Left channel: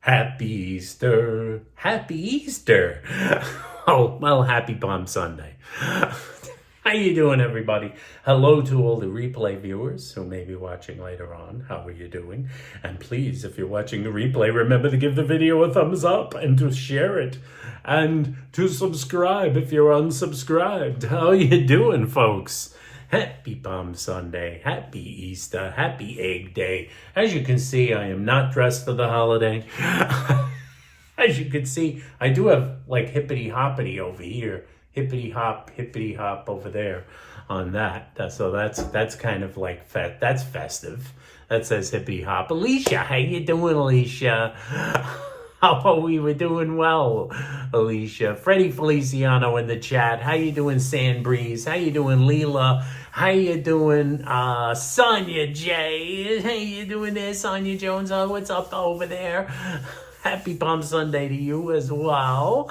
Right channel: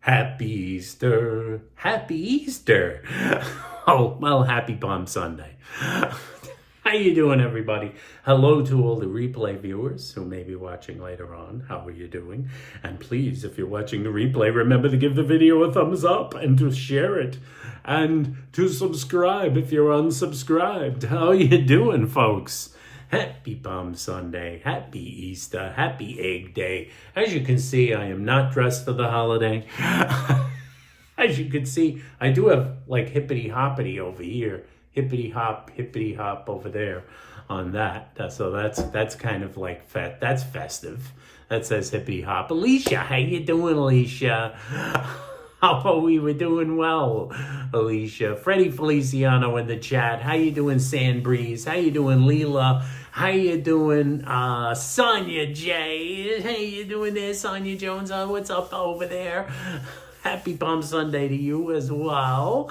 Happy Easter. Happy Easter. Oh, well, happy Palm Sunday. How you doing, everybody? Hello to all the replay viewers who may be watching later on. How are you doing? And please, if you're watching the replay, remember to give the video a thumbs up and to share it. And to subscribe if you're unsubscribed. How you doing, folks? Happy Palm Sunday, happy Easter, happy Egg Day. As you can see, I am not dressed for the holiday. As you can see, I do have like hippity-hoppity over here. Hippity hop over there on that. So that's kind of like, that's festive. That says hippity hop. Alicia, how you doing, Alicia? How are we? We're doing well, Alicia. Freddie Feliciano in the chat. How you doing, Sandbreeze? How you doing, Leela? How you doing, Sonia J? How you doing there, Sonia Jones? What's up over there? Happy Palm Sunday to you as well.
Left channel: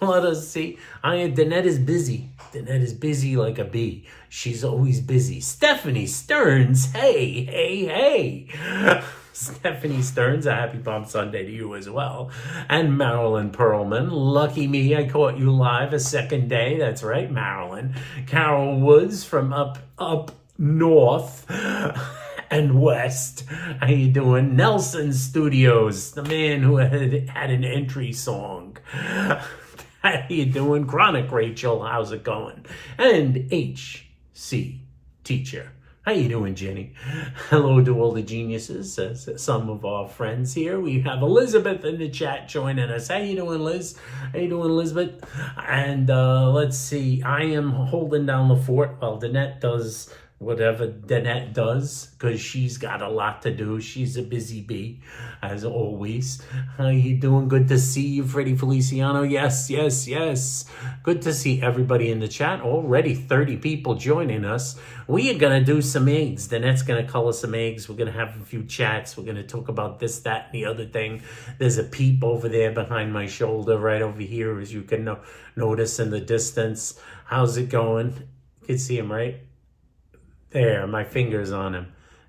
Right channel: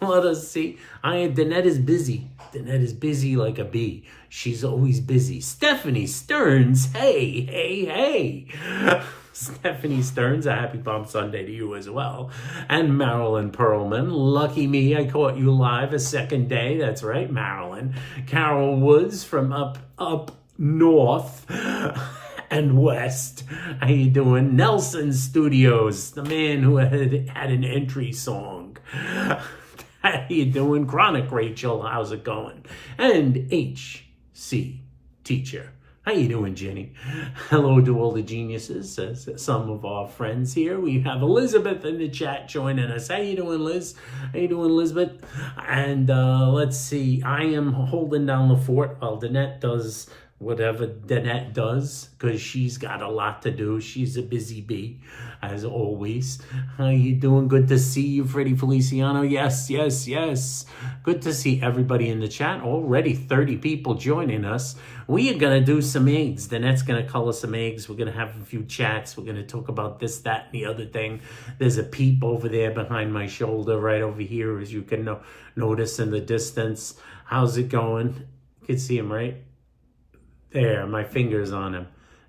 Let us see. Danette is busy. Danette is busy like a bee. She's always busy. Stephanie Stearns. Hey. Stephanie Stearns, a happy Palm Sunday to you as well. And Marilyn Perlman, lucky me, I caught you live a second day. That's right, Marilyn. Carol Woods from up north and west. How you doing? Nelson Studios, the man who had an entry song. How you doing? Chronic Rachel, how's it going? And HC Teacher. How you doing, Jenny? Hello to all the geniuses, some of our friends here. We have Elizabeth in the chat joining us. How you doing, Liz? How you doing, Elizabeth? And let's see. I am holding down the fort while Danette does whatever Danette does, because she's got a lot to do. She's a busy bee, as always. How you doing? Good to see you, Freddie Feliciano. Yes. Good to see everybody in the chat. Already 30 people joining us. We are going to do some eggs. Danette's going to color some eggs. We're going to have a few chats. We're going to talk about this, that, and the other thing. There's a peep over there behind my shoulder, right over here, as you can notice in the distance. How's it going? You can see him, right? There, my finger's on him.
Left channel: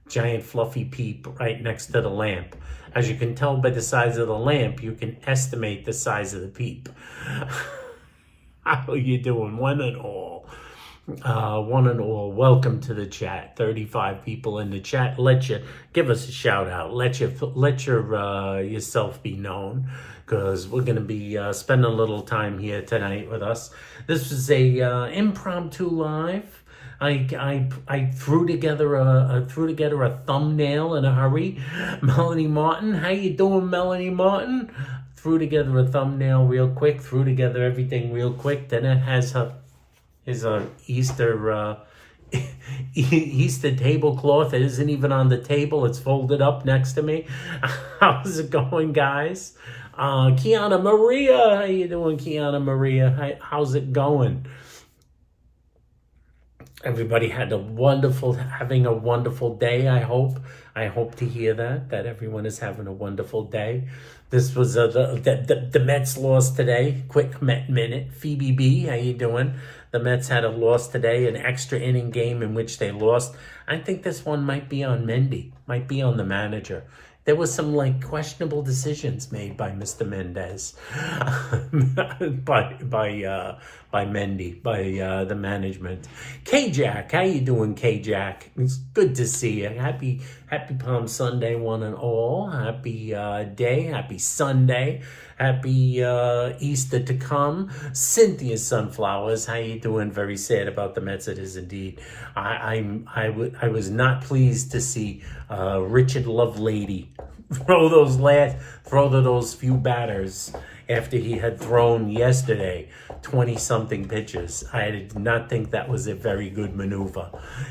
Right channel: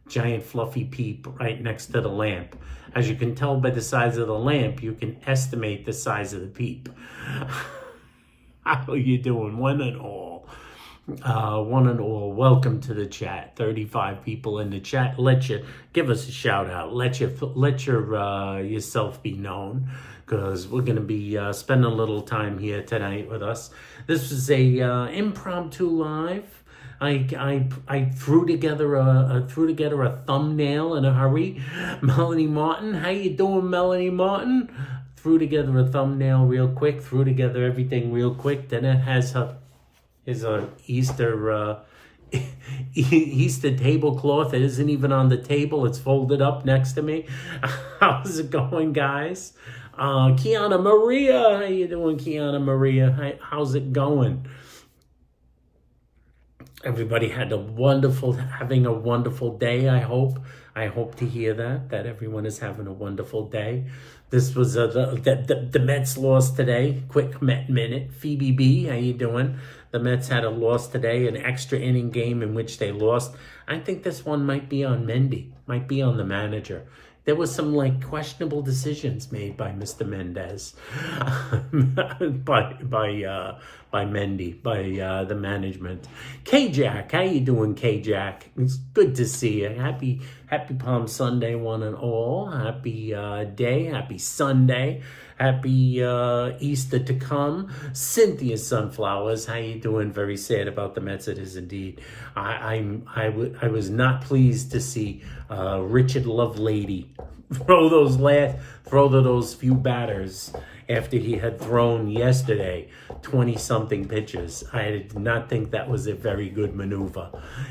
Giant fluffy peep right next to the lamp. As you can tell by the size of the lamp, you can estimate the size of the peep. How are you doing? One and all, welcome to the chat. 35 people in the chat. Give us a shout out. Let yourself be known, because we're going to be spending a little time here tonight with us. This was a impromptu live. I threw together a thumbnail in a hurry. Melanie Martin, how you doing, Melanie Martin? Threw together a thumbnail real quick. Threw together everything real quick. Then it has his Easter Easter tablecloth. It isn't even on the table. It's folded up next to me. How's it going, guys? Kiana Maria, how you doing, Kiana Maria? How's it going? Everybody having a wonderful day, I hope. I hope to hear that everyone is having a wonderful day. This was the Mets lost today. Quick Met minute. Phoebe B, how you doing? The Mets had a loss today, an extra inning game in which they lost. I think this one might be on Mendy, might be on the manager. There was some questionable decisions made by Mr. Mendez, by Mendy, by the management. K-Jack, how you doing, K-Jack? It's good to see you. Happy Palm Sunday, one and all. Happy day, happy Sunday, happy Easter to come. Cynthia Sunflowers, how you doing? Very sad about the Mets. It is indeed. I was not pleased to see Richard Lovelady throw those few batters after he had thrown yesterday 20-something pitches. I did not think that was a very good maneuver.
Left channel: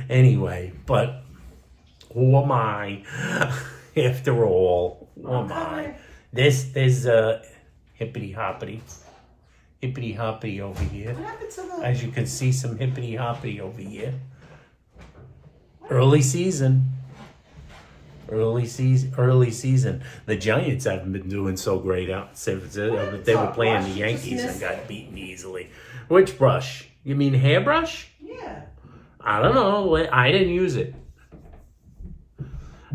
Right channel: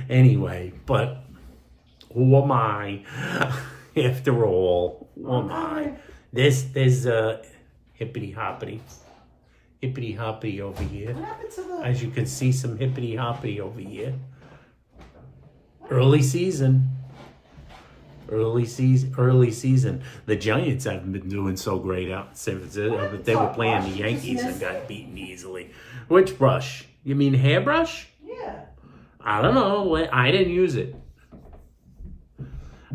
Anyway, but who am I? After all, who am I? There's hippity-hoppity over here. As you can see, some hippity-hoppity over here. Early season. The Giants haven't been doing so great out since they were playing the Yankees and got beaten easily. Which brush? You mean hairbrush? Yeah. I don't know. I didn't use it.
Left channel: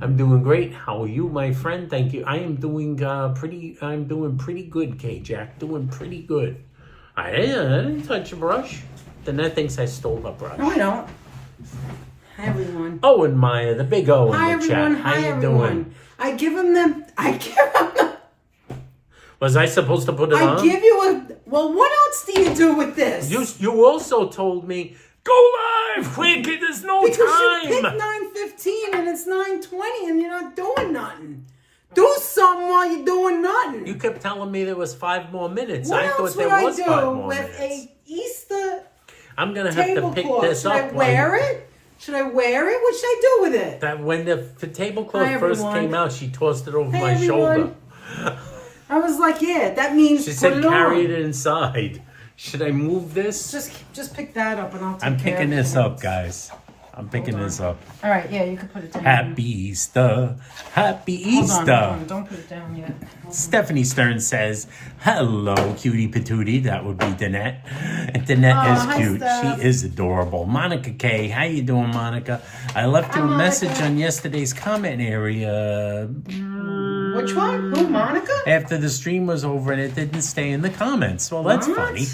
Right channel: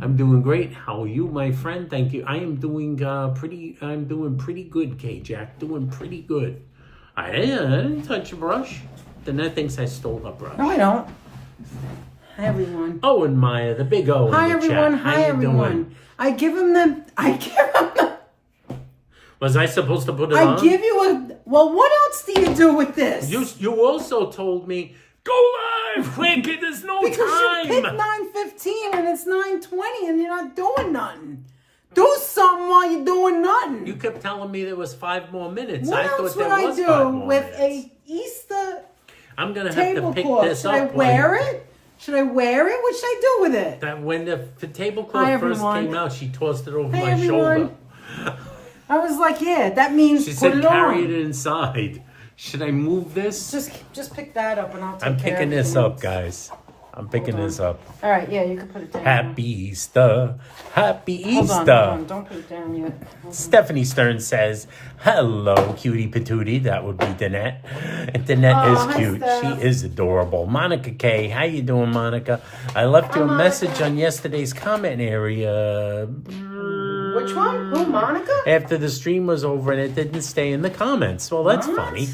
I'm doing great. How are you, my friend? Thank you. I am doing pretty good, K-Jack. Doing pretty good. I didn't touch a brush. The net thinks I stole a brush. No, I don't. Hi, everyone. Oh, and Maya, the big O in Hi, the everyone. chat. How Hi, you everyone. doing? I give him the... Was I supposed to put it on? I give you a... Well, what else do you do with this? You also told me, go live, quick, there's no because time. you picked 9:15 and it's 9:20 and you're not doing nothing. Do something while you're doing nothing. You kept telling me there was 5 more minutes. What I else thought there would was I do 5 more with minutes. a Easter I'm going to have to pick tablecloth? this Should up. I wear it? Should I wear it? What should I do with it? That when the tablecloth Hi, first everyone. came out, she tossed it over Hey, my everyone. shoulder. I was like, yeah, that means She put said it carry on. it inside. Should I move this? Just pick that up and I'll take I'm care picking of this it. up, guys. I'm picking this up. All right, yeah, you can put it down. Happy Easter. Happy Easter. Hold on, don't put it down yet. Stephanie Stern says, hello, cutie patootie. That would be Danette. And Danette is hi, cute. Steph. She is adorable. Monica K. How you doing, Monica? I left you a message Monica. on yesterday's comment area. Which one? Oh, Monica? After the stream was over and it didn't stay in the comments. Well, that's What? funny.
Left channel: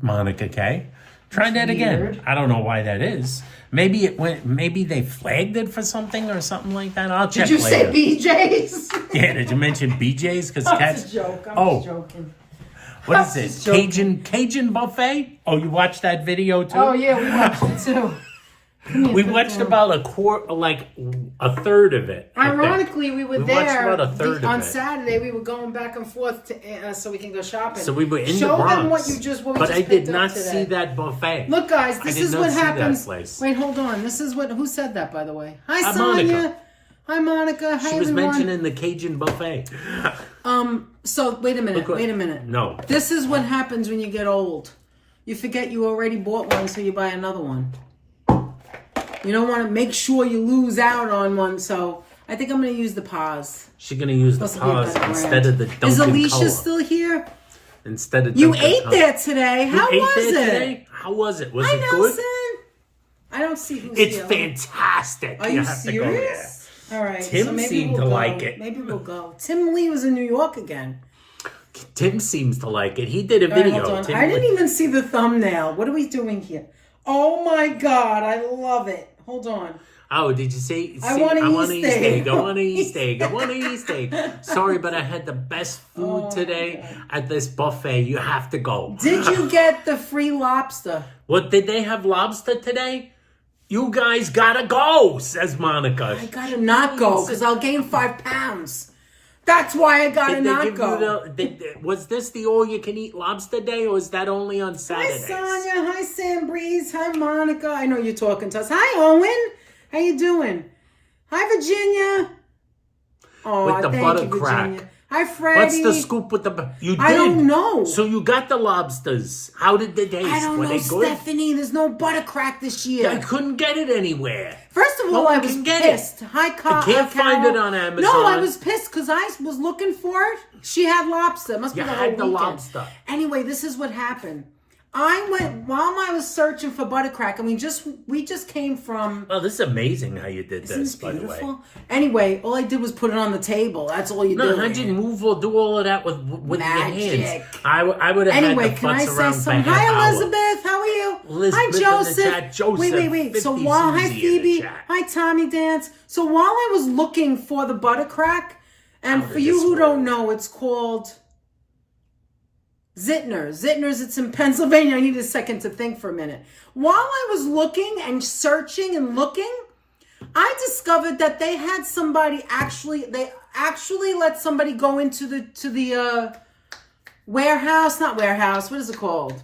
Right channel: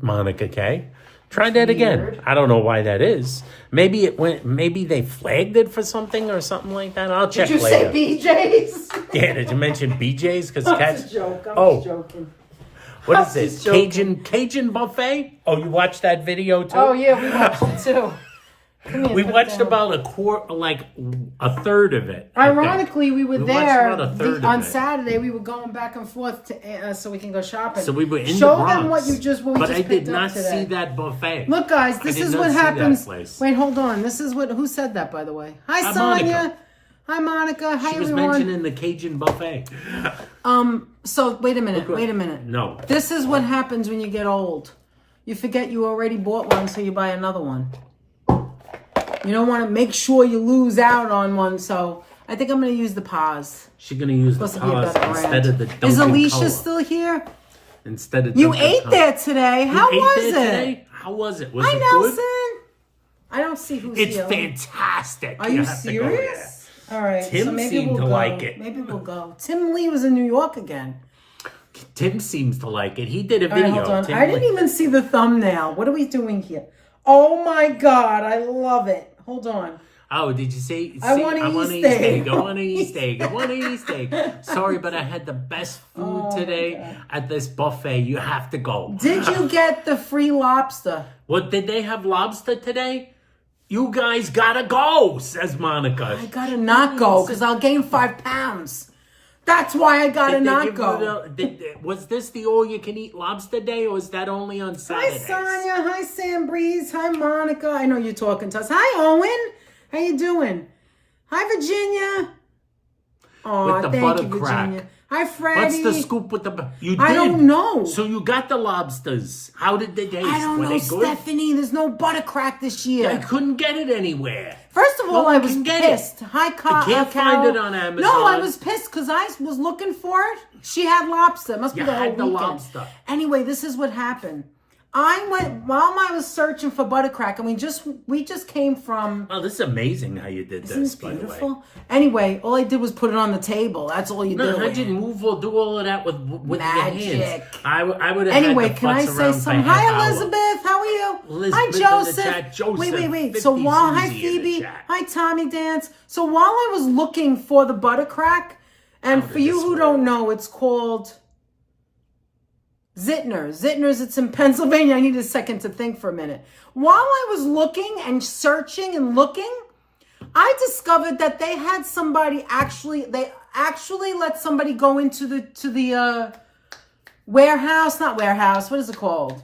Monica K. Try that again. weird. I don't know why that is. Maybe it went. Maybe they flagged it for something or something like that. I'll check Did you later. say BJ's? Yeah, did you mention BJ's? Because That's cats. a joke. I'm Oh. just joking. What I'm is it? just joking. Cajun buffet? Oh, you watched that video too? Oh, yeah, we watched it too. We watched about a third of it. I think. Ironically, we were We watched there about a third of on it. Saturday. We were going back and forth to so we can go shopping. So we were in Show the Bronx. them what you just. What we but just I did picked up not today. see that buffet. Look, guys, this did is not what see that happens. place. Wait, hold on. This is what. Who said that, by the way? Hi, Hi, Sonia. Monica. Hi, Monica. Hi, She was everyone. mentioning the Cajun buffet. So wait a minute. Wait a minute. No. This is what happens when you get old. You forget you already bought one, so you buy another one. You don't want to make sure you lose out on one, so I think I'm going to use the pause. She's going to use the Supposed to be a pause better instead brand. of the Dunkin' Is Alicia Cola. still here? Instead of You Dunkin' ate Cola. there today. How You ate was there it? today? How was it? Was Hi, it good? Nelson. I don't see who's It's here. fantastic. Are you have to go there. serious? All right. Tim so maybe seemed we'll to go. like it. Maybe we'll go. Tim Lee was in New York again. Tim seems to like it. He did a All right, video. hold on. Tim I didn't even see the thumbnail. What are we doing here? Oh my God, I love it. Hold on. Oh, did you see? I want I an want an Easter egg. Easter egg. I want an Easter egg. I want an Easter egg. Sorry, but I had the best food Oh, today okay. at this buffet. You have to go. Did you get the free lobster? What, did they have lobster today? You guys gotta go, says Monica. I gotta not go because I'll gain 5 pounds. That's why I gotta Did they not give go. you was this the all-you-can-eat lobster day, or was that only on Hi, Saturdays? Sonia. Hi, Sam Breeze. Hi, Monica. I know you're talking to us. Hi, Owen. How you doing? Hi, Virginia. Oh, With the thank butter you, crack. Virginia. Hi, Freddie. What's the scoop with the... You did? I don't know. So you got the lobsters. How did they taste? I don't Were know, they good? Stephanie. There's no butter crack this year. I couldn't get it anywhere. First of all, No I one was can get pissed. it. Hi, I can't find Carol. it on Amazon. No, I was pissed because I was looking for it. She had lobster. It must You be the whole had the weekend. lobster. Anyway, this is what happened. I went while I was searching for butter crack, and we just came from. Oh, this is amazing how you did this, Isn't it by the way. beautiful? Anyway, all I did was put it on the table. That's all you No, do. how'd you move or do all of that with your Magic. hands? I would have Anyway, had the can I futz say around for something? a half Hi, hour. Elizabeth. How are you? Elizabeth Hi, in the Joseph. chat. Joseph, Wait. So 50 while hi Susie in the Phoebe, chat. hi Tommy Dance. So while I was looking for the butter crack, and How for did you this who work? don't know, it's called Zitner. Zitner's. It's in Pennsylvania. I need a second to think for a minute. While I was looking and searching and looking, I discovered that they had somebody they actually let somebody go into the warehouse, not warehouse, what is it called?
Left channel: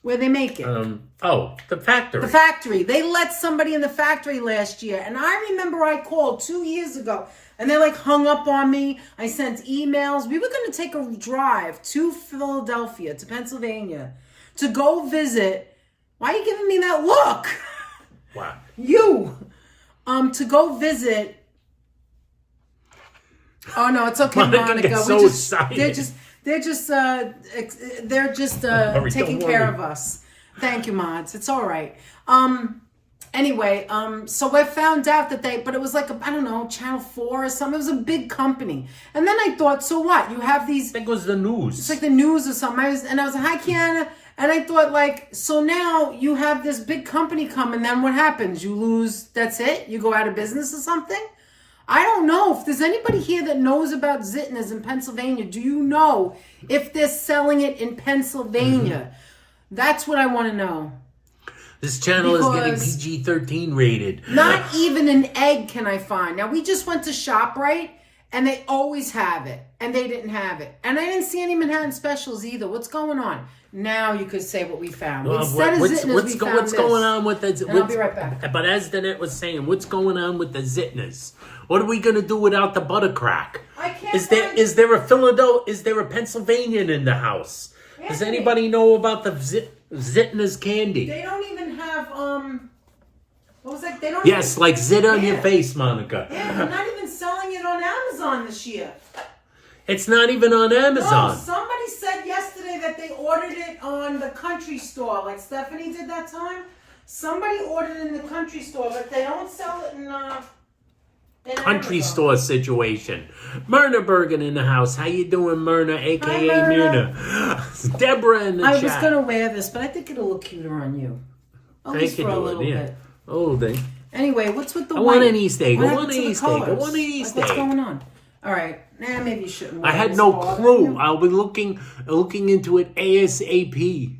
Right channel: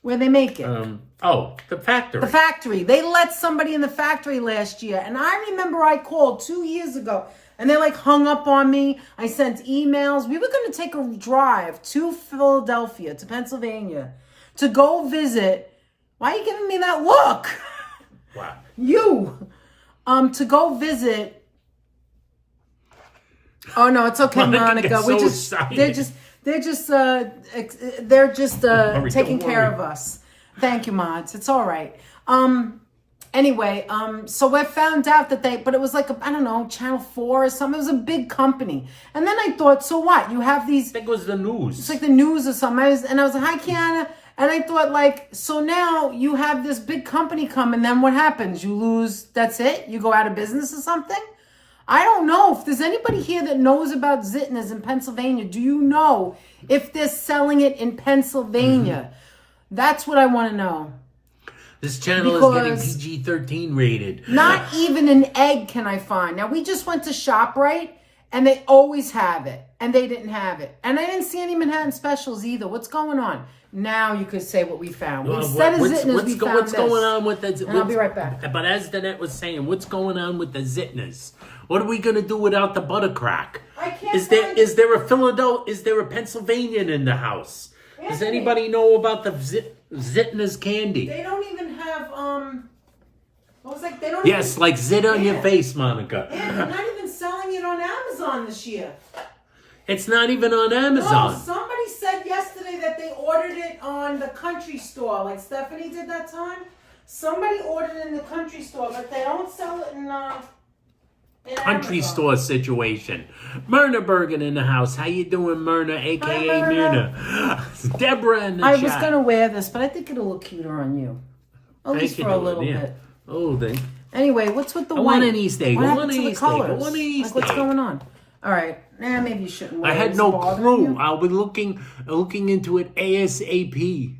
Where they make it. The factory. The factory. They let somebody in the factory last year. And I remember I called 2 years ago and they like hung up on me. I sent emails. We were going to take a drive to Philadelphia, to Pennsylvania, to go visit. Why are you giving me that look? Wow. To go visit. Oh no, it's okay, Monica Monica. gets We so just excited. they're just worry, taking don't care worry. of us. Thank you, mods. It's all right. Anyway, so I found out that but it was like, I don't know, Channel 4 or something. It was a big company. And then I thought, so what? You have these... I think it was the news. It's like the news or something. And I was like, hi, Kiana. And I thought, like, so now you have this big company come, and then what happens? You lose, that's it? You go out of business or something? I don't know. If there's anybody here that knows about Zitner's in Pennsylvania, do you know if they're selling it in Pennsylvania? That's what I want to know. This channel is getting PG-13 rated. Not even an egg can I find. Now, we just went to ShopRite, and they always have it, and they didn't have it. And I didn't see any Manhattan specials either. What's going on? Now you could say what we found. Instead of Zitner's, we found what's going on with the... I'll be right back. But as Danette was saying, what's going on with the Zitners? What are we going to do without the butter crack? Is there a Philadelphia? Is there a Pennsylvanian in the house? Does anybody know about the Zitner's candy? They don't even have what was that? They don't. Yes, like zit on your face, Monica. Yeah, they're not even selling it on Amazon this year. It's not even on Amazon. Oh, somebody said yesterday that they ordered it on the country store, like Stephanie did that time. Somebody ordered it in the country store, but they don't sell it in country Amazon. Store situation. Myrna Bergen in the house. How you doing, Myrna, a.k.a. Myrna? Deborah in the chat. I was going to wear this, but I think it'll look cuter on you. At least for a little bit. Oh, they. Anyway, what's with the I white? want an Easter egg. What I want an happened to the Easter egg. I colors? want an Easter Like, egg. what's going on? All right. Now maybe you shouldn't wear I had this no bothering clue. you. I'll be looking into it ASAP.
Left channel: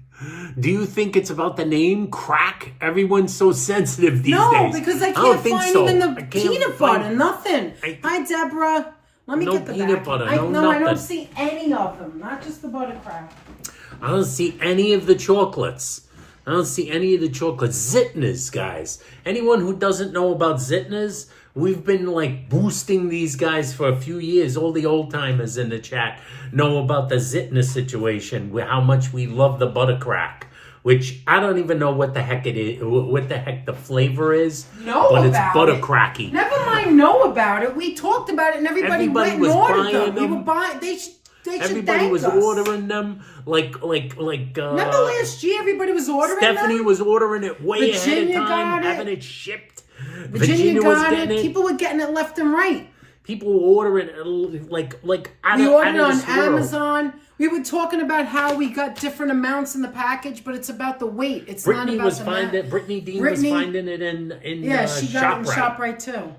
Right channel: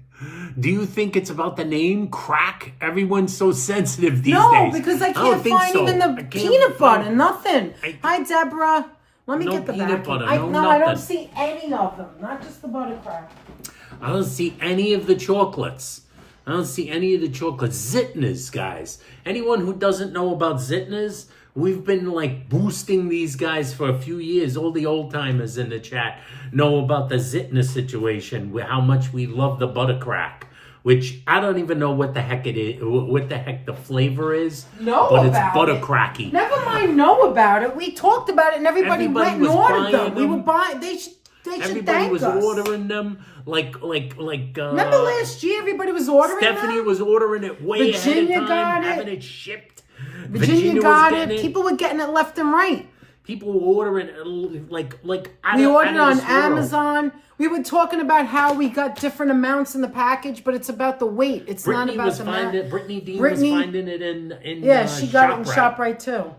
Do you think it's about the name crack? Everyone's so sensitive these days. No, because I can't find even the peanut butter. Nothing. Hi, Deborah. Let me get the peanut back. butter. I No nothing. I don't see any of them. Not just the butter crack. I don't see any of the chocolates. I don't see any of the chocolates. Zitner's, guys. Anyone who doesn't know about Zitner's, we've been like boosting these guys for a few years. All the old timers in the chat know about the Zitner situation, how much we love the butter crack, which I don't even know what the heck it is, what the heck the flavor is. But it's butter cracky. Never mind know about it. We talked about it and everybody went and was ordered buying them. We were buying, they should Everybody was thank us. ordering them Remember last year everybody was ordering Stephanie them? was ordering it way Virginia ahead of time, got it. having it shipped. Virginia was got getting it. People were getting it left and right. People were ordering it like out We of, ordered it out on of this world. Amazon. We were talking about how we got different amounts in the package, but it's about the weight. It's not about the amount. Brittany Dean was finding it in she got it in ShopRite too.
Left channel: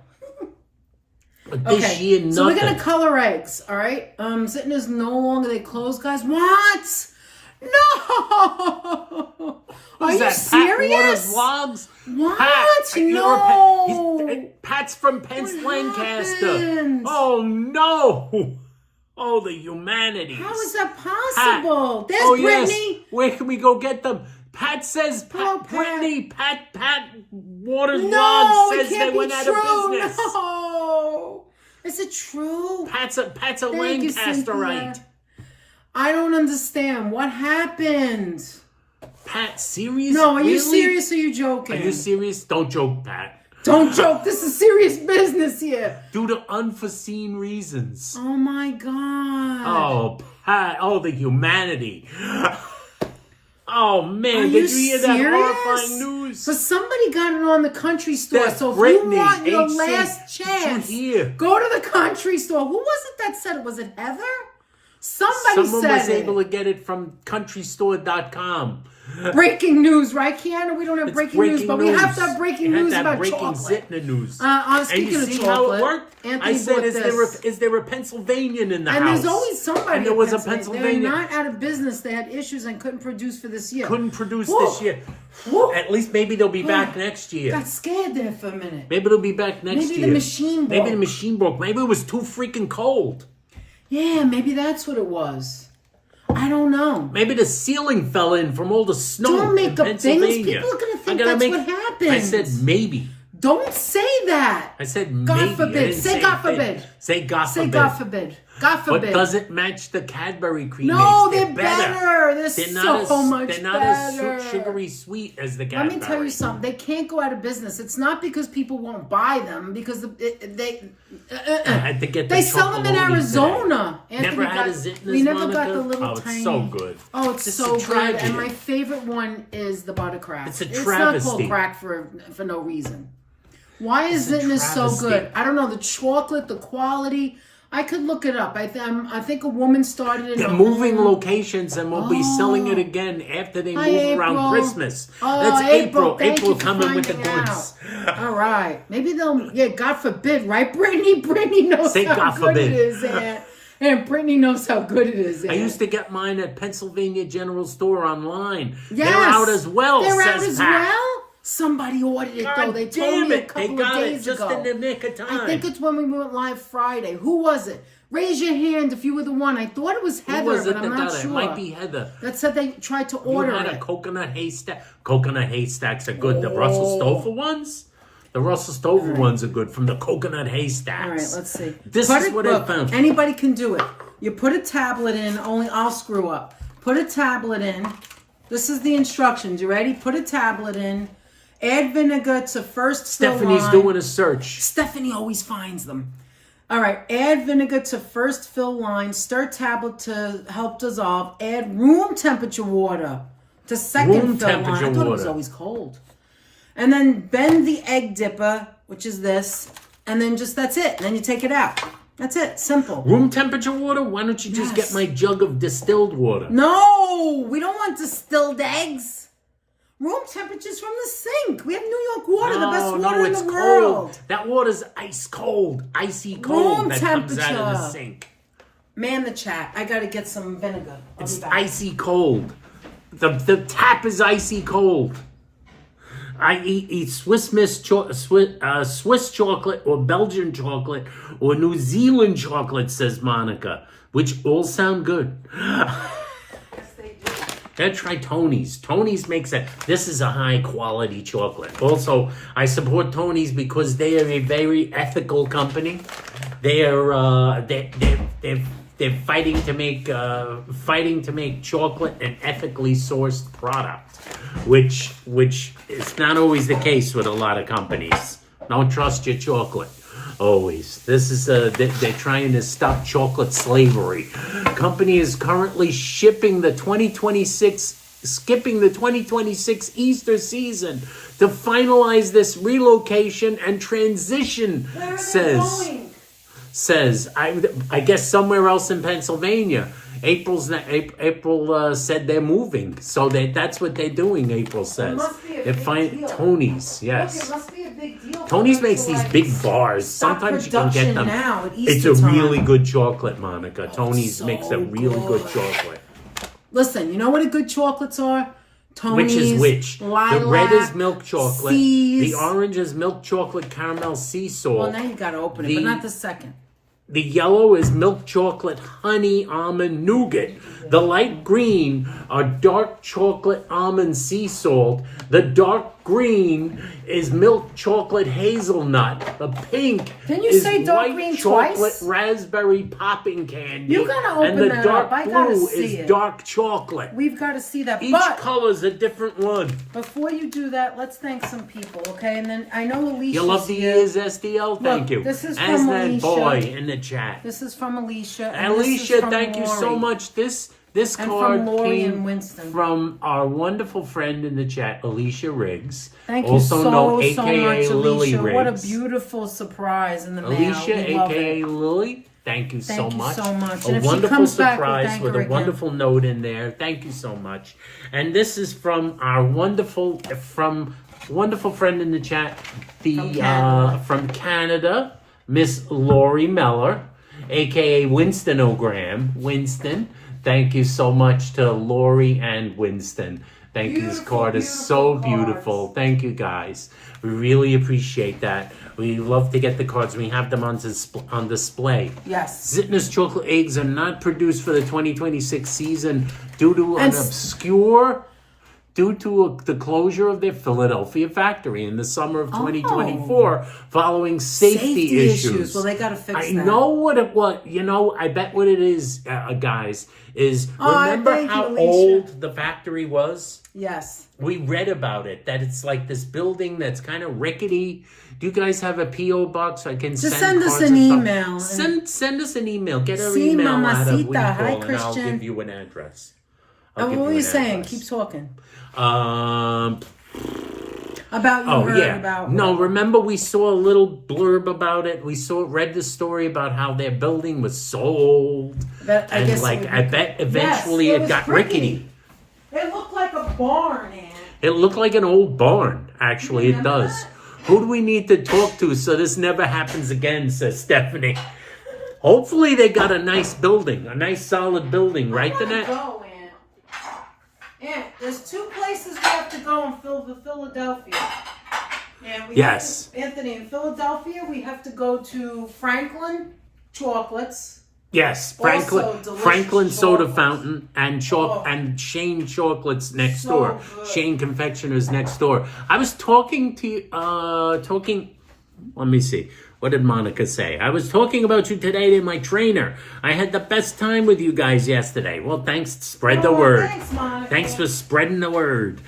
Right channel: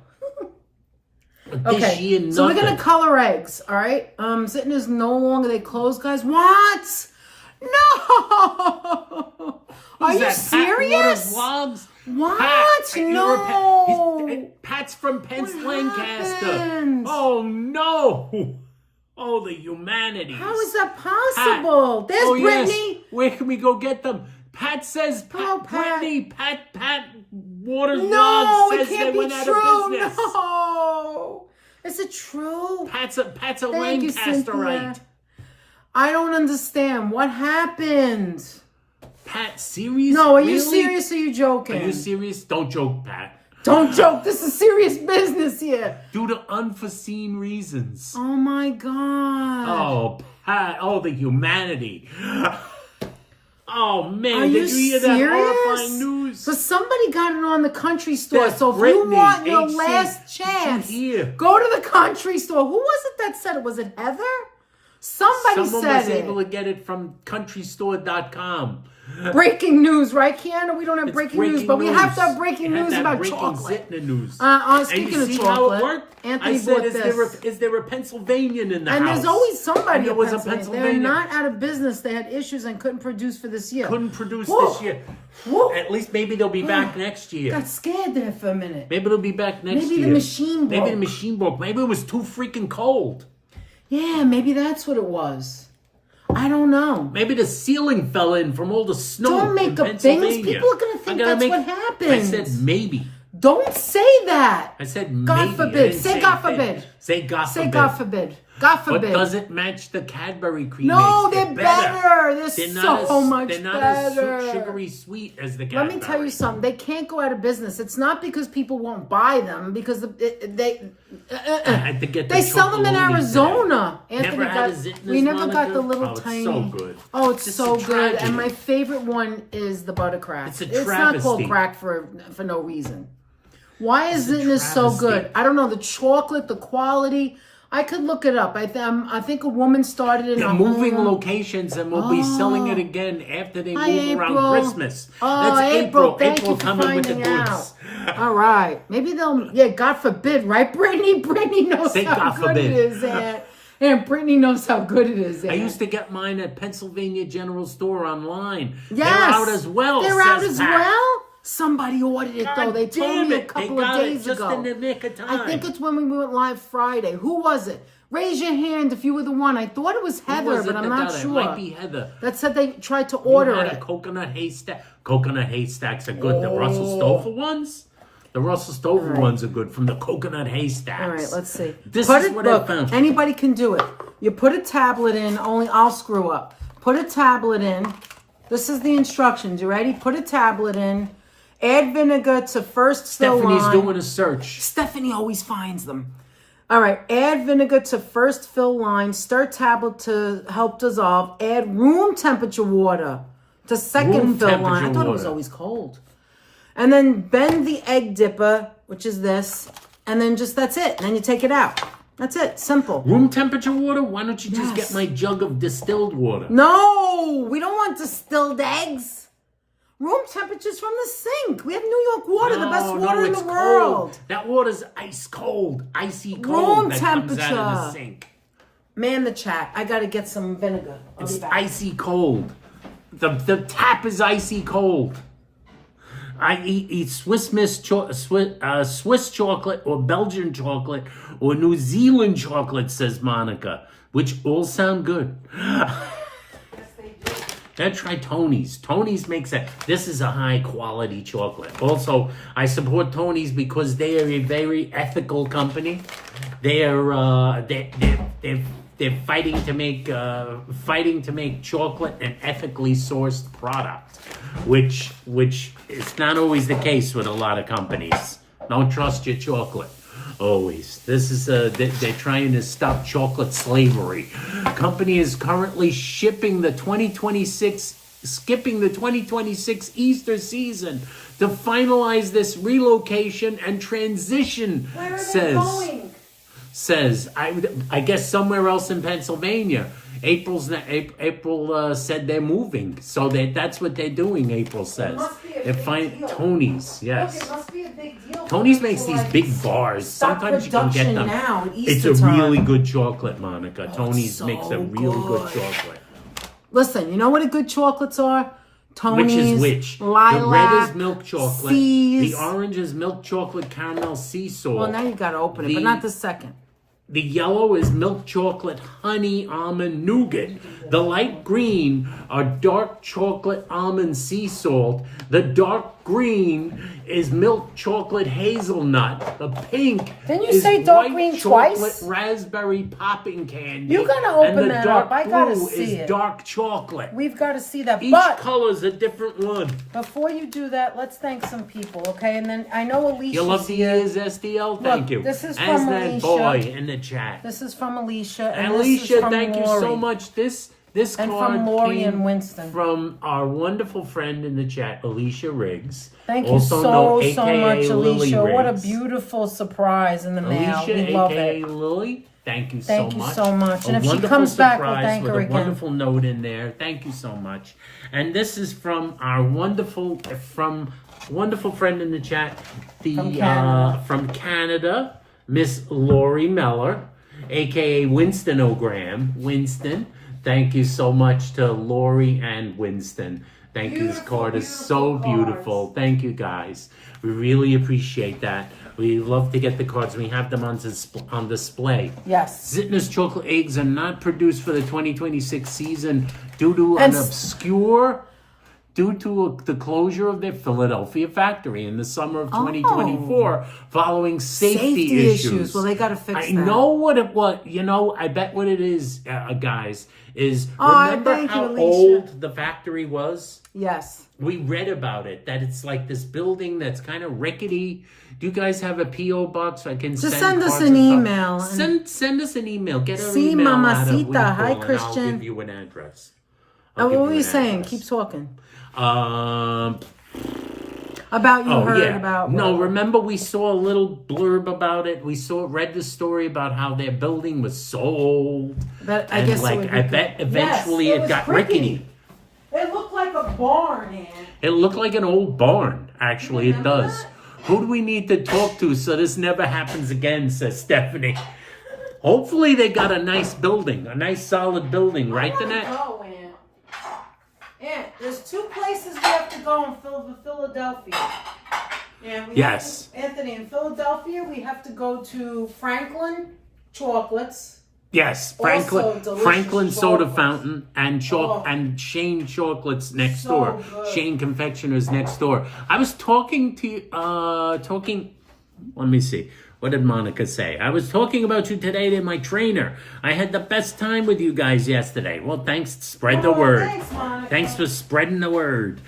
This year, nothing. So we're gonna color eggs, all right? Zitner's no longer, they closed, guys. What? No! Are you serious? Vlogs? What? Pat, No! Pat's from Pence Lancaster. happened? Oh no! Oh, the humanity. How is that possible? There's Brittany. Yes. Where can we go get them? Pat says, Pat. Brittany, Pat Waters No, Vlogs it says can't they be went out true. of business. No. Is it true? Pat's a Lancasterite. I don't understand. What happened? Pat, serious? No, are you Really? serious or are you joking? Are you serious? Don't joke, Pat. Don't joke. This is serious business here. Due to unforeseen reasons. Oh my God. Oh, Pat. Oh, the humanity. Oh, man. Are Did you you hear serious? that horrifying news? So somebody got it on the country store. That's So if Brittany, you want your HC. last chance, Did you hear? go to the country store. Who was it that said it? Was it Heather? Someone was said able to get it from countrystore.com. Breaking news, right, Kiana? We don't have It's breaking news, but we have to have breaking You news have to have about breaking chocolate. Zitner news. Speaking and you of see chocolate, how it worked? Anthony I said, bought is there a Pennsylvanian in the And house? there's always somebody. And there in was a Pennsylvania. Pennsylvania. They're not out of business. They had issues and couldn't produce for this year. Couldn't produce Whoa. this year. Whoa. At least maybe they'll be back next year. Got scared there for a minute. Maybe they'll be back next year. Maybe the machine broke. Maybe the machine broke. Maybe it was too freaking cold. Yeah, maybe that's what it was. I don't know. Maybe the ceiling fell in from all the snow Don't make in up Pennsylvania. things. People are going to think that's what happened. I said maybe. Don't say that. I said God maybe. forbid. I didn't Say God anything. forbid. Say God Say forbid. God forbid. God forbid. But does it match the Cadbury cream No, eggs? they're better. They're not so much They're not better. as sugary sweet as the Cadbury. Let me tell you something. They can't go out of business. It's not because people won't buy them, because they I had to get the they sell them in Chocolonely Arizona. today. Anthony Never had out of Zitner's, we never got Monica? the little Oh, tiny. it's so good. Oh, it's Just so a good. tragedy. And my favorite one is the butter crack. It's a not travesty. called crack for no reason. Why is It's a Zitner so travesty. good? I don't know. The chocolate, the quality. I could look it up. I think a woman started in They're a moving home. locations and we'll be selling it again after they Hi, move around April. Christmas. Oh, That's April. thank you April for coming with the finding goods. All right. Maybe they'll, God forbid, right, Brittany? Brittany knows Say how God good forbid. it is. And Brittany knows how good it is. I used to get mine at Pennsylvania General Store online. Yes. They're out as well, They're out says as Pat. well? Somebody ordered it, though. They told Damn me a it. couple They got of days it just ago. in the nick of time. I think it's when we went live Friday. Who was it? Raise your hand if you were the one. I thought it was Heather, Who was it but I'm that not got it? sure. It might be Heather. That said they tried to You order had a it. coconut haystack. Coconut haystacks are good. The Russell Oh. Stover ones? The Russell Stover ones are good from the coconut haystacks. All right, let's see. This Put is it- what look, I found. Anybody can do it. You put a tablet in, only I'll screw up. Put a tablet in. This is the instructions. You ready? Put a tablet in. Add vinegar to first fill Stephanie's line. doing a search. Stephanie always finds them. All right. Add vinegar to first fill line. Stir tablet to help dissolve. Add room temperature water to second Room fill line. temperature I thought it was water. always cold. And then bend the egg dipper, which is this. And then just that's it. And then you take it out. That's it. Simple. Room temperature water? Why don't you just Yes. get my jug of distilled water? No, we don't want distilled eggs. Room temperatures from the sink. We have New York water, the best water in the world. cold. That water's ice cold. Icy cold Room that comes out of the temperature. sink. Man, the chat. I got to get some vinegar. I'll It's be back. icy cold. The tap is icy cold. I eat Swiss chocolate or Belgian chocolate or New Zealand chocolate, says Monica, which all sound good. Gotta try Tony's. Tony's makes it. This is a high quality chocolate. Also, I support Tony's because they are a very ethical company. They're fighting to make chocolate an ethically sourced product, which is not always the case with a lot of companies. Don't trust your chocolate. Always. This is they're trying to stop chocolate slavery. Company is currently skipping the 2026 Easter season to finalize this relocation and transition. Says I guess somewhere else in Pennsylvania. April said they're moving, so that's what they're doing. April says they're finding Tony's. Yes. It must be a big deal. Tony's makes these big bars. Sometimes you can get them. Now, It's a really good chocolate, Monica. Tony's so makes a really good good. chocolate. Listen, you know what a good chocolates are? Tony's, Which is which? Lilac, The red is milk chocolate. C's. The orange is milk chocolate caramel sea salt. Well, now you got to open it, but not the second. The yellow is milk chocolate honey almond nougat. The light green are dark chocolate almond sea salt. The dark green is milk chocolate hazelnut. The pink Didn't you is say dark white green chocolate twice? raspberry popping candy. You gotta open and the that dark up. I gotta blue see is it. dark chocolate. We've got to see that. Each But color's a different one. before you do that, let's thank some people, okay? And then I know Alicia. You love the ears, SDL? Thank you. this is As from that Alicia. boy in the chat. This is from Alicia. And this is Alicia, from thank you so Lori. much. This And card from Lori came and Winston. from our wonderful friend in the chat, Alicia Riggs. Thank you also so, known so AKA much, Lily Alicia. Riggs. What a beautiful surprise in the mail. Alicia, We love AKA it. Lily. Thank you Thank so you much. so much. A And if she wonderful comes back, we'll surprise thank with her a again. wonderful note in there. Thank you so much. And this is from our wonderful friend in the chat, from Canada, Miss Lori Meller, aka Winston O'Graham. Winston, thank you so much to Lori and Winston. Thank you. This card is so beautiful. Thank you, guys. We really appreciate that. We love to get the cards. We have them on display. Yes. Zitner's chocolate eggs are not produced for the 2026 season due to an obscure due to the closure of their Philadelphia factory in the summer of 2024 following safety issues. Well, they got to fix that. I know what it was. You know, I bet what it is, guys, is remember how old the factory was? Yes. We read about it, that it's like this building that's kind of rickety. Do you guys have a P.O. box? I can send us an email. Send us an email. Get our email out of Weeple, Hi, and Christian. I'll give you an address. What were you saying? Keep talking. About about... No, remember we saw a little blurb about it. We read the story about how their building was sold. I bet eventually it got rickety. It looked like a barn, Ann. It looked like an old barn. Actually, it does. That? Who do we need to talk to so this never happens again, says Stephanie. Hopefully they got a nice building, a nice solid building, right, Danette? Go, Ann, there's 2 places we have to go in Philadelphia. And Anthony, in Philadelphia, we have to go to Franklin Chocolates. Yes, Franklin Soda Fountain and Shane Chocolates next door. Good. Shane Confectioners next door. I was talking to let me see. What did Monica say? I was talking about you today to my trainer. I had the best time with you guys yesterday. Well, thanks. Spread the word. Thanks, Monica. Thanks for spreading the word.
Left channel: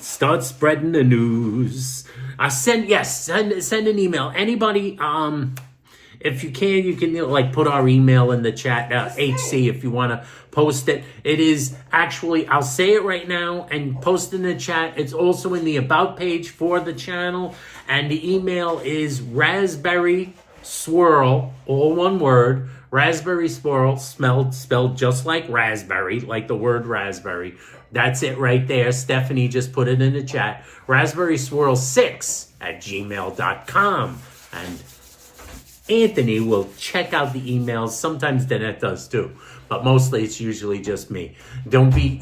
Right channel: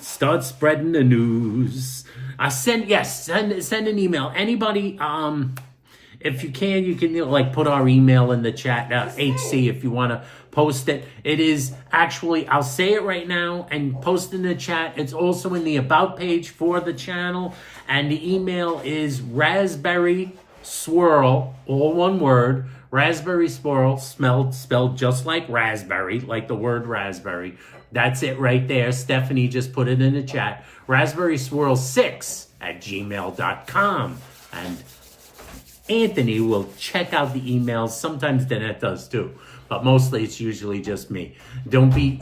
Start spreading the news. Send an email. Anybody, if you can put our email in the chat, HC, if you want to post it. It is actually, I'll say it right now and post in the chat. It's also in the about page for the channel. And the email is raspberry swirl, all one word, raspberry swirl, spelled just like raspberry, like the word raspberry. That's it right there. Stephanie just put it in the chat. Raspberry swirl 6@gmail.com. And Anthony will check out the emails. Sometimes Danette does too, but mostly it's usually just me. Don't be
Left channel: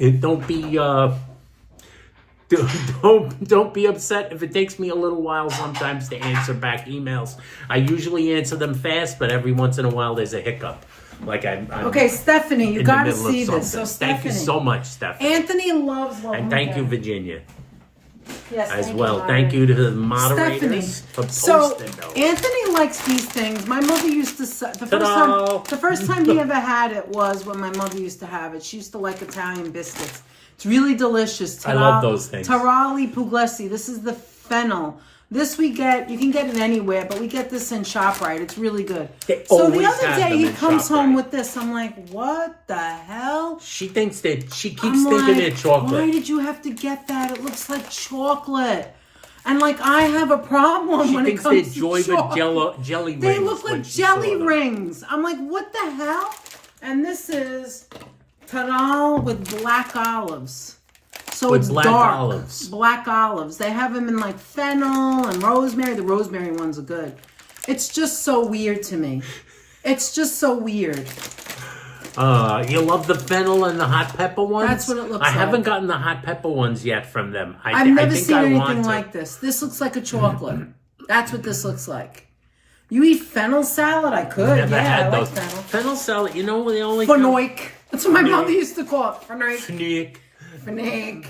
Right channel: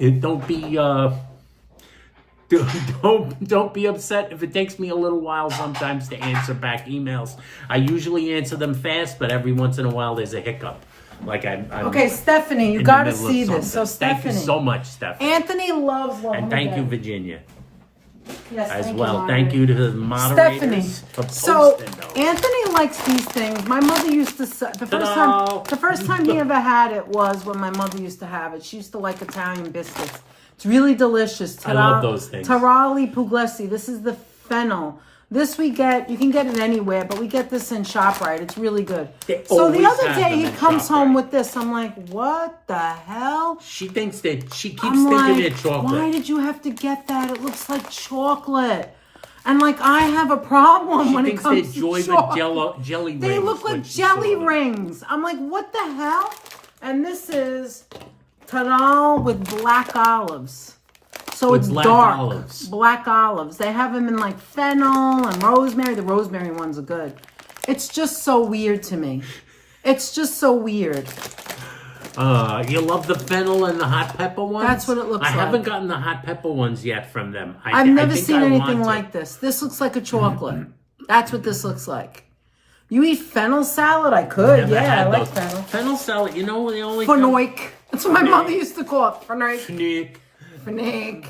upset if it takes me a little while sometimes to answer back emails. I usually answer them fast, but every once in a while there's a hiccup. Like I'm okay, Stephanie, you got to see this. So thank you so much, Stephanie. Anthony loves and thank you, Virginia. Yes, as well. Thank you to the moderators for posting those. Anthony likes these things. My mother used to the first time he ever had it was when my mother used to have it. She used to like Italian biscuits. It's really delicious. I love those things. Tarali Puglisi. This is the fennel. This you can get it anywhere, but we get this in ShopRite. It's really good. So the other day he comes home with this. I'm like, what the hell? She keeps thinking they're chocolate. Why did you have to get that? It looks like chocolate. And like I have a problem when it comes to chocolate. She thinks they're jelly rings. They look like jelly rings. I'm like, what the hell? And this is Taral with black olives. So it's black dark. Olives. Black olives. They have them in like fennel and rosemary. The rosemary ones are good. It's just so weird to me. It's just so weird. You love the fennel and the hot pepper ones? That's what it looks like. I haven't gotten the hot pepper ones yet from them. I've never seen anything like this. This looks like a chocolate. That's what this looks like. You eat fennel salad? I could. Never had those. Like fennel salad, you know, they only Fenoik. That's what my mother used to call it. Fenoik. Fnoik.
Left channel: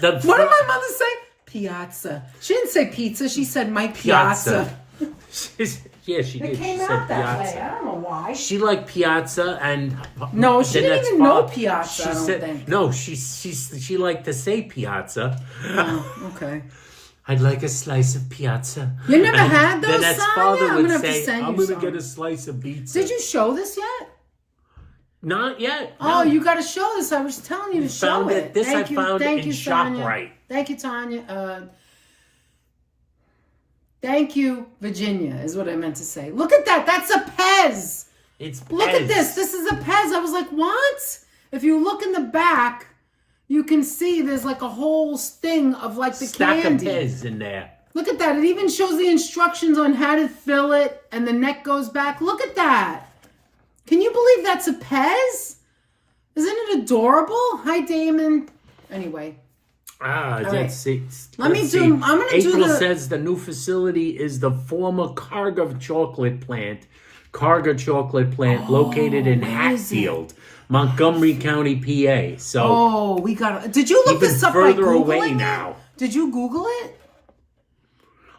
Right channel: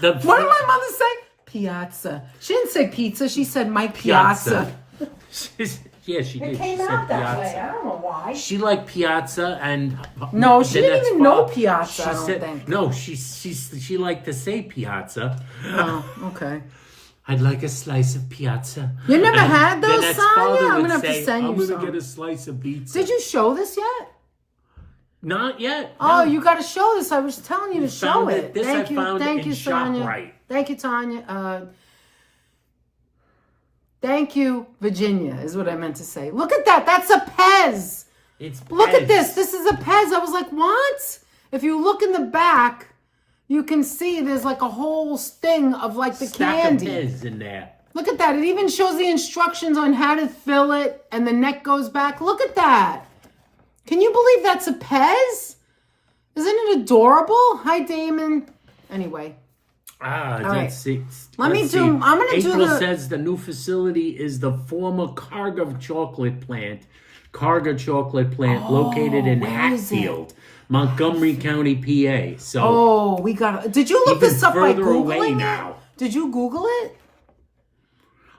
What did my mother say? Piazza. She didn't say pizza. She said my piazza. Yeah, she did. She said piazza. I don't know why. She liked piazza and no, she didn't even know piazza. She said no. She liked to say piazza. Oh, okay. I'd like a slice of piazza. You never had those? Then father would say, I'm going to get a slice of pizza. Did you show this yet? Not yet. Oh, no. you got to show this. I was telling you to show it. This I found in ShopRite. Thank you, Tanya. Thank you, Virginia, is what I meant to say. Look at that. That's a Pez. It's Pez. Look at this. This is a Pez. I was like, what? If you look in the back, you can see there's like a whole thing of like the candy. Stack of Pez in there. Look at that. It even shows the instructions on how to fill it, and the neck goes back. Look at that. Can you believe that's a Pez? Isn't it adorable? Hi, Damon. Anyway. Let's see. I'm going to do April says the new facility is the former Carga chocolate plant located in Hatfield. Montgomery County, PA. So oh, we got. Did you look even this up by further away Googling now. it? Did you Google it?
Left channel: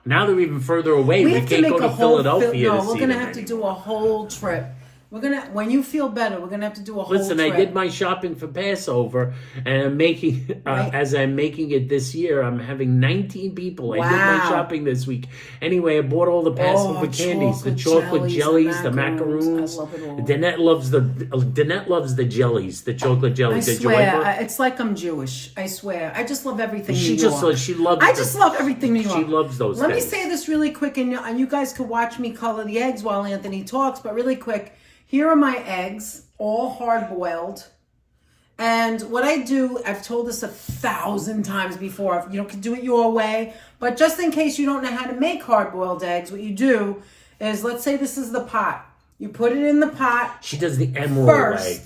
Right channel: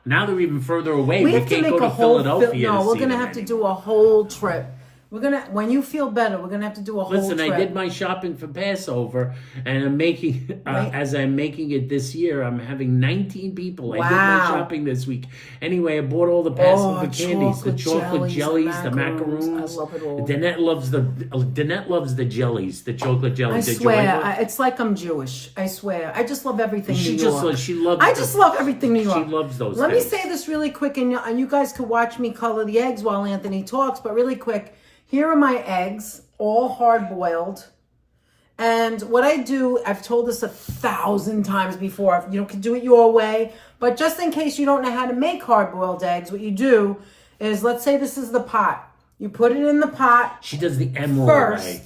Now they're even further away. We have can't go to Philadelphia. No, we're to gonna see have to them do a whole trip. We're gonna, when you feel better, we're gonna have to do a whole Listen, trip. I did my shopping for Passover, and I'm making, as I'm making it this year, I'm having 19 people. I did my shopping this week. Anyway, I bought all the Passover candies, the chocolate jellies, the macaroons. I love it all. Danette loves the jellies, the chocolate jellies. I swear, it's like I'm Jewish. I swear, I just love everything New York. She loves. I just love everything New York. She loves those. Let me say this really quick, and you guys could watch me color the eggs while Anthony talks. But really quick. Here are my eggs, all hard-boiled. And what I do, I've told this 1,000 times before, you can do it your way, but just in case you don't know how to make hard-boiled eggs, what you do is, let's say this is the pot. You put it in the pot. She does the emerald first. way.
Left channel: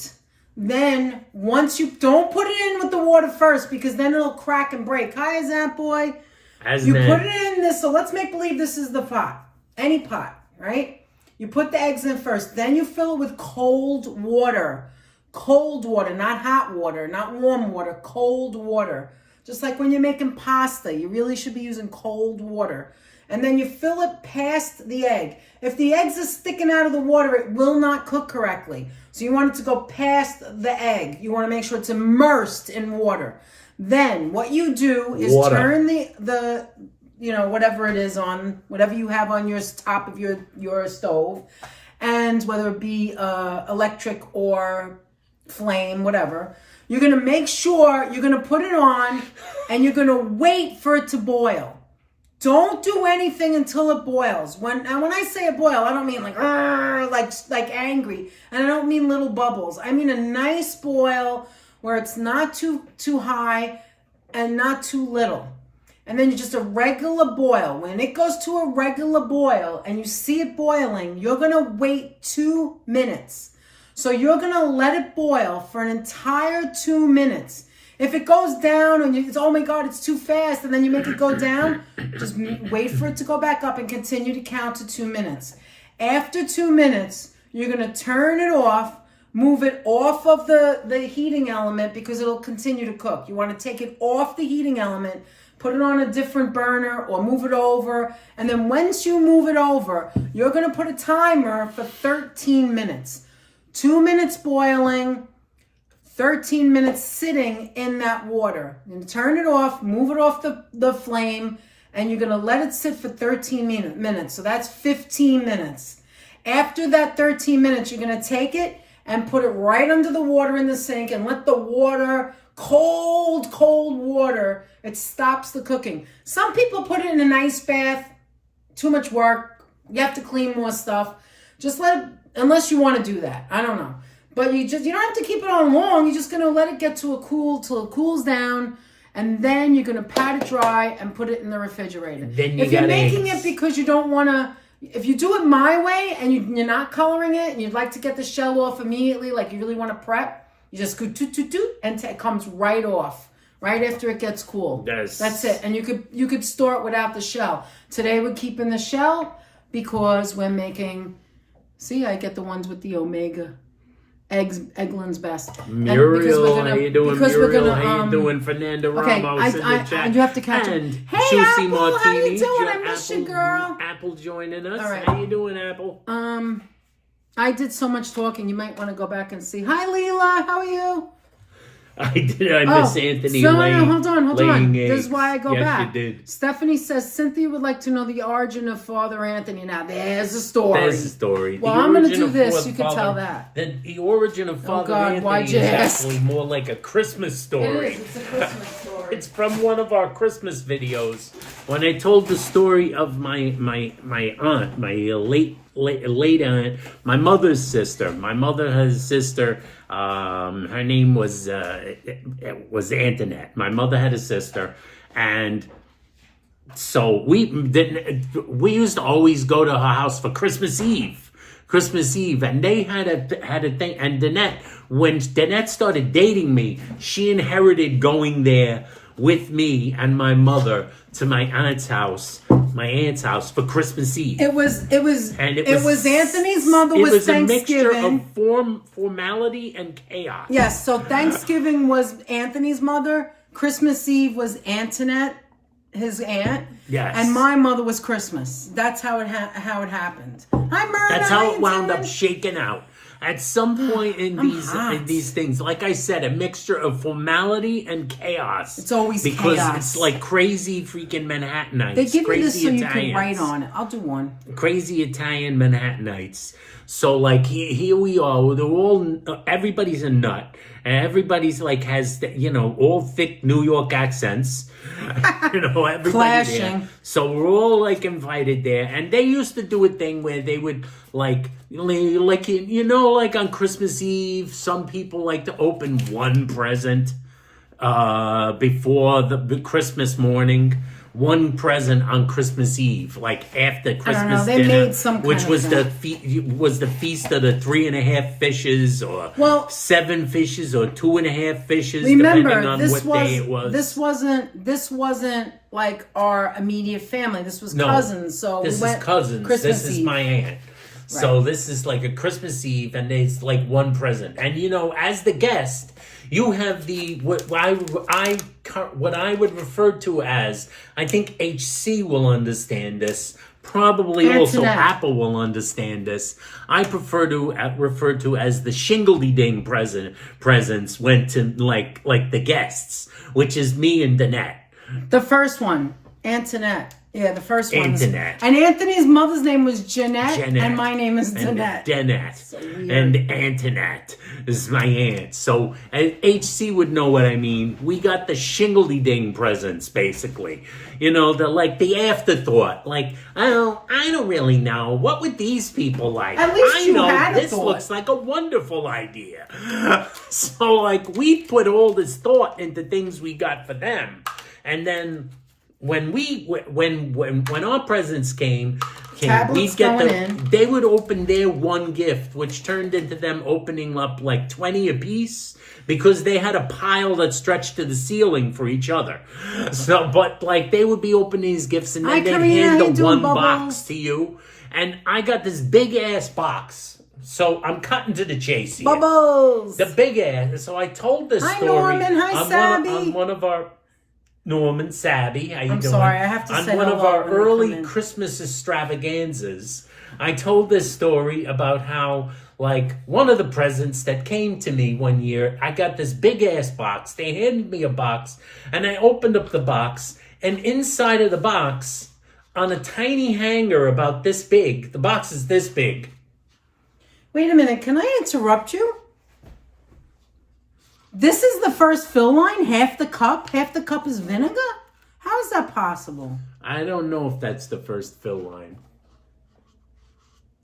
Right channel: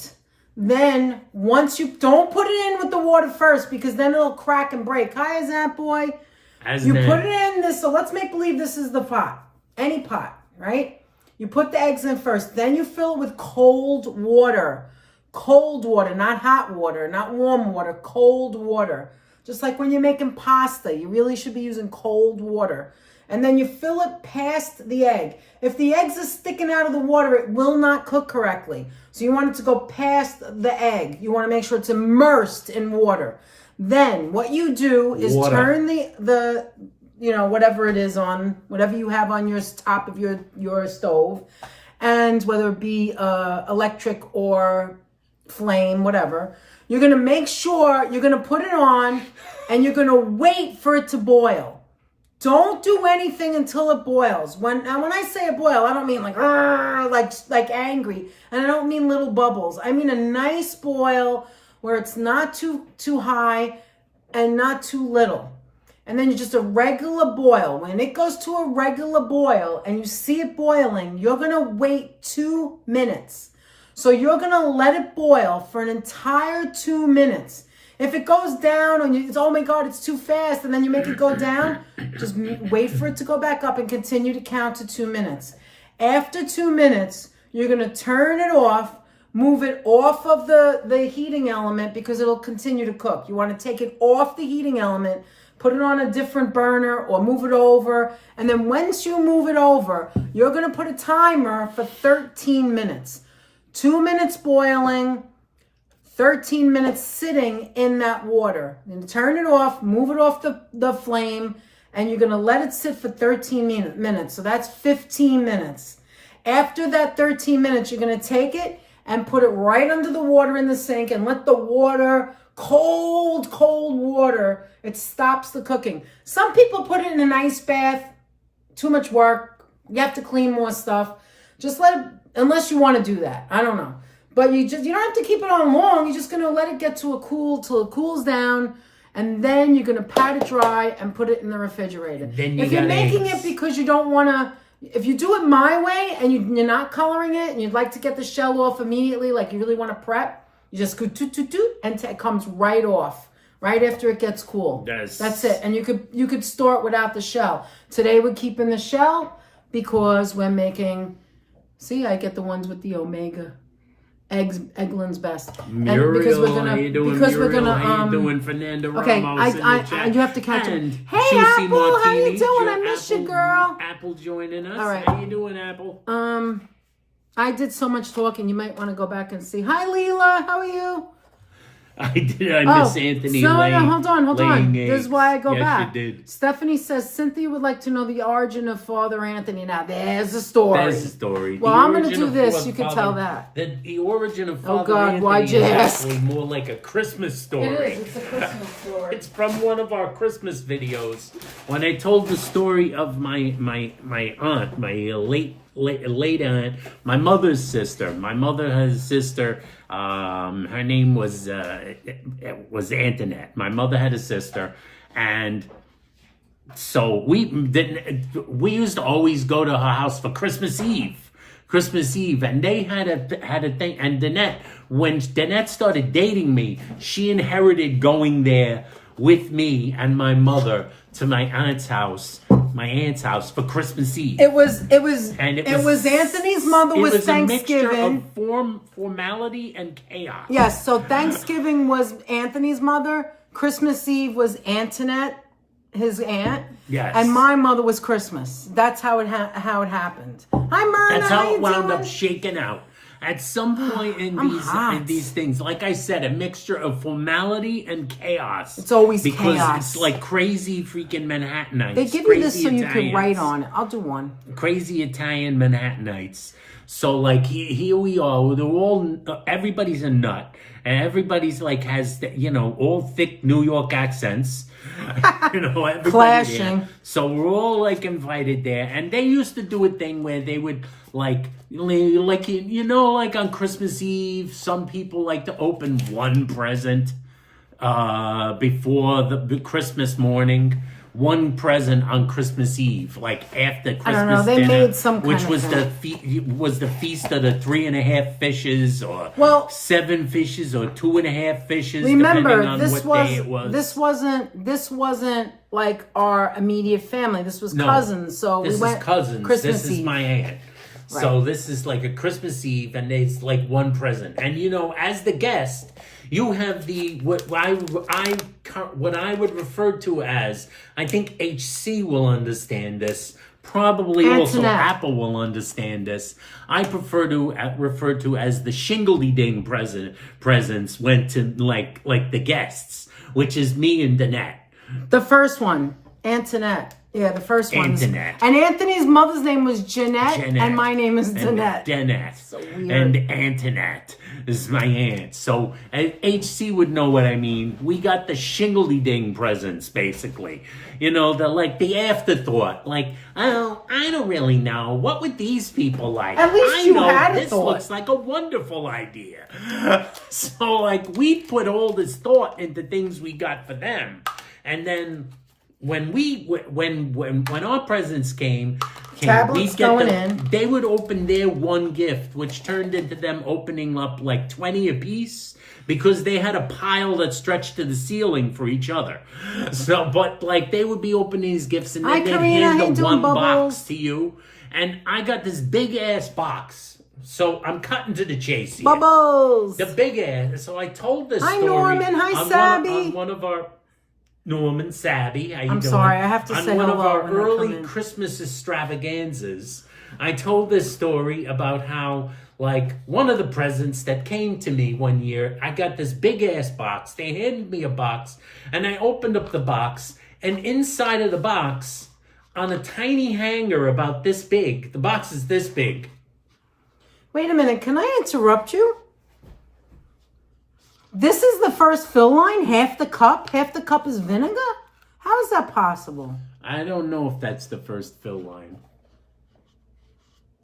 Then, once you, don't put it in with the water first, because then it'll crack and break. Hi, Azant boy. You put it in this, so let's make believe this is the pot. Any pot, right? You put the eggs in first. Then you fill it with cold water. Cold water, not hot water, not warm water. Cold water. Just like when you're making pasta, you really should be using cold water. And then you fill it past the egg. If the eggs are sticking out of the water, it will not cook correctly. So you want it to go past the egg. You want to make sure it's immersed in water. Then what you do is turn the whatever it is on, whatever you have on your top of your stove, and whether it be electric or flame, whatever, you're going to make sure you're going to put it on, and you're going to wait for it to boil. Don't do anything until it boils. When I say a boil, I don't mean like angry, and I don't mean little bubbles. I mean a nice boil where it's not too high and not too little. And then just a regular boil. When it goes to a regular boil and you see it boiling, you're going to wait 2 minutes. So you're going to let it boil for an entire 2 minutes. If it goes down and it's, oh my God, it's too fast, and then you make it go down, just wait for it to go back up and continue to count to 2 minutes. After 2 minutes, you're going to turn it off, move it off of the heating element because it'll continue to cook. You want to take it off the heating element, put it on a different burner or move it over. And then once you move it over, you're going to put a timer for 13 minutes. 2 minutes boiling, 13 minutes sitting in that water. And turn it off, move it off the flame, and you're going to let it sit for 13 minutes. So that's 15 minutes. After that 13 minutes, you're going to take it and put it right under the water in the sink and let the water, cold water, it stops the cooking. Some people put it in an ice bath. Too much work. You have to clean more stuff. Just let it, unless you want to do that. I don't know. But you don't have to keep it on long. You're just going to let it get to till it cools down. And then you're going to pat it dry and put it in the refrigerator. If you're making it because you don't want to, if you do it my way and you're not coloring it and you'd like to get the shell off immediately, like you really want to prep, you just go and it comes right off. Right after it gets cool. Yes. That's it. And you could store it without the shell. Today we're keeping the shell because we're making, see, I get the ones with the omega. Eggland's best. Muriel, how you doing, Muriel? How you doing, Fernanda Ramos in the chat? You have to catch it. Hey, Juicy Apple, Martini, how you doing? I miss you, girl. Apple joining us. All right. How you doing, Apple? I did so much talking. You might want to go back and see. Hi, Leela. How are you? I did. I miss Anthony. No, hold on. This is why I go back. You did. Stephanie says Cynthia would like to know the origin of Father Anthony. Now, there's a story. There's a story. Well, I'm going to do this. You can tell that. The origin of Father Anthony is actually more like a Christmas story. It is. It's a Christmas story. It's from one of our Christmas videos. When I told the story of my aunt, my late aunt, my mother's sister. My mother has a sister. Her name was Antoinette. My mother had a sister, and so we used to always go to her house for Christmas Eve, and they had a thing. And when Danette started dating me, she inherited going there with me and my mother to my aunt's house my aunt's house for Christmas Eve. It was Anthony's mother was Thanksgiving. It was a mixture of formality and chaos. Yes, so Thanksgiving was Anthony's mother. Christmas Eve was Antoinette, his aunt. Yes. And my mother was Christmas. That's how it happened. Hi, Myrna. That's how it wound up shaking out. At some point in these things, like I said, a mixture of formality and chaos. It's always because chaos. It's like crazy freaking Manhattanites. They give you this so Italians, you can write on it. I'll do one. Crazy Italian Manhattanites. So like here we are. They're all everybody's a nut, and everybody's like has all thick New York accents. Everybody Clashing. there. So we're all like invited there, and they used to do a thing where they would like on Christmas Eve, some people like to open one present before the Christmas morning. One present on Christmas Eve, like after Christmas they dinner, made some kind which of was thing. the feast of the 3.5 fishes, or 7 fishes, or 2.5 fishes, depending on what day it was. This wasn't like our immediate family. This was cousins. So this we went is cousins. Christmas this is Eve. my aunt. Right. So this is like a Christmas Eve, and it's like one present. And as the guest, you have what I would refer to as, I think HC will understand this. Probably also Apple will understand this. I prefer to refer to as the shingledy-ding presents went to like the guests, which is me and Danette. The first one, Antoinette. Yeah, the first one. Antoinette. And Anthony's mother's name was Jeanette. And my name is Danette. Danette. So and Antoinette is my aunt. So HC would know what I mean. We got the shingledy-ding presents, basically. The afterthought. Like, I don't really know. What would these people like? At least I know had a this thought. looks like a wonderful idea. So, like, we put all this thought into things we got for them. And then when our presents came, they would open their one gift, which turned into them opening up like 20 apiece, because they had a pile that stretched to the ceiling for each other. So, but like they would be opening these gifts, and then they'd hand the one box to you. And I got this big ass box. So I'm cutting to the chase here. Bubbles! The big ass. So I told this story. Hi, Norman. Hi, Sabby. On one of our... Norman, Sabby, how you doing? I'm sorry, I have to say hello. On one of our early Christmas extravaganzas, I told this story about how, like, one of the presents that came to me one year, I got this big-ass box. They handed me a box, and I opened up the box, and inside of the box, on a tiny hanger about this big, the box is this big. Wait a minute, can I interrupt you? This is the first fill line? Half the cup is vinegar? How is that possible? I don't know if that's the first fill line.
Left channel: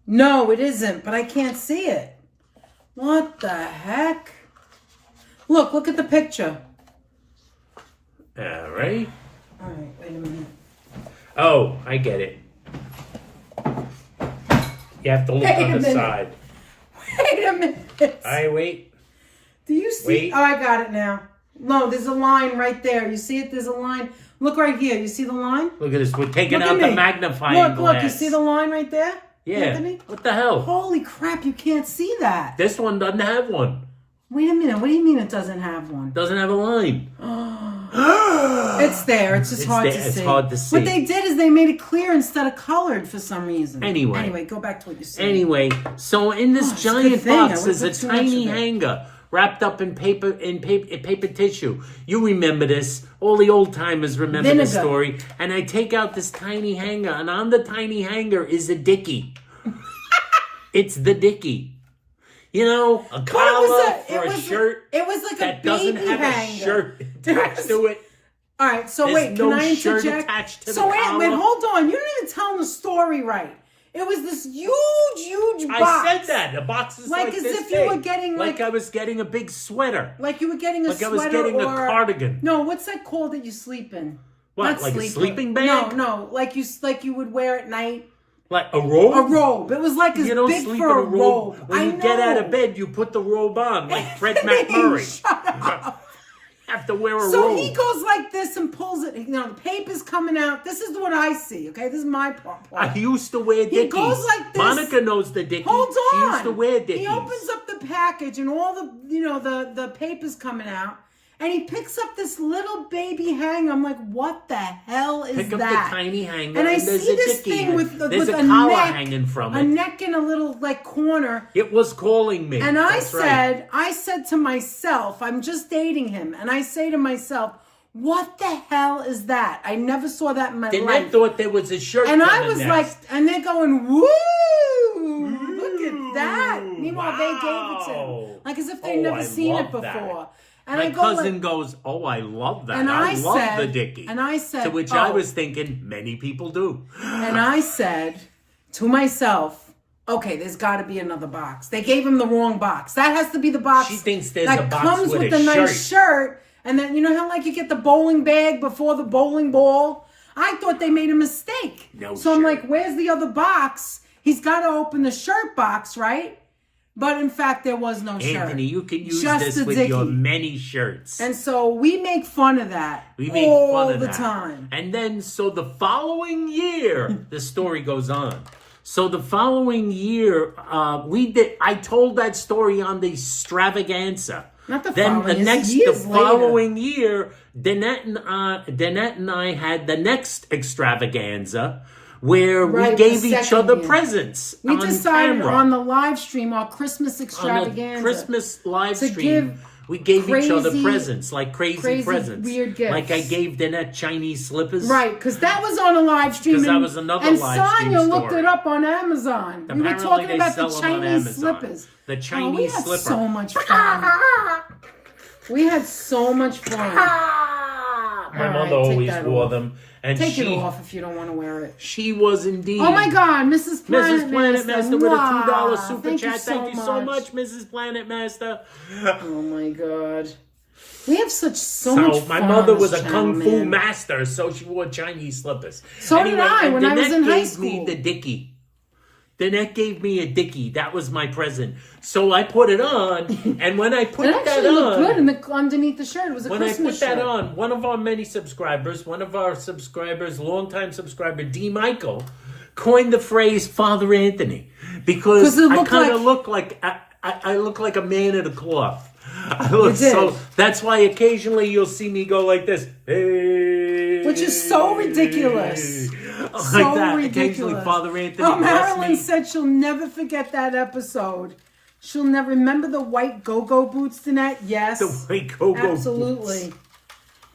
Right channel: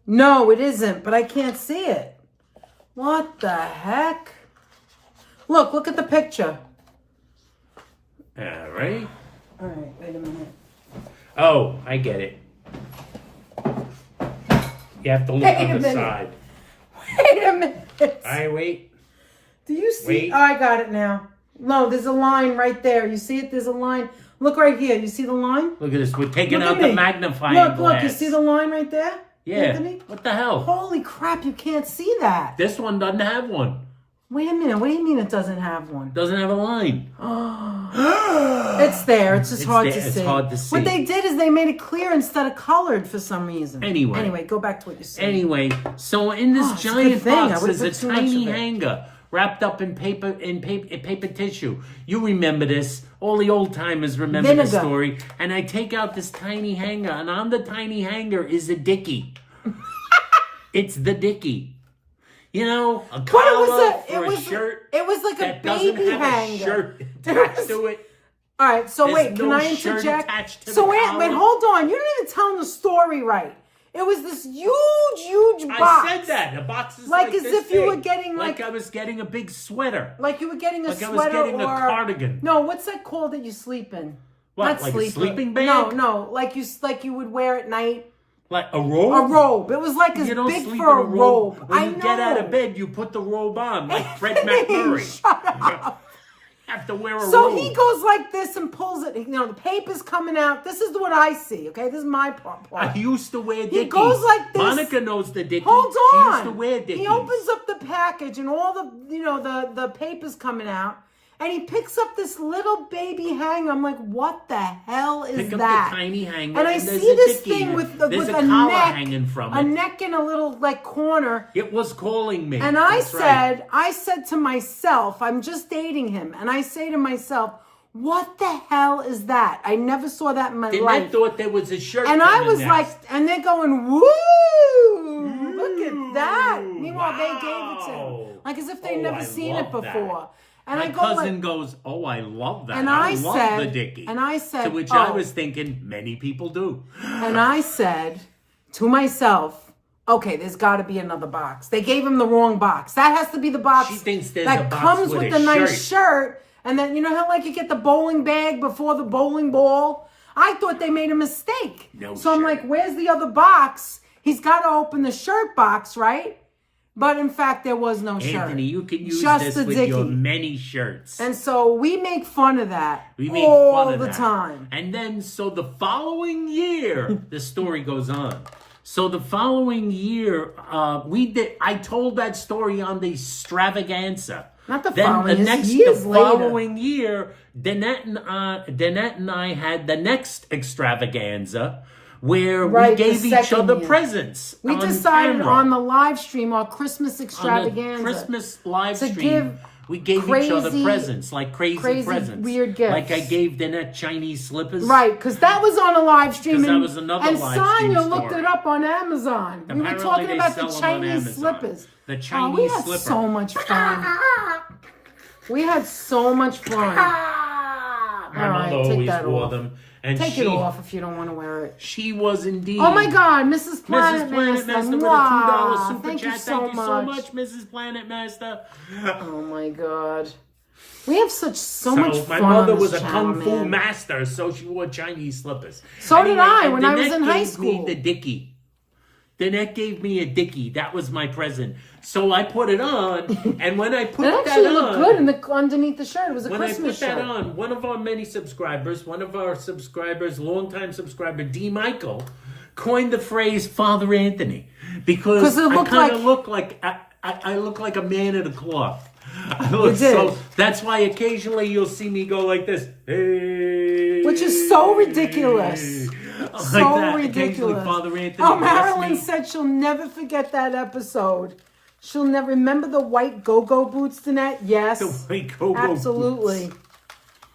No, it isn't, but I can't see it. What the heck? Look at the picture. All right. All right, wait a minute. Oh, I get it. You have to look on the side. Wait a minute. All right, wait. Do you see? Wait. Oh, I got it now. No, there's a line right there. You see it? There's a line. Look right here. You see the line? Look at this. We're taking out the magnifying glass. Look. You see the line right there? Yeah. Anthony? What the hell? Holy crap, you can't see that. This one doesn't have one. Wait a minute. What do you mean it doesn't have one? Doesn't have a line. It's there. It's just hard to see. It's hard to see. What they did is they made it clear instead of colored for some reason. Anyway, go back to what you said. Anyway, so in this giant box is a tiny hanger wrapped up in paper tissue. You remember this. All the old timers remember this story. And I take out this tiny hanger, and on the tiny hanger is a dickie. It's the dickie. A collar for a shirt. It was like that a baby doesn't have hanger. A shirt attached to it. All right, so wait, can I shirt interject? Attached to so the wait, collar. hold on. You didn't even tell the story right. It was this huge box. I said that. The box is like as this if you were getting like I was getting a big sweater. Like you were getting a sweater. Like I was getting a cardigan. No, what's that called that you sleep in? What? Not like sleeping. A sleeping bag? No, like you would wear at night. Like a robe? A robe. It was like as you don't big sleep for in a robe. When I you know. get out of bed, you put the robe on, like Fred McMurray. Shut up. have to wear a So robe. he goes like this and pulls it. You know, the paper's coming out. This is what I see, okay? This is my part. I used to wear dickies. He goes like this. Monica knows the dickies. Hold on. She used to wear dickies. He opens up the package and all the, you know, the paper's coming out. And he picks up this little baby hanger. I'm like, what the hell is Pick that? up the tiny hanger. And I there's see a this dickie. thing with There's a a collar neck, hanging from a it. neck in a little like corner. It was calling me. And That's right. I said to myself, I'm just dating him. And I say to myself, what the hell is that? I never saw that in my Then life. I thought there was a shirt. And I coming was next. like, and they're going, woo, look at that. Meanwhile, they gave it to him. Like as if they'd never seen it before. That. And my I go cousin like, goes, oh, I love that. and I love said, the dickie. And I said, to which I was thinking, many people do. And I said to myself, okay, there's got to be another box. They gave him the wrong box. That has to be the box She thinks there's that a box comes with with a the nice shirt. And then, you know how like you get the bowling bag before the bowling ball? I thought they made a mistake. No so I'm shirt. like, where's the other box? He's got to open the shirt box, right? But in fact, there was no shirt. Anthony, you can use Just this the with your dickie. many shirts. And so we make fun of that We make all fun of the that. time. And then, so the following year, the story goes on. So the following year, I told that story on the extravaganza. Not the Then following, the it's years following year, Danette and I had the next extravaganza where Right, we gave the each second other year. presents We on decided camera. on the live stream, our Christmas On extravaganza. the Christmas live to stream, give we gave each other crazy- presents, like crazy presents. weird gifts. Like I gave Danette Chinese slippers. Right, because that was on a live stream. 'Cause that and- was another and live stream Sonya looked story. it up on Amazon. We were Apparently talking they about sell the them on Chinese Amazon. slippers. The We Chinese had slipper. so much fun. We had so much fun. My All right, mother take always that wore off. them. And Take she, it off if you don't want to wear it. She was indeed. Oh my God, Mrs. Planet Mrs. Planet Master with a $2 Mwah. super chat. Thank you so much, Mrs. Planet Master. Oh my God. We have so much fun. My mother on this was a channel, kung fu man. master, so she wore Chinese slippers. So did I and when I was Danette in high gave me school. the dickie. Danette gave me a dickie. That was my present. So I put it on, and when I put It that actually looked on, good underneath the shirt. It was a when I Christmas put that shirt. on, one of our many subscribers, longtime subscriber, D. Michael, coined the phrase "Father Anthony" because it I looked kind of like- look like I look like a man in a cloth. I look did. so that's why occasionally you'll see me go like this, hey, Which is so ridiculous. like So that. ridiculous. Occasionally, Father Anthony. Oh, bless Marilyn me. said she'll never forget that episode. She'll never remember the white go-go boots, Danette? Yes. The white go-go absolutely. boots.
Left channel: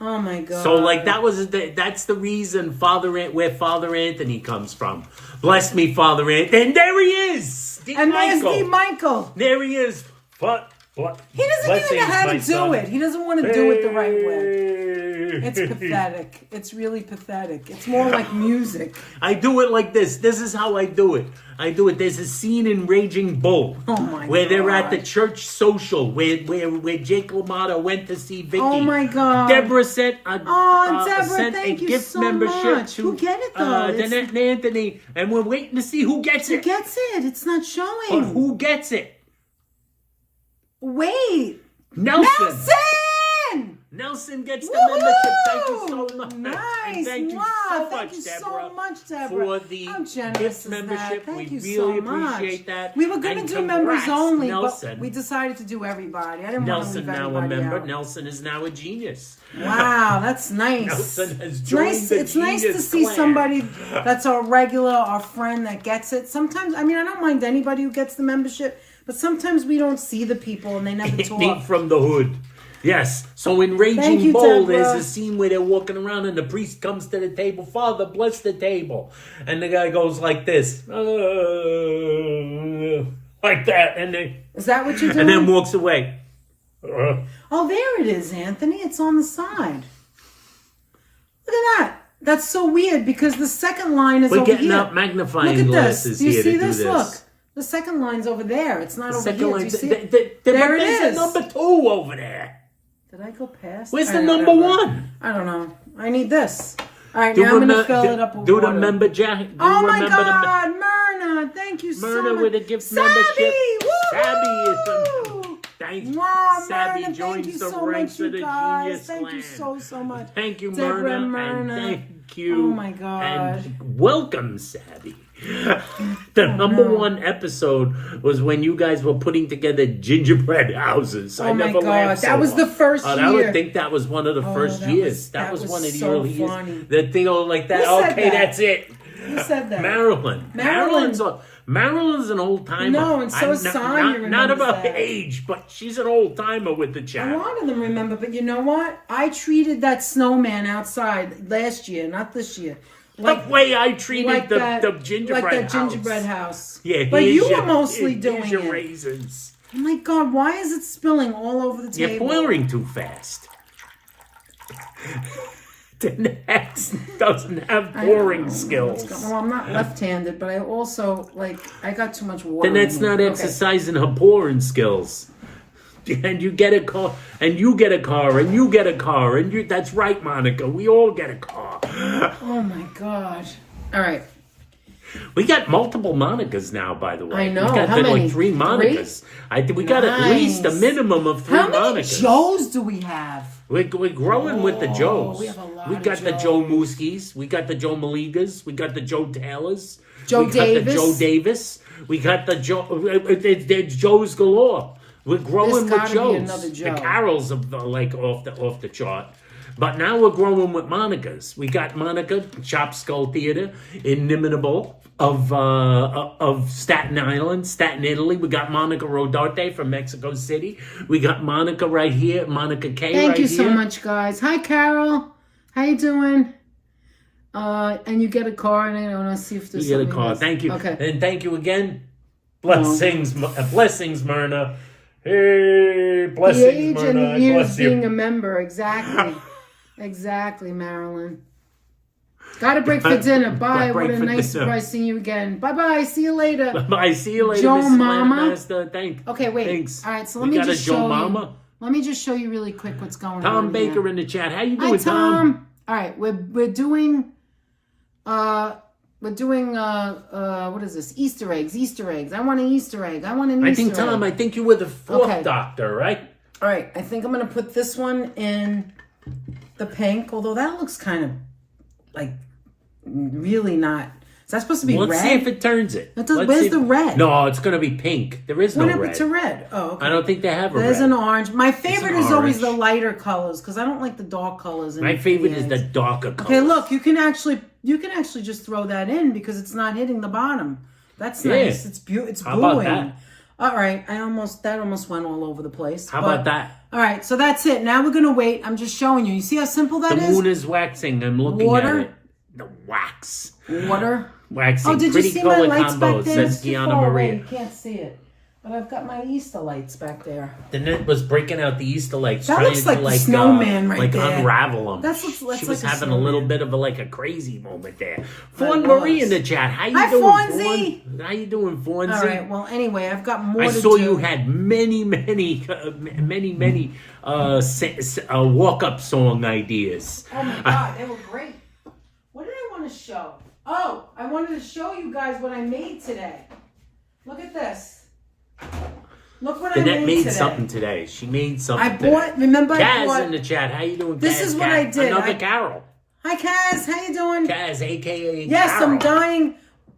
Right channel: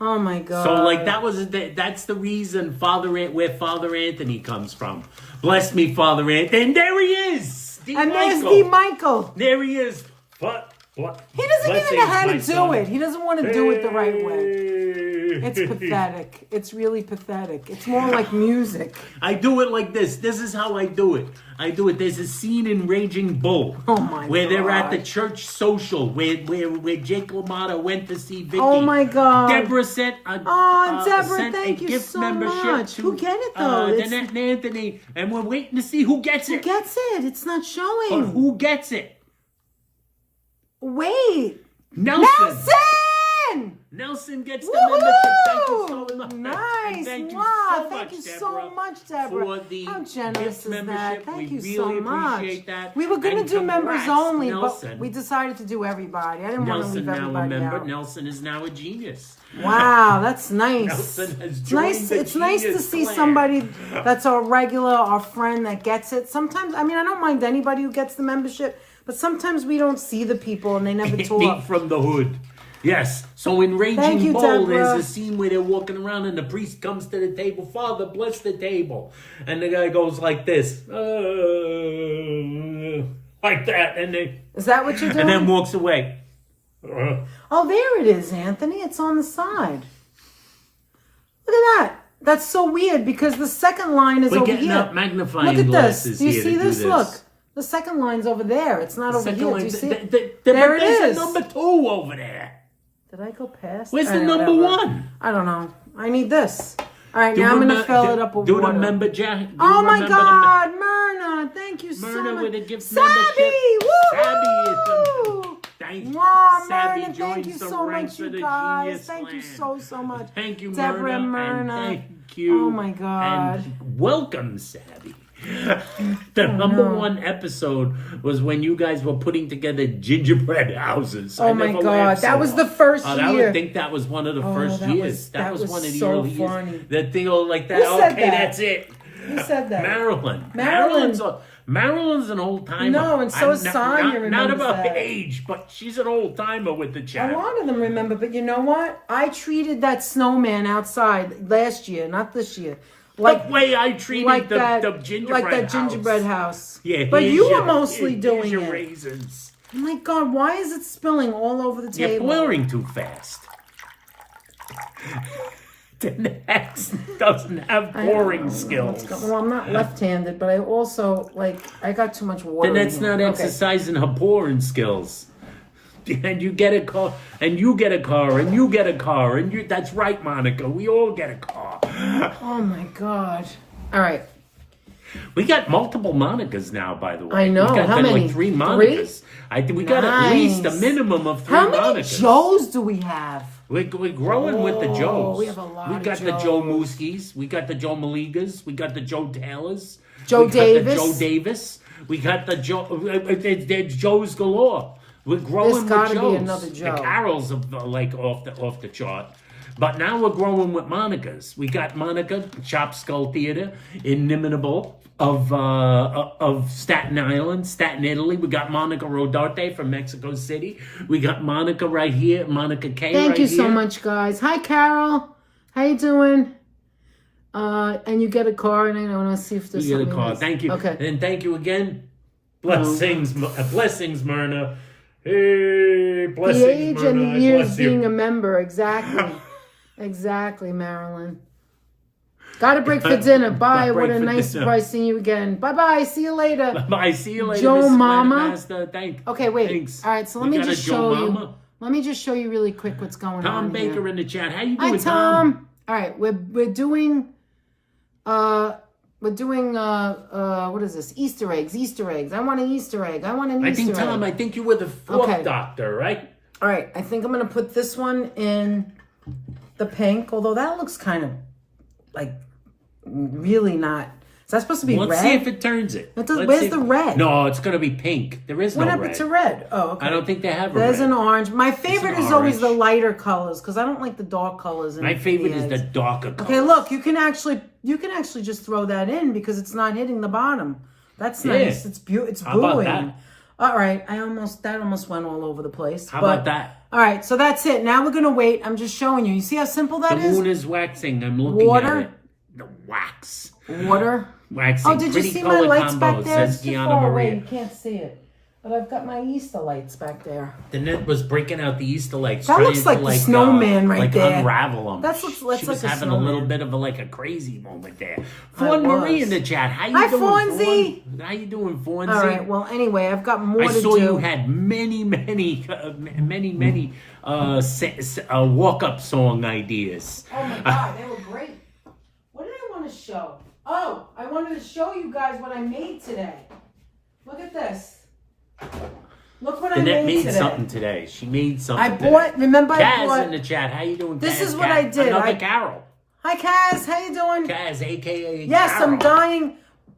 Oh my God. So like that's the reason where Father Anthony comes from. Bless me, Father Anthony. And there he is. D. And Michael. there's D. Michael. There he is. What? He doesn't even know how to do it. He doesn't want to do it the right way. It's pathetic. It's really pathetic. It's more like music. I do it like this. This is how I do it. There's a scene in Raging Bull Oh my where they're at God. the church social where Jake LaMotta went to see Vicky. Oh my God. Deborah sent a Deborah, thank you gift so membership much. to Who get it, though? It's- Danette and Anthony, and we're waiting to see who gets Who it. gets it? It's not showing. But who gets it? Wait. Nelson. Nelson! Nelson gets the Woohoo! membership. Thank you so much. Nice. And thank you Wow, so thank much, you Deborah, so much, Deborah. for the How generous gift is membership. that? Thank We you really so much. appreciate that. We were going And to do members congrats, only, Nelson. but we decided to do everybody. I didn't want to Nelson leave now a everybody member. out. Nelson is now a genius. Wow, that's nice. Nelson has It's joined nice. the It's nice to genius see clan. somebody that's a regular, our friend that gets it. Sometimes, I mean, I don't mind anybody who gets the membership, but sometimes we don't see the people and they never Meet talk. from the hood. Yes. So in Raging you, Bull, Deborah. there's a scene where they're walking around and the priest comes to the table. Father, bless the table. And the guy goes like this. Like that. Is that what you're doing? And then walks away. Oh, there it is, Anthony. It's on the side. Look at that. That's so weird because the second line is We're over getting here. out magnifying Look at glasses this. Do you here see to do this? this. Look. The second line's over there. It's not over here. Do you see it? There There it there's is. a number 2 over there. Did I go past? Where's All the right, number whatever. 1? I don't know. I need this. All right, now I'm going to fill it up with do water. remember Jack. Oh my God, Myrna, thank you so much. Myrna with a gift Sabby, membership. woo! Sabby is thank you. Wow, Savvy Myrna, thank joins you the so ranks much, of the you guys. Genius Thank you Clan. so much. Thank you, Deborah Myrna, and thank you. Oh my God. And welcome, Savvy. The number one episode was when you guys were putting together gingerbread houses. Oh I my never God, laughed so that was the hard. first I year. would think that was one of the first that years. was- That that was was one of the so early funny. years. The thing like that. Who said Okay, that? that's it. Who said that? Marilyn. Marilyn's an old timer. No, and so is Sonya Not remembers about that. age, but she's an old timer with the A chat. lot of them remember, but you know what? I treated that snowman outside last year, not this year. The way I treated like the that gingerbread gingerbread house. house. Yeah, but here's you your- were mostly doing here's your it. raisins. Oh my God, why is it spilling all over the You're table? pouring too fast. The Nets doesn't have pouring skills. Well, I'm not left-handed, but I also, I got too much water. Then that's in here. not Okay. exercising her pouring skills. And you get a car, and you get a car, and you get a car, and that's right, Monica. We all get a car. Oh my gosh. All right. We got multiple Monicas now, by the way. I know. We got How many? like 3 Monicas. I think we got at least a Nice. minimum of 3 How many Monicas. Joes do we have? We're growing with the Joes. we have a lot We of got the Joes. Joe Mooskies. We got the Joe Maligas. We got the Joe Taylors. Joe we got the Davis. Joe Davis. We got the Joe. There's Joes galore. We're growing There's with gotta be Joes. another Joe. The Carols are off the chart. But now we're growing with Monicas. We got Monica, Chop Skull Theater, inimitable of Staten Island, Staten, Italy. We got Monica Rodarte from Mexico City. We got Monica right here, Monica K Thank right you here. so much, guys. Hi, Carol. How you doing? And you get a car, and I want to see if there's You get a something call. else. Thank you. Okay. And thank you again. Blessings, Myrna. Hey, The blessings, age Myrna. and I the years bless you. being a member. Exactly. Exactly, Marilyn. Got to break for dinner. Bye. Break What a for nice dinner. surprise seeing you again. Bye-bye. See you later. Bye. See you later, Joe Mrs. Mama. Master. Okay, wait. Thanks. All right, so We let me got a just Joe show you. Mama. Let me just show you really quick what's going on. Tom Baker here. in the chat. How you Hi, doing, Tom? Tom. All right, we're doing what is this? Easter eggs. I want an Easter egg. I want an Easter egg. Tom, I think you were the 4th Okay. doctor, right? All right, I think I'm going to put this one in the pink, although that looks kind of really not. Is that supposed to be Let's red? see if it turns it. It does- Let's where's see the red? No, it's going to be pink. There is no What red. happened to red? Oh, okay. I don't think they have a There's red. an orange. My favorite is orange. always the lighter colors because I don't like the dark colors. My favorite is the darker color. Okay, look, you can actually just throw that in because it's not hitting the bottom. That's nice. It's It's How about booing. that? All right, that almost went all over the place. How about that? All right, so that's it. Now we're gonna wait. I'm just showing you. You see how simple that The is? moon is waxing. I'm looking Water. at it. The wax. Water. Waxing. Oh, did you Pretty see my color lights combo, back there? says It's too Gianna far away. Maria. You can't see it, but I've got my Easter lights back there. The net was breaking out the Easter lights. That trying looks to, like the snowman right like there. unravel them. That's She like was a having a little snowman. bit of a crazy moment there. Fawn Marie in the chat. How you Hi, doing, Fonzie. Fawn? How you doing, Fonzie? All right. Well, anyway, I've got more I to saw do. you had many walk-up song ideas. Oh my God, they were great. What did I want to show? Oh, I wanted to show you guys what I made today. Look at this. Look what I Annette made today. something today. She made something I bought. Remember, I Kaz bought. in the chat. How you doing, Kaz? This is what Kaz? I did. Another Carol. Hi, Kaz. How you doing? Kaz, a.k.a. Yes, Carol. I'm dying.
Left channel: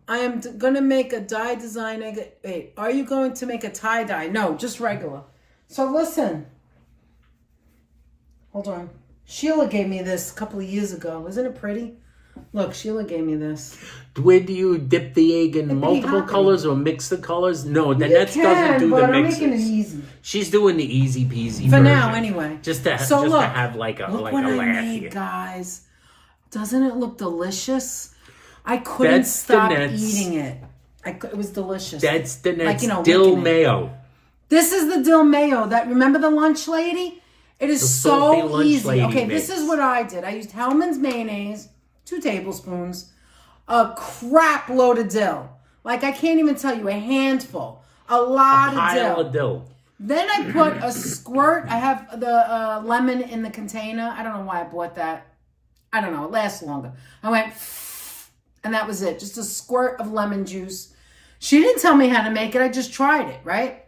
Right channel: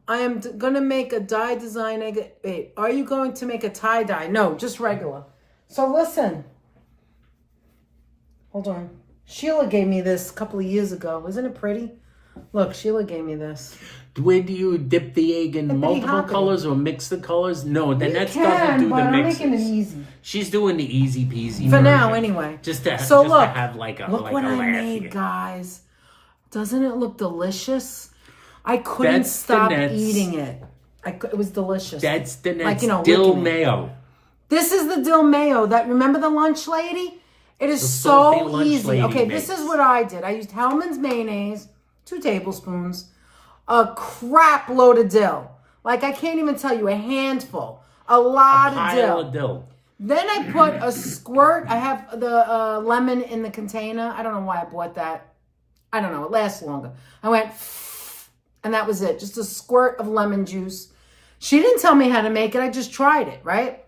I am gonna make a dye design. Wait, are you going to make a tie dye? No, just regular. So listen. Hold on. Sheila gave me this a couple of years ago. Isn't it pretty? Look, Sheila gave me this. Where do you dip the egg in multiple happening. colors or mix the colors? No, then that You doesn't do but the I'm mixes. making it easy. She's doing the easy peasy For version. now, anyway. Just to look, have like a look like what a I laugh made, here. guys. Doesn't it look delicious? I couldn't That's stop the Nets. eating it. It was delicious. That's the next Like, dill licking it. mayo. This is the dill mayo. That remember the lunch lady? It is The salty so lunch easy. lady Okay, makes. this is what I did. I used Hellman's mayonnaise, 2 tablespoons, a crap load of dill. Like I can't even tell you, a handful, a lot A pile of of dill. Then I put a squirt. I have the lemon in the container. I don't know why I bought that. I don't know. It lasts longer. I went, and that was it. Just a squirt of lemon juice. She didn't tell me how to make it. I just tried it, right?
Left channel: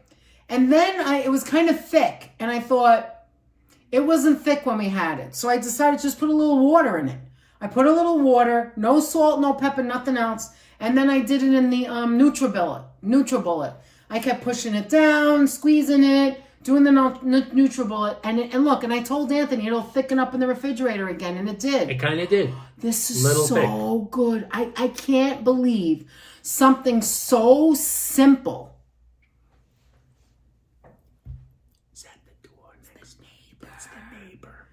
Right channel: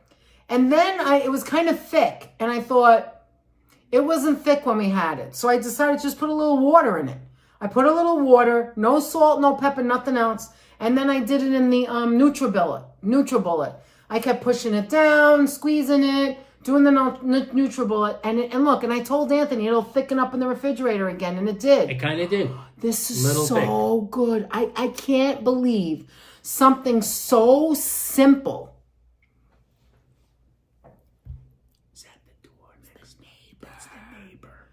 And then it was kind of thick. And I thought, it wasn't thick when we had it. So I decided to just put a little water in it. I put a little water, no salt, no pepper, nothing else. And then I did it in the NutriBullet. I kept pushing it down, squeezing it, doing the NutriBullet. And look, and I told Anthony it'll thicken up in the refrigerator again. And it did. It kind of did. This is so good. I can't believe something so simple. Is that the door next neighbor? That's the neighbor.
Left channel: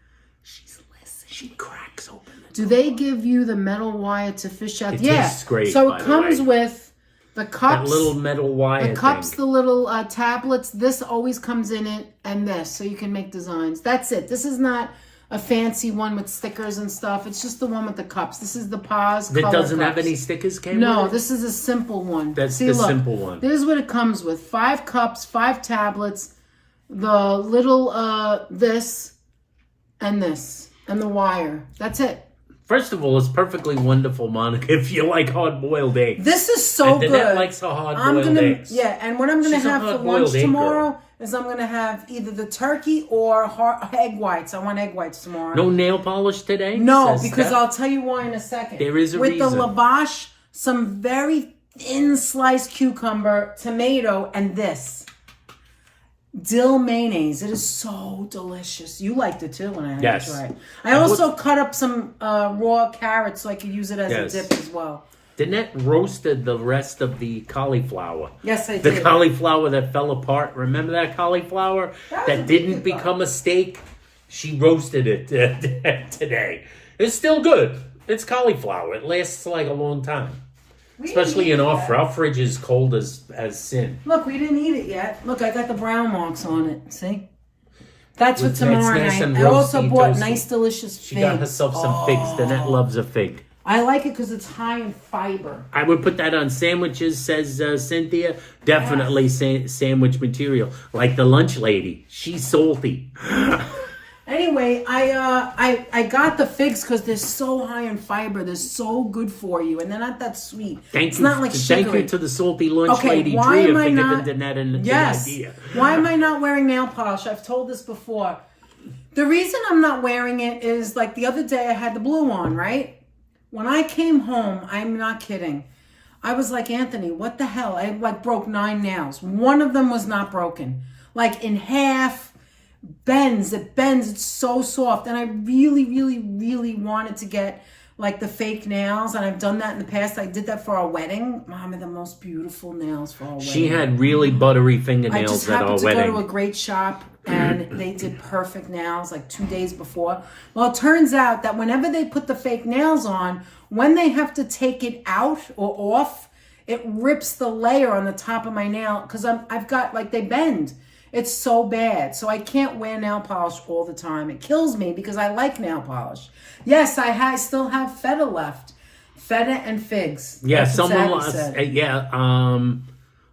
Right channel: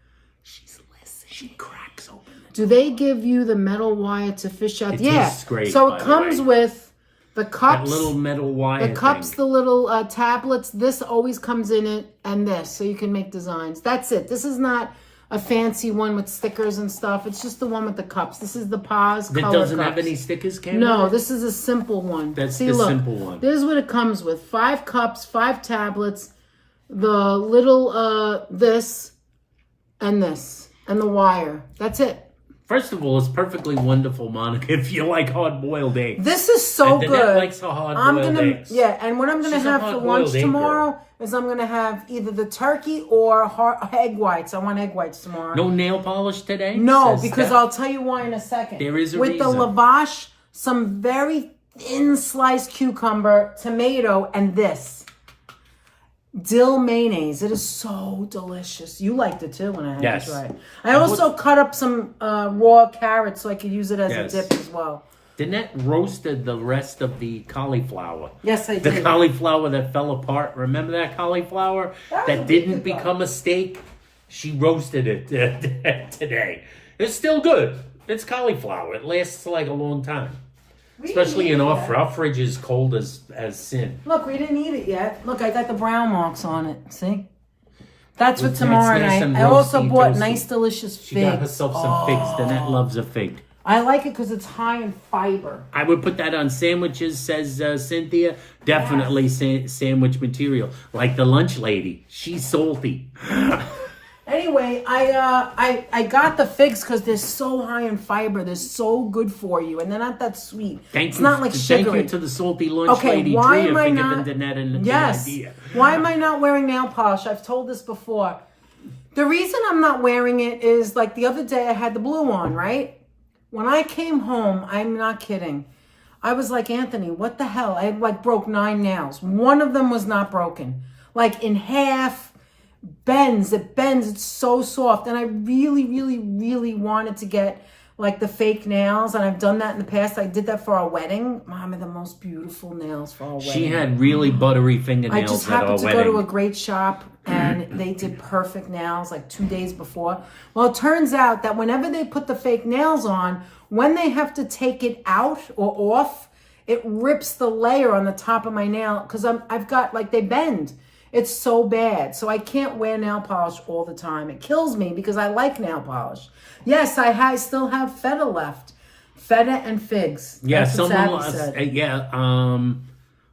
She's listening. She cracks open the door. Do they give you the metal wire to fish out? It yeah. tastes great, So by it the comes way. with the cups. That little metal wire The cups, thing. the little tablets. This always comes in it, and this, so you can make designs. That's it. This is not a fancy one with stickers and stuff. It's just the one with the cups. This is the Paz That color doesn't have cups. any stickers came No, with it? this is a simple one. That's See, the look, simple one. This is what it comes with. 5 cups, 5 tablets, the little this, and the wire. That's it. First of all, it's perfectly wonderful, Monica, if you like hard-boiled eggs. This is so and good. Danette likes her hard-boiled eggs. Yeah, and what I'm going to She's a have for hard-boiled lunch egg tomorrow girl. is I'm going to have either the turkey or egg whites. I want egg whites tomorrow. No nail polish today? No, says because Steph. I'll tell you why in a second. There is a With reason. the lavash, some very thin sliced cucumber, tomato, and this. Dill mayonnaise. It is so delicious. You liked it too when I had Yes. to try it. I also cut up some raw carrots so I could use it as Yes. a dip as well. Danette roasted the rest of the cauliflower. Yes, I The did. cauliflower that fell apart. Remember that cauliflower that didn't become a steak? She roasted it today. It's still good. It's cauliflower. It lasts like a long time. Especially in our fridge is cold as sin. Look, we didn't eat it yet. Look, I got the brown marks on it. See? That's for It's tomorrow nice night. and I also roasty, bought toasty. nice, delicious figs. She got herself some figs. Danette loves a fig. I like it because it's high in fiber. I would put that on sandwiches, says Cynthia. Definitely sandwich material. Like the lunch lady. She's salty. Anyway, I got the figs because they're so high in fiber. They're so good for you, and they're not that sweet. It's not like sugary. Thank you to the salty lunch lady why Drea am I for not? giving Danette the idea. Why am I not wearing nail polish? I've told this before. The reason I'm not wearing it is like the other day I had the blue on, right? When I came home, I'm not kidding. I was like, Anthony, what the hell? I like broke 9 nails. One of them was not broken. Like in half. It bends, it's so soft, and I really wanted to get like the fake nails, and I've done that in the past. I did that for our wedding. Mom had the most beautiful nails for our wedding. She had really buttery I fingernails just at our happened to wedding. go to a great shop, and they did perfect nails like 2 days before. Well, it turns out that whenever they put the fake nails on, when they have to take it out or off, it rips the layer on the top of my nail because I've got like they bend. It's so bad. So I can't wear nail polish all the time. It kills me because I like nail polish. Yes, I still have feta left. Feta and figs. Yeah, That's what someone Savvy said.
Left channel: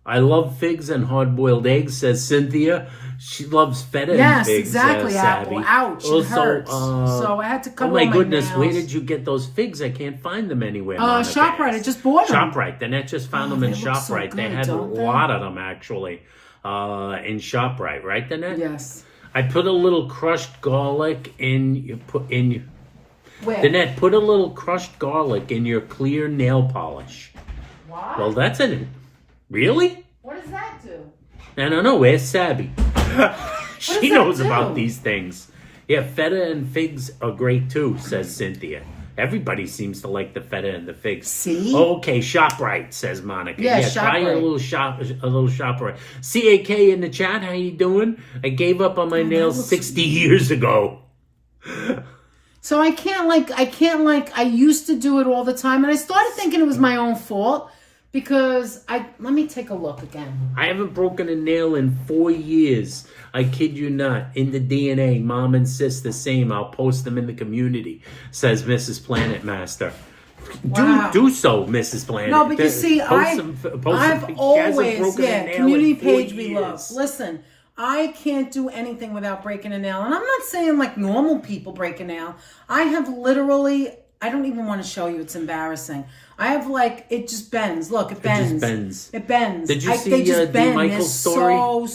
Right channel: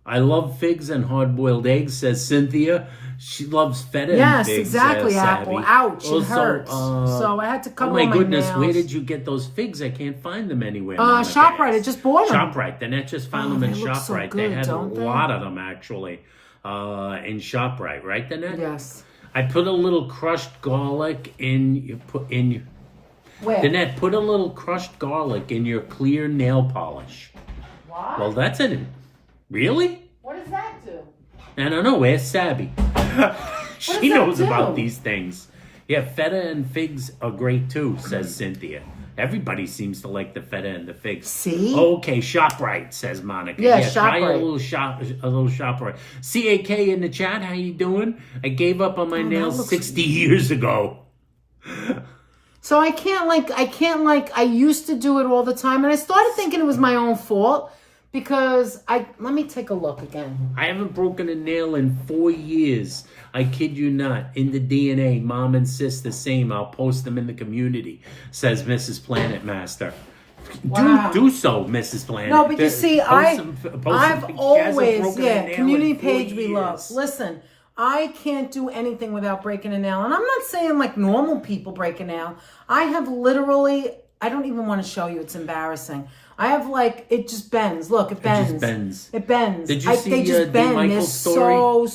I love figs and hard-boiled eggs, says Cynthia. She loves feta and Yes, figs. exactly, Apple. Savvy. Ouch, Also, it hurts. So I had to cut oh my all goodness, nails. where did you get those figs? I can't find them anywhere. ShopRite, I just bought them. ShopRite. Danette just found them in they look so ShopRite. good, they had a don't they? lot of them actually in ShopRite, right, Danette? Yes. I put a little crushed garlic in. Where? Danette, put a little crushed garlic in your clear nail polish. What? Well, that's it. Really? What does that do? I don't know. Where's Sabby? She does that knows do? about these things. Yeah, feta and figs are great too, says Cynthia. Everybody seems to like the feta and the figs. See? Okay, ShopRite, says Monica. Yeah, try a ShopRite. little ShopRite. CAK in the chat, how you doing? I gave up on my nails looks 60 years ago. So I used to do it all the time, and I started thinking it was my own fault because let me take a look again. I haven't broken a nail in 4 years. I kid you not. In the DNA, mom and sis the same. I'll post them in the community, says Mrs. Planet Master. Wow. Do so, Mrs. Planet. No, but you see, I've always, community page we love. Listen, I can't do anything without breaking a nail. And I'm not saying like normal people break a nail. I have literally, I don't even want to show you. It's embarrassing. I have like, it just bends. Look, it bends. It just bends. It bends. Did you see they just bend. They're Michael's story?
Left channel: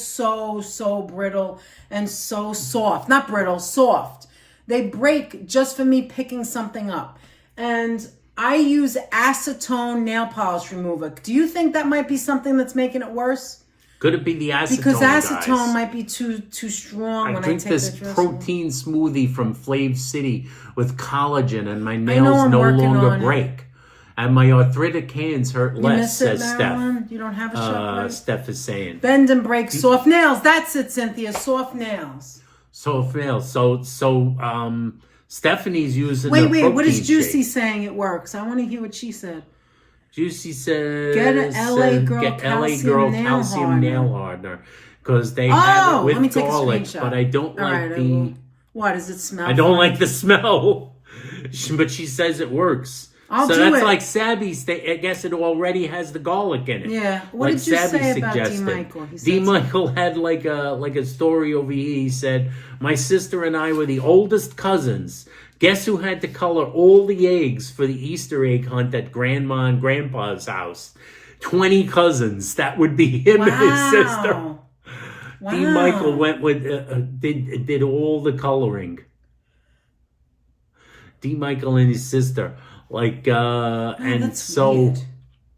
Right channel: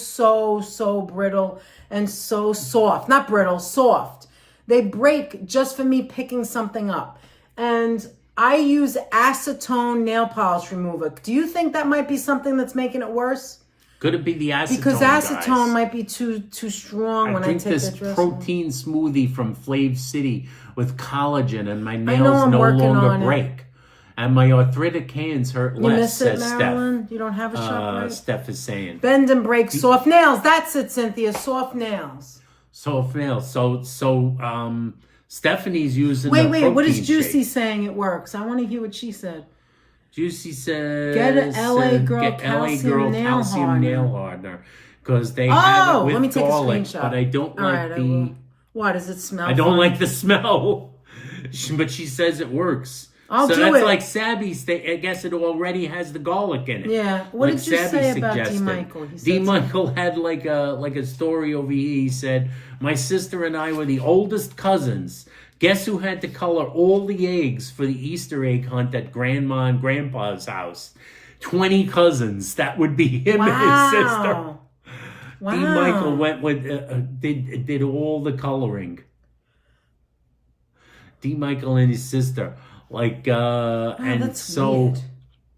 so brittle and so soft. Not brittle, soft. They break just for me picking something up. And I use acetone nail polish remover. Do you think that might be something that's making it worse? Could it be the acetone, Because acetone guys? might be too strong when I drink take this the dressing. protein smoothie from Flav City with collagen, and my know nails I'm no working longer on it. break. And my arthritic hands hurt You less, miss it, says Marilyn? Steph. You don't have a shop, right? Steph is saying. Bend and break, soft nails. That's it, Cynthia. Soft nails. Soft nails. So Stephanie's using Wait, the protein what is Juicy shake. saying it works? I want to hear what she said. Juicy says, Get a LA Girl get LA calcium Girl nail calcium hardener. nail hardener. Because they have it let me with take a garlic, screenshot. but I don't All like right, I will. Why, does it smell I don't funny? like the smell. But she says it works. I'll so do that's it. like Sabby's. I guess it already has the garlic in it. Yeah. What like did you Sabby say about D. suggested. Michael? He said D. Michael had like a story over here. He said, my sister and I were the oldest cousins. Guess who had to color all the eggs for the Easter egg hunt at Grandma and Grandpa's house? 20 cousins. That would be him and his sister. Wow. D. Michael went with did all the coloring. D. Michael and his sister, and that's so. weird.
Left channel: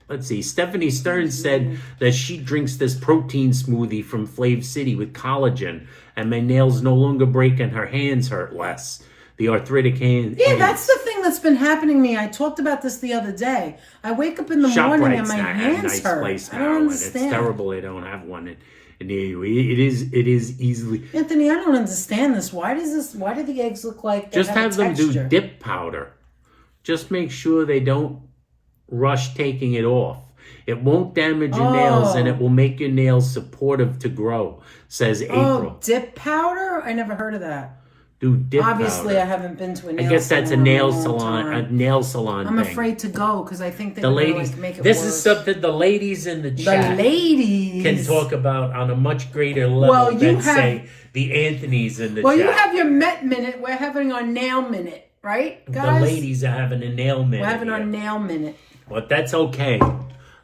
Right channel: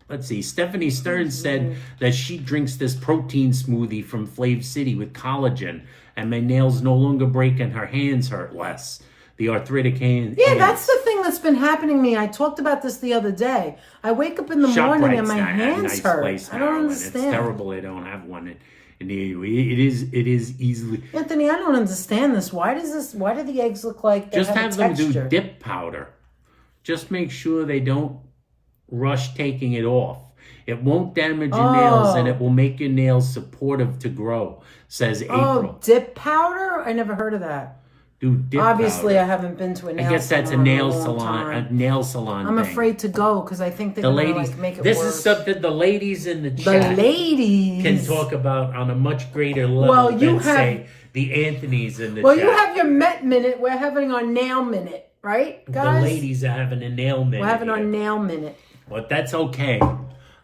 Let's see. Stephanie Stern said that she drinks this protein smoothie from Flav City with collagen, and my nails no longer break and her hands hurt less. The arthritic hand. Yeah, hands. that's the thing that's been happening to me. I talked about this the other day. I wake up in the morning and my hands nice hurt. place, I don't Marilyn. understand. It's terrible they don't have one near you. It is easily. Anthony, I don't understand this. Why do the eggs look like they Just have have a them do texture? dip powder. Just make sure they don't rush taking it off. It won't damage your nails, and it will make your nails supportive to grow, says April. Oh, dip powder? I never heard of that. Do dip Obviously, powder. I haven't been to a nail salon. I guess that's a in nail long salon. time. A nail salon. I'm thing. afraid to go because I think they're The gonna ladies. make it This worse. is something the ladies in the The chat ladies can talk about on a much greater level Well, you than have- say the Anthony's in the Well, chat. you have your Met Minute. We're having our nail minute, right, guys? The ladies are having a nail minute. We're having our here. nail minute. But that's okay.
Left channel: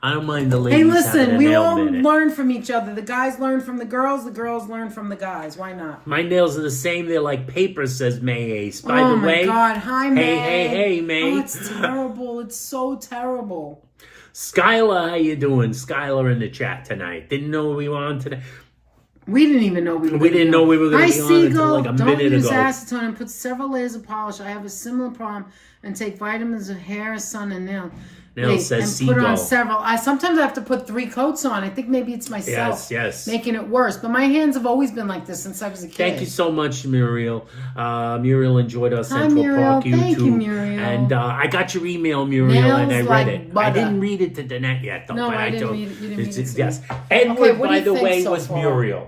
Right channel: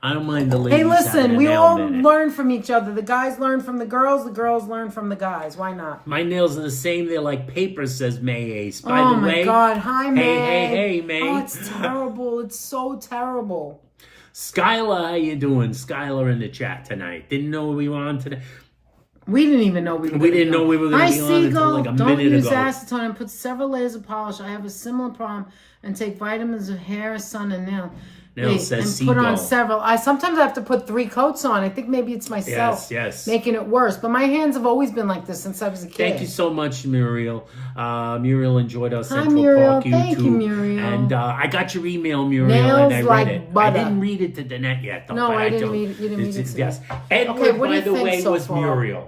I don't mind the ladies Hey, having listen, a we nail all minute. learn from each other. The guys learn from the girls learn from the guys. Why not? My nails are the same. They're like paper, says May Ace. By Oh the my way, God. Hi, May. hey, May. Oh, it's terrible. It's so terrible. Skylar, how you doing? Skylar in the chat tonight. Didn't know we were on today. We didn't even know we were. We didn't know we were going to be on until Seagull. like a Don't minute use ago. acetone and put several layers of polish. I have a similar problem and take vitamins of hair, sun, and nail. Nail says and put on Seagull. several. I sometimes have to put 3 coats on. I think maybe it's myself Yes. making it worse. But my hands have always been like this since I was a kid. Thank you so much, Muriel. Muriel enjoyed our Central Muriel. Park YouTube. Thank you, Muriel. And I got your email, Muriel, and I Nails read like it. butter. I didn't read it to Danette yet, though. No, but I didn't told- read it. You didn't read it to Yes. me. Edward, Okay, what do by you the think way, so was far? Muriel.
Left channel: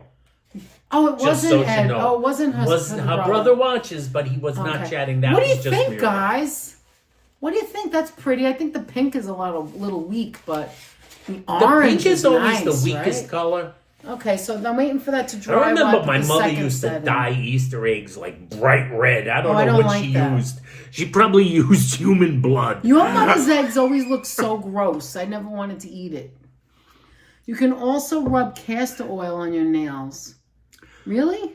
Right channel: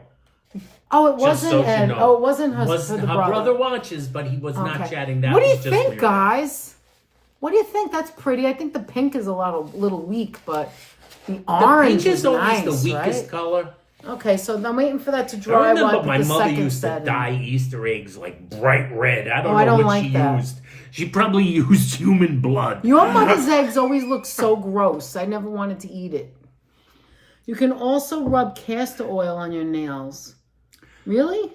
Oh, it Just wasn't so you Ed. know. Oh, it wasn't her, Her brother watches, but he was not Okay. chatting. That What do you was just think, Muriel. guys? What do you think? That's pretty. I think the pink is a little weak, but the The orange pink is always nice, the weakest right? color. Okay, so I'm waiting for that to I dry. while remember put my the mother second used to set in. dye Easter eggs like bright red. I don't I know don't what like she that. used. She probably used human blood. Your mother's eggs always look so gross. I never wanted to eat it. You can also rub castor oil on your nails. Really?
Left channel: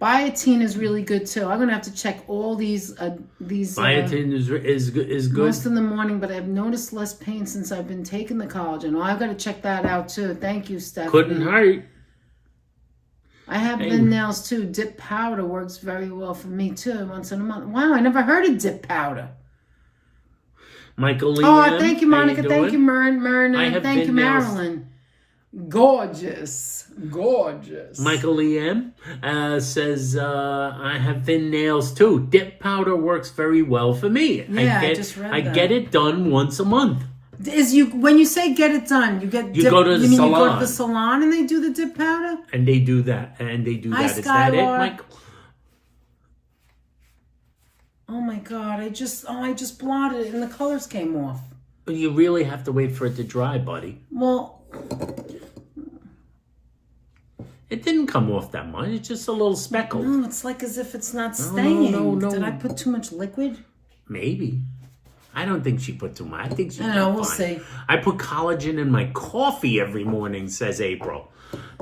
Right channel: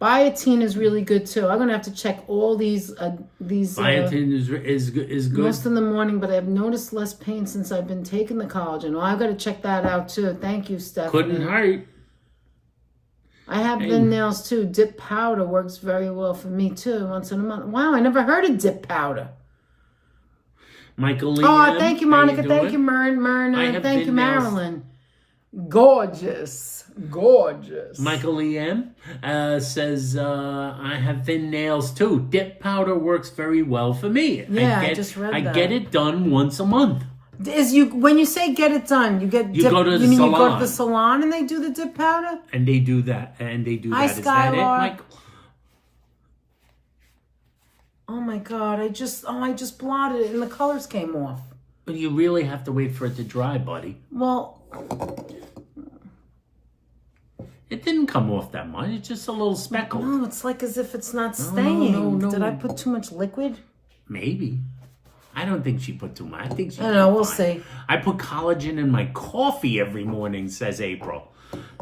Biotin is really good too. I'm gonna have to check all these. Biotin is good. Most in the morning, but I've noticed less pain since I've been taking the collagen. Oh, I've got to check that out too. Thank you, Stephanie. Couldn't hurt. I have thin nails too. Dip powder works very well for me too. Once in a month. Wow, I never heard of dip powder. Michael Lee. Oh, thank you, Monica. How Thank you, doing? Myrna. Thank you, Marilyn. Gorgeous. Michael Lee M says, I have thin nails too. Dip powder works very well for me. Yeah, I just read I that. get it done once a month. When you say get it done, you go to the You go salon. to the salon and they do the dip powder? And they do that. Hi, Is that it, Skylar. Michael? Oh my God, I just blotted it and the colors came off. But you really have to wait for it to dry, buddy. Well, It didn't come off that much. It's just a little speckled. no, it's like as if it's not staying. no. Did I put too much liquid? Maybe. I don't think she put too much. I think she. I don't know. We'll fine. see. I put collagen in my coffee every morning, says April.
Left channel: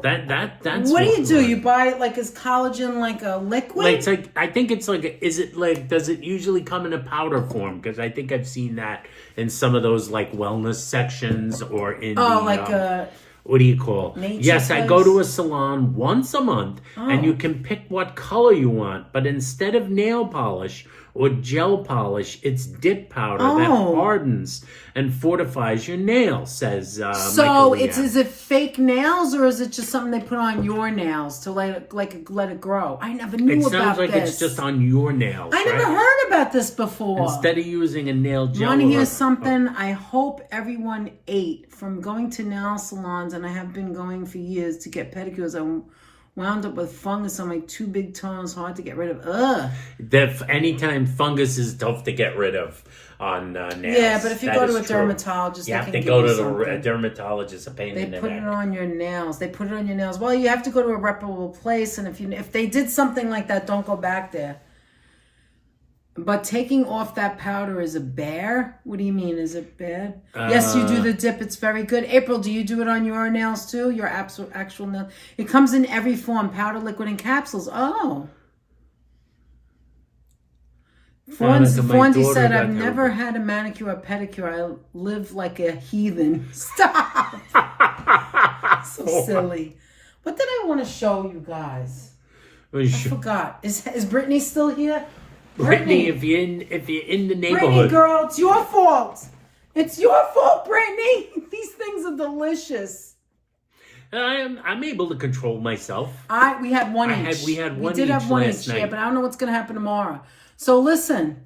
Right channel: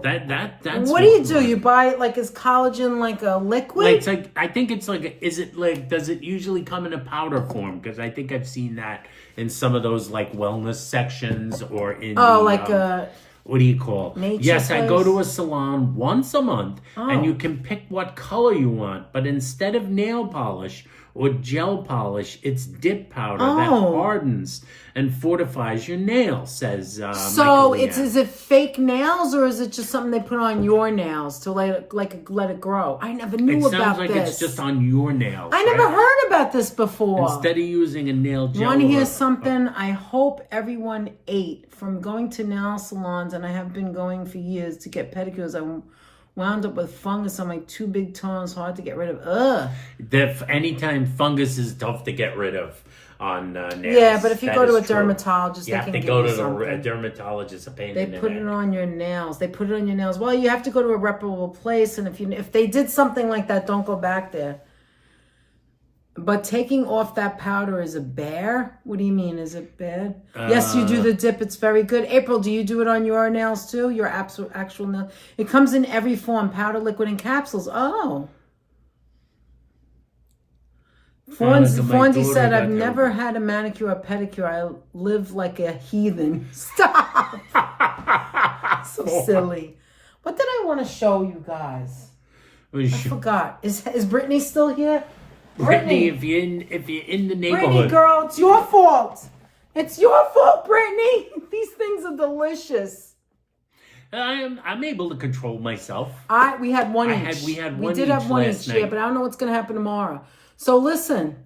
That's what do you do? You buy it like, is collagen like a liquid? Like, it's like, I think it's like, is it like, does it usually come in a powder form? Because I think I've seen that in some of those like wellness sections or in what do you call? Yes, I go to a salon once a month and you can pick what color you want. But instead of nail polish or gel polish, it's dip powder that hardens and fortifies your nails, says So is it fake nails or is it just something they put on your nails to let it grow? I never knew about this. It sounds like it's just on your nails. I never heard about this before. Instead of using a nail gel. You want to hear something? I hope everyone ate from going to nail salons, and I have been going for years to get pedicures. I wound up with fungus on my 2 big toes, hard to get rid of. Ugh. Anytime fungus is tough to get rid of on nails. Yeah, but if you go to a dermatologist, you have to go to a dermatologist. A pain in the neck. They put it on your nails. They put it on your nails. Well, you have to go to a reputable place, and if they did something like that, don't go back there. But taking off that powder is a bear? What do you mean? Is it bad? Yes, you do the dip. It's very good. April, do you do it on your nails too? Your actual nail? It comes in every form: powder, liquid, and capsules. Oh. Fonzie said, I've never had a manicure or pedicure. I live like a heathen. Stop. So silly. What did I want to show you guys? I forgot. Is Brittany still here? Brittany, if you're in the neighborhood. Brittany, girl, it's your fault. It's your fault, Brittany. These things are delicious. I'm able to control myself. We had one each. We had one each. We did have one each, night. Yeah, but I don't know what's going to happen tomorrow. So listen,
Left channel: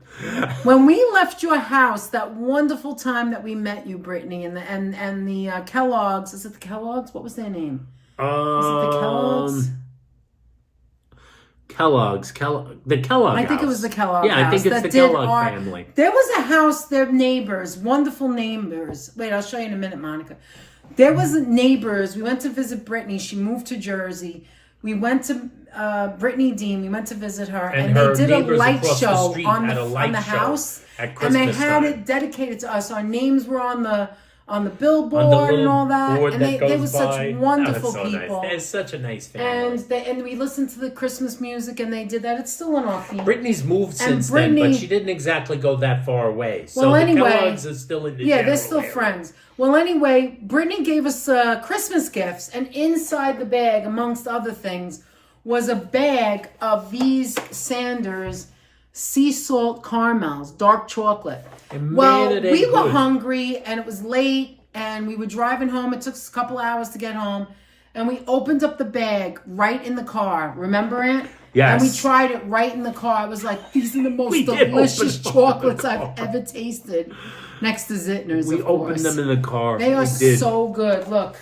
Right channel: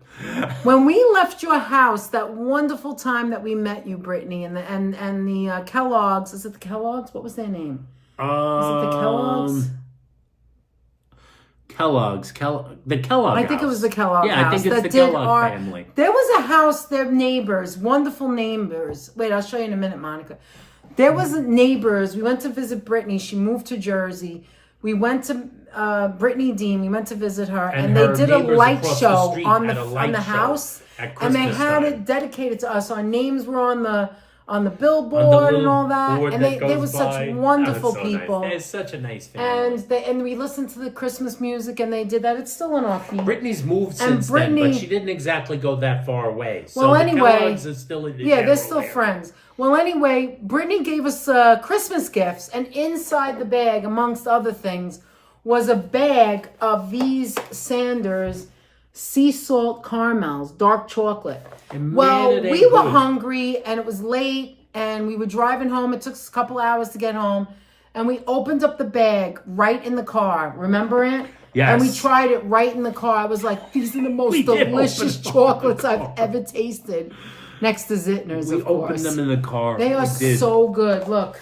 when we left your house, that wonderful time that we met you, Brittany, and the Kellogg's. Is it the Kellogg's? What was their name? Was it the Kellogg's? The Kellogg I think house. It was the Kellogg house. Yeah, I think it's the Kellogg family. There was a house, their neighbors, wonderful neighbors. Wait, I'll show you in a minute, Monica. There was neighbors. We went to visit Brittany. She moved to Jersey. We went to Brittany Dean. We went to visit her. And they did a light show on the house. And they had it dedicated to us. Our names were on the billboard and all that. And they were such wonderful people. Nice. They're such a nice family. And we listened to the Christmas music and they did that. It's still on our feed. Brittany's moved since then, but she didn't exactly go that far away. So well, anyway, the Kellogg's are still in the they're still friends. Well, anyway, Brittany gave us Christmas gifts, and inside the bag, amongst other things, was a bag of these Sanders sea salt caramels, dark chocolate. Well, we were hungry, and it was late, and we were driving home. It took us a couple hours to get home, and we opened up the bag right in the car. Remember it? Yes. And we tried it right in the car. I was like, these are the most delicious chocolates I've ever tasted. Next to Zitner's, of course. We opened them in the car. They are so good. Look.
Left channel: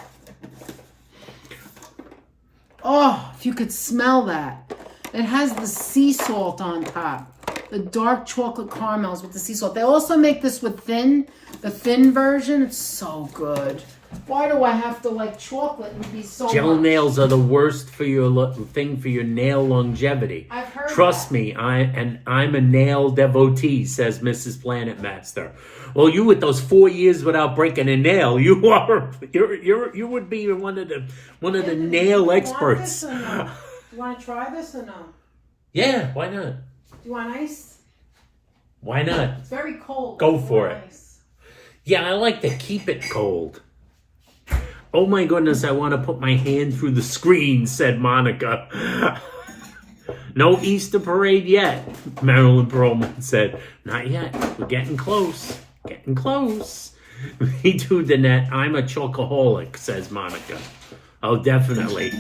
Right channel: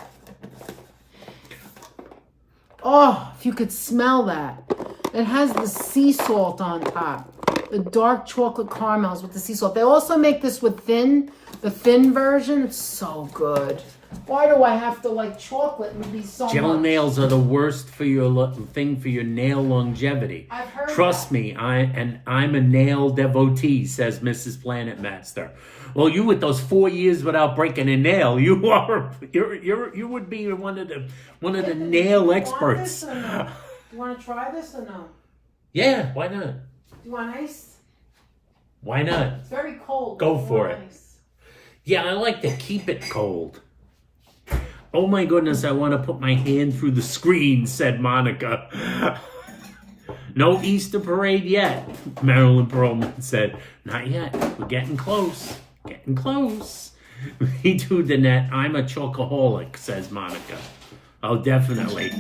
Oh, if you could smell that. It has the sea salt on top. The dark chocolate caramels with the sea salt. They also make this with the thin version. It's so good. Why do I have to like chocolate and be so Gel much? nails are the worst for your thing for your nail longevity. I've heard Trust me, I'm a nail devotee, says Mrs. Planet Master. Well, you with those 4 years without breaking a nail, you would be one of the nail experts. Do you want to try this or no? Yeah, why not? Do you want ice? Why not? It's very cold. Go for it. Yeah, I like to keep it cold. Oh my goodness, I want to put my hand through the screen, said Monica. No Easter parade yet, Marilyn Perlman said. Not yet. We're getting close. Getting close. Me too, Danette. I'm a chocoholic, says Monica. Oh, definitely.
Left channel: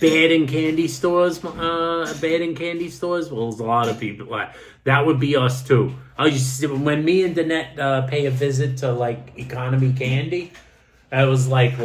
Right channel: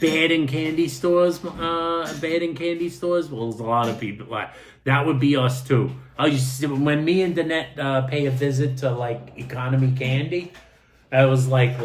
Bad in candy stores? Well, there's a lot of people. That would be us too. When me and Danette pay a visit to like Economy Candy, I was like,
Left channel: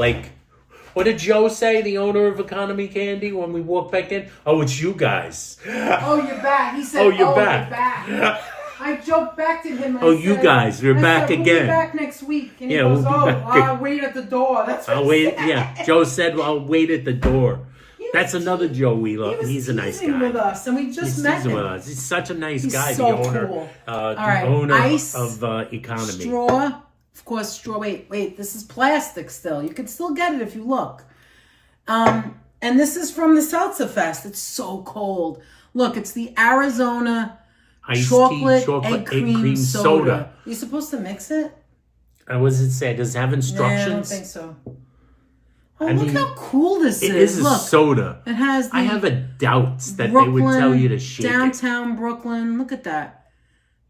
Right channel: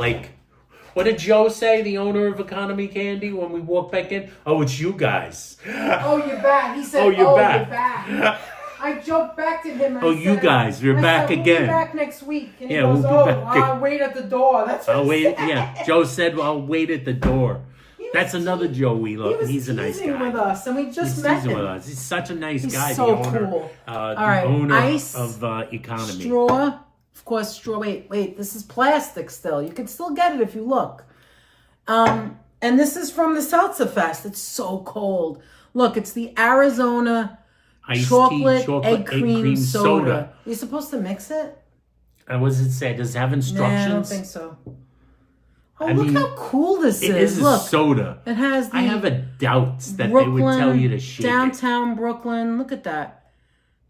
what did Joe say, the owner of Economy Candy, when we walked back in? Oh, it's you guys. Oh, you're back. He said, you're back. I joked back to him. And you guys, you're back again. We'll be back next week. And we'll be back. I'll wait at the door. That's what I'll wait. Yeah, Joe said, well, I'll wait at the door. He That's another Joe we love. He's a nice teasing guy. with us, and we just He's met teasing him. with us. He's such a nice He's guy. so the owner, cool. the owner Ice, of Recounting. straw. Of course, straw. Wait. This is plastic still. You can still get it if you look. And this is from the Seltzer Fest. It's so cold. Look, it's the Arizona chocolate egg cream soda. You're supposed to mix it? What does it say? Does it have instructions? Nah, I don't think so. Oh, I look mean, how cool this is. It is a Look, soda. it has I have a doubt that Brooklyn, they would tell you to shake downtown Brooklyn. Look at that.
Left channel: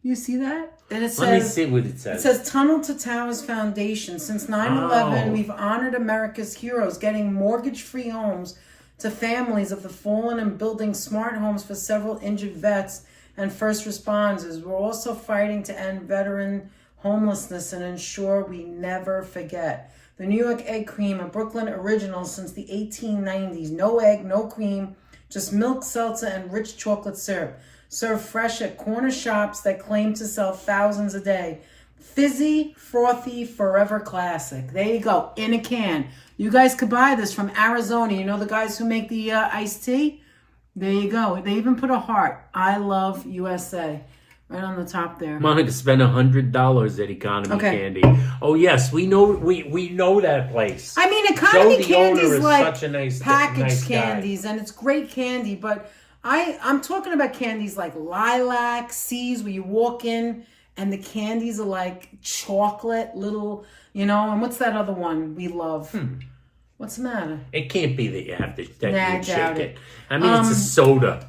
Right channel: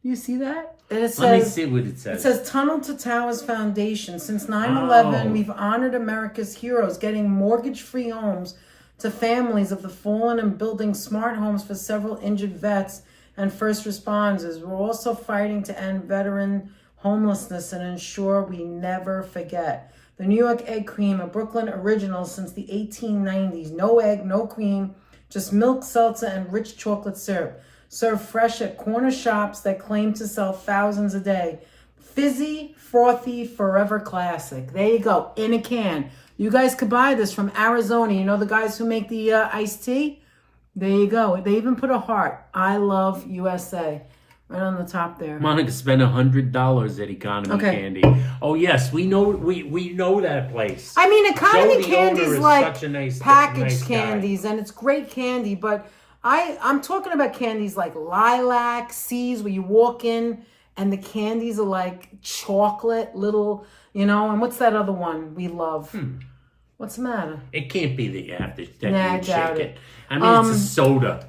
You see that? And it says, Let me see what it says. It says Tunnel to Towers Foundation. Since 9/11, we've honored America's heroes, getting mortgage-free homes to families of the fallen and building smart homes for several injured vets and first responders. We're also fighting to end veteran homelessness and ensure we never forget. The New York egg cream, a Brooklyn original since the 1890s. No egg, no cream, just milk, seltzer, and rich chocolate syrup. Served fresh at corner shops that claim to sell thousands a day. Fizzy, frothy, forever classic. There you go, in a can. You guys could buy this from Arizona. You know the guys who make the iced tea? There you go. They even put a heart. I love USA. Right on the top there. Monica spent $100 at Economy Candy. Oh yes, we know that place. I mean, Economy Joe, Candy's is like such a nice, packaged nice candies, and it's great candy. But I'm talking about candies like Lilac, Seas, where you walk in and the candies are like chocolate, little, And what's that other one we love? What's the matter? It can't be that you have to I shake doubt it. I mean, it's a soda.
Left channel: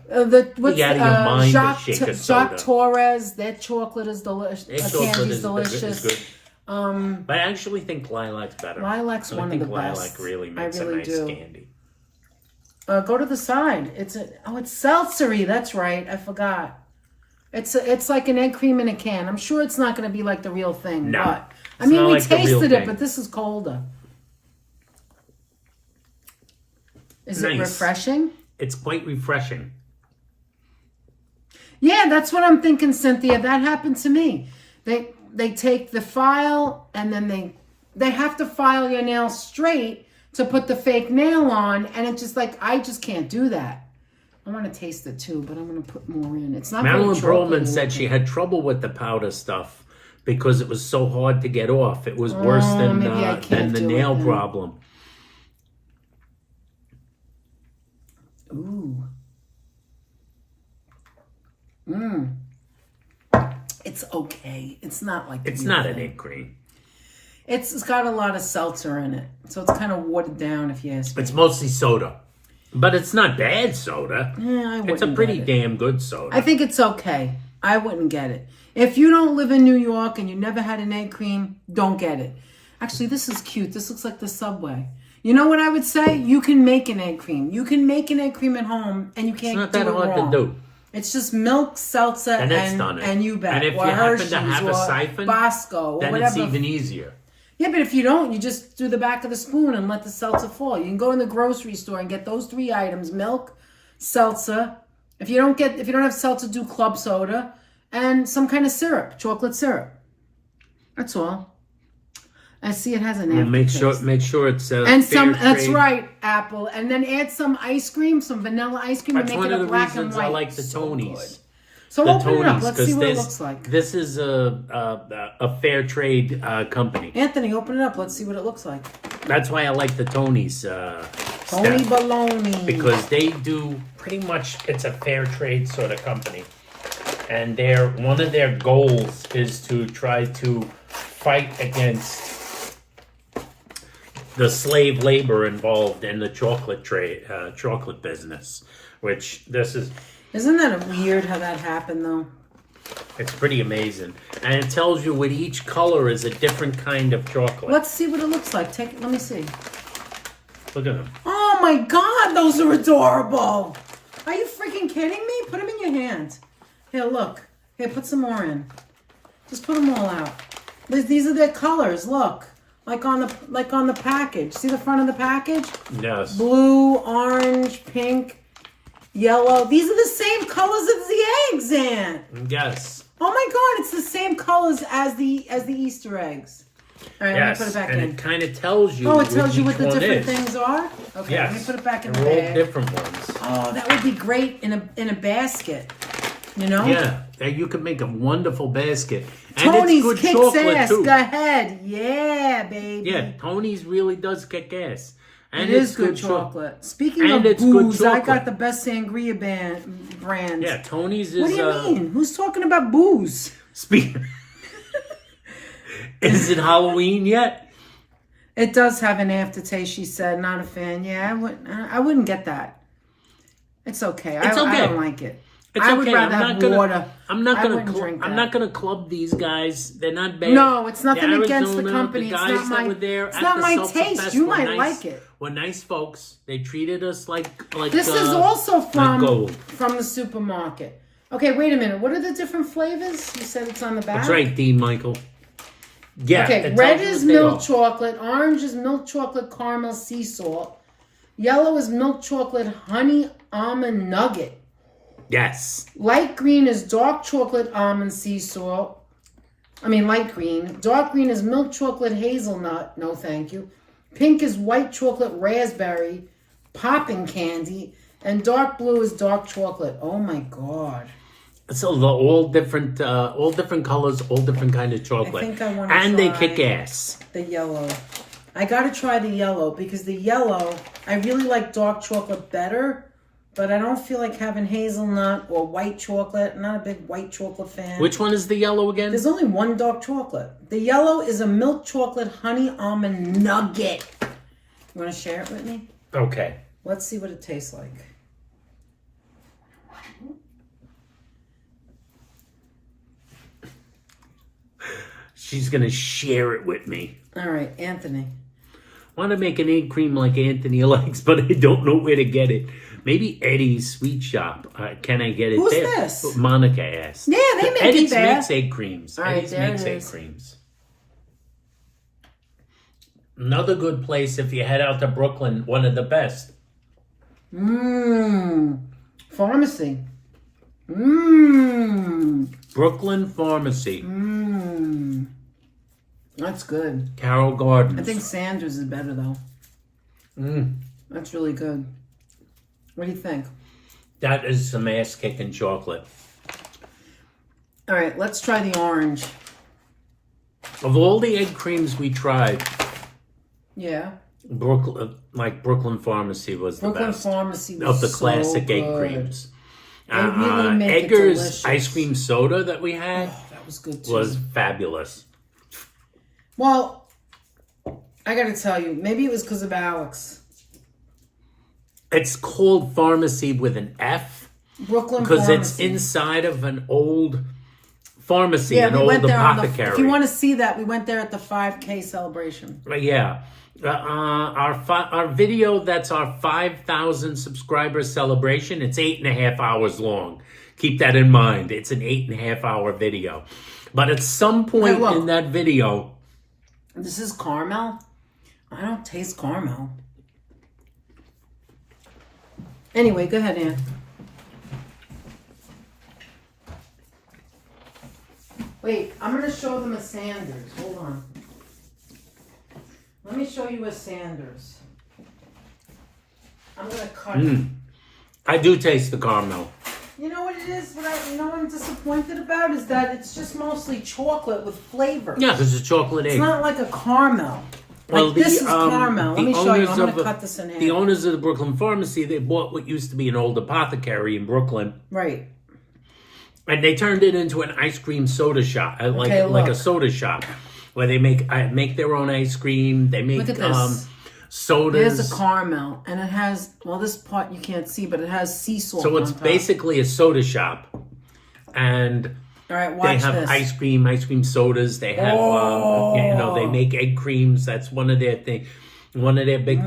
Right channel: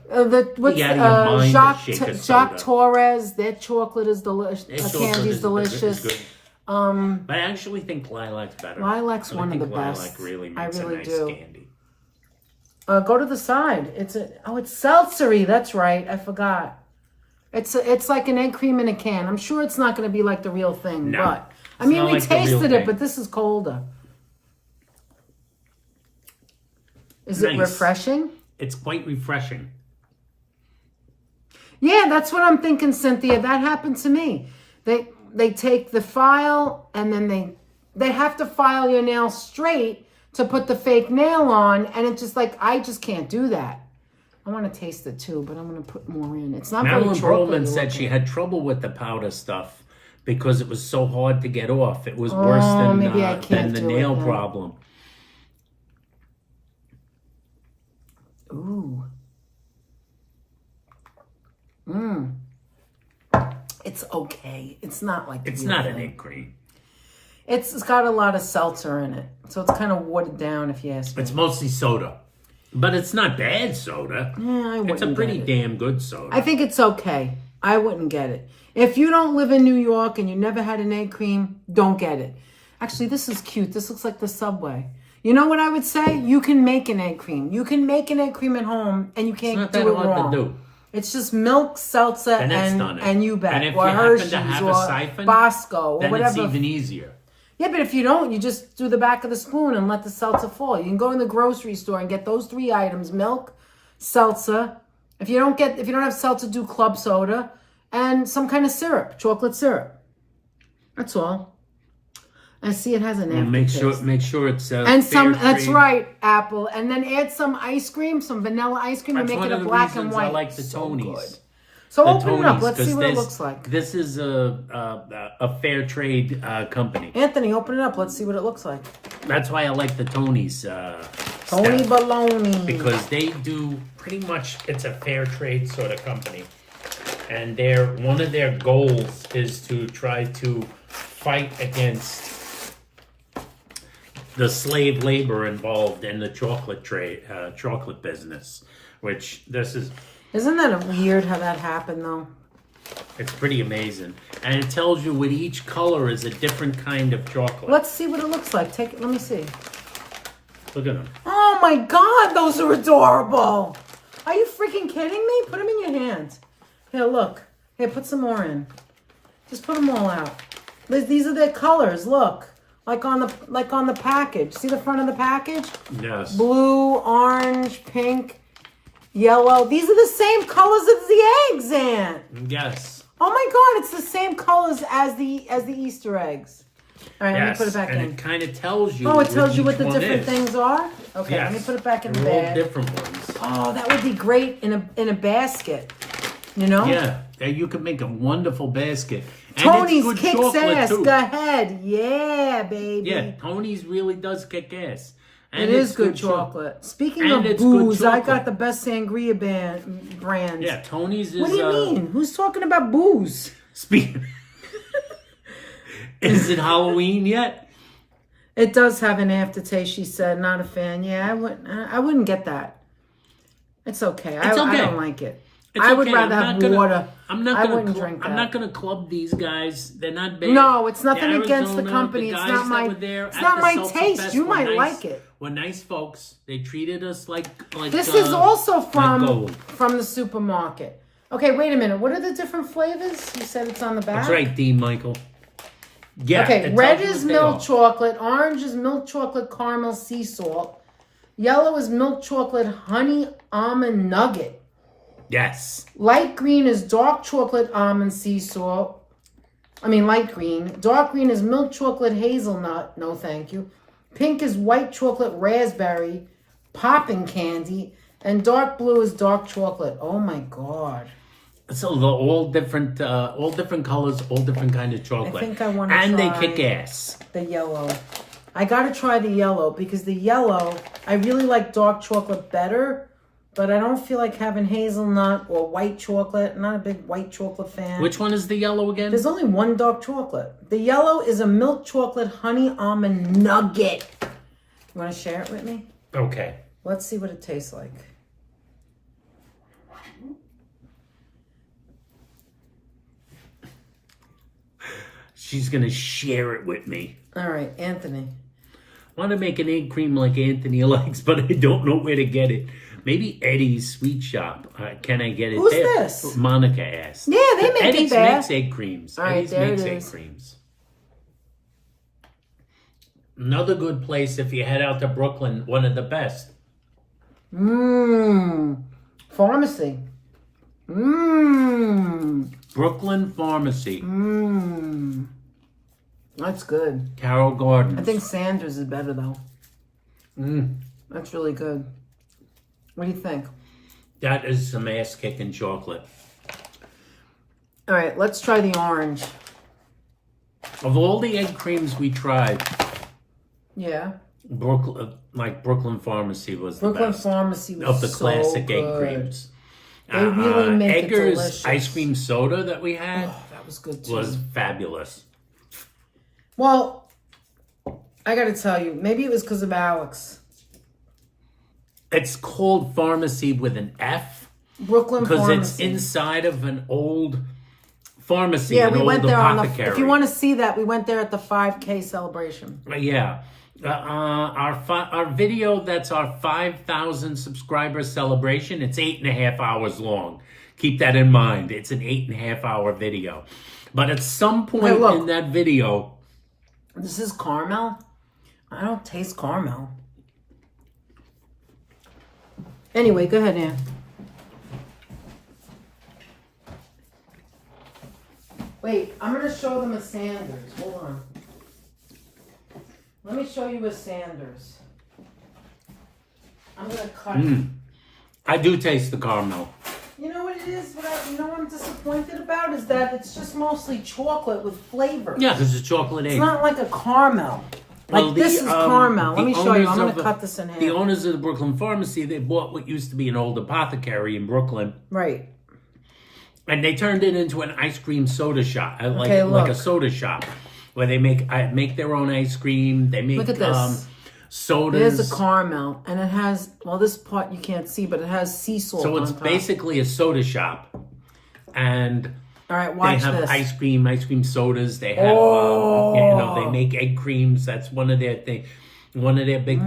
Jacques Torres, their chocolate is delicious. Candy is delicious. Is good. But I actually think Lilac's better. Lilac's one of the best. Lilac really makes a nice candy. Go to the side. It's seltzery. That's right. I forgot. It's like an egg cream in a can. I'm sure it's not going to be like the real thing. No, but I mean, we like tasted it, but this is colder. Is it refreshing? It's quite refreshing. Yeah, that's what I'm thinking, Cynthia. That happened to me. They take the file and then they have to file your nail straight to put the fake nail on, and it's just like I just can't do that. I want to taste it too, but I'm going to put more in. It's not. Marilyn Perlman said she had trouble with the powder stuff because it was so hard to get off. It was worse than the nail problem. Ooh. It's okay. It's not like it's not an egg cream. It's got a lot of seltzer in it, so it's kind of watered down if you ask me. It's mostly soda, but it's not bad soda. Yeah, it's a pretty damn good soda. I think it's okay. I wouldn't get it. If you don't live in New York and you never had an egg cream, don't get it. Actually, this is cute. This looks like the Subway. You know what I would say? You can make an egg cream. You can make an egg cream at home, and you can't do it wrong. It's not that hard to do. It's just milk, seltzer, and you bet. And if you Hershey's, happen to have a siphon, Bosco, or then whatever. It's even easier. Yeah, but if you don't, you just do the back of the spoon and let the seltzer fall. You can go in the grocery store and get those 3 items: milk, seltzer. If you don't have seltzer, do club soda and some kind of syrup, chocolate syrup. That's all. I see it has an aftertaste. Make sure it's and some. That's right, Apple. And then add some ice cream, some vanilla ice cream, and make it a black and white. I like the Tonys. So open it up. Let's see what it looks like. This is a fair trade company. Anthony, open it up. Let's see what it looks like. That's why I like the Tonys. Tony Baloney. Because they do pretty much. It's a fair trade sort of company, and one of their goals is to try to fight against the slave labor involved in the chocolate business, which this is. Isn't that weird how that happened, though? It's pretty amazing. And it tells you with each color is a different kind of chocolate. Let's see what it looks like. Let me see. Look at them. Oh, my God. Those are adorable. Are you freaking kidding me? Put them in your hand. Here, look. Here, put some more in. Just put them all out. These are their colors. Look. Like on the package. See the front of the package? Yes. Blue, orange, pink. Yellow. These are the same colors as the eggs, Aunt. Yes. Oh my God, it's the same colors as the Easter eggs. All right, let me put it back and in. it kind of tells you. Oh, it tells you what the which one different is. things are? Okay, Yes. let me put it back in the They're all bag. different ones. Oh, that would be great in a basket. You know? Yeah, you could make a wonderful basket. And Tony's it's good kicks chocolate ass. too. Go ahead. Yeah, baby. Yeah, Tony's really does kick ass. And It is it's good chocolate. Speaking of it's good booze, I chocolate. got the best sangria brand. Yeah, Tony's is. What do you mean? Who's talking about booze? Is it Halloween yet? It does have an aftertaste, she said. Not a fan. Yeah, I wouldn't get that. It's okay. I don't like it. I would rather have water. I'm not I gonna. wouldn't drink I'm that. not gonna club these guys. They're not bad. No, it's nothing The against the Arizona, company. the It's guys not that my. were there It's at not the my Sulphur taste. Fest You were might nice, like it. We're nice folks. They treated us like. This is also gold. from the supermarket. Okay, wait a minute. What are the different flavors? You said it's on the back. That's right, Dean Michael. Yeah. Okay, red is milk chocolate. Orange is milk chocolate caramel sea salt. Yellow is milk chocolate honey almond nugget. Yes. Light green is dark chocolate almond sea salt. Light green. Dark green is milk chocolate hazelnut. No, thank you. Pink is white chocolate raspberry, popping candy. And dark blue is dark chocolate. Oh, my God. So they're all different colors, all different kind of chocolate. I think I want to And they try kick ass. the yellow. I got to try the yellow because the yellow, I really like dark chocolate better. But I don't feel like having hazelnut or white chocolate. I'm not a big white chocolate fan. Which one is the yellow again? There's only one dark chocolate. The yellow is a milk chocolate honey almond nugget. You want to share it with me? Okay. Let's see what it tastes like. She's going to share it with me. All right, Anthony. Want to make an egg cream like Anthony likes, but I don't know where to get it. Maybe Eddie's Sweet Shop. Can I get it Who's there? this? Monica asked. Yeah, they make Eddie's it there. makes egg creams. All right, Eddie's there makes it egg is. creams. Another good place if you head out to Brooklyn, one of the best. Pharmacy. Brooklyn Pharmacy. That's good. Carroll Gardens. I think Sanders is better, though. That's really good. What do you think? That is some ass-kicking chocolate. All right, let's try the orange. Of all the egg creams we tried, Yeah. Brooklyn Pharmacy was the Brooklyn best. Pharmacy was Of the so classic egg good. creams. They really make it Egger's delicious. ice cream soda that we had Oh, that was good, too. was fabulous. Well, I got to tell you, maybe it was because of Alex. It's called Pharmacy with an F Brooklyn because Pharmacy. it's inside of an old pharmacy, Yeah, an we old went there apothecary. if you want to see that, we went there at the 5K celebration. Yeah. Our video, that's our 5,000 subscriber celebration. It's 8.5 hours long. Keep that in mind. It's an 8.5 hour video. But at some point look. in that video, This is caramel. I don't taste caramel. Anyway, go ahead, Ann. Wait, I'm going to show them a Sanders. Hold on. Let me show you a Sanders. I'm going to cut it. I do taste the caramel. You know what it is? You know what I'm disappointed about is that it's just mostly chocolate with flavor. Yeah, because it's chocolate egg. It's not like a caramel. Well, Like this is caramel. Let me show you. I'm going to the- cut this in half. The owners of the Brooklyn Pharmacy, they bought what used to be an old apothecary in Brooklyn, Right. and they turned it into an ice cream soda shop, like a look. soda shop, where they make their own ice cream. They make Look at this. sodas. There's a caramel, and it has, well, this part you can't see, but it has sea salt So it's on top. basically a soda shop, and All right, they watch have this. ice cream sodas. They have, they make egg creams. That's one of their big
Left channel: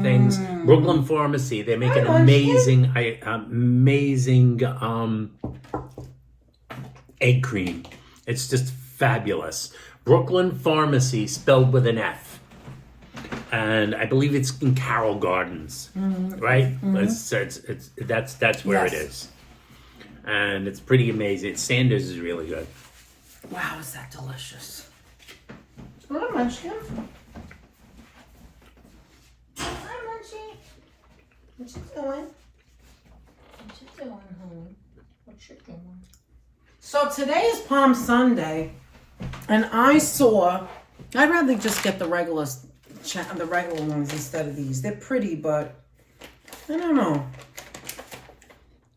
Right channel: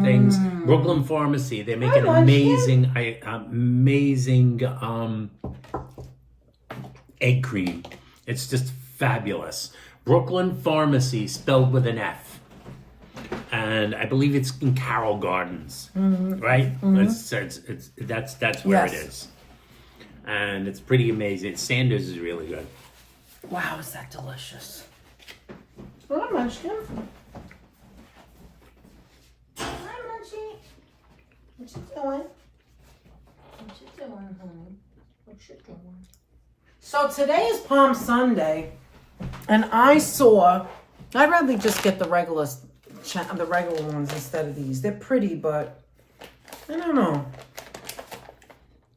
things. Brooklyn Pharmacy. They make an amazing egg cream. It's just fabulous. Brooklyn Pharmacy, spelled with an F. And I believe it's in Carroll Gardens, right? That's where it is. And it's pretty amazing. Sanders is really good. Wow, is that delicious? Hi, Munchkin. Hi, Munchie. What you doing? What you doing, honey? What you doing? So today is Palm Sunday, and I'd rather just get the regular ones instead of these. They're pretty, but I don't know.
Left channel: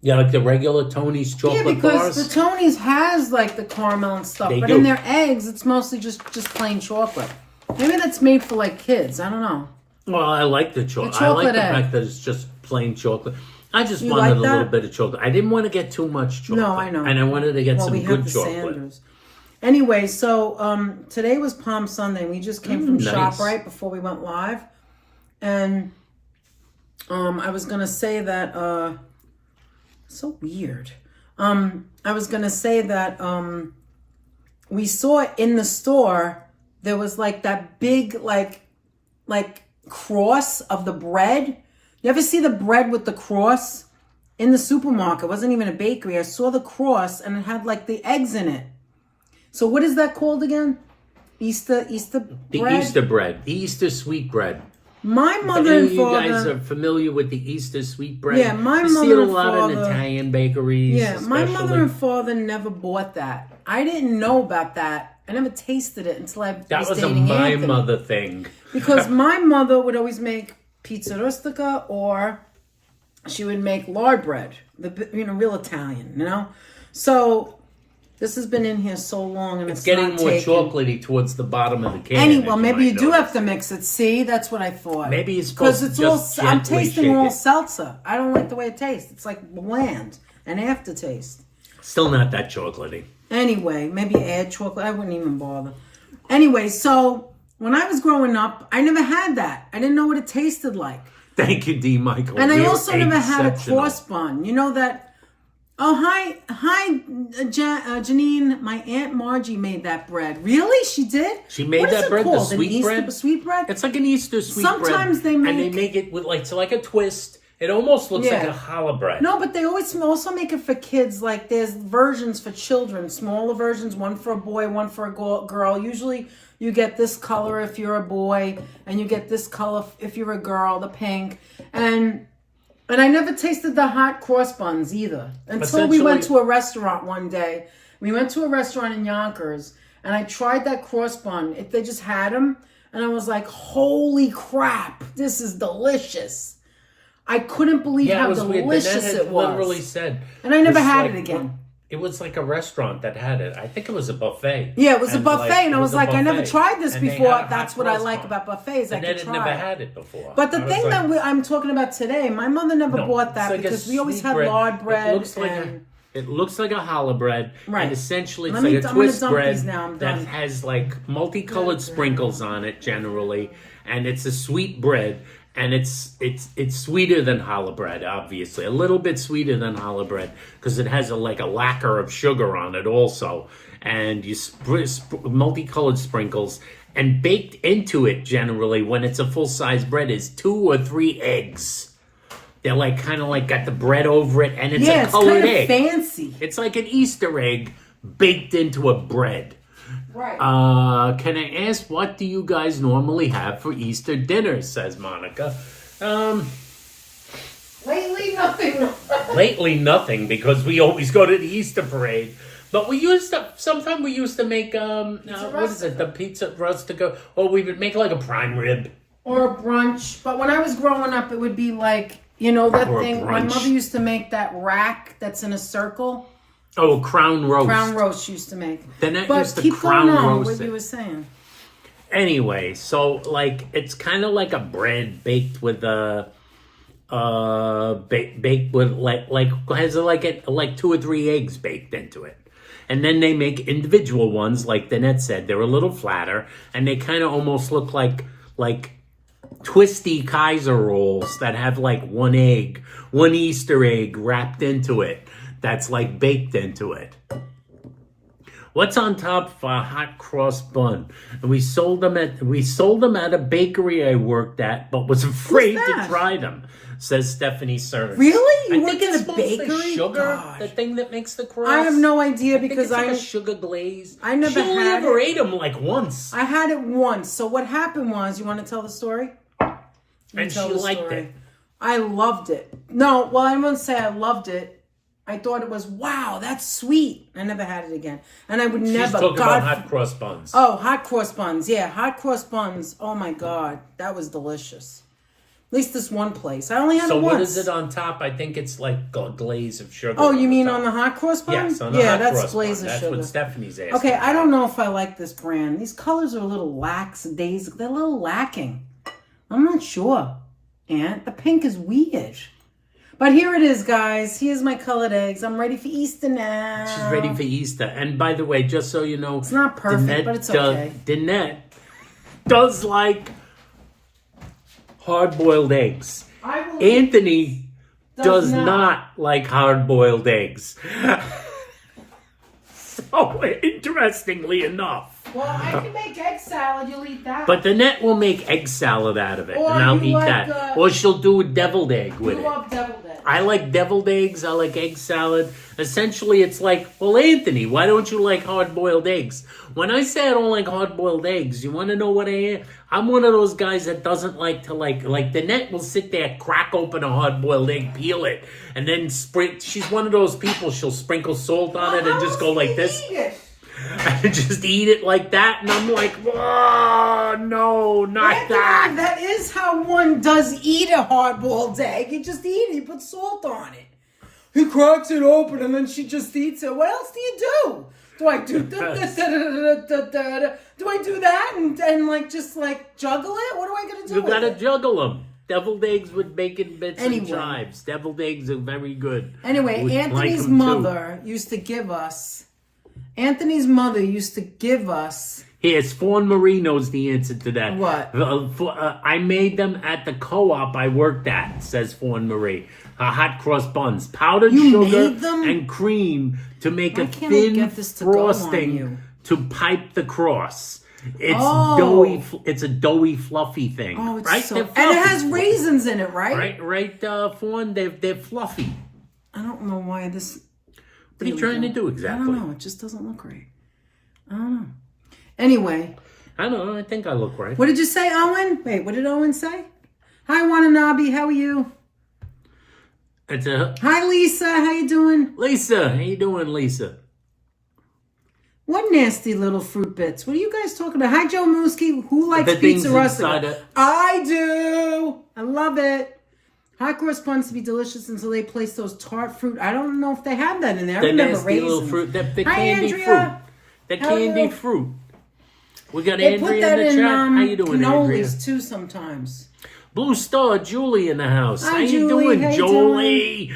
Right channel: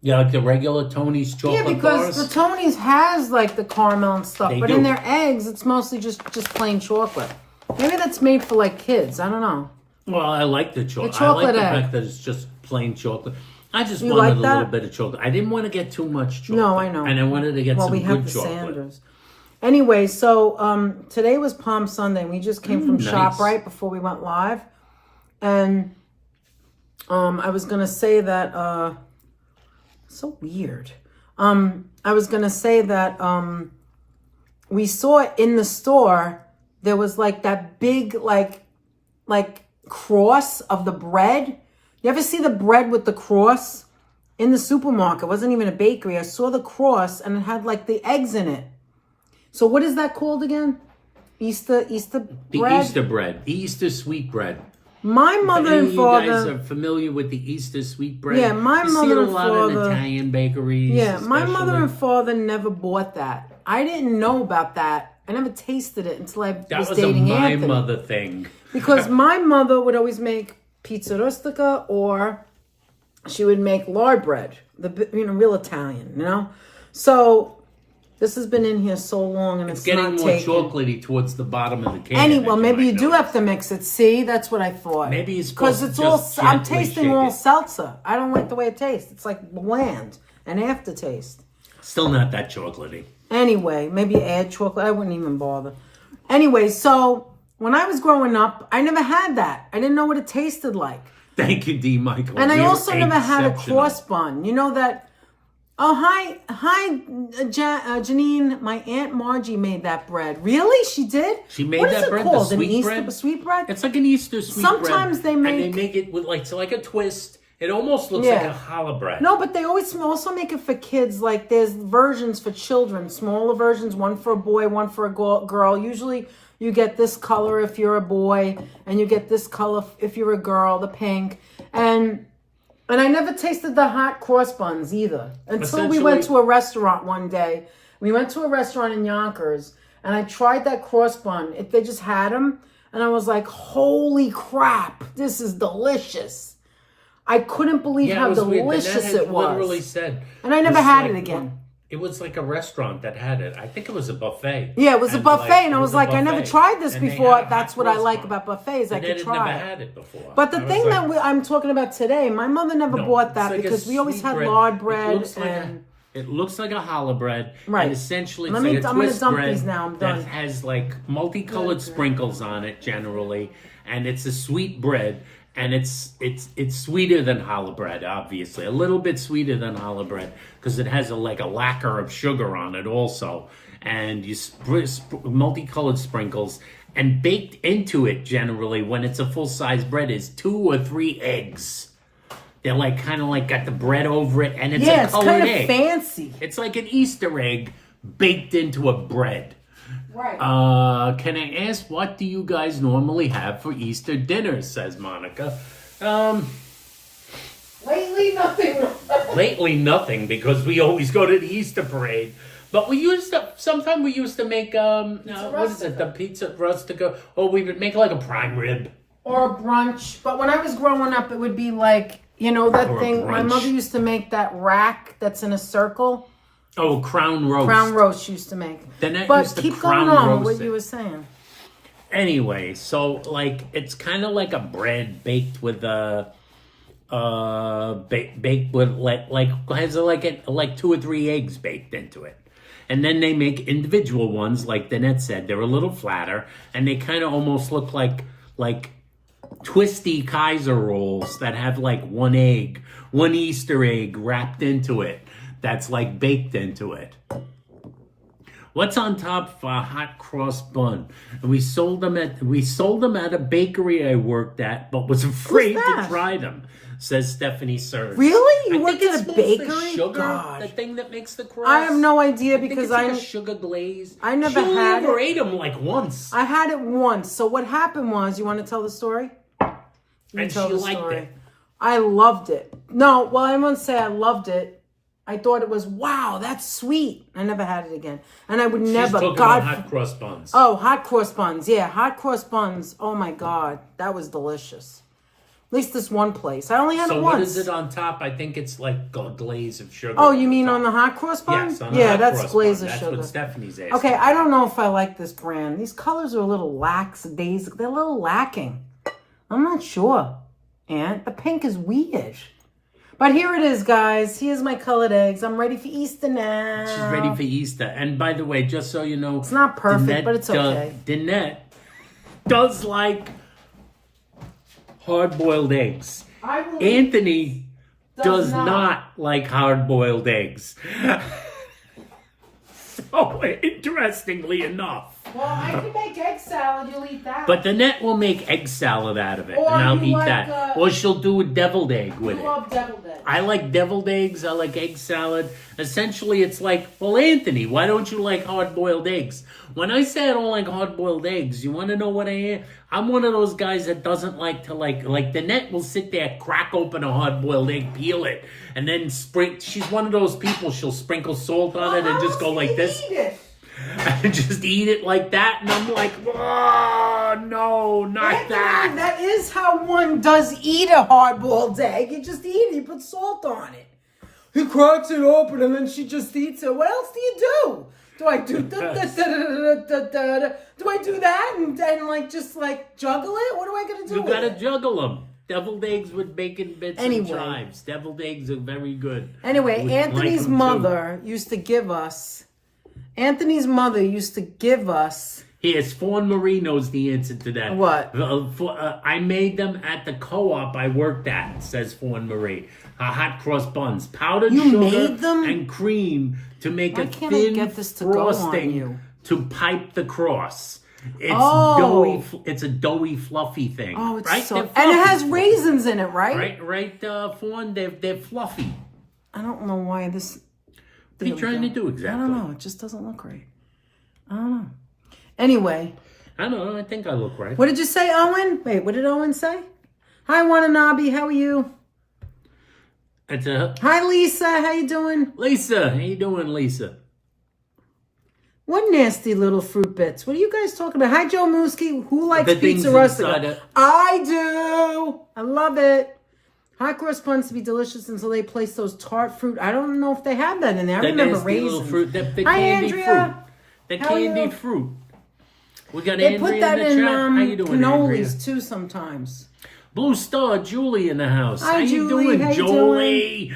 Yeah, like the regular Tony's chocolate bars? Yeah, because the Tony's has like the caramel and stuff, but in their eggs, it's mostly just plain chocolate. Maybe that's made for like kids. I don't know. Well, I like the chocolate. I like the fact that it's just plain chocolate. I just wanted a little bit of chocolate. I didn't want to get too much chocolate. No, I know. And I wanted to get some good chocolate. Sanders. Anyway, so today was Palm Sunday. We just came from ShopRite before we went live. And I was going to say that... so weird. I was going to say that we saw in the store, there was like that big, like cross of the bread. You ever see the bread with the cross in the supermarket? It wasn't even a bakery. I saw the cross and it had like the eggs in it. So what is that called again? Easter bread? The Easter bread. The Easter sweet bread. My mother and father... You guys are familiar with the Easter sweet bread? Yeah, my mother and father... You see it a lot in Italian bakeries. Yeah, my mother and father never bought that. I didn't know about that. I never tasted it until I was dating Anthony. That was a my mother thing. Because my mother would always make pizza rustica, or she would make lard bread. Real Italian, So... This has been in here so long, and it's getting more chocolatey towards the bottom of the can. Anyway, maybe you do have to mix it. See, that's what I thought. Maybe it's because it's all. I'm tasting all seltzer. I don't like the way it tastes. It's like bland, an aftertaste. Still not that chocolatey. Anyway, maybe add chocolate. I wouldn't even bother. Anyway, so when I was growing up, I never had that. I didn't know what it tasted like. Thank you, D. Michael. And I also never had a cross bun. You know that. Oh, hi, Janine. My Aunt Margie made that bread. Really? She did? She made that bread, the sweet bread? Sweet bread? It's like an Easter sweet bread. Sometimes they make... And they make it with like a twist. It almost looks like a challah bread. No, but they always also make it for kids. Like there's versions for children, smaller versions, one for a boy, one for a girl. Usually you get this color if you're a boy, and you get this color if you're a girl, the pink. And I never tasted the hot cross buns either. Until we went to a restaurant one day. We went to a restaurant in Yonkers, and I tried that cross bun. They just had them, and I was like, holy crap, this is delicious. I couldn't believe how delicious it was. Literally said. And I never had it again. It was like a restaurant that had it. I think it was a buffet. Yeah, it was a buffet, and I was like, I never tried this before. That's what I like about buffets. I could try it. I never had it before. But the thing that I'm talking about today, my mother never bought that because we always had lard bread. It looks like a challah bread. Right. And essentially, it's like a twist bread that has like multicolored sprinkles on it generally. And it's a sweet bread. And it's sweeter than challah bread, obviously. A little bit sweeter than challah bread because it has a lacquer of sugar on it also. And you multicolored sprinkles. And baked into it, generally, when it's a full-size bread, is 2 or 3 eggs. They're kind of got the bread over it, and it's a colored egg. Yeah, it's fancy. It's like an Easter egg baked into a bread. Right. Can I ask, what do you guys normally have for Easter dinner, says Monica. Lately, nothing. Lately, nothing, because we always go to the Easter parade. But sometimes we used to make, what is it, the pizza rustica, or we would make like a prime rib. Or a brunch. But when I was growing up, it would be like, that thing, my mother used to make that rack that's in a circle. Oh, crown roast. Crown roast used to make. Then that but used to keep crown going on roast what it. you were saying. Anyway, so it's kind of like a bread baked with baked with has like 2 or 3 eggs baked into it. And then they make individual ones, like Danette said. They're a little flatter, and they kind of almost look like twisty Kaiser rolls that have 1 egg, 1 Easter egg wrapped into it. That's baked into it. What's on top for a hot cross bun? And we sold them at a bakery I worked at, but was afraid to try them. Says Stephanie Serge. Really? You I work think at it's a bakery? mostly sugar, Gosh. the thing that makes the crust. I have no idea because I think it's like a sugar glaze. I never she only had ever it. ate them like once. I had it once. So what happened was, you want to tell the story? And she liked it. I loved it. No, well, I won't say I loved it. I thought it was, wow, that's sweet. I never had it again. And I would never. She's talking about hot cross buns. Oh, hot cross buns. Yeah, hot cross buns. Oh, my God. That was delicious. At least this one place. I only had it once. So what is it on top? I think it's like a glaze of sugar. Oh, you mean on the hot cross bun? Yes, on the hot that's cross glaze bun. of sugar. That's what Stephanie's asking. Okay, I don't know if I like this brand. These colors are a little lackadaisical. They're a little lacking. I'm not sure, Aunt. The pink is weird. But here it is, guys. Here's my colored eggs. I'm ready for Easter now. She's ready for Easter. And by the way, just so you know, it's not perfect, but it's okay. Danette does like hard-boiled eggs. Anthony does not like hard-boiled eggs. So, interestingly enough. Well, I can make egg salad. You'll eat that. But Danette will make egg salad out of it, or and I'll eat that. Or she'll do a deviled egg with it. I love deviled eggs. I like deviled eggs. I like egg salad. Essentially, it's like, well, Anthony, why don't you like hard-boiled eggs? When I say I don't like hard-boiled eggs, you want to know what I am? I'm one of those guys that doesn't like to like Danette will sit there, crack open a hard-boiled egg, peel it, and then she's one of those people, she'll sprinkle salt on it and just go like this. And just eat it like that, and I'm like, oh, no, not that. That is how one does eat a hard-boiled egg. You just eat it, you put salt on it. He cracks it open, and then she just eats it. What else do you do? Do I do do I do that and like just like juggle it? What do I gotta do? You gotta juggle them. Deviled eggs with bacon bits and chives. Deviled eggs are very good. Anyway, Anthony's mother used to give us. Yes, Fawn Marie knows the answer to that. What? I made them at the co-op I worked at, says Fawn Marie. Hot cross buns. Powdered sugar and cream to make a thin frosting to pipe the cross. It's doughy. It's a doughy, fluffy thing. Oh, it's right? so... And it has raisins in it, right? Right, Fawn. They're fluffy. I don't know why this... What are you trying to do exactly? I don't know. It just doesn't look right. I don't know. Anyway. I don't know. I think I look right. What did you say, Owen? Wait, what did Owen say? Hi, Wananabe. How are you? Hi, Lisa. How you doing? Lisa. How you doing, Lisa? What nasty little fruit bits. What are you guys talking about? Hi, Joe Mooski. Who likes pizza rustica? I do. I love it. Hot cross buns to be delicious until they place those tart fruit. I don't know if they have that in there. I remember nasty little fruit. The candy fruit. The candy fruit. We got Andrea in the chat. How you doing, Andrea? Too sometimes. Blue Star Julie in the house. How you doing, Jolie?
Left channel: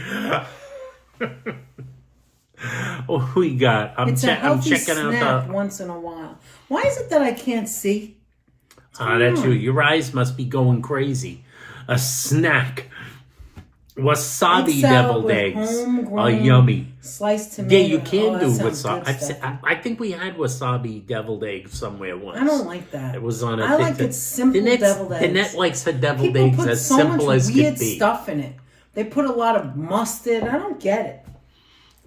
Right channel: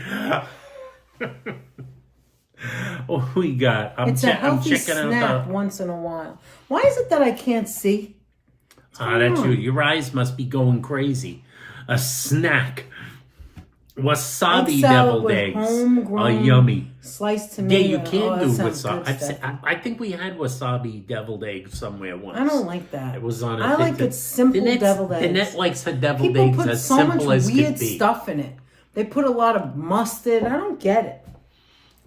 Oh, we got. I'm checking out the once in a while. Why is it that I can't see? That's you. Your eyes must be going crazy. A snack. Wasabi deviled eggs are yummy. Sliced tomato. Yeah, you can do wasabi. I think we had wasabi deviled eggs somewhere once. I don't like that. It was on a. I like it simple deviled eggs. Danette likes her deviled eggs as simple as could be. People put so much weird stuff in it. They put a lot of mustard. I don't get it.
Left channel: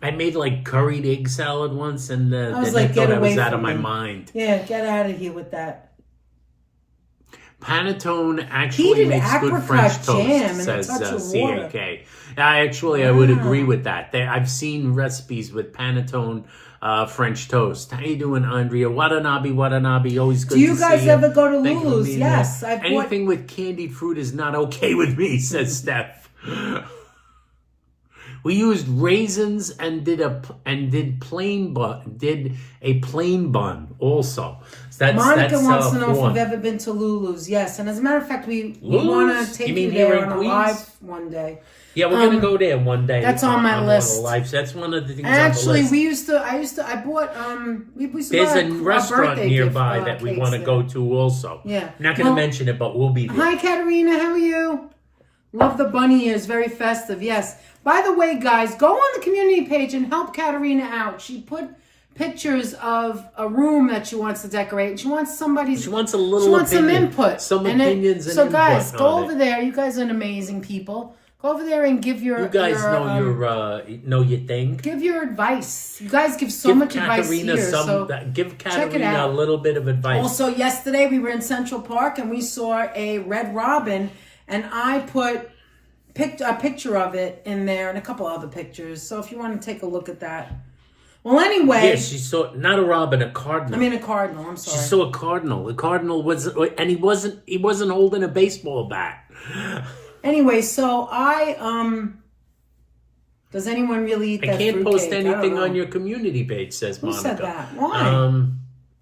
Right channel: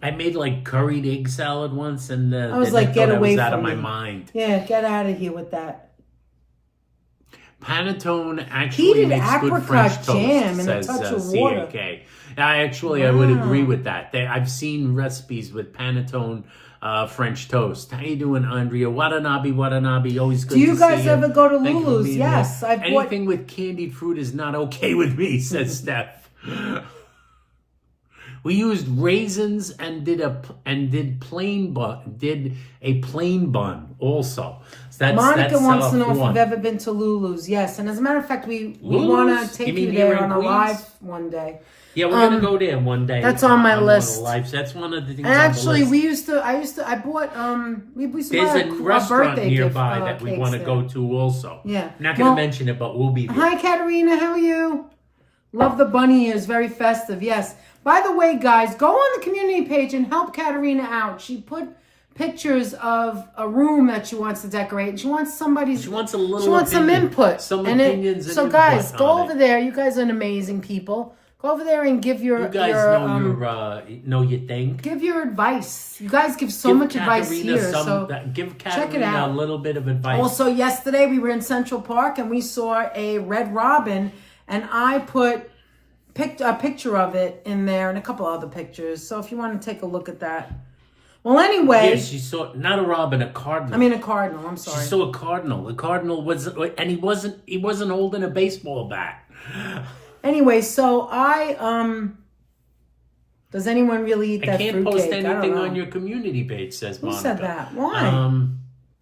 I made like curried egg salad once, and Danette thought I was out of my mind. Yeah, get out of here with that. Panettone actually makes good French toast, says CAK. I would agree with that. I've seen recipes with Panettone French toast. How you doing, Andrea? Watanabe, always good to see you. Do you guys ever go to Lulu's? Yes. Anything with candied fruit is not okay with me, says Steph. We used raisins and did a plain bun also. Monica wants to know if you've ever been to Lulu's. Yes, and as a matter of fact, we want to take you there on a live one day. Yeah, we're gonna go there one day. That's on my list. That's one of the things. Actually, I bought There's a restaurant nearby that we want to go to also. Yeah, I'm not gonna mention it, but we'll be there. Hi, Katerina. How are you? Love the bunny ears. Very festive. Yes. By the way, guys, go on the community page and help Katerina out. She put pictures of a room that she wants to decorate. And she wants somebody's. She wants a little. She wants opinion, some input. Some opinions. So guys, go over there. You guys are amazing people. Go over there and give your. You guys know your thing. Give your advice. You guys give so much advice here. Give Katerina a little bit of advice. Also, yesterday we were in Central Park and we saw a red robin, and I put a picture of it in there and a couple other pictures. So if you want to take a look at that. Well, anyway. Yeah, she saw not a robin, a cardinal. I mean a cardinal. I'm sorry. She saw a cardinal. The cardinal was, and he wasn't holding a baseball bat. Anyway, so does anyone really eat that fruitcake? I can't post anything on your community page, says Monica. Who said that? Why?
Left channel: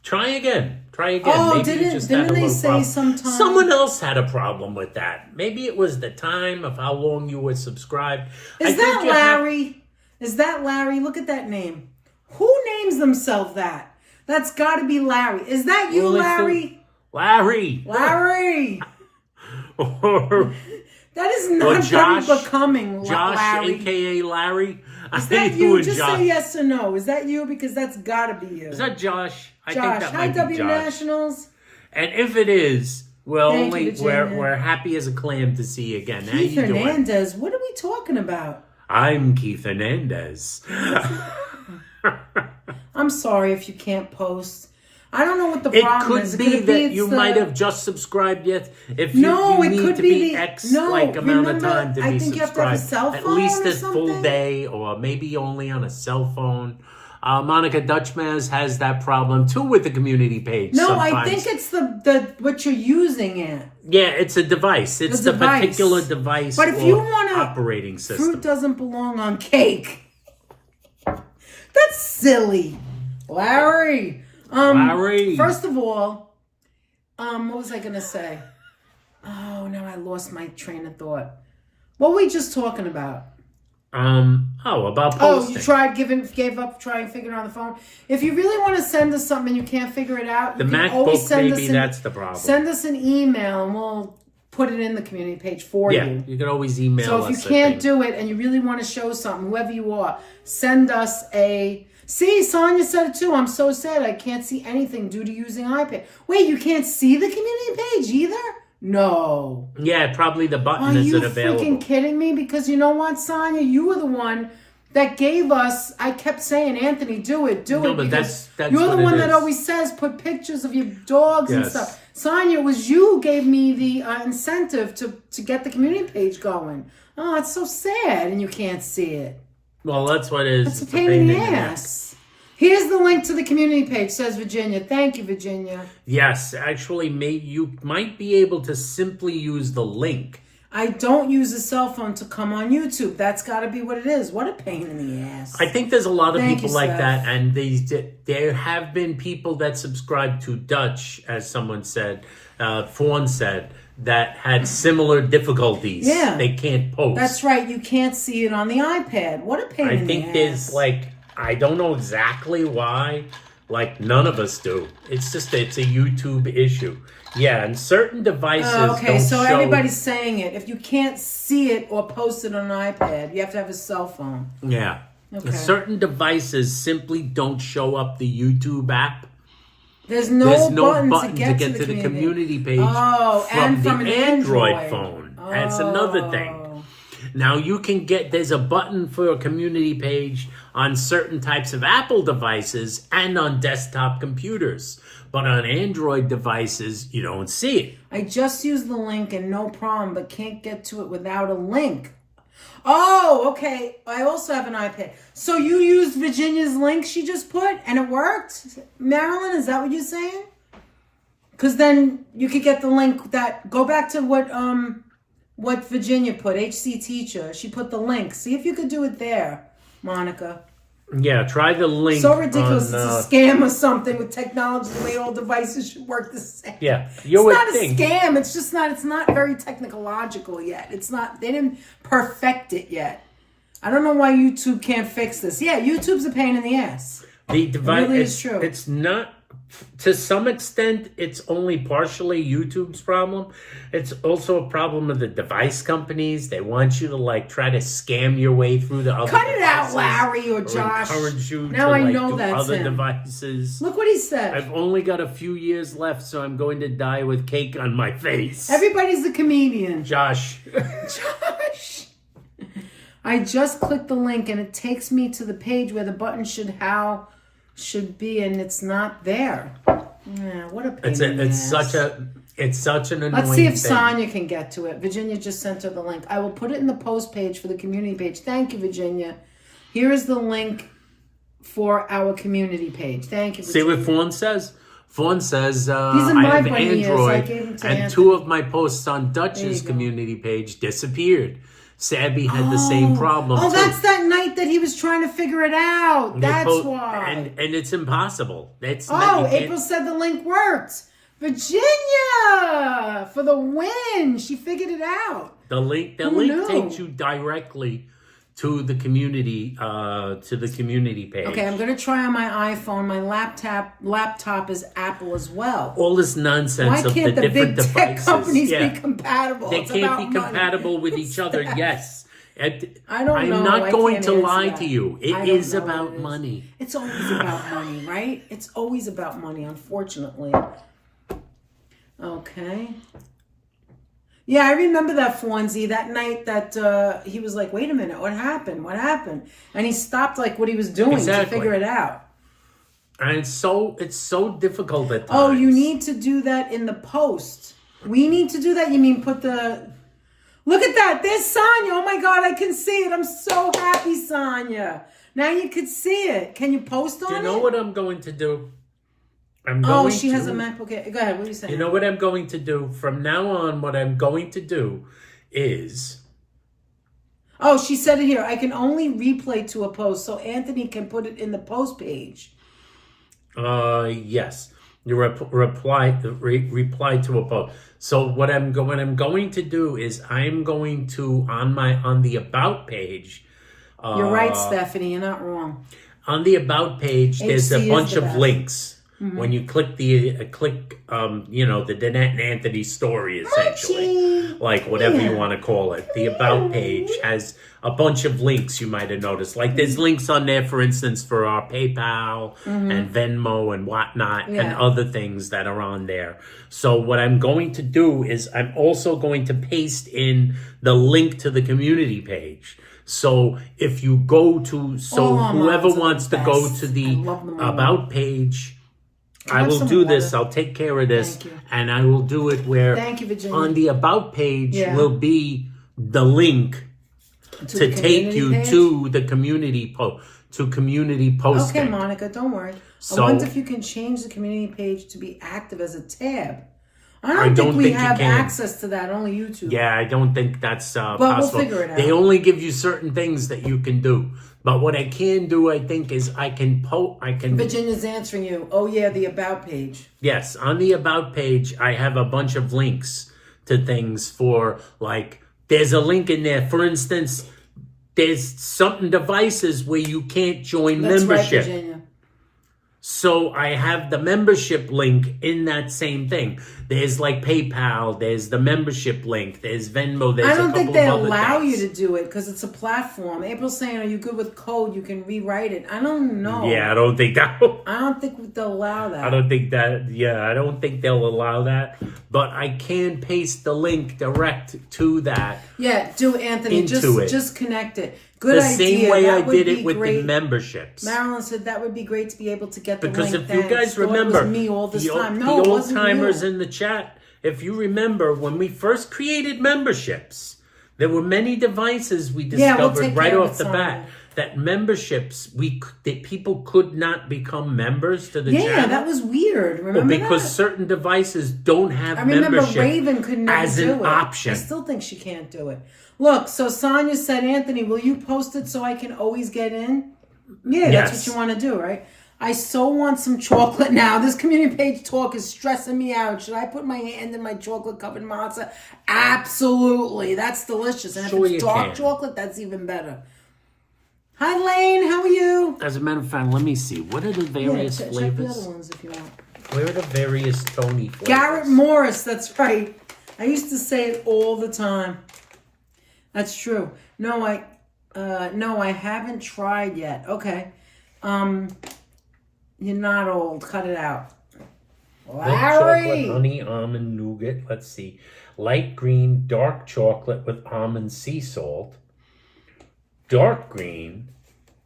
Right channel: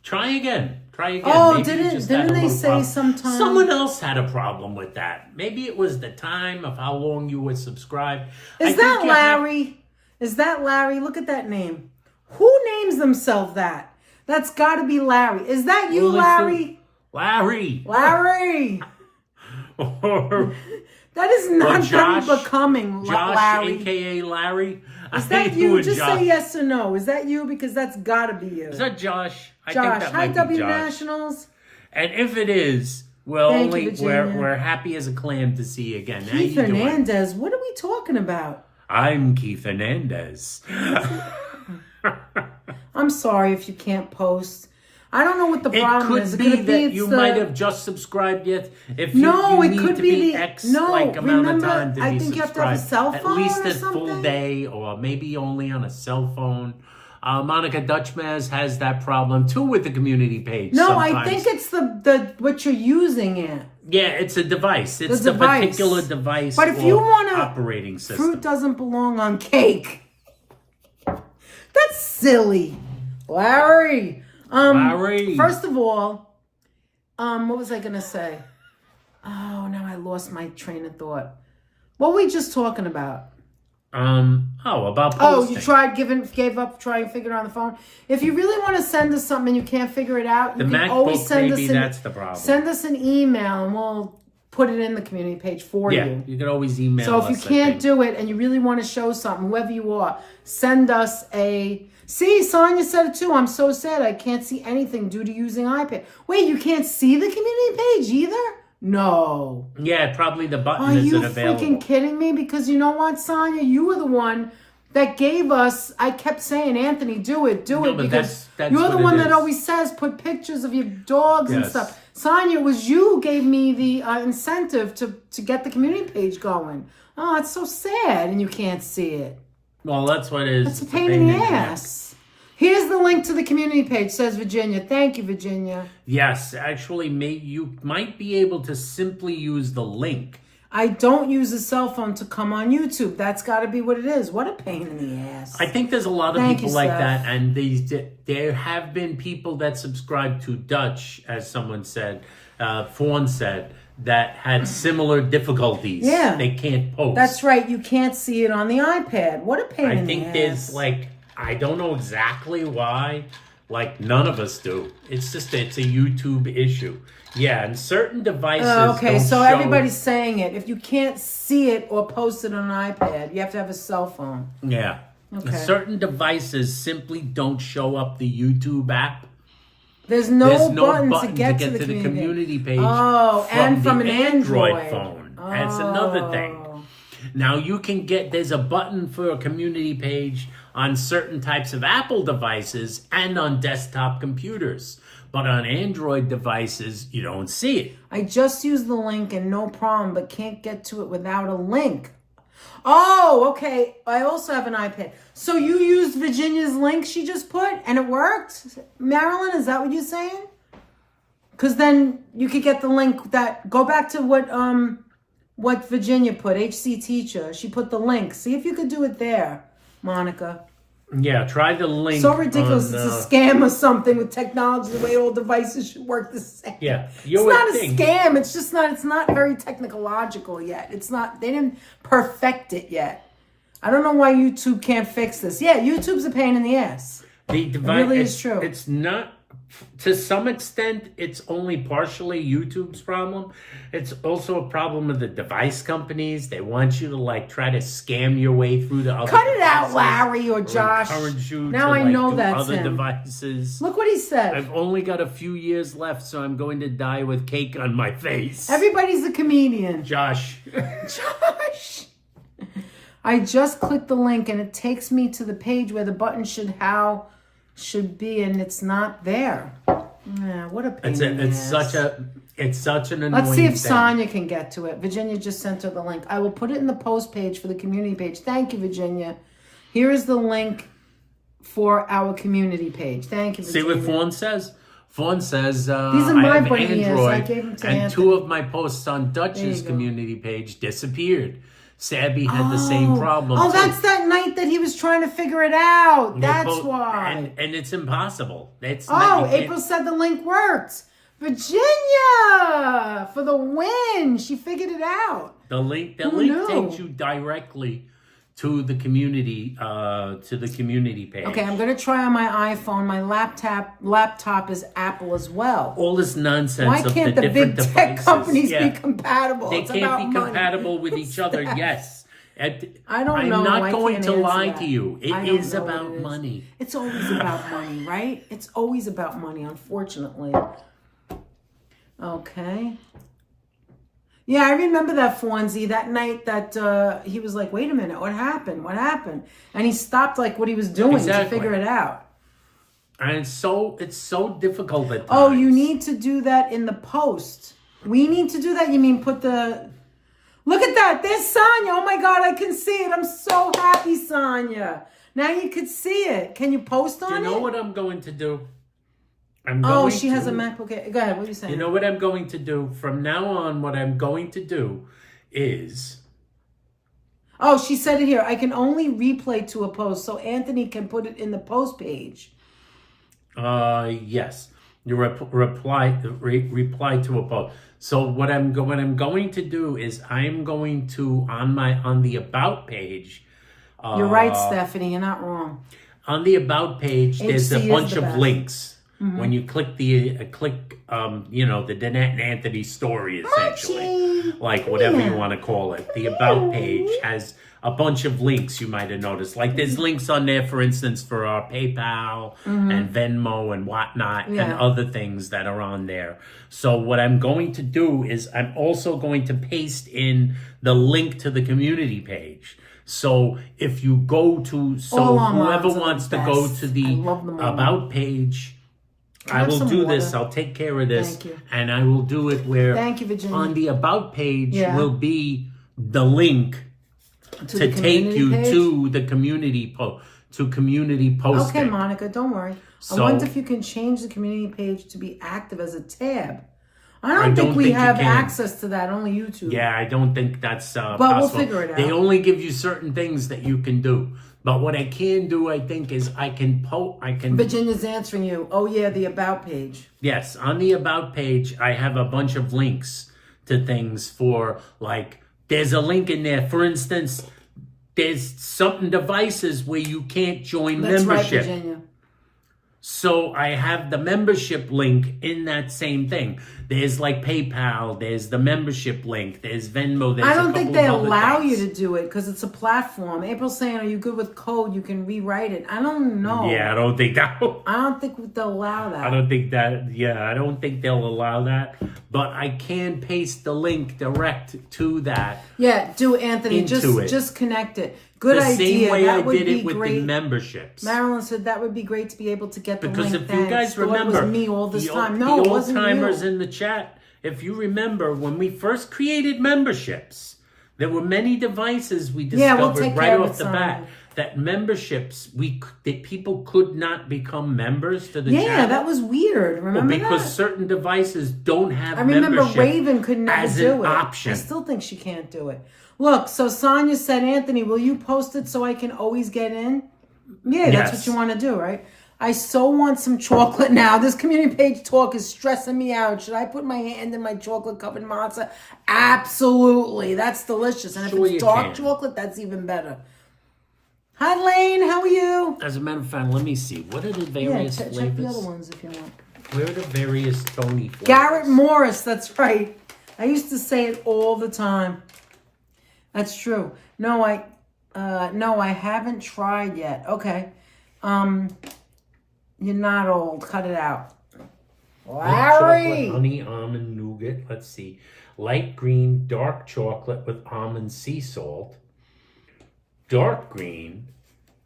Try again. Oh, maybe didn't they say sometime? Someone else had a problem with that. Maybe it was the time of how long you were subscribed. Is that Larry? Is that Larry? Look at that name. Who names themselves that? That's got to be Larry. Is that you, Larry? Larry. Or that is not Josh, very becoming, Josh, Larry. A.K.A. Larry. Is that you? Just say yes or no. Is that you? Because that's got to be you. Is that Josh? I Josh. think that might Hi, be W Josh. Nationals. And if it is, we're happy as a clam to see you again. How Keith you doing? Hernandez. What are we talking about? I'm Keith Hernandez. I'm sorry if you can't post. I don't know what the problem is. It could be that you might have just subscribed yet. If you need to be X amount of time to be subscribed. You have to have a cell phone at least a something? full day, or maybe only on a cell phone. Monica Dutchmaz has that problem too with the community page. No, sometimes. I think it's the what you're using it. Yeah, it's a device. It's the particular device. But if you want operating system, fruit doesn't belong on cake. That's silly, Larry. Larry. First of all, what was I gonna say? Oh, now I lost my train of thought. What were we just talking about? About posting. You gave up trying to figure it out on the phone. If you really want to send us something and you can't figure it out, the MacBook, maybe that's the problem. Send us an email and we'll put it in the community page for you. Yeah, you can always email us. So if you can't do it and you really want to show something, whoever you are, send us a... See, Sonia said it too. I'm so sad. I can't see anything due to using iPad. Wait, you can't see the community page either? No. Yeah, probably the button isn't available. Are you freaking kidding me? Because you know what, Sonia? You were the one that gave us... I kept saying, Anthony, do it. No, but that's you're the one that always says, put pictures of your dogs and stuff. Sonia, it was you who gave me the incentive to get the community page going. Oh, it's so sad and you can't see it. Well, that's what it is. It's a pain in the ass. Here's the link to the community page, says Virginia. Thank you, Virginia. Yes, actually, you might be able to simply use the link. I don't use a cell phone to come on YouTube. That's got to be what it is. What a pain in the ass. I think there's a lot of people like that, and there have been people that subscribe to Dutch, as someone said, Fawn said, that had similar difficulties. Yeah. They can't post. That's right. You can't see it on the iPad. What a pain in the ass. I think there's I don't know exactly why, none of us do. It's just, it's a YouTube issue. Yeah, and certain devices don't show... everybody's saying it. If you can't see it or post it on an iPad, you have to have a cell phone. Yeah. Okay. Certain devices simply don't show up the YouTube app. There's no button to get to the community page from an Android phone. That's another thing. Now you can there's a button for a community page on certain types of Apple devices and on desktop computers. But on Android devices, you don't see it. I just used the link and no problem, but can't get to it without a link. Oh, okay. I also have an iPad. So you used Virginia's link she just put and it worked? Marilyn, is that what you're saying? Because then you could get the link go back to what Virginia put, HC Teacher. She put the link. See if you could do it there, Monica. Yeah, try the link. So ridiculous. It's a scam or something with technology. The way all devices should work the same. Yeah. It's not a scam. It's just not, it's not very technological yet. It's not, they didn't perfect it yet. I don't know why YouTube can't fix this. Yeah, YouTube's a pain in the ass. The device, it really is true. It's not to some extent, it's only partially YouTube's problem. It's also a problem of the device companies. They want you to like try to scam your way through the other Cut it devices, out, Larry or Josh. encourage you Now to I like know do that's other him. devices. Look what he said. I've only got a few years left, so I'm going to die with cake on my face. Everybody's a comedian. Josh. Josh. I just clicked the link and it takes me to the page where the button should be, and it's not there. Yeah, what a pain in the ass. It's such an annoying Let's see if thing. Sonia can get to it. Virginia just sent her the link. I will put it in the post page for the community page. Thank you, Virginia. Here is the link for our community page. Thank you, Virginia. See what Fawn says? Fawn says, in I my have bunny ears. I Android, gave him to and Anthony. 2 of my posts on Dutch's community page disappeared. Sabby had the same problem. Oh, too. that's that night that he was trying to figure it out. That's why. And it's impossible. April said the link worked. Virginia for the win. She figured it out. The link takes you directly to the community page. Okay, I'm gonna try on my iPhone. My laptop is Apple as well. All this nonsense Why of can't the the different big tech devices. companies be compatible? They It's can't about be money. compatible with each other. Yes. I don't know. I'm not I going can't to answer lie that. to you. I It don't is know about what it is. money. It's always about money, right? It's always about money, unfortunately. Okay. Yeah, I remember that Fonzie, that night that he was like, wait a minute, what happened? What happened? And he stopped like what he was doing to figure it out. And it's so difficult at times. Oh, you need to do that in the post. We need to do that? You mean put the... Look at that. There's Sonia. Oh, my God. I can see it. I'm so happy, Sonia. Now you can see it. Can you post on it? Do you know what I'm going to do? She has a MacBook. Okay. Go ahead. What are you saying? You know what I'm going to do? From now on, what I'm going to do is... Oh, she said it here. I can only replay to a post, so Anthony can put it in the post page. Yes. You reply to a post. So what I'm going to do is I'm going to on the about page. You're right, Stephanie. You're not wrong. On the about page, there's a bunch of best. links. Mm-hmm. When you click the Danette and Anthony story, essentially, like whatever you want to call it. The about page has a bunch of links. You might have noticed, like there's links on there, for instance, for our PayPal and Venmo and whatnot, and other things that are on there. So what I'm going to do is I'm also going to paste in the link to the community page. So if you go to, whoever wants to go to the about page, I will do this. I'll take care of this, and I will do it where on the about page will be the link to take you to the community community posting. Okay, Monica, don't worry. I wonder if you can change the community page to be active as a tab. I don't think we have access to that. Only YouTube. Yeah, I don't think that's possible. We'll figure it out. They only give you certain things that you can do. But what I can do, I think, is I can... Virginia's answering you. Oh, yeah, the About page. Yes, on the About page, I have a bunch of links to things for, like, there's a link in there. For instance, there's certain devices where you can't join membership. Right, Virginia. So I have the membership link in that same thing. There's like PayPal, there's the membership link, there's Venmo, there's I don't think they allow things. you to do it because it's a platform. April's saying, are you good with code? You can rewrite it. I don't know. Yeah, I don't think that. I don't think they'll allow that. I don't think that. Yeah, I don't think they'll allow that. But I can paste the link direct to that. Yeah, do Anthony. Just connect it. Good the idea. Same way that I did it with the memberships. Marilyn said that would be great to be able to get the because link. If you guys remember, it was me all this time. No, the it old wasn't timers you. in the chat, if you remember when we first created memberships, there were many devices we discovered right off the bat that memberships that people could not become members to the channel. Yeah, that was weird. Remember because certain devices don't have I remember membership Raven could never as do an it. option. I still think she can't do it. Look, so Sonia said, Anthony, will you post it so I can always get in? Yeah, that's what you want to do, right? I so want some chocolate now. This community page talk is stressing me out. Should I put my hand in my chocolate-covered matzo? Absolutely. That's delicious. And if it's dark chocolate, that's even better. Hi, Lane. How are you? As a matter of fact, let me see. What are the various check flavors? the other ones if you want. Where are the various Tony flavors? Garrett Morris. That's right. I used to say it all the time. That's true. No, I haven't tried yet. Okay. You're not old. Cut it out. White chocolate, honey, almond, nougat. Let's see. Light green, dark chocolate with almond sea salt. Dark green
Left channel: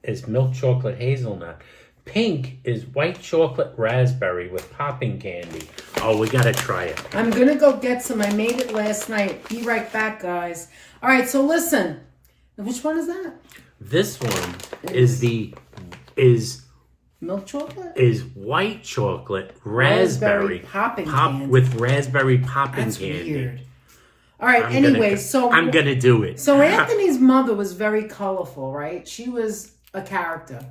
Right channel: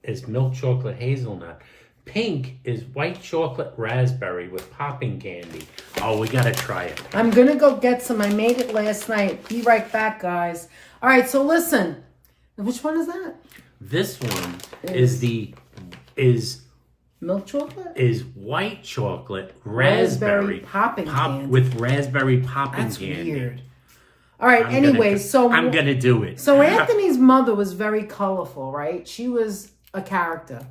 is milk chocolate hazelnut. Pink is white chocolate raspberry with popping candy. Oh, we gotta try it. I'm gonna go get some. I made it last night. Be right back, guys. All right, so listen. Which one is that? This one is milk chocolate? Is white chocolate raspberry popping candy. With raspberry popping That's candy. Weird. All right, I'm gonna do it. So Anthony's mother was very colorful, right? She was a character.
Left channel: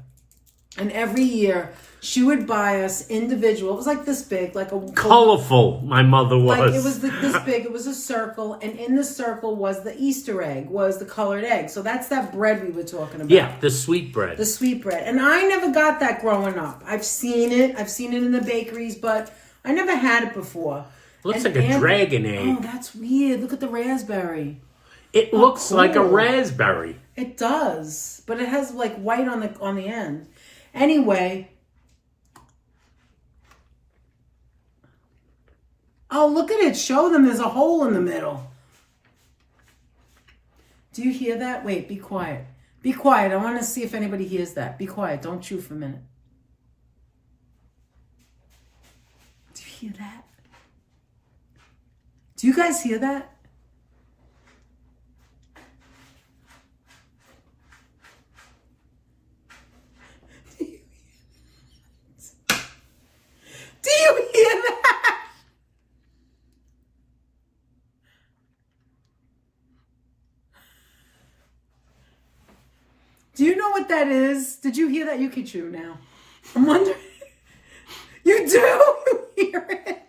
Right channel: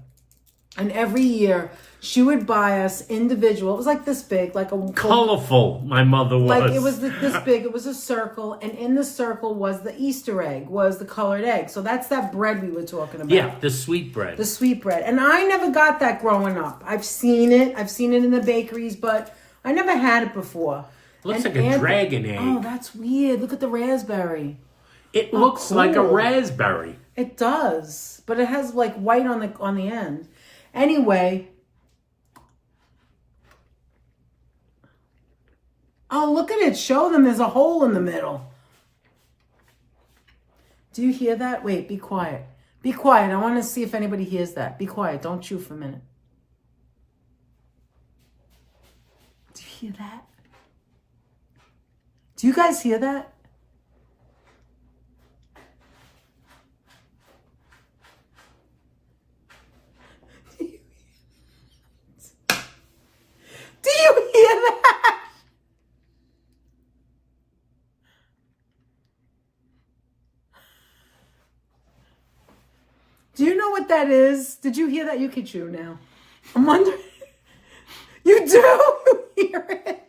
And every year she would buy us individual. It was like this big, like a colorful. My mother was. Like it was this big. It was a circle, and in the circle was the Easter egg, was the colored egg. So that's that bread we were talking about. Yeah, the sweet bread. The sweet bread. And I never got that growing up. I've seen it. I've seen it in the bakeries, but I never had it before. Looks like a dragon egg. Oh, that's weird. Look at the raspberry. It looks cool. like a raspberry. It does, but it has like white on the end. Anyway. Oh, look at it. Show them there's a hole in the middle. Do you hear that? Wait, be quiet. Be quiet. I want to see if anybody hears that. Be quiet. Don't chew for a minute. Do you hear that? Do you guys hear that? Do you hear that? Do you know what that is? Did you hear that? You can chew now. I'm wondering. You do hear it.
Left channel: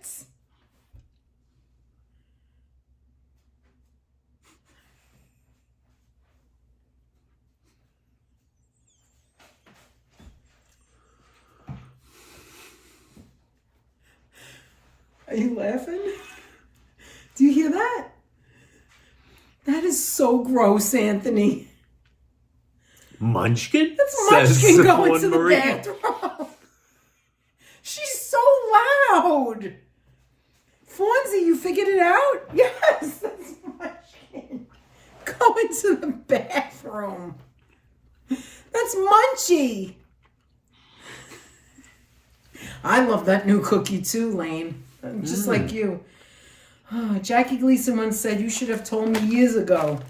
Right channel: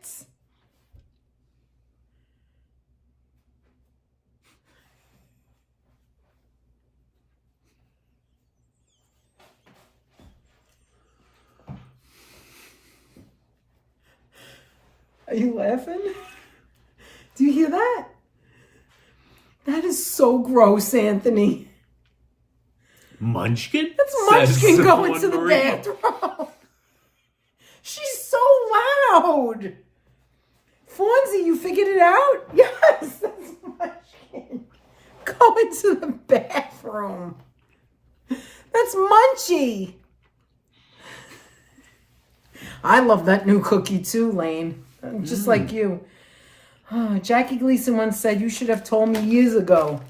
Are you laughing? Do you hear that? That is so gross, Anthony. Munchkin? That's Munchkin going to the bathroom. She's so loud. Fonzie, you figured it out? Yes, that's Munchkin going to the bathroom. That's Munchie. I love that new cookie too, Lane. Just like you. Oh, Jackie Gleason once said, you should have told me years ago.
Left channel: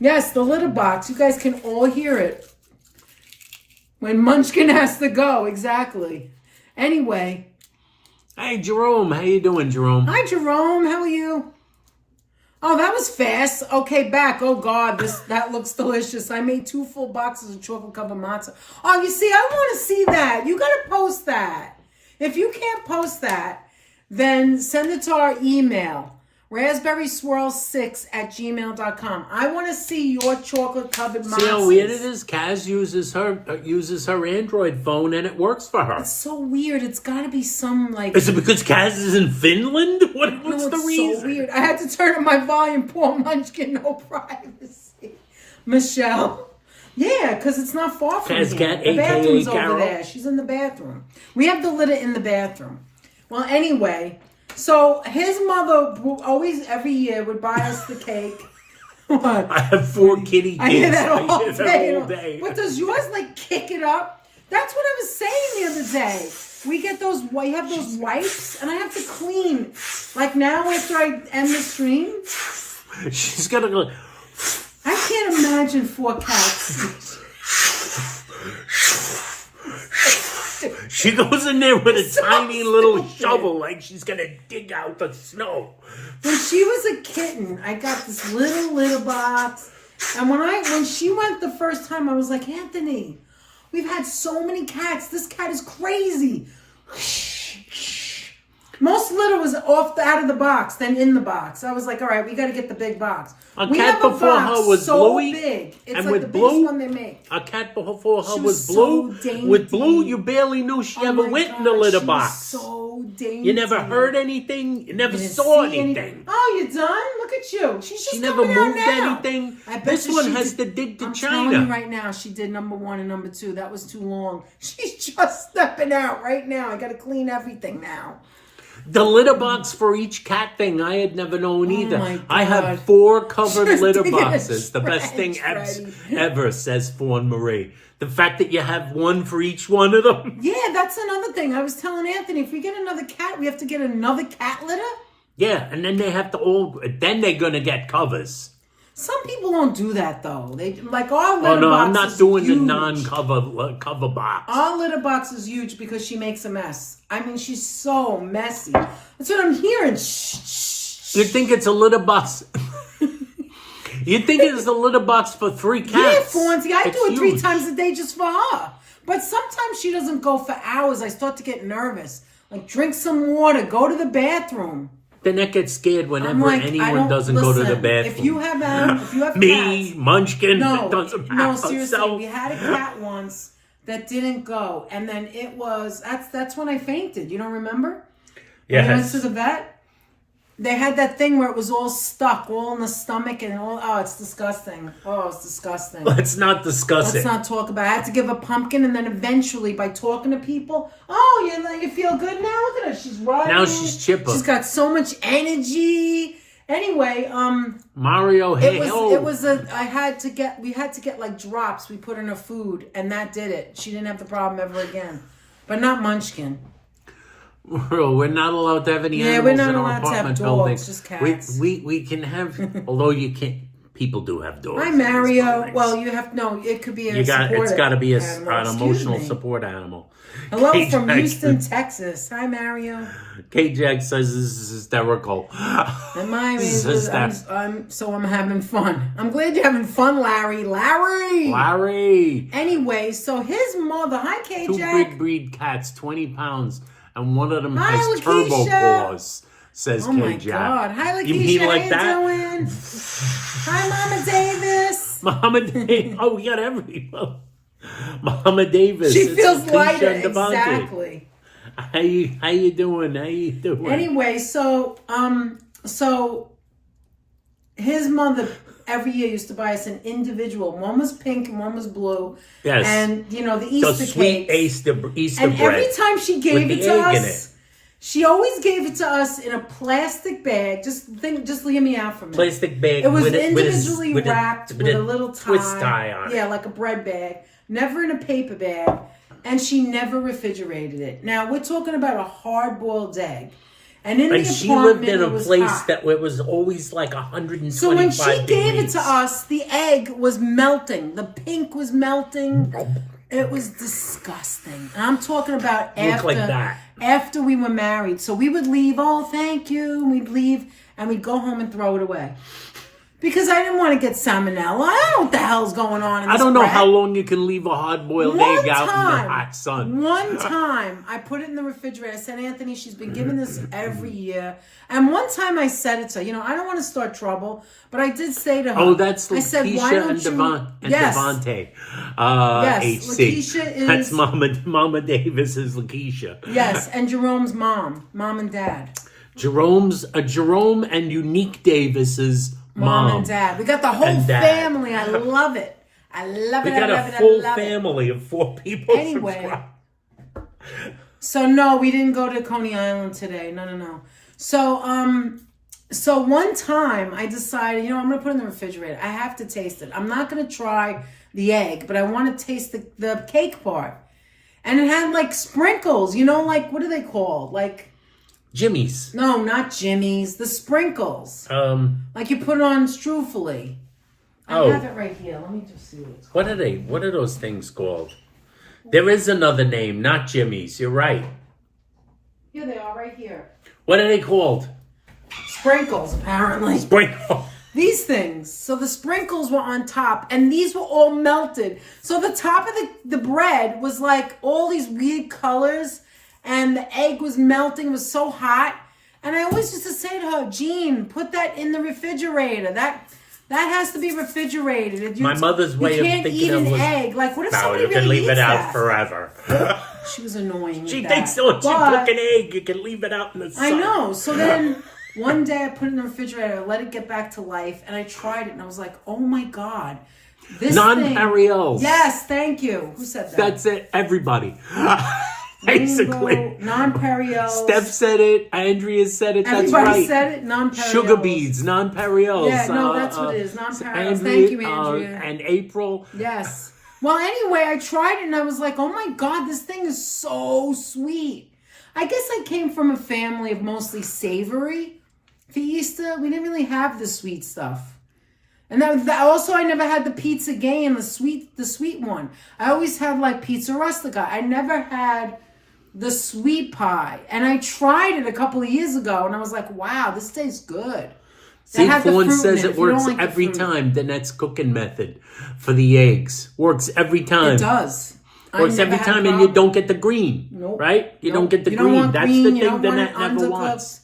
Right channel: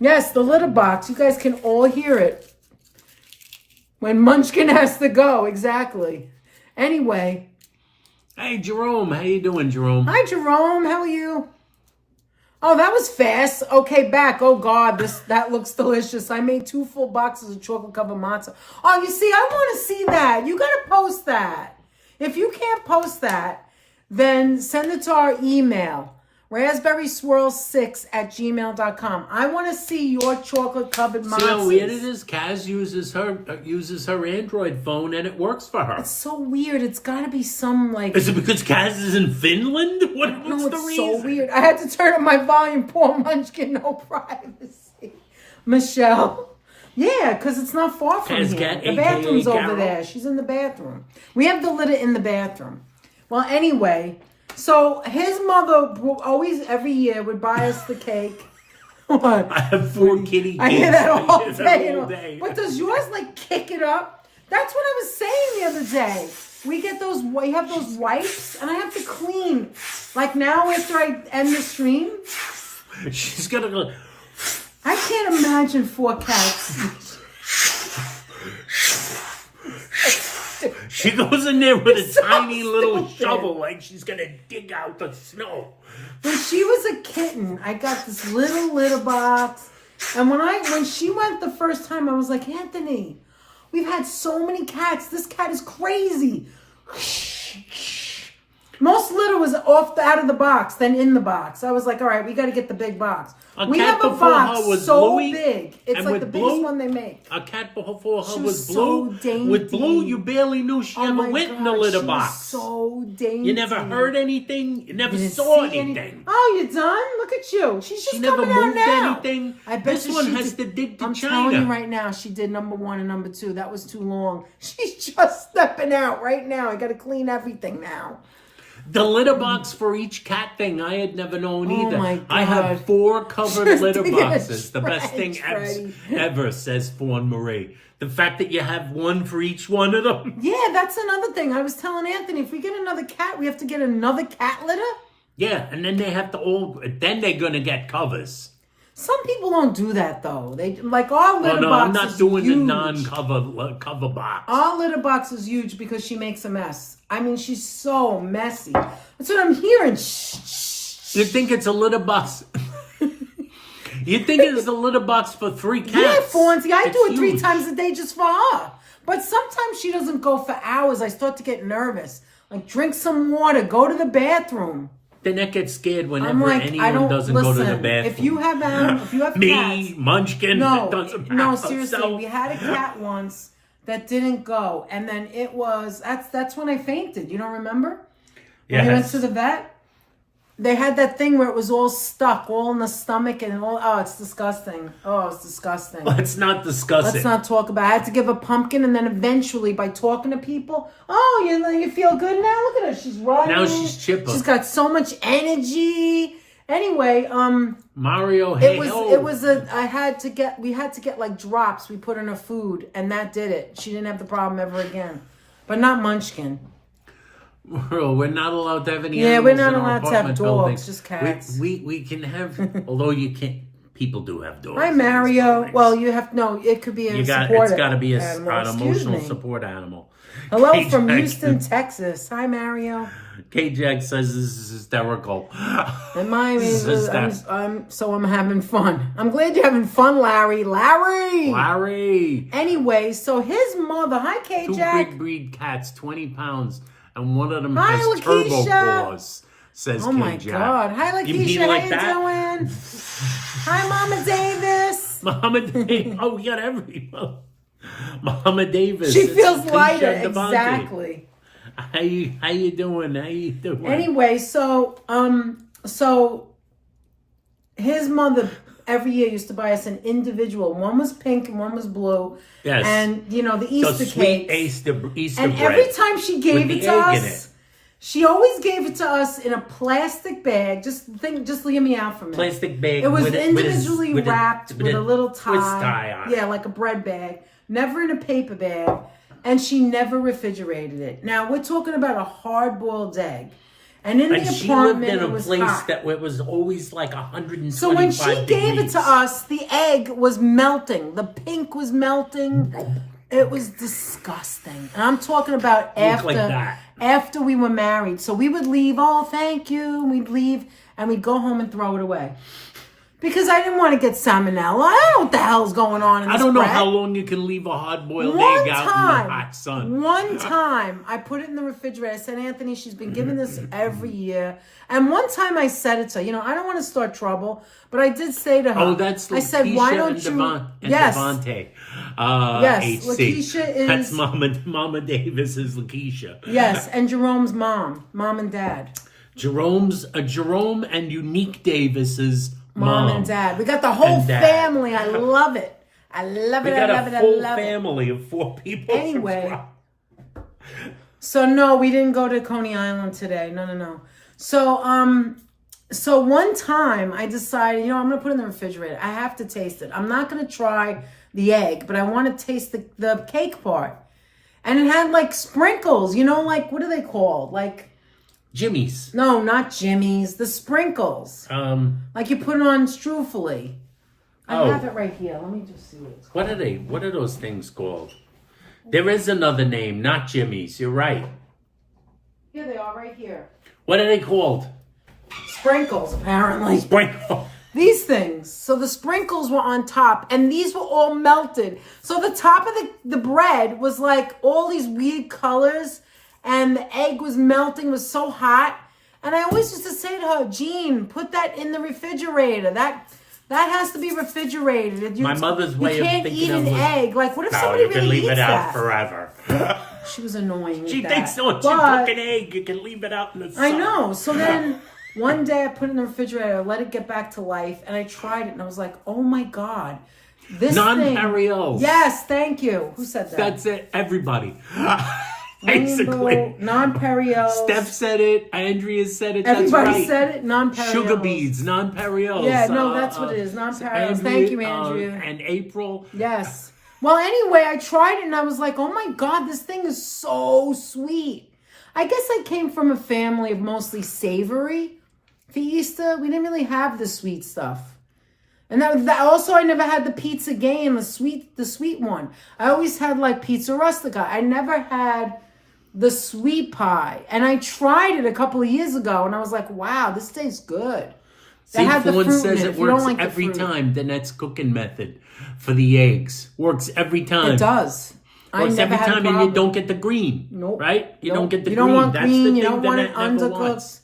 Yes, the litter box. You guys can all hear it. When Munchkin has to go. Exactly. Anyway. Hey, Jerome. How you doing, Jerome? Hi, Jerome. How are you? Oh, that was fast. Okay, back. Oh, God. That looks delicious. I made 2 full boxes of chocolate-covered matzo. Oh, you see, I want to see that. You got to post that. If you can't post that, then send it to our email, raspberryswirl6@gmail.com. I want to see your chocolate-covered matzahs. See how weird it is? Kaz uses her Android phone, and it works for her. It's so weird. It's got to be some, like... Is it because Kaz is in Finland? What's the reason? It's so weird. I had to turn up my volume. Poor Munchkin, no privacy. Michelle... Yeah, because it's not far from here. The bathroom's over there. She's in the bathroom. We have the litter in the bathroom. Well, anyway, so his mother always, every year, would buy us the cake. What? I have 4 kitty kids. I hear that all day. But does yours, like, kick it up? That's what I was saying the other day. We get those, you have those wipes, and I have to clean. Like now, after I end the stream. She's going to go... I can't imagine 4 cats. She goes in there with a tiny little shovel like she's going to dig out the snow. When she was a kitten, I got this little litter box. And when she went the first time, I was like, Anthony, we've had so many cats. This cat is crazy. Most litter was out of the box than in the box. I was like, all right, we got to get the big box. A We cat have a before box her was so bluey. big. It's and like with the biggest blue, one they make. a cat before her She was was blue. so With blue, dainty. you barely knew she Oh ever my went in the God, litter she box. was so dainty. You never heard anything. You never Didn't saw see anything. Oh, you done? Look at you. She's just She never coming out moved now. anything. I bet This you one she has did. to dig to I'm China. telling you right now, she did number 1 and number 2. That was too long. She's just stepping out right now. I got to clean everything now. The litter box for each cat thing, I had never known either. my I have God. 4 covered Just litter dig it boxes. The best straight, thing Freddie. ever, says Fawn Marie. The fact that you have one for each one of them. Yeah, that's another thing. I was telling Anthony, if we get another cat, we have to get another cat litter. Yeah, and then they have to then they're going to get covers. Some people don't do that though. They like our litter Oh, no, box I'm not is doing the huge. non-cover cover box. Our litter box is huge because she makes a mess. I mean, she's so messy. That's what I'm hearing. Shh. You think it's a litter box? You think it's a litter box for 3 cats? Yeah, Fonzie, I It's do it 3 huge. times a day just for her. But sometimes she doesn't go for hours. I start to get nervous. Like, drink some water, go to the bathroom. Then I get scared I'm whenever like, I anyone don't doesn't go to the listen, bathroom. If you have Me, cats, Munchkin, no, it doesn't matter. no, seriously, So- we had a cat once that didn't go, and then that's when I fainted. You don't remember? When I went Yes. to the vet. They had that thing where it was all stuck, all in the stomach, and all. Oh, it's disgusting. Oh, it's disgusting. Let's not discuss Let's it. not talk about it. I had to give a pumpkin, and then eventually, by talking to people, you feel good now? Look at her. She's riding. Now she's chipper. She's got so much energy. Anyway, Mario, hey, we had to get like drops we put in her food, and that did it. She didn't have the problem ever again. But not Munchkin. We're not allowed to have any Yeah, animals we're not in our allowed to have apartment dogs, building. just cats. We can have, although you can't. People do have dogs. Hi, in these Mario. buildings. Well, you have no. It could be It's got to be an Excuse emotional me. support animal. Hello K-Jack from Houston, Texas. Hi, Mario. K-Jack says this is hysterical. And I'm having fun. I'm glad you're having fun, Larry. Larry. Anyway, so his mother. Hi, 2 K-Jack. big breed cats, 20 pounds, and one of them Hi, has turbo Lakeisha. paws, says Oh my K-Jack. God. Hi, Lakeisha. You mean like How that? you doing? Hi, Mama Davis. Mama Davis. Oh, we got everyone. Mama Davis. She It's feels Lakeisha lighter. and Devontae. Exactly. How you doing? How you doing? Anyway, so his mother every year used to buy us an individual. One was pink and one was blue. Yes. And the Easter the sweet cakes. Easter And bread. every time she gave with it the to egg in us, it. she always gave it to us in a plastic bag. Just hear me out for a minute. Plastic bag. It was with individually with wrapped with a little tie. twist tie on it. Yeah, like a bread bag. Never in a paper bag. And she never refrigerated it. Now, we're talking about a hard-boiled egg. And in the she apartment, lived in it a was place hot. that it was always like 125 So when she degrees. gave it to us, the egg was melting. The pink was melting. It was disgusting. And I'm talking about Looked like that. after we were married. So we would leave, oh, thank you. And we'd leave, and we'd go home and throw it away. Because I didn't want to get salmonella. I don't know what the hell's going on in this I don't know bread. how long you can leave a hard-boiled egg out in the hot sun. One time, I put it in the refrigerator. I said, Anthony, she's been giving this every year. And one time I said it to her, I don't want to start trouble, but I did say to her. Oh, that's I said, why Lakeisha don't and, you... Yes. Devontae. Yes, HC. Lakeisha is... That's Mama Davis is Lakeisha. Yes, and Jerome's mom and dad. Jerome and Unique Davis's Mom and dad. We got the whole and dad. family. I love it. I love it. We got I love a it. full I love family of 4 people. Anyway. So no, we didn't go to Coney Island today. No. So one time I decided, I'm going to put it in the refrigerator. I have to taste it. I'm not going to try the egg, but I want to taste the cake part. And it had like sprinkles, like, what are they called? Like Jimmy's. No, not Jimmy's. The sprinkles. Like you put it on strufoli. I have it right here. Let me just see what it's called. What are they? What are those things called? There is another name, not Jimmy's. You're right. Here they are, right here. What are they called? Sprinkles, apparently. Sprinkle. These things. So the sprinkles were on top, and these were all melted. So the top of the bread was like all these weird colors, and the egg was melting. It was so hot. And I always used to say to her, Jean, put that in the refrigerator. That That has to be refrigerated. My mother's way of thinking you can't of eat an egg. Like, what if no, somebody you can really leave it eats out that? forever. She was annoying. She with thinks, that. oh, you But- cook an egg, you can leave it out in the sun. I know. So then one day I put it in the refrigerator, I let it get back to life, and I tried it, and I was like, oh my God. This Non-perio. Yes, thank you. Who said that? That's it. Everybody. Basically. Rainbow, non-perio. Steph said it. Andrea said it. That's Everybody right. said it. Non-perio. Sugar beads, non-perios. Yeah, no, that's what it is. Non-perios. Thank you, Andrea. And April. Yes. Well, anyway, I tried it and I was like, oh my God, this thing is so sweet. I guess I came from a family of mostly savory for Easter. We didn't really have the sweet stuff. And also, I never had the pizza game, the sweet one. I always had like pizza rustica. I never had the sweet pie. And I tried it a couple of years ago and I was like, wow, this tastes good. See, Fawn says it works every time. The Net's cooking method for the eggs works every time. It does. Works every time, and you don't get the green. Nope. Right? You don't get the you green. Don't want That's green. the You thing don't the want Net it never undercooked. wants.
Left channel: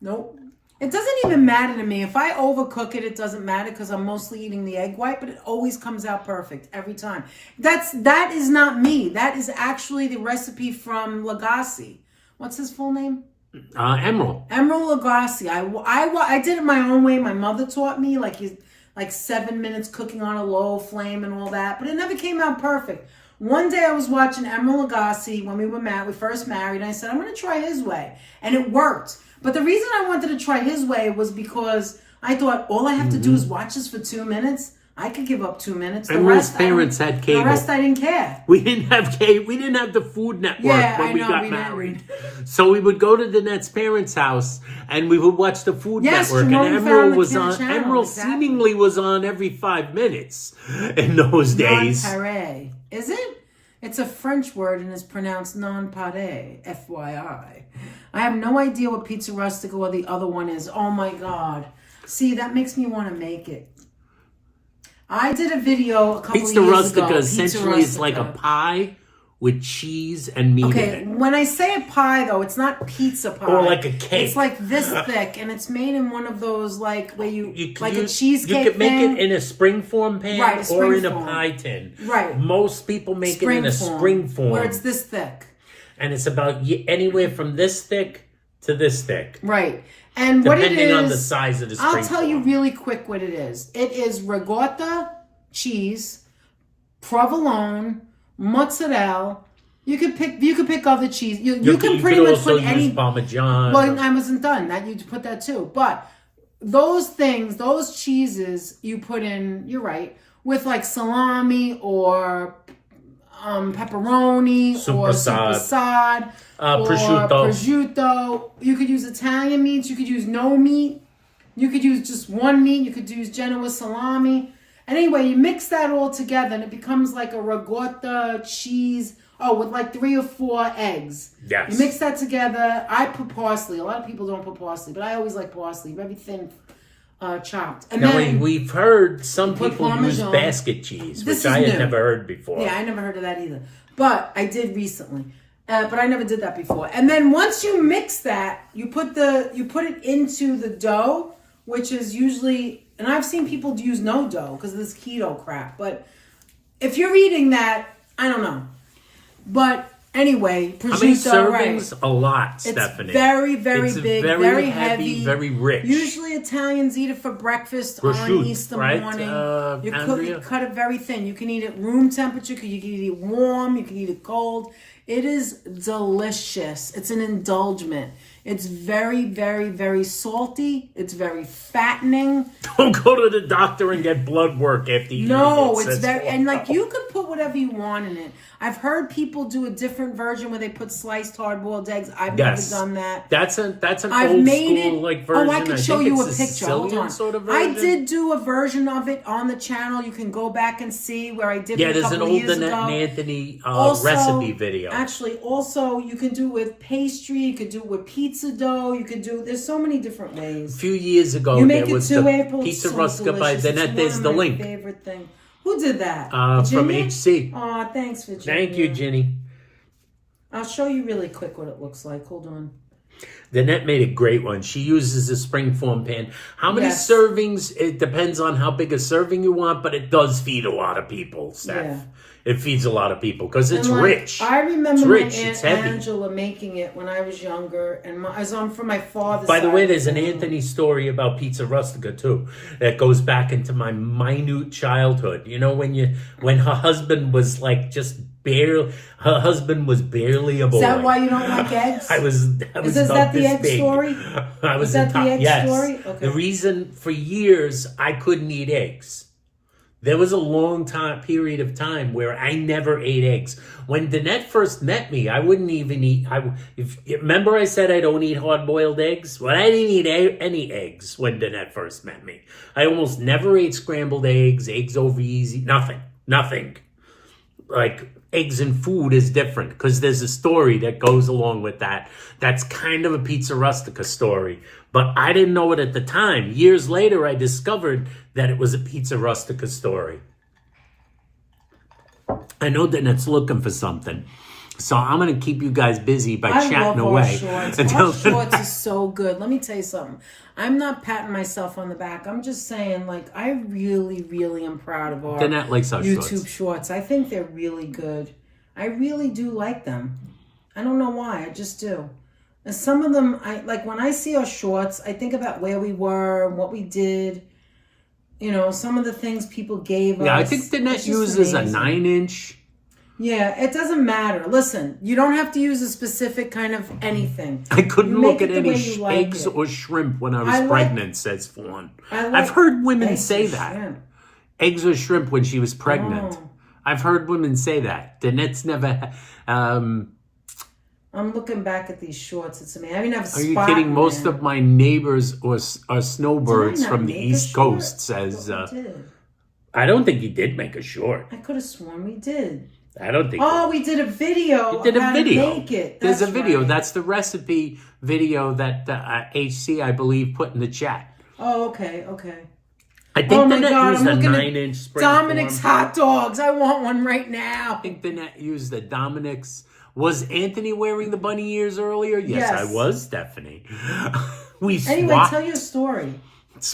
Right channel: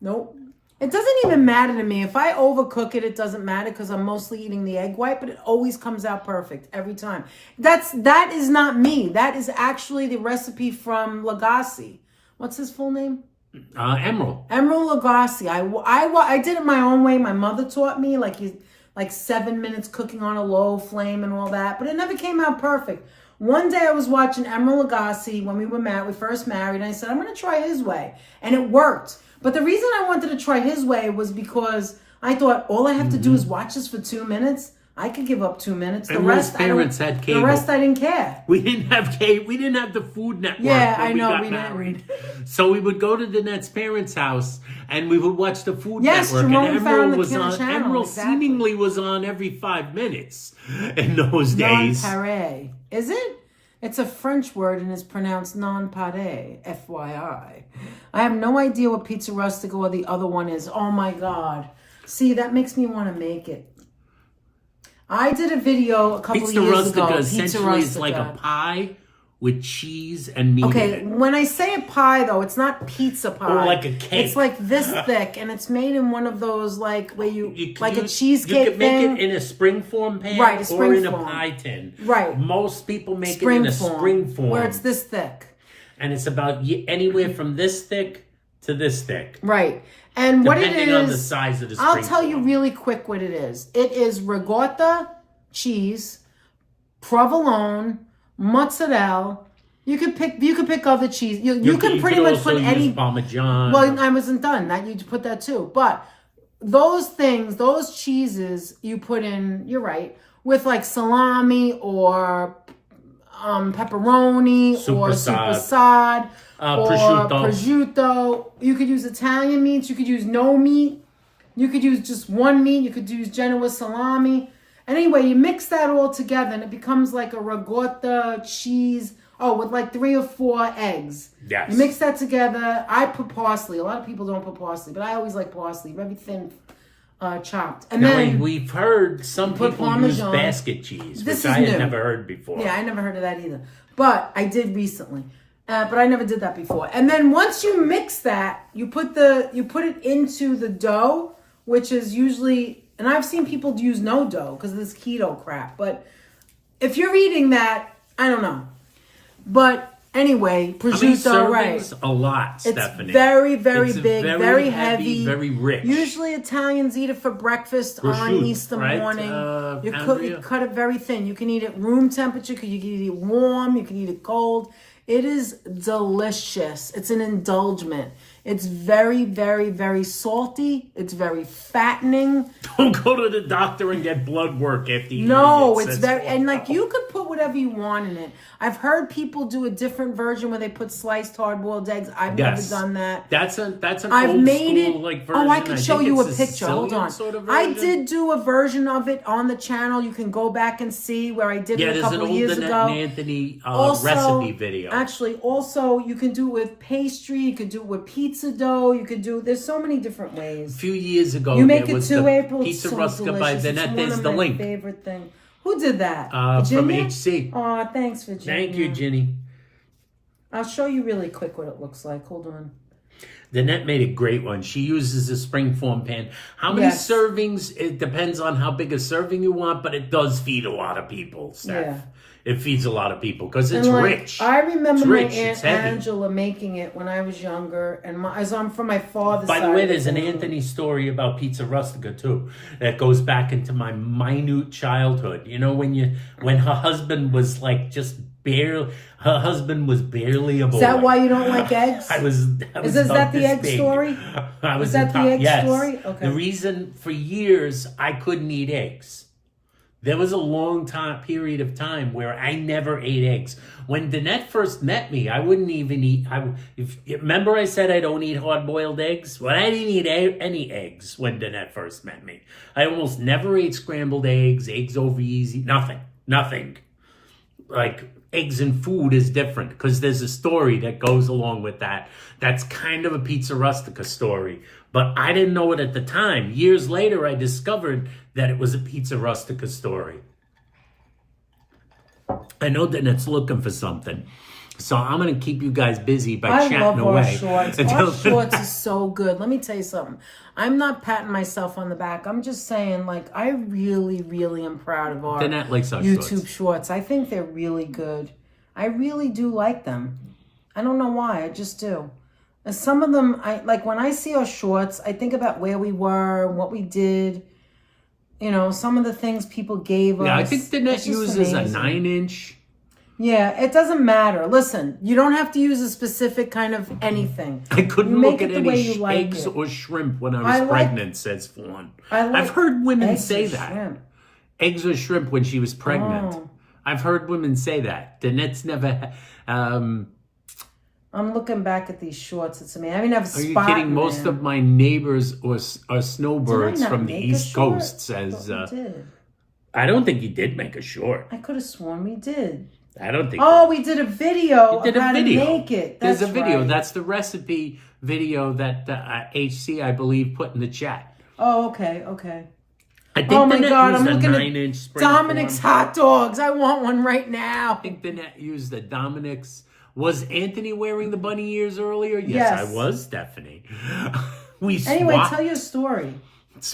Nope. It doesn't even matter to me. If I overcook it, it doesn't matter because I'm mostly eating the egg white, but it always comes out perfect every time. That is not me. That is actually the recipe from Lagasse. What's his full name? Emerald. Emerald Lagasse. I did it my own way. My mother taught me like 7 minutes cooking on a low flame and all that, but it never came out perfect. One day I was watching Emerald Lagasse when we first married, and I said, I'm going to try his way. And it worked. But the reason I wanted to try his way was because I thought all I have to do is watch this for 2 minutes. I could give up 2 minutes. Emerald's parents had cable. The rest I didn't care. We didn't have cable. We didn't have the Food Network when we got married. So we would go to the Net's parents' house and we would watch the Food Network. And Emerald was on. Channel, Emerald seemingly was on every 5 minutes in those days. Non-pare. Is it? It's a French word and is pronounced non-pare, FYI. I have no idea what pizza rustica or the other one is. Oh my God. See, that makes me want to make it. I did a video a couple of years ago. Pizza rustica essentially is like a pie with cheese and meat in it. When I say a pie, though, it's not pizza pie. Or like a cake. It's like this thick, and it's made in one of those, like, where a cheesecake You could make thing. it in a springform pan or in a pie tin. Right. Most people make it in a springform. Where it's this thick. And it's about anywhere from this thick to this thick. Right. And what it is, depending on the size of the springform. I'll tell you really quick what it is. It is ricotta cheese, provolone, mozzarella. You could pick other cheese. You can pretty much put any. Use Parmesan. Well, I wasn't done. That you put that too. But those things, those cheeses, you put in. You're right, with like salami or pepperoni or supersad. Prosciutto. You could use Italian meats. You could use no meat. You could use just one meat. You could use Genoa salami. Anyway, you mix that all together and it becomes like a ricotta cheese. Oh, with like 3 or 4 eggs. Yes. You mix that together. I put parsley. A lot of people don't put parsley, but I always like parsley. Very thin chopped. And now, then we've heard some people Parmesan. use basket cheese, This which I had new. never heard before. Yeah, I never heard of that either. But I did recently. But I never did that before. And then once you mix that, you put it into the dough, which is usually, and I've seen people use no dough because of this keto crap. But if you're eating that, I don't know. But anyway, prosciutto, How many servings? A lot, Stephanie. It's very, very it's big, very heavy, very rich. Usually Italians eat it for breakfast on Easter morning. You cut it very thin. You can eat it room temperature. You can eat it warm. You can eat it cold. It is delicious. It's an indulgence. It's very, very, very salty. It's very fattening. Don't go to the doctor and get blood work after you eat it. No, it's very, and like you could put whatever you want in it. I've heard people do a different version where they put sliced hard-boiled eggs. I've never done that. That's an old school like version. Oh, I could show you a picture. Sicilian Hold on. Sort of I version. did do a version of it on the channel. You can go back and see where I did it a couple of years ago. Yeah, there's an old Anthony Also, recipe video. Actually, also you can do it with pastry. You could do it with pizza dough. You could do it. There's so many different ways. A few years ago, there was the April, pizza rustica by Zitner. There's the link. Favorite thing. Who did that? From HC. Oh, thanks, Virginia. Thank you, Ginny. I'll show you really quick what it looks like. Hold on. Danette made a great one. She uses a springform pan. How many Yes. servings? It depends on how big a serving you want, but it does feed a lot of people, Steph. Yeah. It feeds a lot of people because it's And, like, rich. I remember It's my rich. Aunt It's heavy. Angela making it when I was younger, and as I'm from my father's By the side way, of there's an family. Anthony story about pizza rustica too that goes back into my minute childhood. You know, when her husband was like just barely, her husband was barely a boy. Is that why you don't like eggs? I was Is about that the this egg big. story? I was Is that in the top, egg yes. story? Okay. The reason for years I couldn't eat eggs. There was a long period of time where I never ate eggs. When Danette first met me, I wouldn't even eat. Remember I said I don't eat hard-boiled eggs? Well, I didn't eat any eggs when Danette first met me. I almost never ate scrambled eggs over easy, nothing. Like, eggs and food is different because there's a story that goes along with that. That's kind of a pizza rustica story. But I didn't know it at the time. Years later, I discovered that it was a pizza rustica story. I know that it's looking for something. So I'm going to keep you guys busy by chatting away. Our shorts is so good. Let me tell you something. I'm not patting myself on the back. I'm just saying, like, I really, really am proud of our Danette likes our YouTube shorts. I think they're really good. I really do like them. I don't know why. I just do. And some of them, like when I see our shorts, I think about where we were, what we did. You know, some of the things people gave us. Yeah, I think Danette uses a 9-inch. Yeah, it doesn't matter. Listen, you don't have to use a specific kind of anything. I couldn't You look make at it the way any you like eggs it. or shrimp when I was pregnant, says Fawn. I've like heard women eggs say and that. shrimp. Eggs or shrimp when she was pregnant. Oh. I've heard women say that. Danette's never... I'm looking back at these shorts. It's amazing. I mean, I've Are you kidding? Most of my neighbors are snowbirds from the East Coast, says... I don't think you did make a short. I could have sworn we did. I don't think... Oh, we did a video. You did a video. To make it. There's a video. Right. That's the recipe video that HC, I believe, put in the chat. Oh, okay, okay. I think my Danette God, used I'm a looking at 9-inch spring Dominic's form. hot dogs. I want one right now. I think Danette used the Dominic's. Was Anthony wearing the bunny ears earlier? Yes, Yes. I was, Stephanie. We Anyway, swapped. tell your story.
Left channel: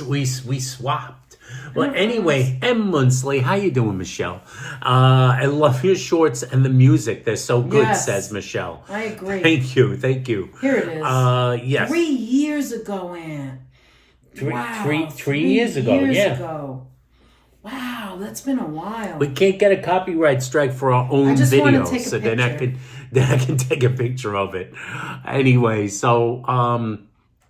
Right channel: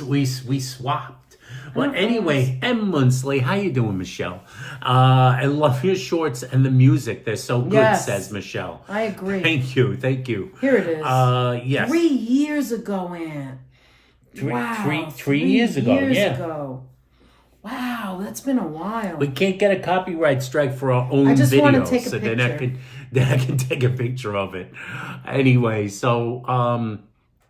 We swapped. Well, anyway, M. Munsley, how you doing, Michelle? I love your shorts and the music. They're so good, Yes. says Michelle. I agree. Thank you. Here it is. Yes. 3 years ago, Aunt. Three years ago, yeah. Ago. Wow, that's been a while. We can't get a copyright strike for our own just wanna video, take a so then I can take a picture of it. Anyway, so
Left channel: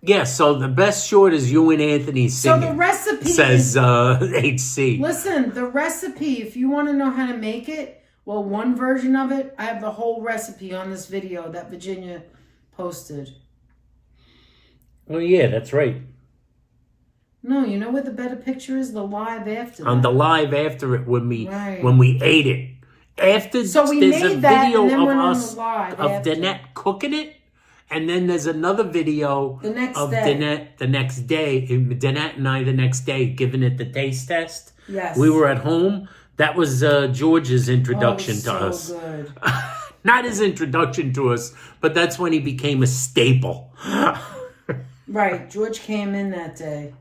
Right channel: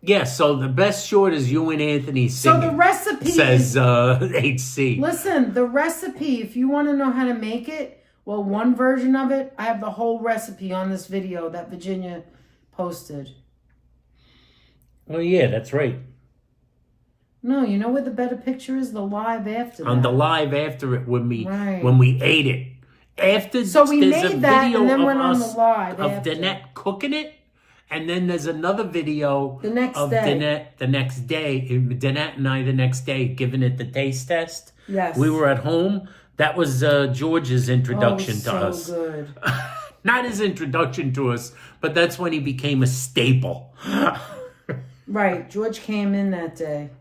yeah, so the best short is you and Anthony singing. So the recipe says HC. Listen, the recipe, if you want to know how to make it, well, one version of it, I have the whole recipe on this video that Virginia posted. Oh yeah, that's right. No, you know where the better picture is? The live after On that. the live after it when we Right. ate it. After So we there's a made that video and then of went on us the live of after. Danette cooking it, and then there's another video The next of day. Danette the next day. Danette and I the next day giving it the taste test. Yes. We were at home. That was George's introduction to us. Good. Not his introduction to us, but that's when he became a staple. Right, George came in that day.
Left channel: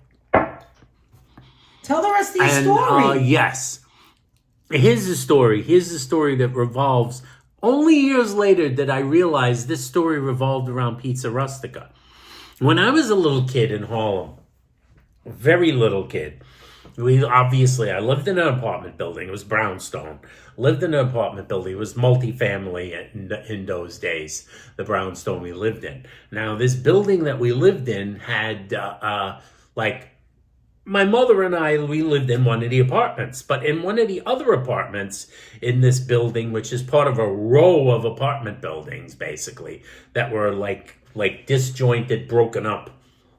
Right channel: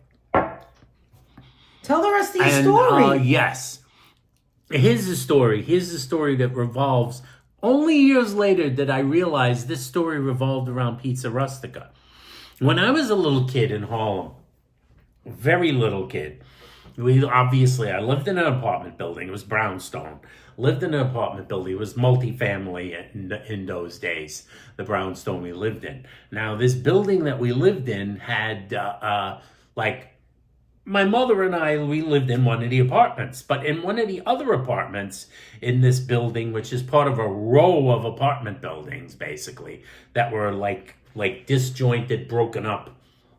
Tell the rest of your And story. yes, here's the story. Here's the story that revolves. Only years later did I realize this story revolved around pizza rustica. When I was a little kid in Harlem, a very little kid, I lived in an apartment building. It was brownstone. Lived in an apartment building. It was multifamily in those days, the brownstone we lived in. Now, this building that we lived in had, my mother and I, we lived in one of the apartments. But in one of the other apartments in this building, which is part of a row of apartment buildings, basically, that were like disjointed, broken up,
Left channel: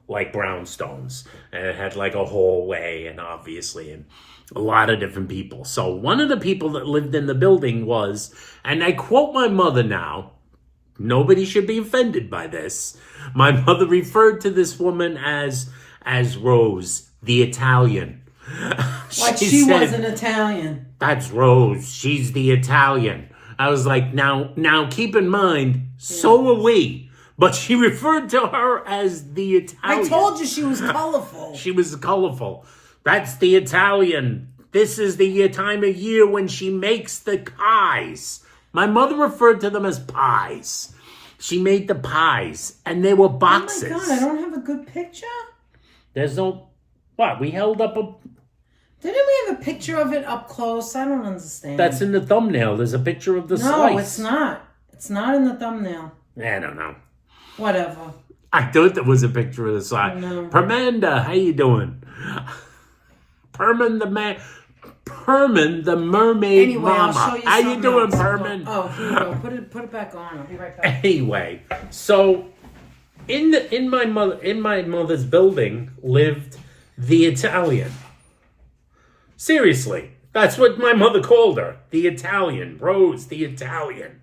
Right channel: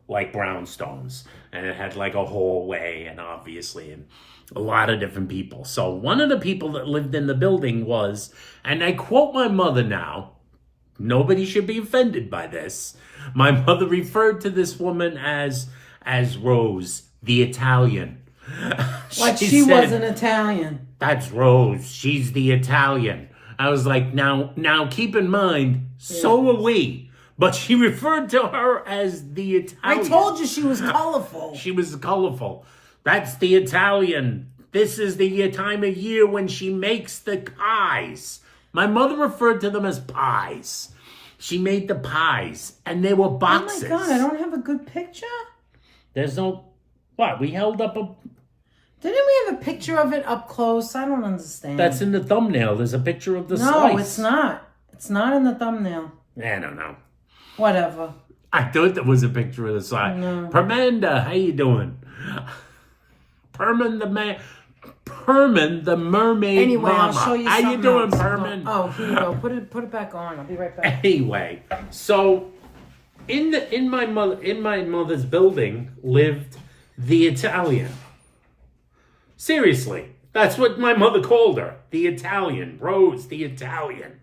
like brownstones, and it had like a hallway and a lot of different people. So one of the people that lived in the building was, and I quote my mother now, nobody should be offended by this. My mother referred to this woman as Rose, the Italian. Like she was an Italian. That's Rose. She's the Italian. I was like, now keep in mind, so are we. But she referred to her as the Italian. I told you she was colorful. She was colorful. That's the Italian. This is the time of year when she makes the pies. My mother referred to them as pies. She made the pies, and they were boxes. Oh my God, I don't have a good picture? There's no... What? We held up a... Didn't we have a picture of it up close? I don't understand. That's in the thumbnail. There's a picture of the slice. No, it's not. It's not in the thumbnail. I don't know. Whatever. I thought there was a picture of the slice. No. Permanda, how you doing? Perman the mermaid anyway, mama. I'll show you How you doing, else. Perman? Oh, here you go. Put it back on. I'll be right back. Anyway, so in my mother's building lived the Italian. Seriously, that's what my mother called her. The Italian. Rose, the Italian.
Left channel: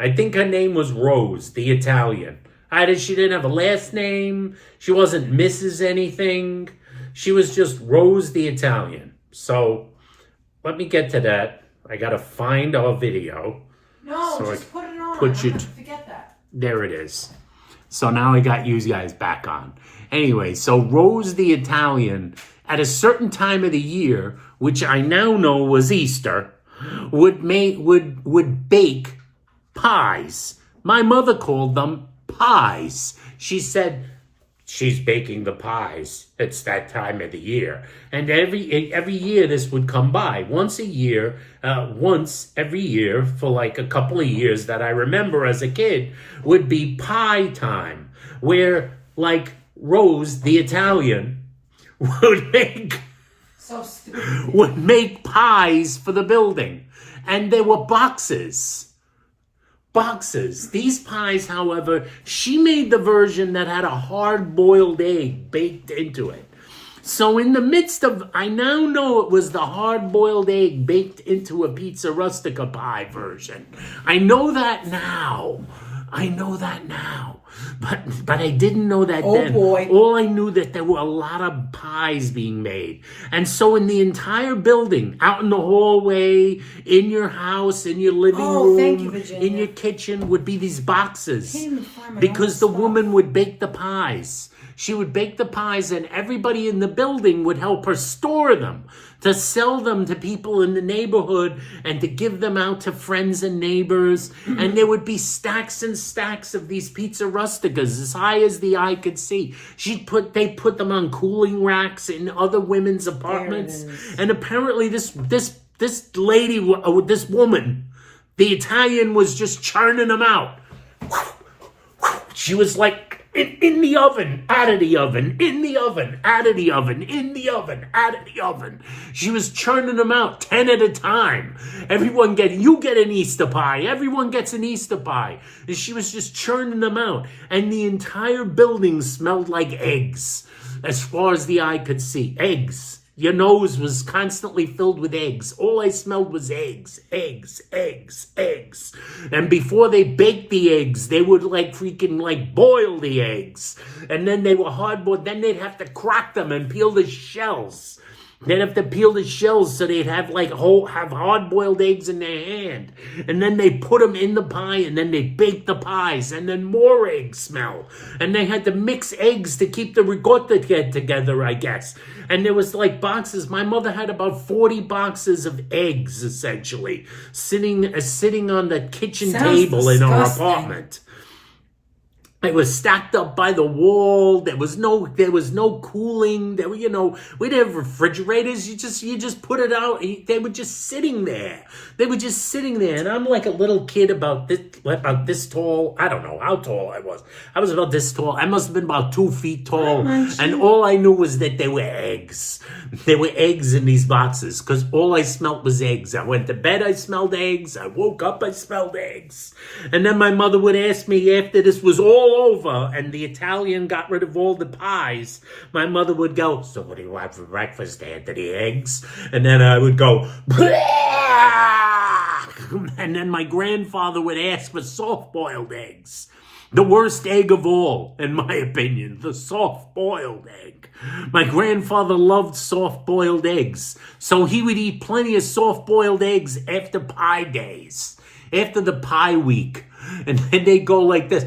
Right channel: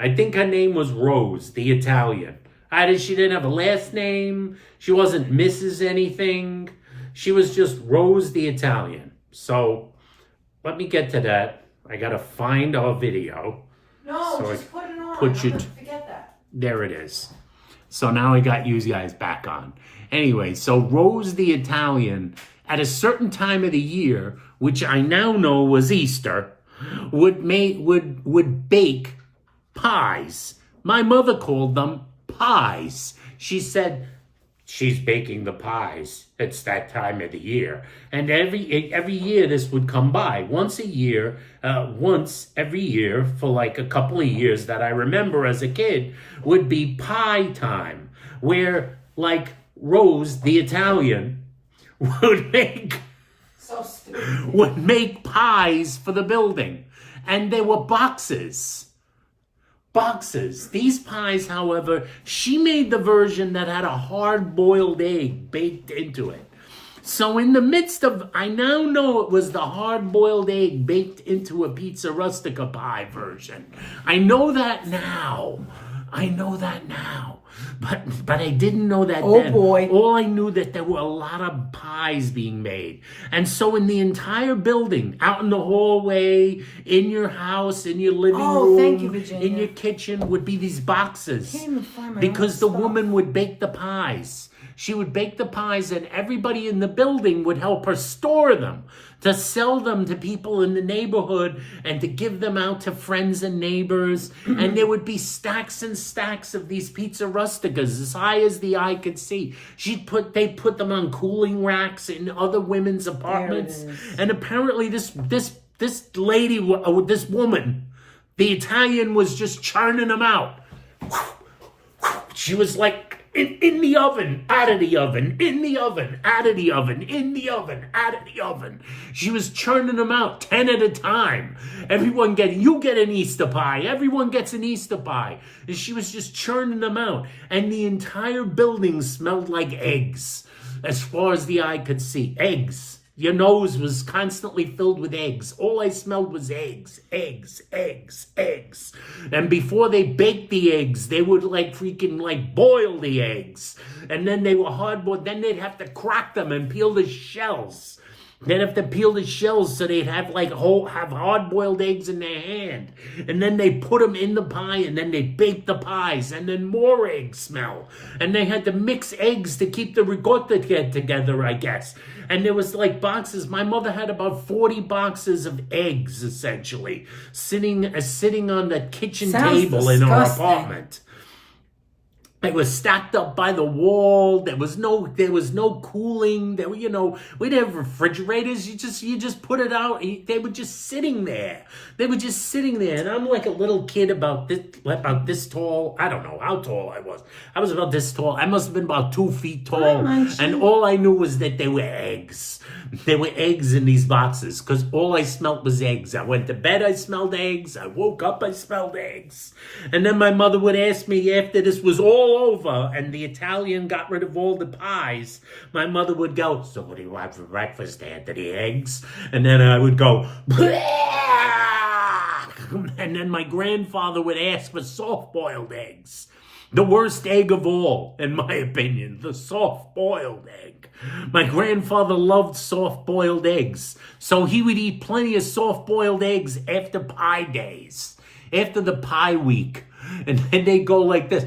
I think her name was Rose, the Italian. She didn't have a last name. She wasn't Mrs. anything. She was just Rose, the Italian. So, let me get to that. I gotta find our video. No, so just put it on. Forget that. There it is. So now I got you guys back on. Anyway, so Rose the Italian, at a certain time of the year, which I now know was Easter, would bake pies. My mother called them pies. She said, she's baking the pies. It's that time of the year. And every year this would come by. Once every year for like a couple of years that I remember as a kid would be pie time, where like Rose, the Italian, would make pies for the building. And they were boxes. These pies, however, she made the version that had a hard-boiled egg baked into it. So in the midst of, I now know it was the hard-boiled egg baked into a pizza rustica pie version. I know that now. But I didn't know that then. Boy. All I knew that there were a lot of pies being made. And so in the entire building, out in the hallway, in your house, in your living room, in your kitchen, would be these boxes. Because the woman would bake the pies. She would bake the pies and everybody in the building would help her store them, to sell them to people in the neighborhood and to give them out to friends and neighbors. And there would be stacks and stacks of these pizza rusticas as high as the eye could see. They put them on cooling racks in other women's apartments. And apparently this lady, this woman, the Italian, was just churning them out. She was like, in the oven, out of the oven, in the oven, out of the oven, in the oven, out of the oven. She was churning them out 10 at a time. You get an Easter pie. Everyone gets an Easter pie. And she was just churning them out. And the entire building smelled like eggs, as far as the eye could see. Eggs. Your nose was constantly filled with eggs. All I smelled was eggs. And before they baked the eggs, they would boil the eggs. And then they were hard-boiled. Then they'd have to crack them and peel the shells. They'd have to peel the shells so they'd have hard-boiled eggs in their hand. And then they put them in the pie, and then they bake the pies, and then more egg smell. And they had to mix eggs to keep the ricotta together, I guess. And there was boxes. My mother had about 40 boxes of eggs, essentially, sitting on the kitchen table in our apartment. It was stacked up by the wall. There was no cooling. We didn't have refrigerators. You just put it out. They were just sitting there. And I'm like a little kid about this tall. I don't know how tall I was. I was about this tall. I must have been about 2 feet tall. And all I knew was that they were eggs. There were eggs in these boxes because all I smelled was eggs. I went to bed, I smelled eggs. I woke up, I smelled eggs. And then my mother would ask me after this was all over and the Italian got rid of all the pies, my mother would go, "So what do you have for breakfast, Anthony? Eggs?" And then I would go, and then my grandfather would ask for soft-boiled eggs. The worst egg of all, in my opinion, the soft-boiled egg. My grandfather loved soft-boiled eggs, so he would eat plenty of soft-boiled eggs after pie days, after the pie week. and then they go like this.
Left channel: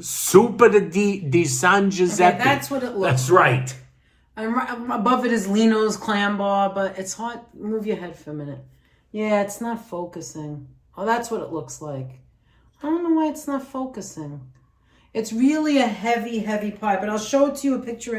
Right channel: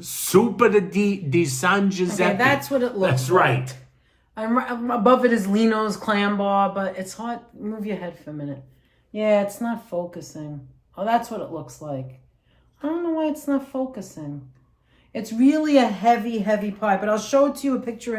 Super di San Giuseppe. Okay, that's what it looks That's like. right. I'm above it is Lino's clam bar, but it's hard. Move your head for a minute. Yeah, it's not focusing. Oh, that's what it looks like. I don't know why it's not focusing. It's really a heavy, heavy pie, but I'll show it to you a picture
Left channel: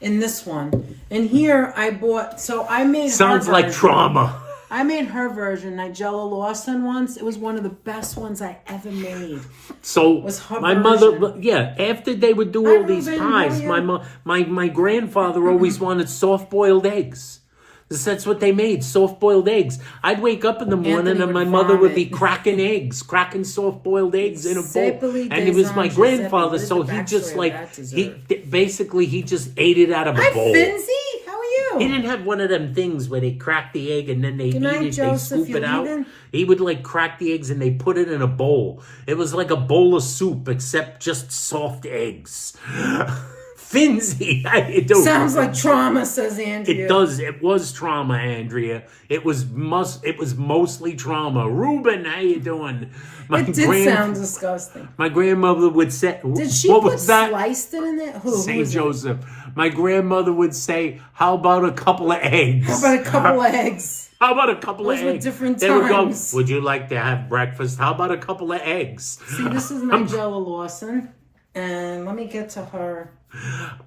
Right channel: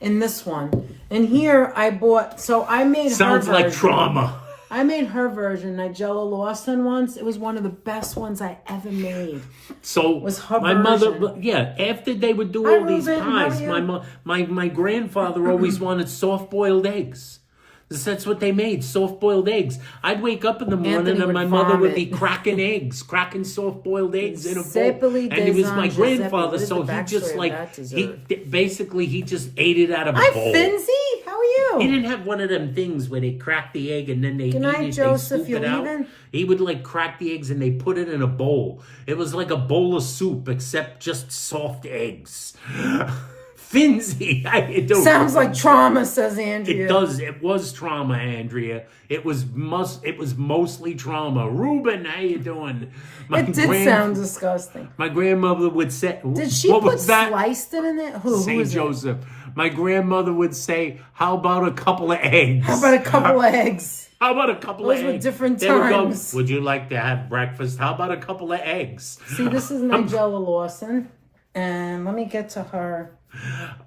in this one. And here I bought, so I made Sounds her like version. trauma. I made her version, Nigella Lawson once. It was one of the best ones I ever made. So Was her my version. mother, yeah, after they would do Hi, all these Ruben. pies, How are you? my grandfather always wanted soft-boiled eggs. That's what they made, soft-boiled eggs. I'd wake up in the morning Anthony and my would mother would be vomit. cracking soft-boiled eggs in a bowl. Giuseppe And it was my Giuseppe. grandfather, What is so the he just backstory like, of that he dessert? basically, he just ate it out of a Hi, bowl. Finzi. How are you? He didn't have one of them things where they crack the egg and then they Good eat night, it, Joseph. they scoop You it out. leaving? He would like crack the eggs and they put it in a bowl. It was like a bowl of soup, except just soft eggs. Finzi, how you doing? Sounds like trauma, says Andrea. It does. It was trauma, Andrea. It was mostly trauma. Ruben, how you doing? It did sound disgusting. My grandmother would say, Did she what put was that? sliced it in it? Who St. was it? Joseph. My grandmother would say, how about a couple of eggs? How about a couple of eggs? How about a couple Those of were eggs? different They would go, times. would you like to have breakfast? How about a couple of eggs? See, this is Nigella Lawson. And let me get to her.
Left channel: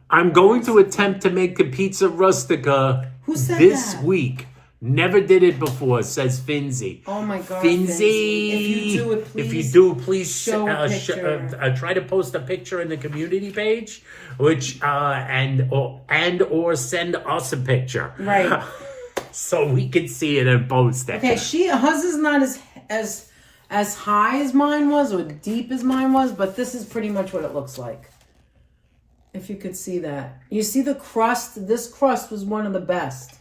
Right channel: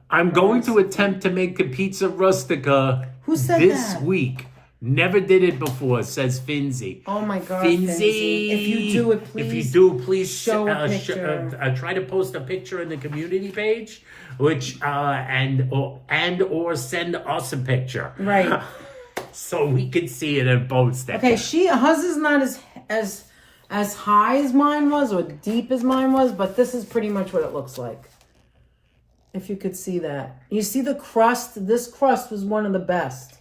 I'm going to attempt to make a pizza rustica Who said this that? week. Never did it before, says Finzi. Oh my God, Finzi. If you do it, please. If you do, please show a picture. try to post a picture in the community page, which or send us a picture. Right. So we can see it and post it. Okay, hers is not as high as mine was or deep as mine was, but this is pretty much what it looks like. If you could see that. You see the crust? This crust was one of the best.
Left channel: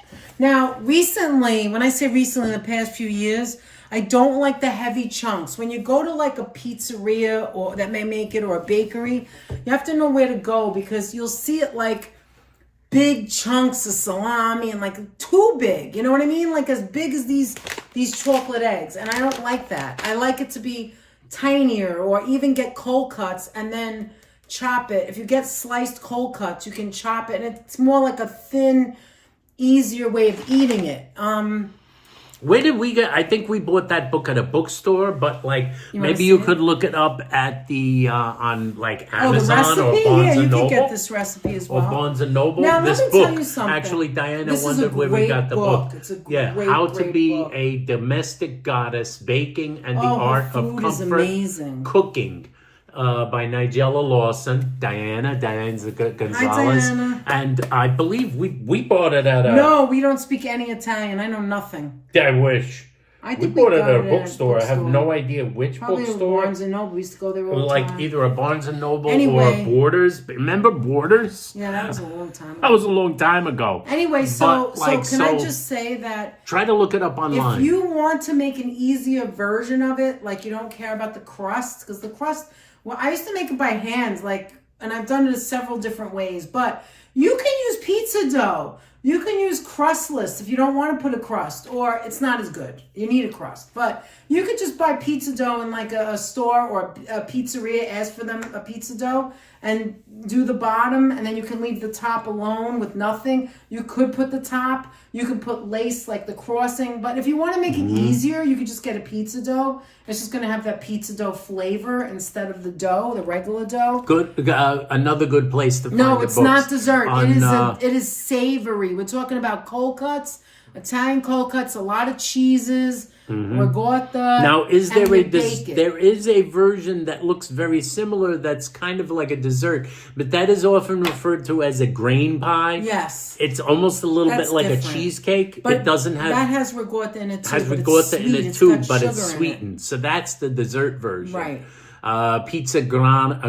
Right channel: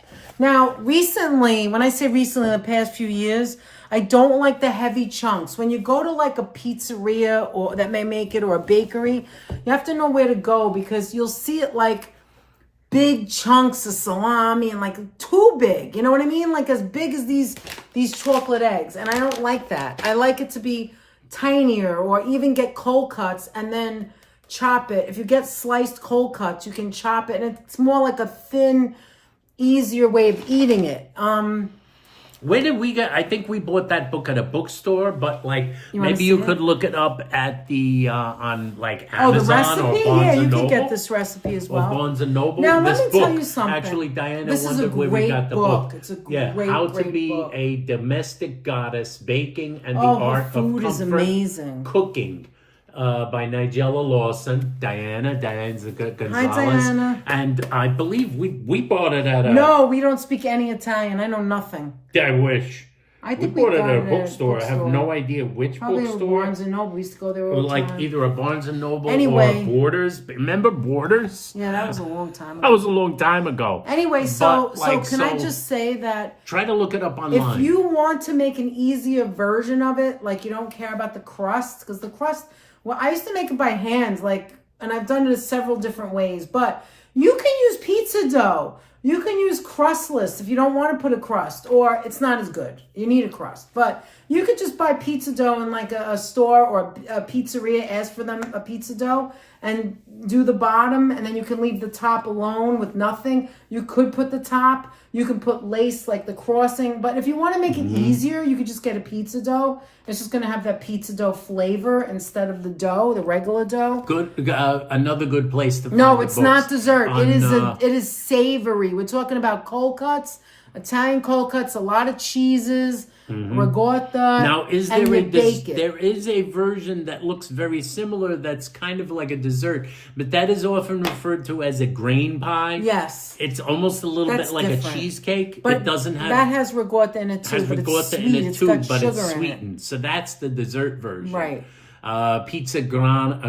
Now, recently, when I say recently, the past few years, I don't like the heavy chunks. When you go to like a pizzeria or that may make it or a bakery, you have to know where to go because you'll see it like big chunks of salami and like too big. You know what I mean? Like as big as these chocolate eggs. And I don't like that. I like it to be tinier or even get cold cuts and then chop it. If you get sliced cold cuts, you can chop it. And it's more like a thin, easier way of eating it. Where did we get? I think we bought that book at a bookstore, but like maybe see you it? could look it up at the on like Oh, the Amazon or recipe? Barnes Yeah, you and can Noble. get this recipe as well. Or Barnes and Noble. Now, let this me book. tell you something. Actually, Diana This is a wondered where we great got the book. book. It's a Yeah, great, How to great Be book. a Domestic Goddess, Baking and the Oh, her Art of food is Comfort amazing. Cooking. By Nigella Lawson, Diana Gonzalez, Diana. and I believe we bought it at a. No, we don't speak any Italian. I know nothing. I wish. I We think bought it got at a bookstore. I have bookstore. no idea which Probably bookstore. Barnes and Noble. We used to go there all the Like time. either a Barnes and Noble or a Anyway. Borders. Remember Borders? Yeah, that was a long time That ago. was a long time ago. Anyway, But, so can I just say that Try to look it up online. if you want to make an easier version of it, like you don't care about the crust, because the crust, well, I used to make it by hand, and I've done it several different ways, but you can use pizza dough. You can use crustless if you don't want to put a crust, or it's not as good. You need a crust. But you could just buy pizza dough in like a store or a pizzeria, ask for them a pizza dough, and do the bottom, and then you can leave the top alone with nothing. You could put the top. You could put lace like the crossing. But if you want to make it easier, you could just get a pizza dough. It's just going to have that pizza dough flavor instead of the dough, the regular dough. Good. Another good place to find No, the it's books not dessert. on, It is savory. We're talking about cold cuts, Italian cold cuts, a lot of cheeses, ricotta. Now, is and there you bake it. there is a version that looks very similar that's kind of like a dessert, but that is often referred to as a grain pie. Yes. It's almost a little That's bit like different. a cheesecake. But it doesn't have that has ricotta in it too. has but it's ricotta in sweet. it It's too, got but sugar it's in it. sweetened. So that's the dessert version. Right. Pizza grana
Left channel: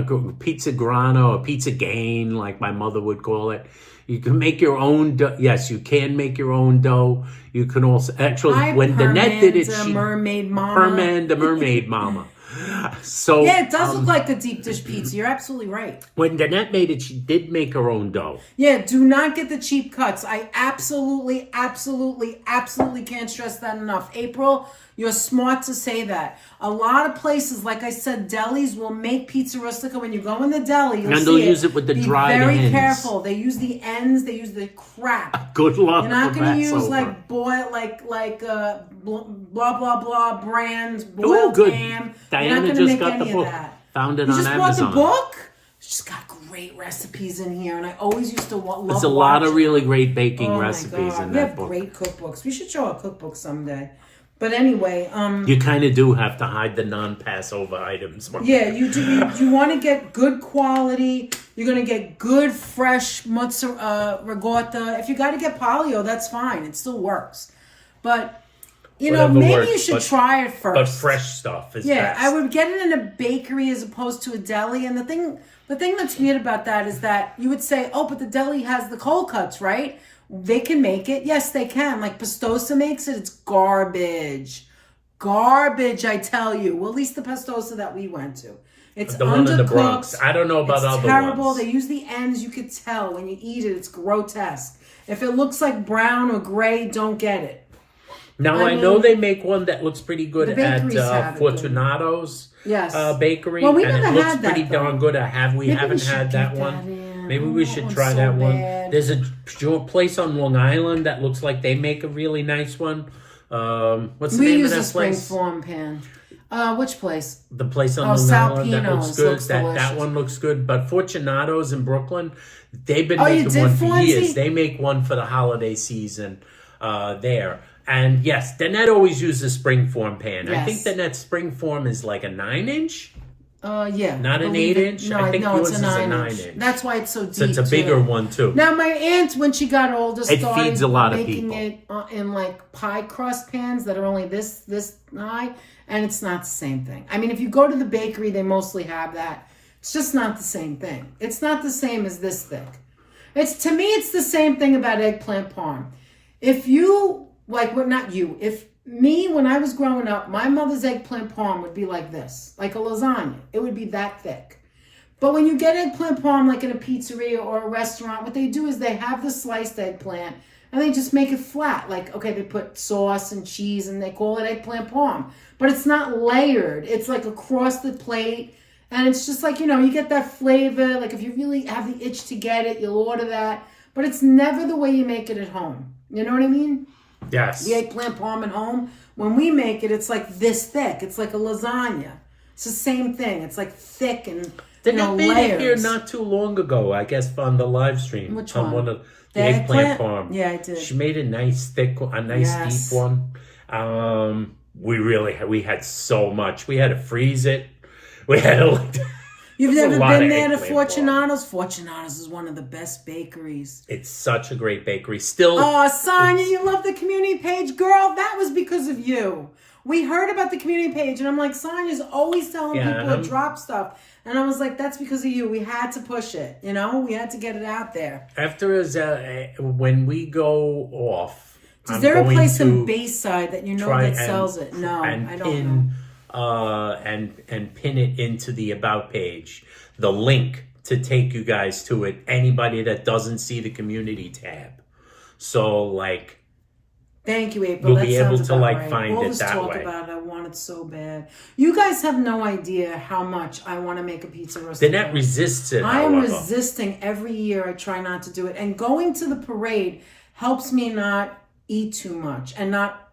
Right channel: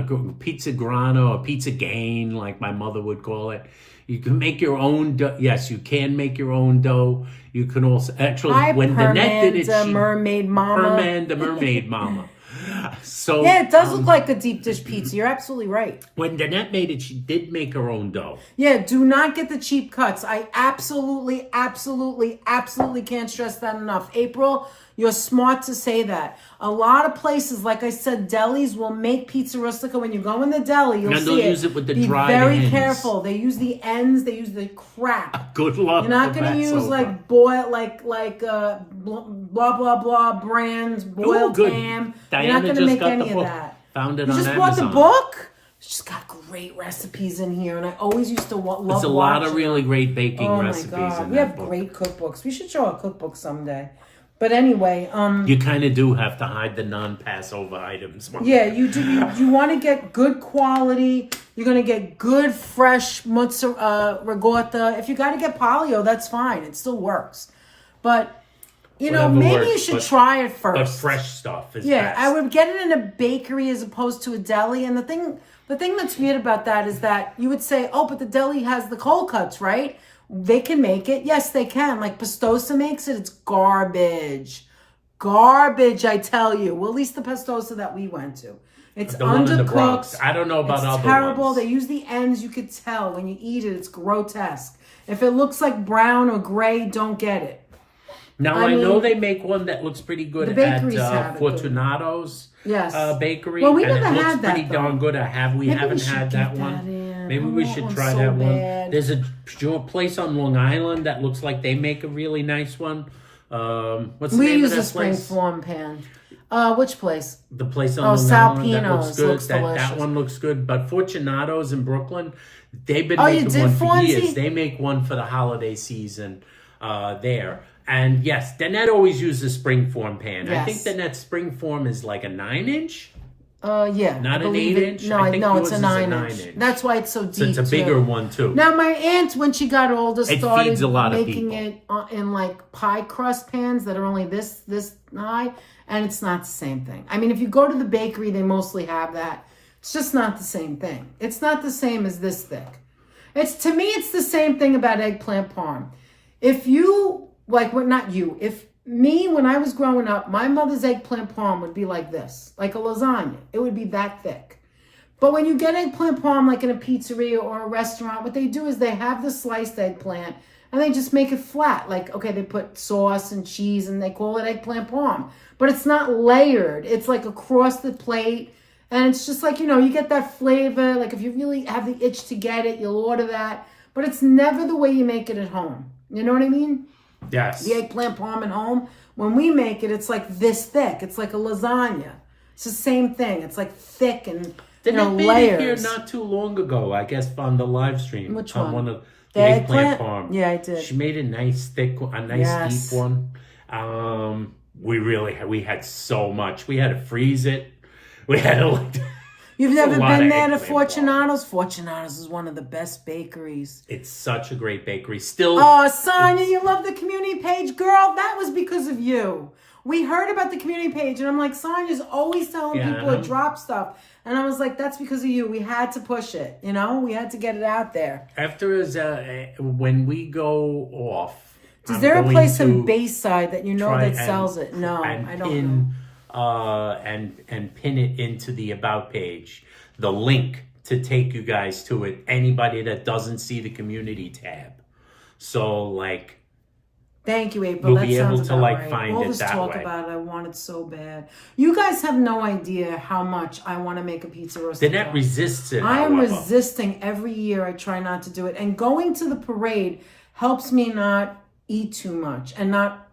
or pizza gain, like my mother would call it. You can make your own dough. Yes, you can make your own dough. You can also Hi, when Danette did it, Permanda, she Mermaid Mama. Herman, the mermaid mama. So Yeah, it does look like a deep dish pizza. You're absolutely right. when Danette made it, she did make her own dough. Yeah, do not get the cheap cuts. I absolutely can't stress that enough. April, You're smart to say that. A lot of places, like I said, delis will make pizza rustica. When you go in the deli, you'll see they'll use it with the dried ends. Be very careful. They use the ends. They use the crap. Good luck. You're not going to use like boil, like blah blah blah brands boiled ham. Diana just got the book. Found it on Amazon. You just bought the book? She's got great recipes in here, and I always used to love. There's a lot of really great baking recipes in that book. We have great cookbooks. We should show a cookbook someday. But anyway, you kind of do have to hide the non-Passover items. Yeah, you do. You want to get good quality. You're going to get good, fresh mozzarella, ricotta. If you got to get paleo, that's fine. It still works. But, you know, maybe you should try it first. But fresh stuff is best. I would get it in a bakery as opposed to a deli. And the thing that's weird about that is that you would say, oh, but the deli has the cold cuts, right? They can make it. Yes, they can. Like Pastosa makes it. It's garbage. Garbage, I tell you. Well, at least the Pastosa that we went to. It's the one in the Bronx. I don't know about other ones. It's terrible. They use the ends. You could tell when you eat it. It's grotesque. If it looks like brown or gray, don't get it. Now, I know they make one that looks pretty good at Fortunato's bakery. Well, we and never it looks had pretty that, darn good. We haven't had that one. Maybe we should try that one. There's a place on Long Island that looks like they make a really nice one. What's the name of that place? We use a spring form pan. Which place? The place on Long Island that looks good. That one looks good. But Fortunato's in Brooklyn, they've been making one for years. They make one for the holiday season there. And yes, Danette always uses spring form pan. Yes. I think Danette's spring form is like a 9-inch. Yeah. Not an 8-inch? No, I think yours it's a 9-inch. That's why it's so deep. So it's a bigger one, too. Now, my aunt, when she got older, started feeds a lot of making people. it in like pie crust pans that are only this high, and it's not the same thing. I mean, if you go to the bakery, they mostly have that. It's just not the same thing. It's not the same as this thick. To me, it's the same thing about eggplant parm. If you, when I was growing up, my mother's eggplant parm would be like this, like a lasagna. It would be that thick. But when you get eggplant parm, like in a pizzeria or a restaurant, what they do is they have the sliced eggplant and they just make it flat. Like, okay, they put sauce and cheese and they call it eggplant parm. But it's not layered. It's like across the plate. And it's just like, you get that flavor. Like if you really have the itch to get it, you'll order that. But it's never the way you make it at home. You know what I mean? Yes. The eggplant parm at home, when we make it, it's like this thick. It's like a lasagna. It's the same thing. It's like thick and layers. They made it here not too long ago, I guess, on the live stream. Which one? On one of the eggplant parm. Yeah, I did. She made a nice thick, deep one. We had so much. We had to freeze it. We had to You've never been there to Fortunato's? Fortunato's is one of the best bakeries. It's such a great bakery. Still. Oh, Sonia, you love the community page. Girl, that was because of you. We heard about the community page, and I'm like, Sonia's always telling people to drop stuff. And I was like, that's because of you. We had to push it. We had to get it out there. After when we go off, is there a place in Bayside that that sells it? No, I don't know. And pin it into the About page, the link to take you guys to it, anybody that doesn't see the community tab. So, thank you, April. You'll be able to, find it that way. About it. I want it so bad. You guys have no idea how much I want to make a pizza rustica. Danette resists it, I am resisting every year. I try not to do it. And going to the parade helps me not eat too much and not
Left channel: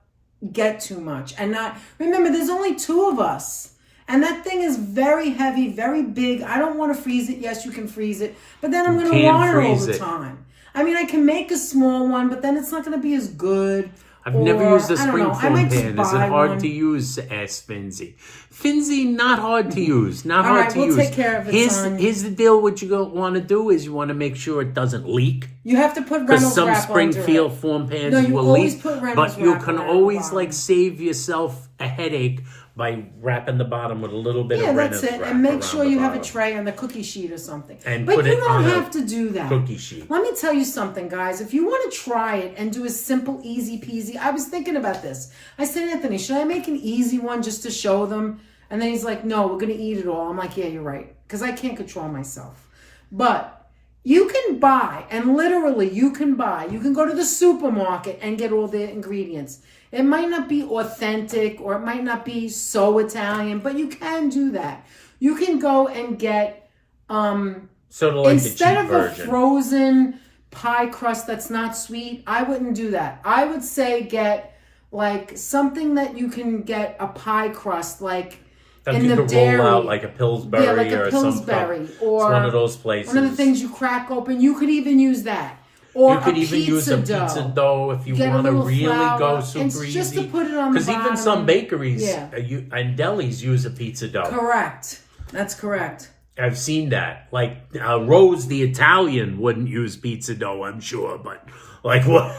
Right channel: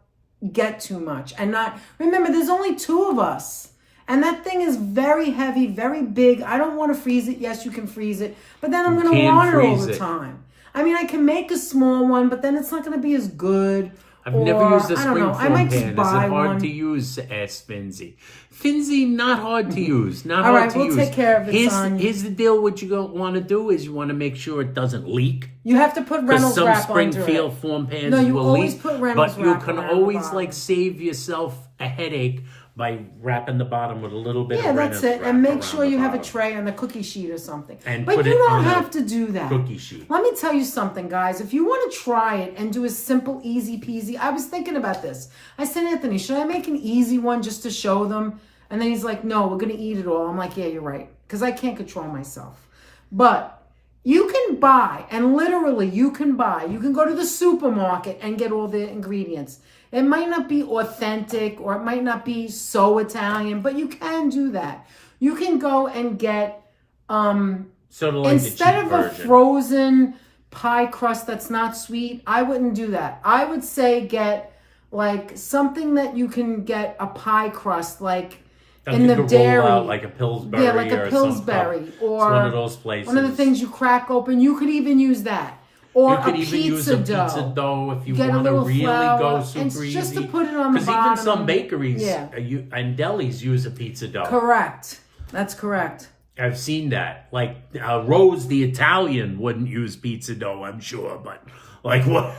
get too much and not remember there's only 2 of us and that thing is very heavy, very big. I don't want to freeze it. Yes, you can freeze it, but then I'm going to want it all the time. I mean, I can make a small one, but then it's not going to be as good. I've never used a spring form pan. Is it hard to use? Ask Finzi. Finzi, not hard to use. Not hard to use. Take care of it. Here's the deal. What you want to do is you want to make sure it doesn't leak. You have to put Reynolds wrap because some Springfield form pans will leak. But you can always save yourself a headache by wrapping the bottom with a little bit of Reynolds wrap. And make sure you have a tray on the cookie sheet or something. But you don't have to do that. Cookie sheet. Let me tell you something, guys. If you want to try it and do a simple, easy peasy, I was thinking about this. I said, Anthony, should I make an easy one just to show them? And then he's like, no, we're going to eat it all. I'm like, yeah, you're right. Because I can't control myself. But You can buy, and literally you can go to the supermarket and get all the ingredients. It might not be authentic or it might not be so Italian, but you can do that. You can go and get, sort of like instead the cheap of version. a frozen pie crust that's not sweet, I wouldn't do that. I would say get like something that you can get a pie crust, like That in you the could dairy. roll out like a Pillsbury, Yeah, like a or Pillsbury, some or it's one of those places. one of the things you crack open. You could even use that. Or You could a even use pizza a pizza dough if you Get a want to little really flour. go super It's easy. just to put it on the Because bottom. even some bakeries Yeah. and delis use a pizza dough. Correct. That's correct. I've seen that. Like Rose the Italian wouldn't use pizza dough, I'm sure, but like what?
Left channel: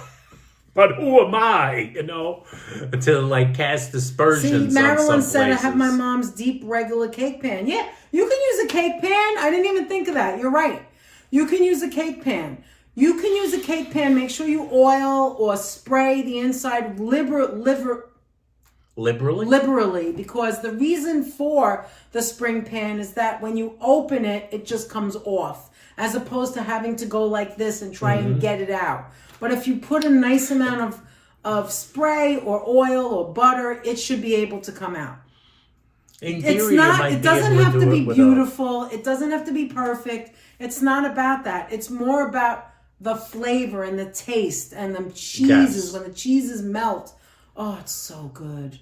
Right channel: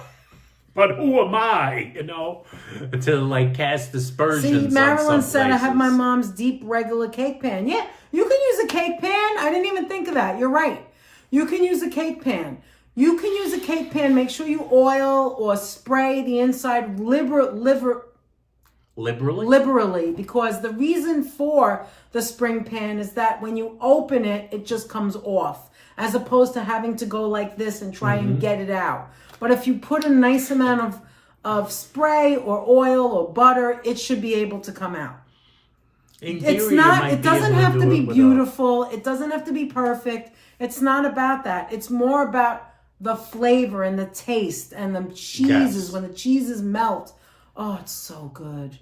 But who am I, to like cast aspersions See, on Marilyn some said I places? have my mom's deep regular cake pan. Yeah, you can use a cake pan. I didn't even think of that. You're right. You can use a cake pan. You can use a cake pan. Make sure you oil or spray the inside liberally, because the reason for the spring pan is that when you open it, it just comes off, as opposed to having to go like this and try and get it out. But if you put a nice amount of spray or oil or butter, it should be able to come out. In theory, It's not. you might It be doesn't able have to do be it without- beautiful. It doesn't have to be perfect. It's not about that. It's more about the flavor and the taste and the cheeses. Yes. When the cheeses melt, oh, it's so good.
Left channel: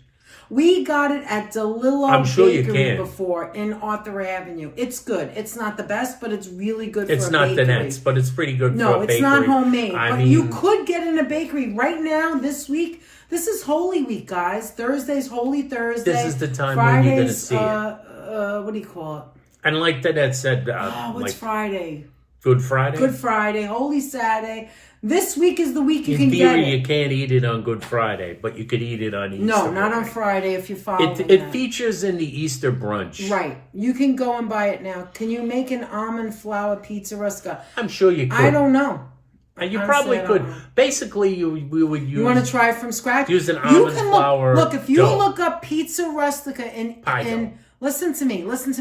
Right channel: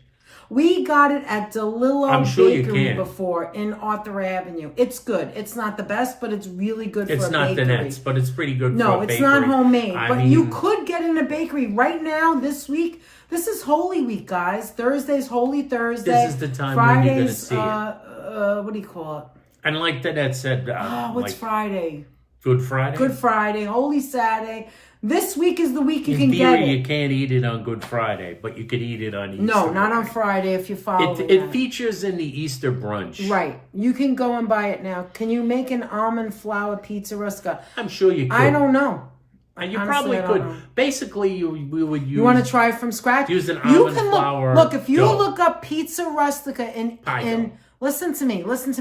We got it at DeLillo I'm sure you Bakery can. before in Arthur Avenue. It's good. It's not the best, but it's really good for It's a not bakery. Danette's, but it's pretty good for a bakery. No, it's not homemade. I But mean, you could get in a bakery right now this week. This is Holy Week, guys. Thursday's Holy Thursday. This is the time when you're going to Friday's, see it. what do you call it? And like Danette said, What's like Friday? Good Friday? Good Friday, Holy Saturday. This week is the week you In can theory, get it. you can't eat it on Good Friday, but you could eat it on Easter. No, not on morning. Friday if you follow It features in the Easter brunch. Right. You can go and buy it now. Can you make an almond flour pizza rustica? I'm sure you could. I don't know. And you Honestly, probably I don't could. know. Basically, we would use... You want to try it from scratch? Use an You almond can flour Look, if you dough. look up pizza rustica Pie and dough. listen to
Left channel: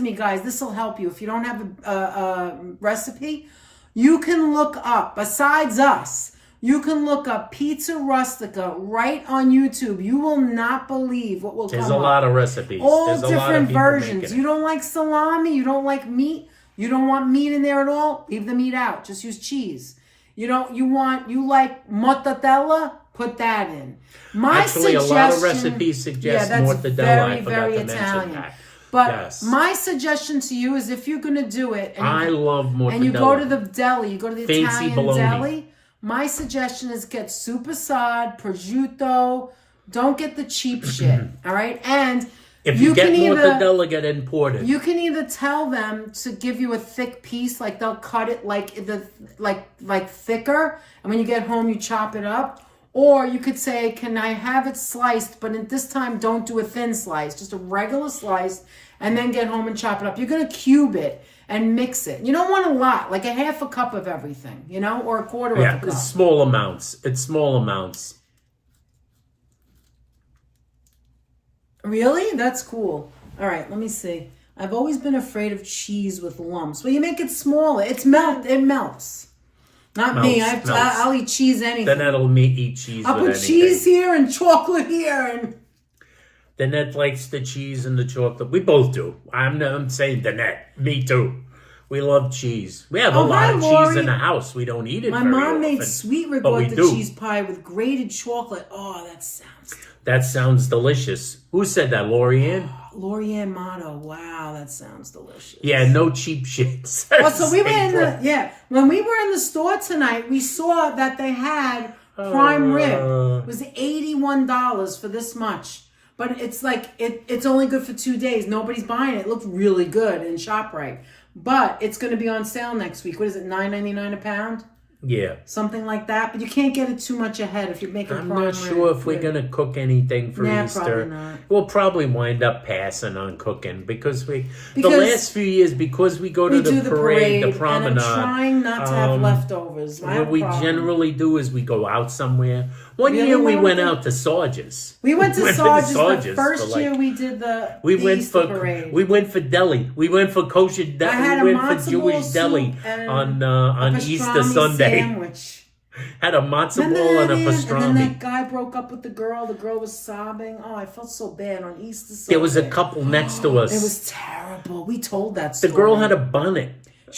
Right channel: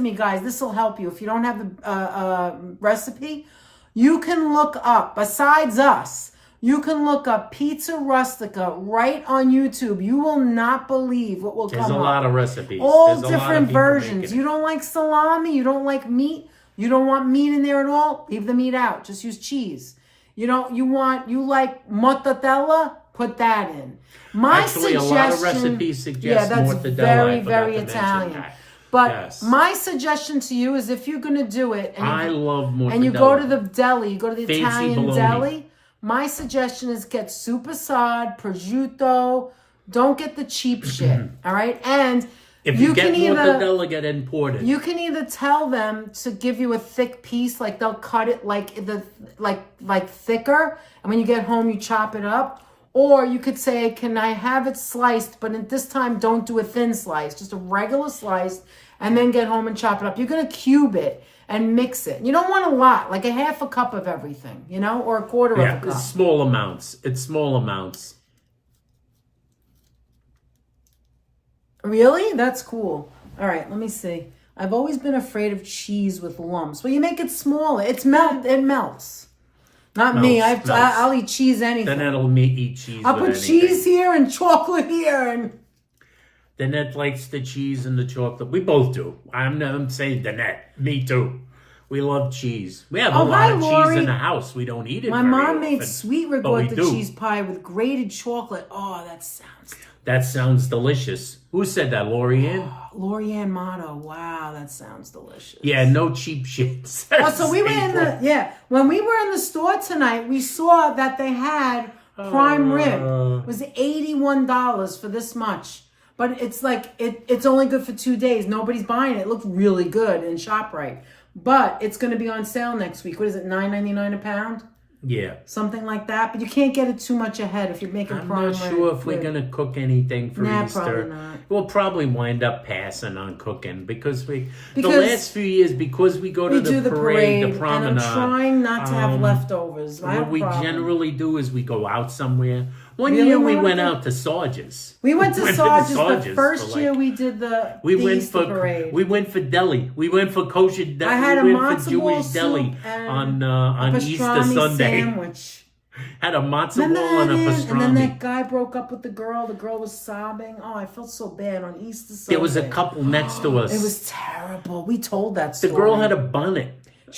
me, guys. This will help you. If you don't have a recipe, you can look up, besides us, you can look up pizza rustica right on YouTube. You will not believe what will come up. There's a lot of recipes. All There's a lot of different people versions. making You it. don't like salami, you don't like meat, you don't want meat in there at all, leave the meat out. Just use cheese. You like mortadella, put that in. Actually, a lot of recipes suggest that's mortadella. very, I forgot very to mention Italian. that. But Yes. my suggestion to you is if you're going to do it, I love mortadella. and you go to the deli, you go to the Fancy Italian bologna. deli, my suggestion is get supersad, prosciutto. Don't get the cheap shit, all right? And If you get mortadella, get imported. you can either tell them to give you a thick piece, like they'll cut it like thicker, and when you get home you chop it up. Or you could say, can I have it sliced, but at this time don't do a thin slice, just a regular slice, and then get home and chop it up. You're going to cube it and mix it. You don't want a lot, like a half a cup of everything, or a quarter of a cup. It's small amounts. It's small amounts. Really? That's cool. All right, let me see. I've always been afraid of cheese with lumps. Well, you make it smaller. It melts. Not me. I'll eat cheese anything. Then that'll eat cheese I'll with put anything. cheese here and chocolate here. And Danette likes the cheese and the chocolate. We both do. I'm saying Danette. Me too. We love cheese. We have a lot of cheese in the house. We don't eat it my very mom often, made sweet but we ricotta do. cheese pie with grated chocolate. Oh, That sounds delicious. Who said that, Lorianne? Lorianne Motto. Wow, that sounds delicious. Yeah, no cheap shit. So we were when we were in the store tonight, we saw that they had prime rib. It was $81 for this much. But it's like, it's only good for 2 days. Nobody's buying it. It looked really good in ShopRite. But it's going to be on sale next week. What is it, $9.99 a pound? Yeah. Something like that. But you can't get it too much ahead if you're making I'm prime not rib. sure if we're going to cook anything for Easter. Probably not. We'll probably wind up passing on cooking because the last few years, because we go to the parade, the promenade. And I'm trying not to have leftovers. What we generally do is we go out somewhere. One Really, year we Monica? went out to Sarge's. We went to Sarge's the Sarge's first for, year we did the Easter parade. We went for deli. We went for kosher deli. I had We a went for matzo ball Jewish deli soup on Easter pastrami Sunday. Sandwich. Had a matzo ball and a pastrami. And then that guy broke up with the girl. The girl was sobbing. Oh, I felt so bad on Easter Sunday. There was a couple next to us. It was terrible. We told that story. The girl had a bonnet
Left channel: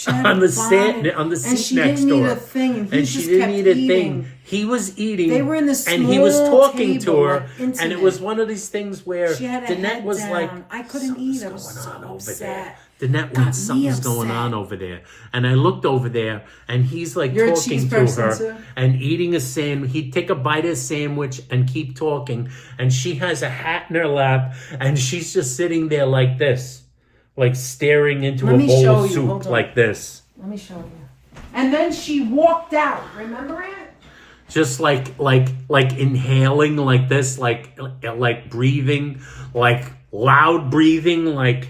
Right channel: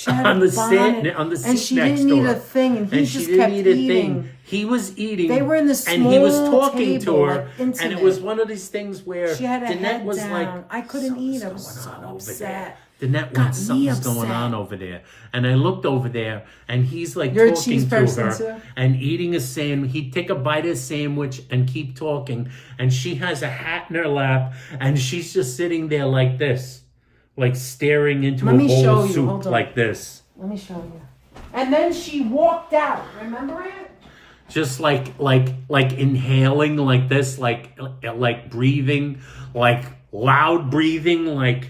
on the seat next door. And she didn't eat a thing. And she didn't eat a thing. He was eating. They were in this small and he was talking to table, her. like, and it was one of these things where she had a Danette head was down. like, I couldn't eat. I was "Something's so going on over upset. there." Danette went, something's going on over there. And I looked over there, and he's like talking to her and eating a sandwich. He'd take a bite of a sandwich and keep talking. And she has a hat in her lap, and she's just sitting there like this, like staring into a bowl of soup like this. Let me show you. And then she walked out. Remember it? Just like inhaling like this, like breathing, like loud breathing, like.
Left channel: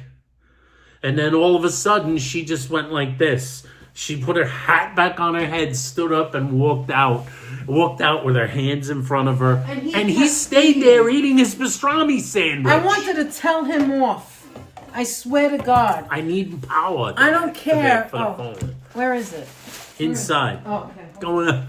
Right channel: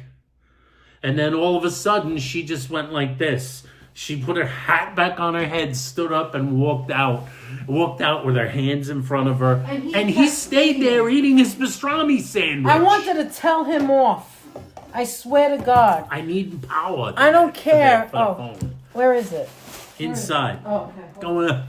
And then all of a sudden, she just went like this. She put her hat back on her head, stood up, and walked out. Walked out with her hands in front of her. And he stayed there eating his pastrami sandwich. I wanted to tell him off. I swear to God. I need power. I don't care. For the phone. Where is it? Inside. Oh, okay. Going up.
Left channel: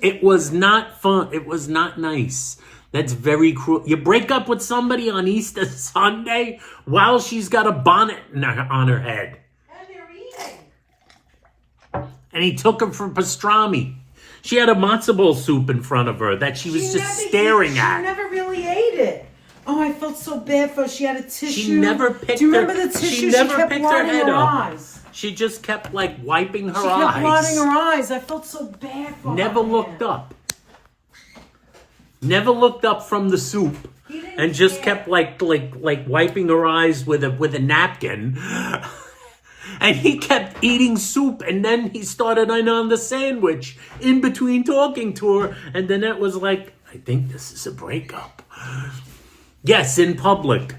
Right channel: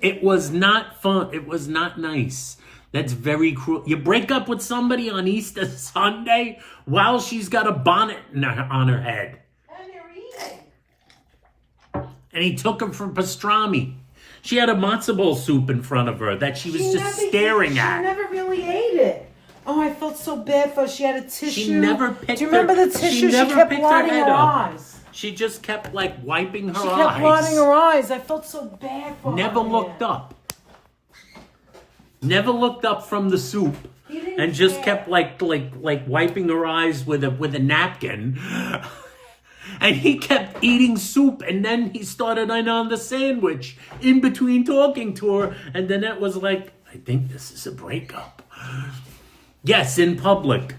It was not fun. It was not nice. That's very cruel. You break up with somebody on Easter Sunday while she's got a bonnet on her head. And they're eating. And he took her for pastrami. She had a matzo ball soup in front of her that she was just staring at. She never really ate it. Oh, I felt so bad for her. She had a tissue. She never picked Do you remember the tissue? She never picked her head up. Eyes. She just kept like wiping her eyes. She kept blotting her eyes. I felt so bad for her. Never looked up. Never looked up from the soup, and just kept like wiping her eyes with a napkin. And he kept eating soup, and then he started on the sandwich in between talking to her, and then it was like, I think this is a breakup. Yes, in public.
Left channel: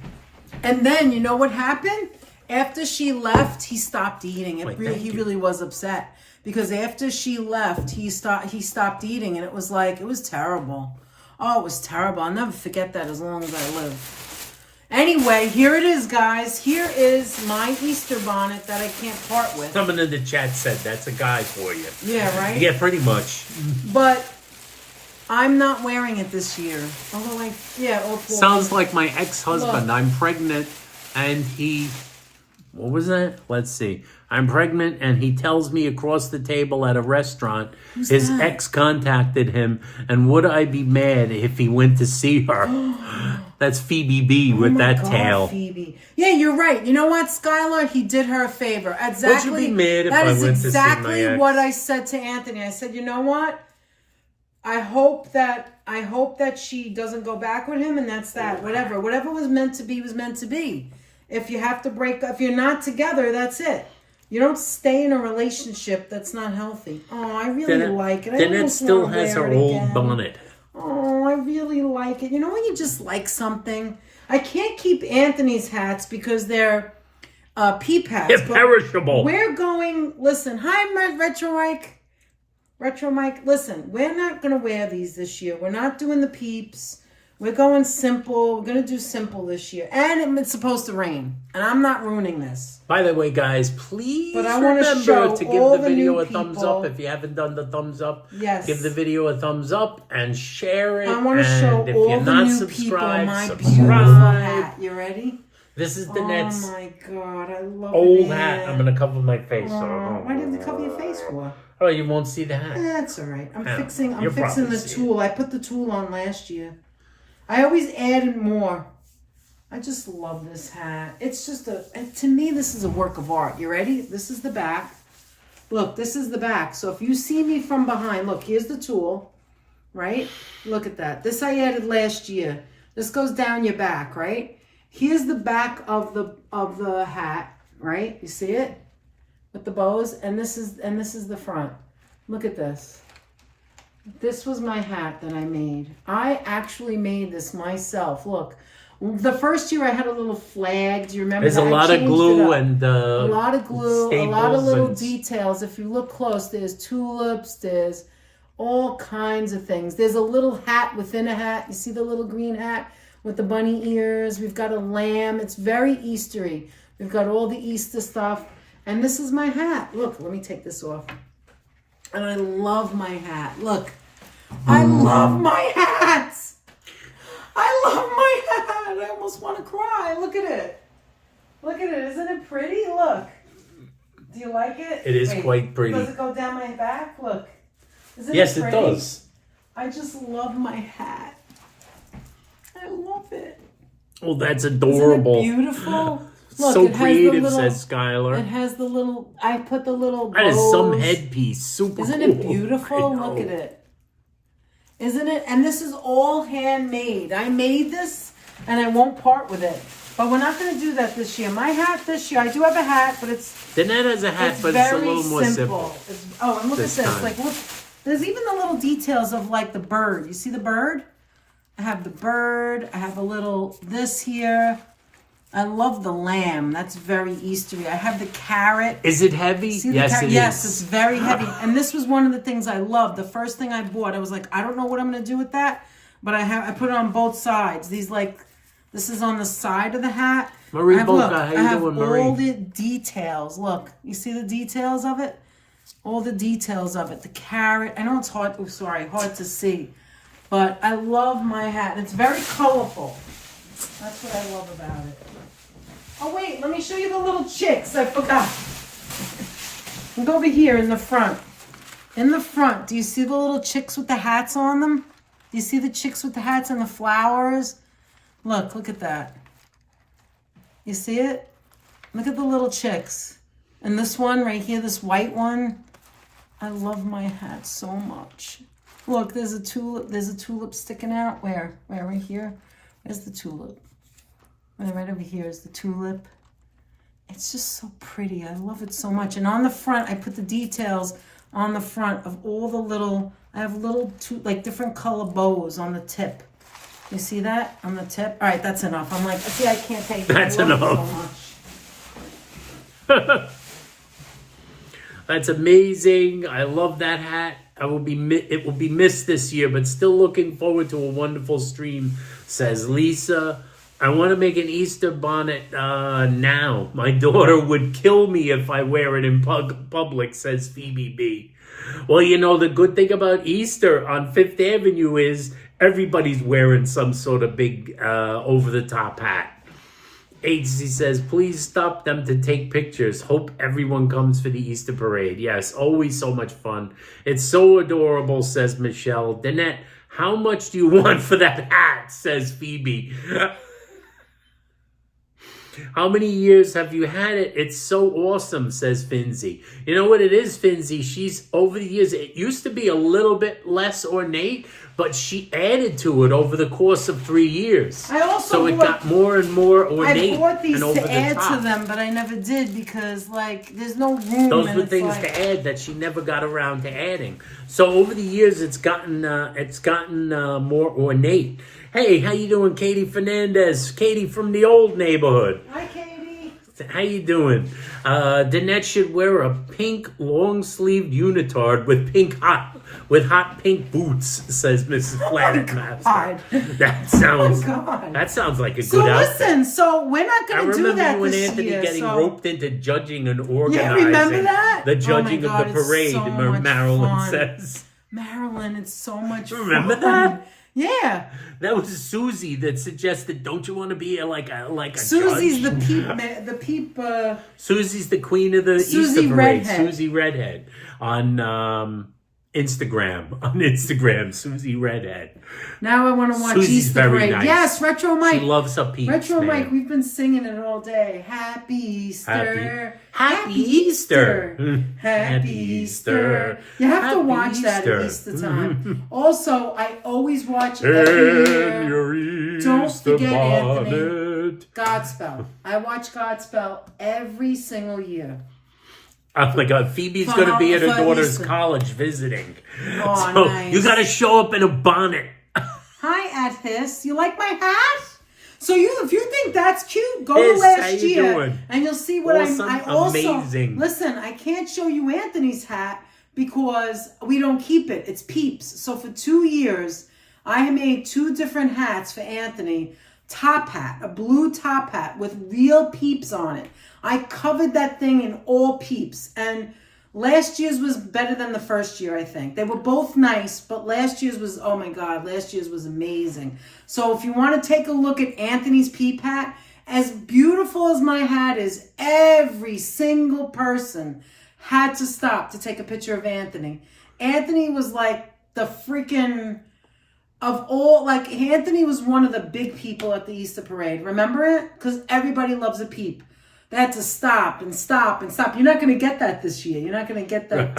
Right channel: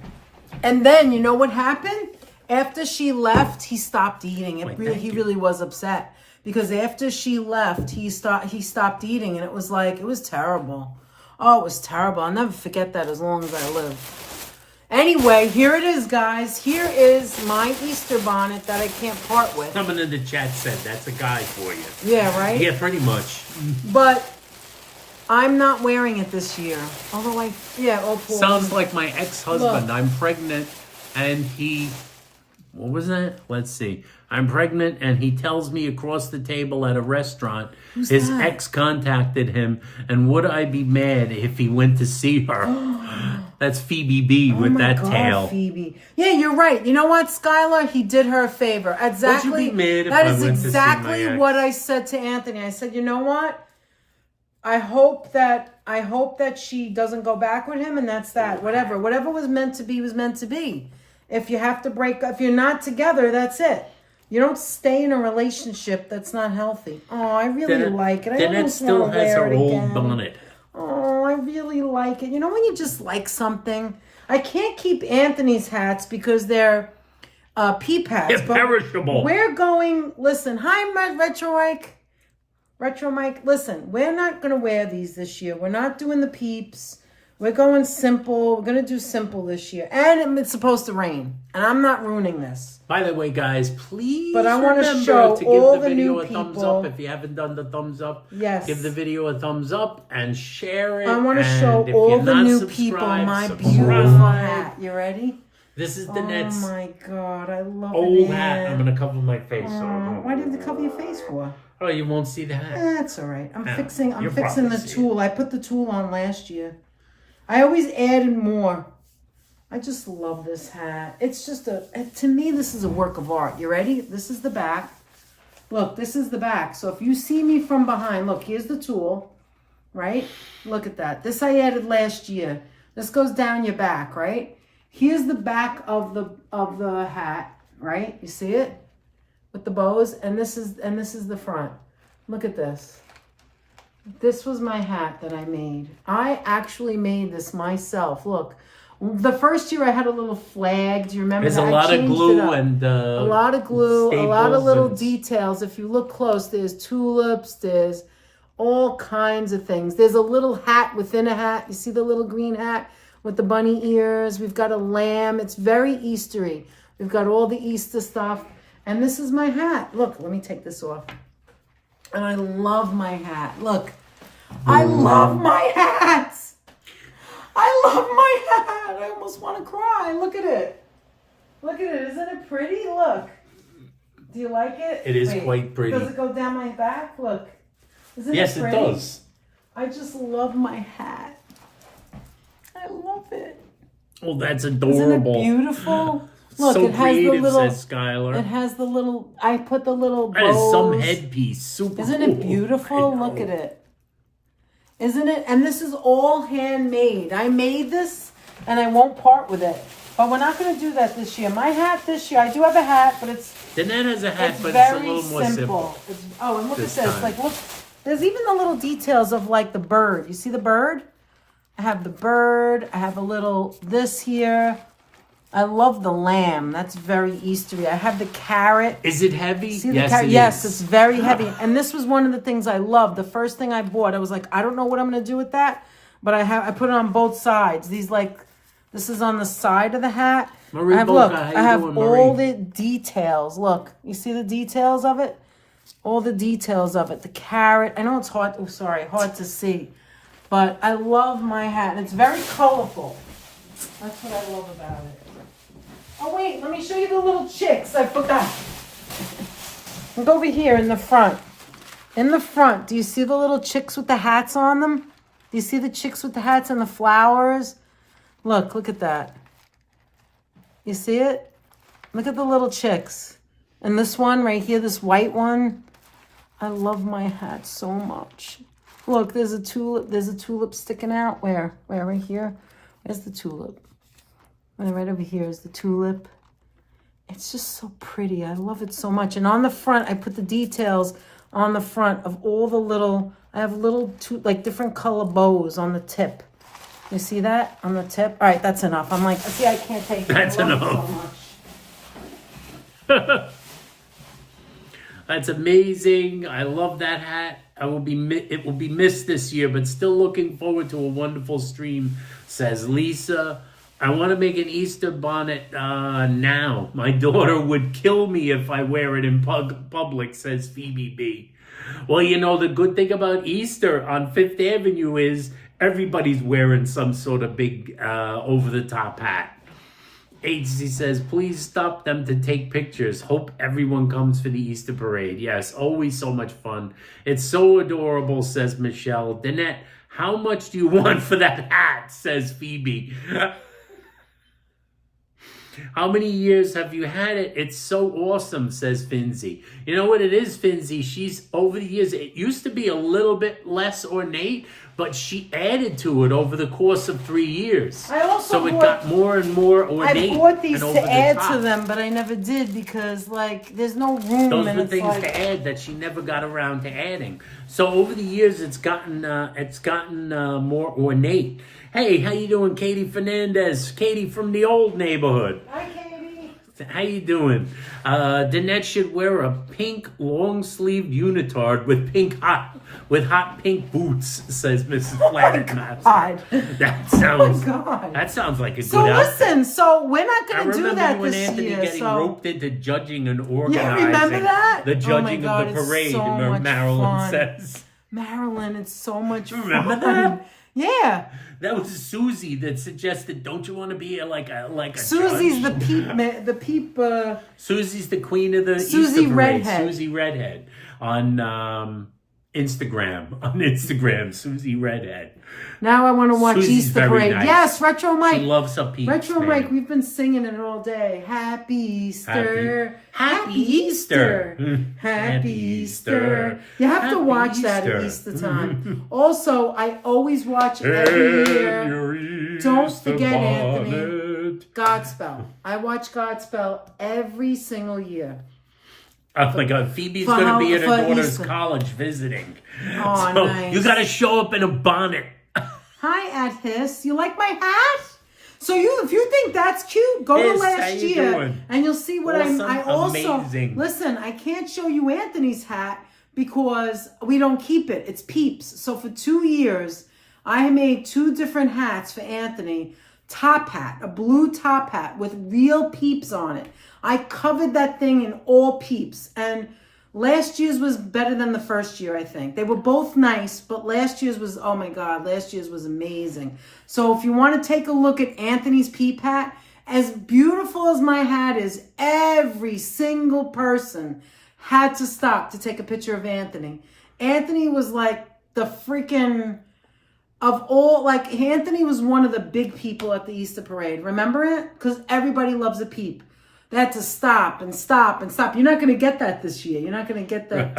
And then you know what happened? After she left, he stopped eating. He really was upset because after she left, he stopped eating, and it was terrible. Oh, it was terrible. I'll never forget that as long as I live. Anyway, here it is, guys. Here is my Easter bonnet that I can't part with. Someone in the chat said that's a guy for you. Yeah, right? Yeah, pretty much. But I'm not wearing it this year. Although Sounds like my ex-husband. Look. I'm pregnant, and he... What was that? Let's see. I'm pregnant, and he tells me across the table at a restaurant his ex contacted him, and would I be mad if he went to see her? That's Phoebe B with that tail. Phoebe. Yeah, you're right. You know what, Skylar? He did her a favor. Exactly. Would you be mad if I went to see my ex? That is exactly what I said to Anthony. I said, you know what? I hope that she doesn't go back with him, and that's that. Whatever was meant to be was meant to be. If you have to break up, if you're not together, that's it. You don't stay in a relationship that's not healthy. Oh, I really like it. Danette still has her old bonnet. Oh, I really like it. You know when you just like something? I can't keep Anthony's hats because they're peep hats. They're perishable. We're going, listen, hi, Mike, Retro Mike. Listen, we're not going to wear these this year. We're not doing the peeps. We're going simple. We're going to do simple this year. And it's supposed to rain. And I'm not ruining this. By the way, guys, please remember to give the video a thumbs up. If you haven't done the thumbs up, yes, give the video a thumbs up and share it. I want to show all the new people my beautiful hat. You ready? This is Danette's oh my God, I love old hat. I'm going to cover my face. Why did you cover your face for? Oh, you won't see the hat. That's all right. I'm fixing the tool. I put the tool on last year. I always added more. I just love this hat. It's just to me, this is a work of art. You ready? This is the back. Look, this is the back. So if you see me from behind, look, here's the tool, right? Look at that. This I added last year. This goes down your back, right? Here's the back of the hat, right? You see it? With the bows, and this is the front. Look at this. This was my hat that I made. I actually made this myself. Look, the first year I had a little flag. Do you remember? There's a lot of glue and a lot of glue, a lot of little details. If you look close, there's tulips, there's all kinds of things. There's a little hat within a hat. You see the little green hat with the bunny ears. We've got a lamb. It's very Eastery. We've got all the Easter stuff. And this is my hat. Look, let me take this off. And I love my hat. Look, I love my hat. I love my hat. I almost want to cry. Look at it. Look at it. Isn't it pretty? Look. Do you like it? It is quite pretty. Does it go down my back? Look. Isn't Yes, it it pretty? does. I just love my hat. I love it. Oh, that's adorable. Isn't it beautiful? Look, So it has creative, the little, says Skylar. It has the little, I put the little bows. That is some headpiece. Super Isn't cool. it beautiful? Look at it. Isn't it? And this is all handmade. I made this and I won't part with it. But we're not going to do that this year. My hat this year, I do have a hat, but it's Danette has a hat, but it's a little more simple. Oh, and look this at this. time. Like, look, there's even the little details of like the bird. You see the bird? I have the bird. I have a little this here. I love the lamb. That's very Eastery. I have the carrot. Is it heavy? See the Yes, it yes, is. it's very heavy. And this was one of the things I loved. The first thing I bought, I was like, I don't know what I'm going to do with that, but I put it on both sides. These this is on the side of the hat. Marie I have, Boca, look, how I you have doing, Marie? all the details. Look, you see the details of it? All the details of it. The carrot. I know it's hard. Oh, sorry, hard to see, but I love my hat. It's very colorful. That's what I love about it. Oh, wait, let me show you the little chicks. I forgot. Look over here in the front. In the front, do you see the little chicks with the hats on them? Do you see the chicks with the hats and the flowers? Look at that. You see it? Look at the little chicks. And this one right here, this white one. I love my hat so much. Look, there's a tulip. There's a tulip sticking out. Where? Right here? Where's the tulip? Right over here is the tulip. It's just so pretty. I love it so much. And on the front, I put the details on the front of all the little, I have little, different color bows on the tip. You see that on the tip? All right, that's enough. I'm like, see, I can't take it. That's enough. That's amazing. I love that hat. It will be missed this year, but still looking forward to a wonderful stream, says Lisa. I want to make an Easter bonnet now. My daughter would kill me if I wear it in public, says Phoebe B. Well, you know, the good thing about Easter on Fifth Avenue is everybody's wearing some sort of big over-the-top hat. Agency says, please stop them to take pictures. Hope everyone comes for the Easter parade. Yes, always so much fun. It's so adorable, says Michelle. Danette, how much do you want for that hat, says Phoebe. How many years have you had it? It's so awesome, says Finzi. You know what it is, Finzi? She's, over the years, it used to be a little bit less ornate, but she added to it over the course of 3 years. I also so it got more and more ornate. I bought these and over to add the top. to them, but I never did because, there's no room. Those and were it's things like, to add that she never got around to adding. So over the years, it's gotten more ornate. Hey, how you doing, Katie Fernandez? Katie from the old neighborhood. Hi, Katie. How you doing? Danette should wear a pink long-sleeved unitard with hot pink boots, says Mrs. Planet Master. God. That sounds like a good outfit. Listen, so we're not going to do that I remember you and this Anthony year, getting so... roped into judging and Yeah, organizing remember that? the judging Oh my God, of the parade, it's so much Marilyn fun. says. Marilyn, it's so much Remember fun. that? Yeah. That was Susie that suggested, don't you want to be like a Susie's judge? the peep. Susie's the queen of the Susie Easter parade. Redhead. Susie Redhead on Instagram, Susie Redhead. Now I want to watch Susie's Easter very Parade. nice. Yes, Retro Mike. She loves her peeps, Retro man. Mike, we've been singing it all day. Happy Easter. Happy Easter. Happy Easter. You have to Happy watch that at Easter. Easter time. Also, I always watch it every year. Your Don't Easter forget, Anthony. bonnet. Godspell. I watch Godspell every single year. Oh my God, Phoebe's For going to be at her for daughter's Easter. college visiting. Oh, So nice. you got to show up in a bonnet. Hi, Athis. You like my hat? So if you think that's cute, go Yes, to last how you year doing? and you'll see what Awesome, I also amazing. listen. I can't show you Anthony's hat because we don't keep it. It's peeps. So for 2 years, I made 2 different hats for Anthony. Top hat, a blue top hat with real peeps on it. I covered that thing in all peeps. And last year's was better than the first year, I think. They were both nice, but last year's was, oh my God, last year's was amazing. So if you want to take a look at Anthony's peep hat, as beautiful as my hat is, every single person had to stop to take a picture of Anthony. Anthony was like the freaking... Of all, like, Anthony was one of the big people at the Easter parade. Remember it? Because everybody loves a peep. They had to stop and stop and stop. You're not going to get that this year. You're not going to get that.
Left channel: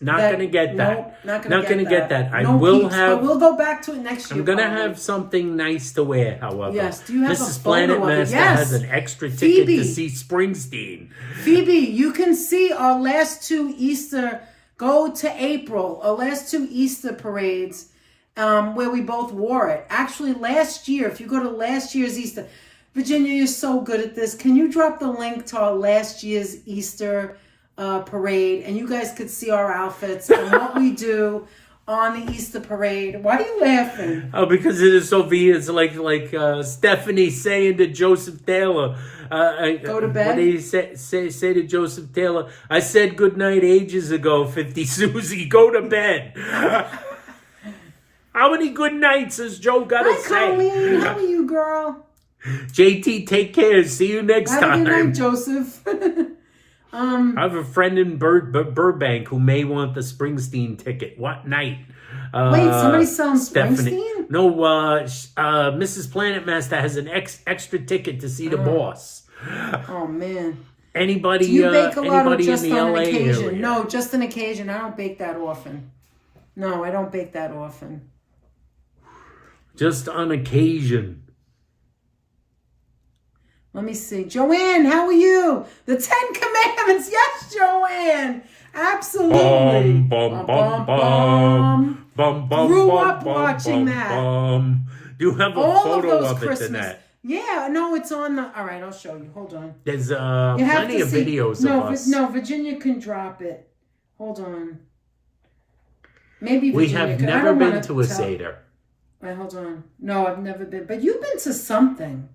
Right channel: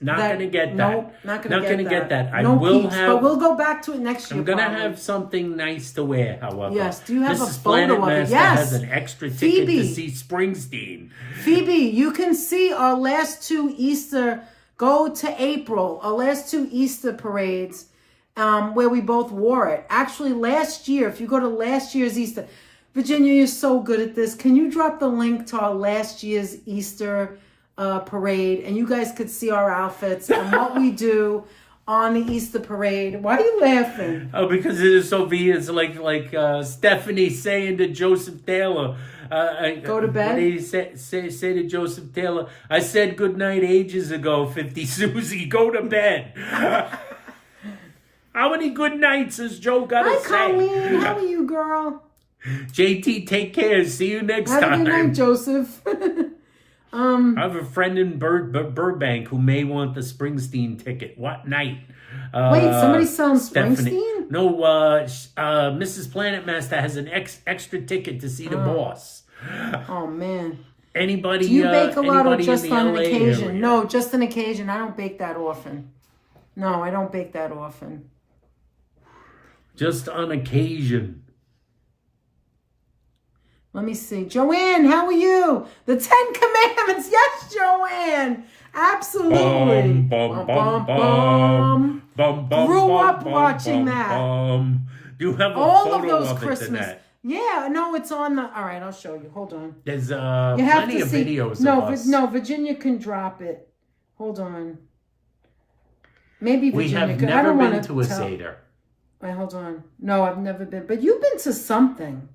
Not going to get that. No, not going to get that. I no will peeps, have. But we'll go back to it next year. I'm going to have something nice to wear, however. Yes. Do you have Mrs. a photo Planet of it? Master Yes. has an extra ticket Phoebe. to see Springsteen. Phoebe, you can see our last 2 Easter. Go to April. Our last 2 Easter parades. Where we both wore it. Actually, last year, if you go to last year's Easter, Virginia, you're so good at this. Can you drop the link to our last year's Easter parade? And you guys could see our outfits and what we do on the Easter parade. Why are you laughing? Oh, because it is so obvious, like Stephanie saying to Joseph Taylor. Go to bed? What did he say to Joseph Taylor? I said goodnight ages ago, 50 Susie. Go to bed. How many good nights has Joe got to say? Hi, Colleen. How are you, girl? JT, take care. See you next time. Have a good night, Joseph. I have a friend in Burbank who may want the Springsteen ticket. What night? Wait, somebody's selling Stephanie. Springsteen? No, Mrs. Planet Master has an extra ticket to see the boss. Oh, man. Anybody? Do you bake a lot or just in the on LA occasion? area? No, just an occasion. I don't bake that often. No, I don't bake that often. Just on occasion. Let me see. Joanne, how are you? The 10 Commandments. Yes, Joanne. Absolutely. Grew up watching that. You have a All photo of those of it Christmas. tonight. Yeah, no, it's on the... All right, I'll show you. Hold on. There's You have plenty to of see- videos no, of us. No, Virginia can drop it. Hold on. Maybe Virginia We have could. I never don't been wanna to a tell- Seder. Wait, hold on. No, I've never been. But you've been to something.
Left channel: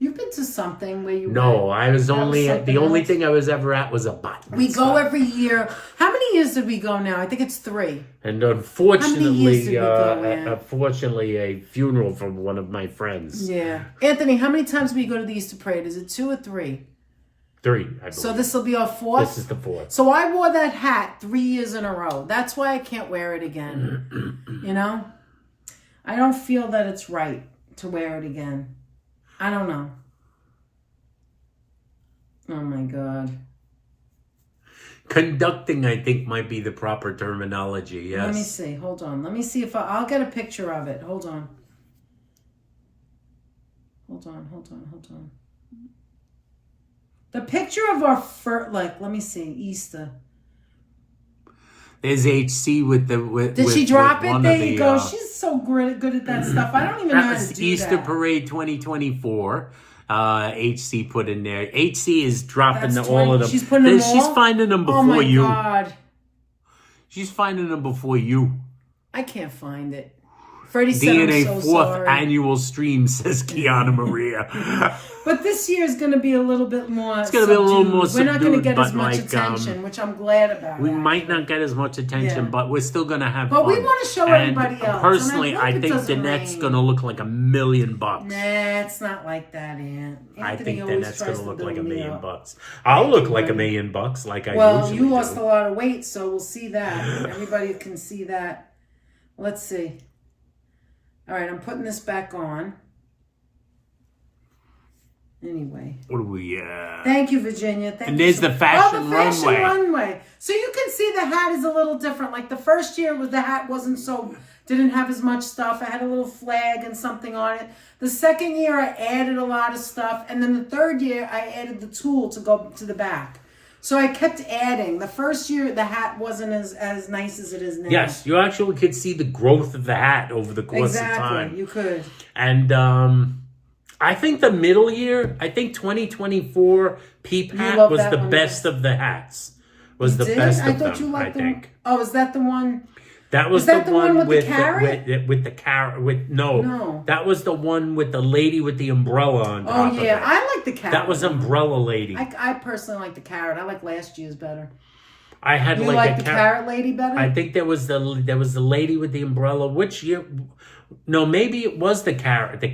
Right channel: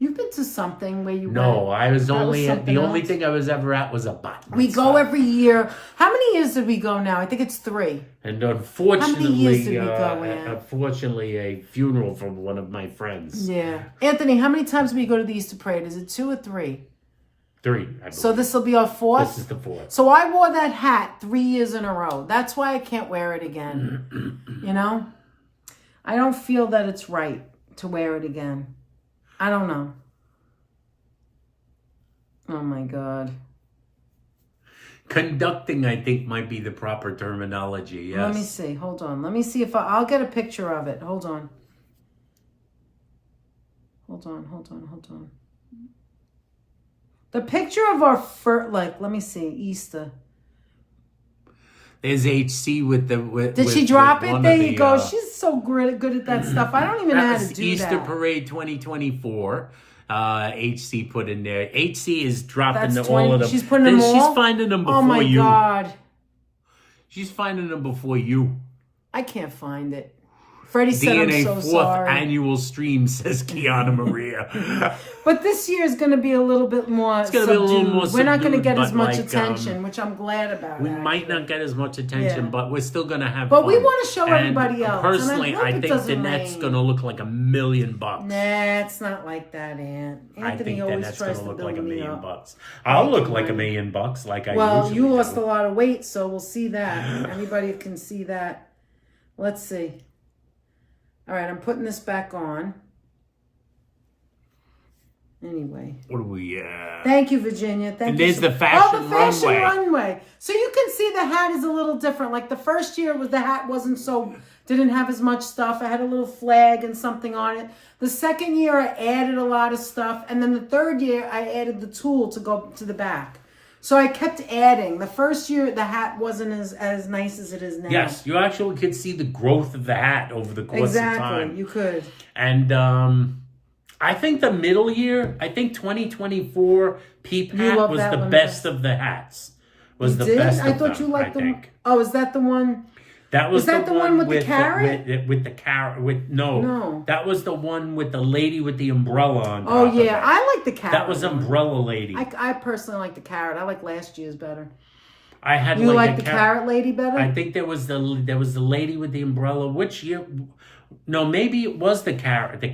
You've been to something where you No, went. I was That only at, the something only else. thing I was ever at was a bat mitzvah. We go every year. How many years did we go now? I think it's 3. And How unfortunately, many years did we go, yeah? unfortunately, a funeral from one of my friends. Yeah. Anthony, how many times do we go to the Easter parade? Is it 2 or 3? 3, I believe. So this will be our 4th? This is the 4th. So I wore that hat 3 years in a row. That's why I can't wear it again. You know? I don't feel that it's right to wear it again. I don't know. Oh my God. Conducting, I think, might be the proper terminology, yes. Let me see. Hold on. Let me see if I'll get a picture of it. Hold on. Hold on. The picture of our let me see, Easter. There's HC with the... Did she drop it? There you go. The, She's so good at that stuff. I don't even know how to do Easter that. Parade 2024. HC put in there. HC is dropping That's all of 20 them. She's putting them all? She's finding them before Oh my you. God. She's finding them before you. I can't find it. Freddie said I'm DNA so 4th sorry. annual stream, says Kiana Maria. But this year is going to be a little bit more It's going to be a little more We're not going to subdued, get as but much like, attention, which I'm glad about. We actually. might not get as much attention, Yeah. but we're still going to have But fun. we want to show And everybody else. Personally, and I it think doesn't Danette's rain. going to look like $1 million. Nah, it's not like that, Aunt. I Anthony think always Danette's tries going to look build like $1 me million up. I'll look you, like $1 honey. million like I Well, usually you lost do. a lot of weight, so we'll see that. Everybody can see that. Let's see. All right, I'm putting this back on. Anyway. What do we, Thank you, Virginia. Thank And you. there's the fashion the fashion runway. runway. So you can see the hat is a little different. Like the first year, the hat didn't have as much stuff. I had a little flag and something on it. The second year, I added a lot of stuff. And then the third year, I added the tulle to go to the back. So I kept adding. The first year, the hat wasn't as nice as it is now. Yes, you actually could see the growth of the hat over the course of time. Exactly, you could. And I think the middle year, I think 2024 Peep Hat love was that the one the best best. of the hats. was You the did? best I of thought them, you I liked think. Oh, is that the one? That was Is that the one with the carrot? with the carrot. No. That was the one with the lady with the umbrella on top of it. Oh, yeah. I like the carrot. That was Umbrella Lady. I personally like the carrot. I like last year's better. I had You like the carrot lady better? I think there was the lady with the umbrella. Which year? No, maybe it was the carrot thing.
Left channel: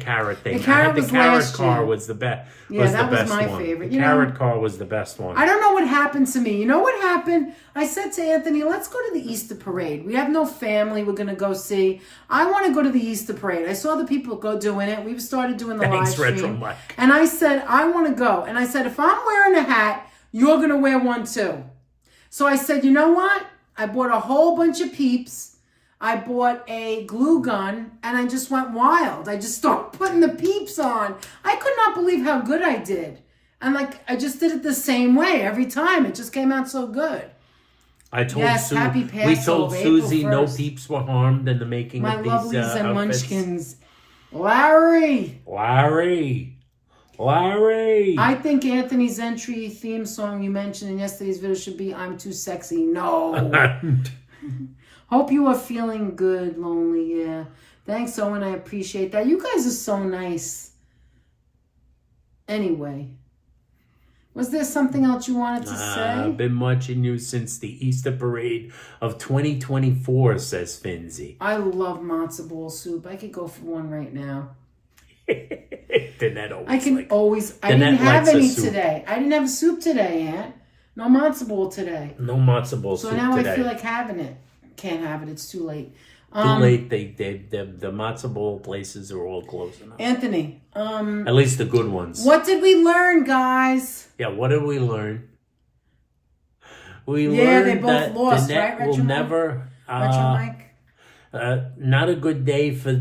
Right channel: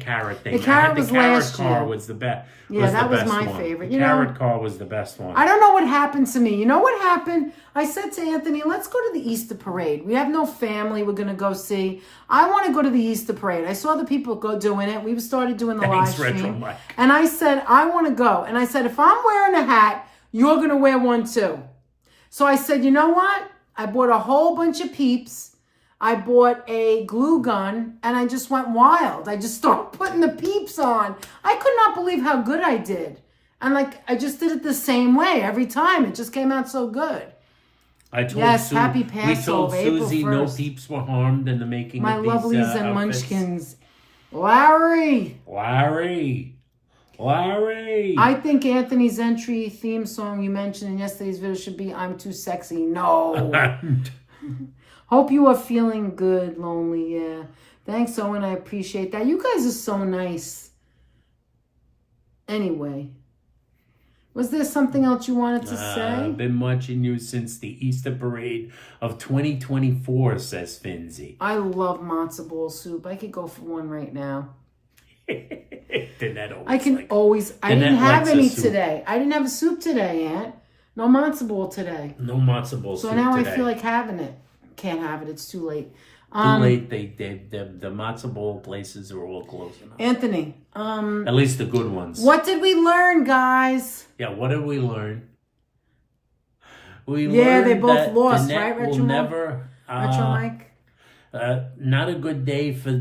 The carrot the was carrot last car year. was the best. Yeah, that was my favorite. The carrot car was the best one. I don't know what happened to me. You know what happened? I said to Anthony, let's go to the Easter parade. We have no family we're going to go see. I want to go to the Easter parade. I saw the people go doing it. We started doing the live stream. Retro Mike. And I said, I want to go. And I said, if I'm wearing a hat, you're going to wear one too. So I said, you know what? I bought a whole bunch of Peeps. I bought a glue gun, and I just went wild. I just started putting the Peeps on. I could not believe how good I did. And I just did it the same way every time. It just came out so good. I told happy we Passover, told Susie April no 1st. Peeps were harmed in the making My of these lovelies and outfits. munchkins. Larry. I think Anthony's entry theme song you mentioned in yesterday's video should be I'm Too Sexy. No. Hope you are feeling good, lonely. Yeah. Thanks, Owen. I appreciate that. You guys are so nice. Anyway. Was there something else you wanted to say? I've been watching you since the Easter parade of 2024, says Finzi. I love matzo ball soup. I could go for one right now. I can always. I didn't have any today. I didn't have a soup today, Aunt. No matzo ball today. No matzo ball soup today. So now today. I feel like having it. Can't have it. It's too late. Too late. The matzo ball places are all closing up. Anthony. At least the good ones. What did we learn, guys? Yeah, what did we learn? We learned they both that lost, the net right? will never. Not a good day for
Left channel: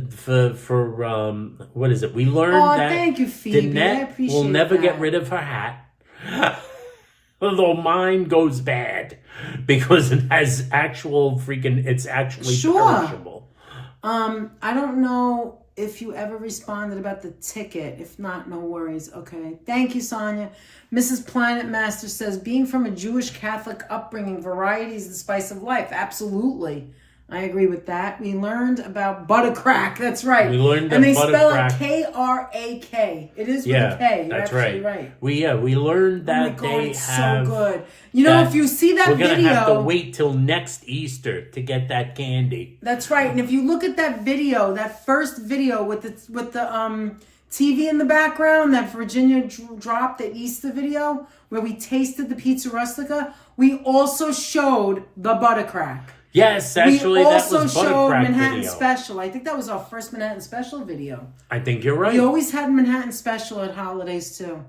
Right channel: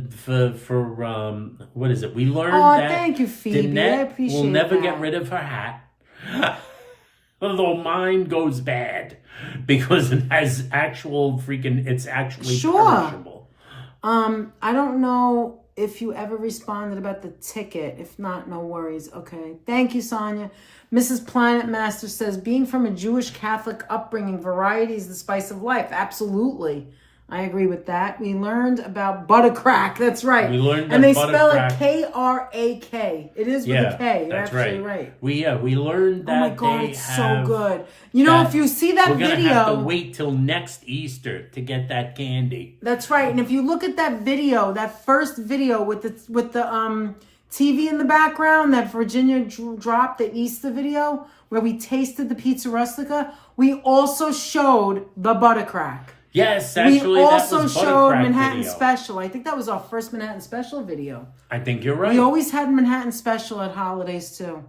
what is it? We learned that thank you, Phoebe. the net will never get rid of her hat. Although mine goes bad because it has it's actually perishable. I don't know if you ever responded about the ticket. If not, no worries. Okay. Thank you, Sonia. Mrs. Planet Master says, being from a Jewish Catholic upbringing, variety is the spice of life. Absolutely. I agree with that. We learned about buttercrack. That's right. We learned that and they buttercrack. spell it K-R-A-K. It is with a K. You're that's absolutely right. right. We learned that oh my God, they it's have. So good. You know, if you see that we're video, gonna have to wait till next Easter to get that candy. That's right. And if you look at that video, that first video with the TV in the background, that Virginia dropped, the Easter video where we tasted the pizza rustica, we also showed the buttercrack. Yes, actually, we also that was showed Manhattan video. Special. I think that was our first Manhattan Special video. I think you're right. We always had Manhattan Special at holidays too.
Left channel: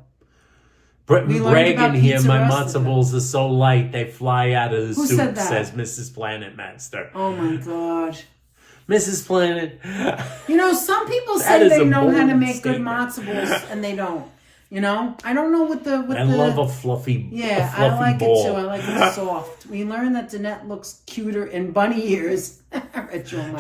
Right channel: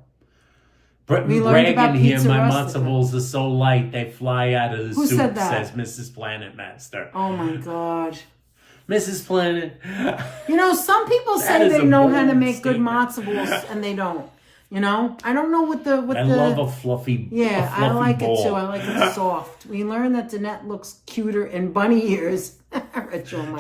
Bragging here, my matzo balls are so light they fly out of the Who soup, said that? says Mrs. Planet Master. Oh my God. Mrs. Planet. You know, some people say they know how to make good matzo balls and they don't. You know, I don't know what the. I love a fluffy. Yeah, I like it too. I like it soft. We learned that Danette looks cuter in bunny ears.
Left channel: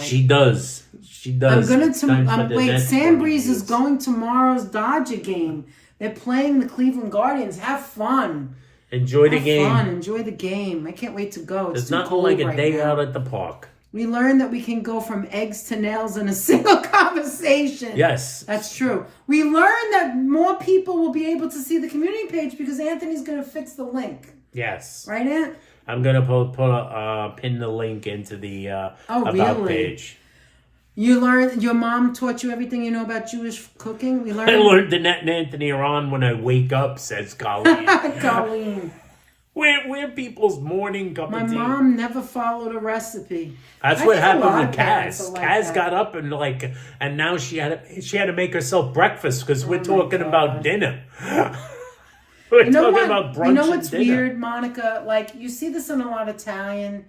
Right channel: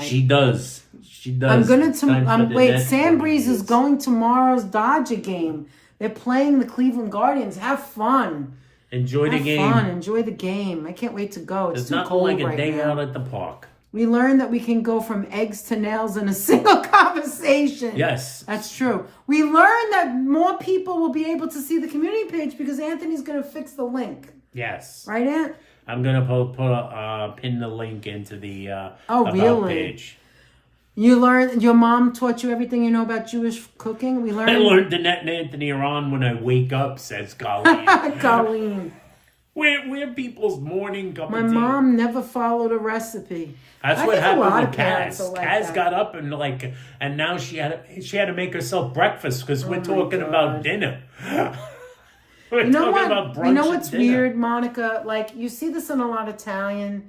She does. She does. Wait, Sandbreeze is going tomorrow's Dodger game. They're playing the Cleveland Guardians. Have fun. Enjoy the game. Enjoy the game. I can't wait to go. It's not like a day out at the park. We learned that we can go from eggs to nails in a single conversation. Yes. That's true. We learned that more people will be able to see the community page because Anthony's going to fix the link. Yes. Right, Aunt? I'm going to pin the link into the About page. You learned, your mom taught you everything you know about Jewish cooking? I learned Danette and Anthony are on when I wake up, says Colleen. Colleen. We're people's morning cup of tea. My mom never followed a recipe. That's what happened with Kaz. Kaz got up and now she had to make herself breakfast because we're talking about dinner. We're talking about brunch. You know what's and dinner. weird, Monica? Like, you see this in a lot of Italian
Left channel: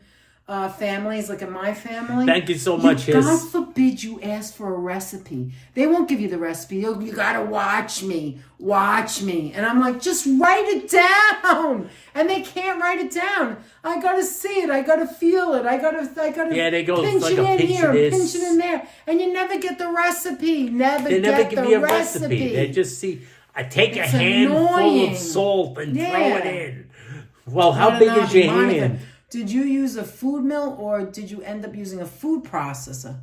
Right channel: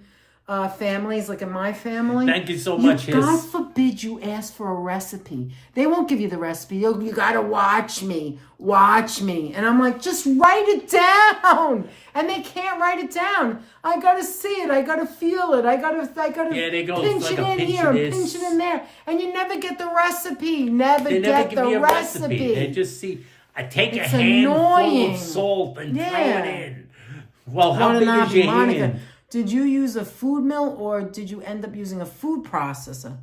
families, like in my family. Thank you so much. God forbid you ask for a recipe. They won't give you the recipe. You gotta watch me. And I'm like, just write it down. And they can't write it down. I gotta see it. I gotta feel it. I gotta they go pinch like it in here, pinch it in there. And you never get the recipe. They never give you a recipe. They just see, I take a handful of salt and throw it in. Well, how big is your hand? Did you use a food mill or did you end up using a food processor?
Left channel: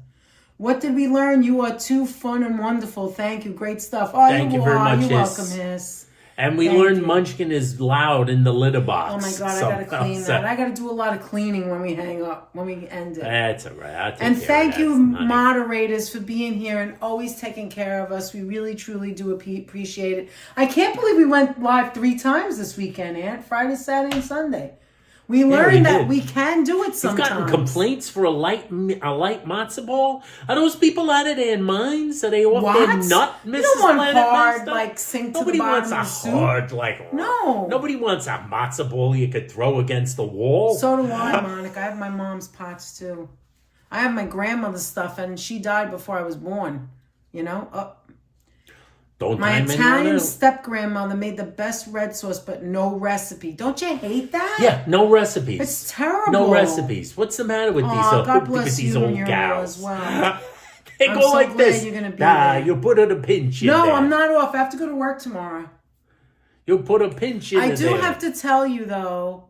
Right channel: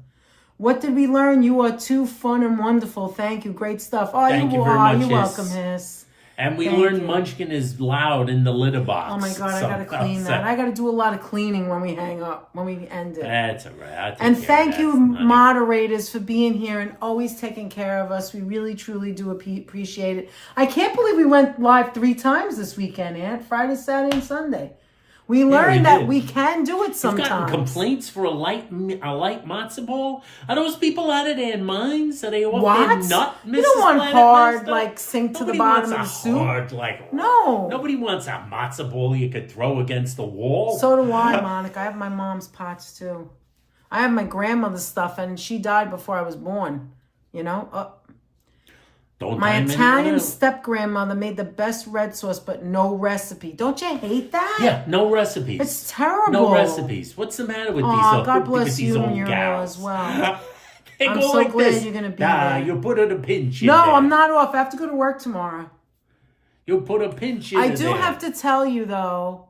What did we learn? You are too fun and wonderful. Thank you. Great stuff. Oh, Thank you very much. You're welcome, Hiss. And we learned Munchkin is loud in the litter box. Oh my God, I gotta clean that. I gotta do a lot of cleaning when we hang up, when we end it. That's all right. And thank you, moderators, for being here and always taking care of us. We really, truly do appreciate it. I can't believe we went live 3 times this weekend, Aunt. Friday, Saturday, and Sunday. We learned that we can do it sometimes. You've gotten complaints for a light matzo ball? Are those people out of their minds? Are they off their nut, Mrs. You don't want Planet hard, Master? like, sink to the bottom of the soup. No. Nobody wants a matzo ball you could throw against the wall. So do I, Monica. I have my mom's pots, too. I have my grandmother's stuff, and she died before I was born. You know? My Italian step-grandmother made the best red sauce, but no recipe. Don't you hate that? Yeah, no recipes. It's terrible. No recipes. What's the matter with these old gals? As well. They I'm go so like glad this. You're gonna be there. You put a pinch in No, there. I'm not off. I have to go to work tomorrow. You put a pinch in there. I do have to tell you, though.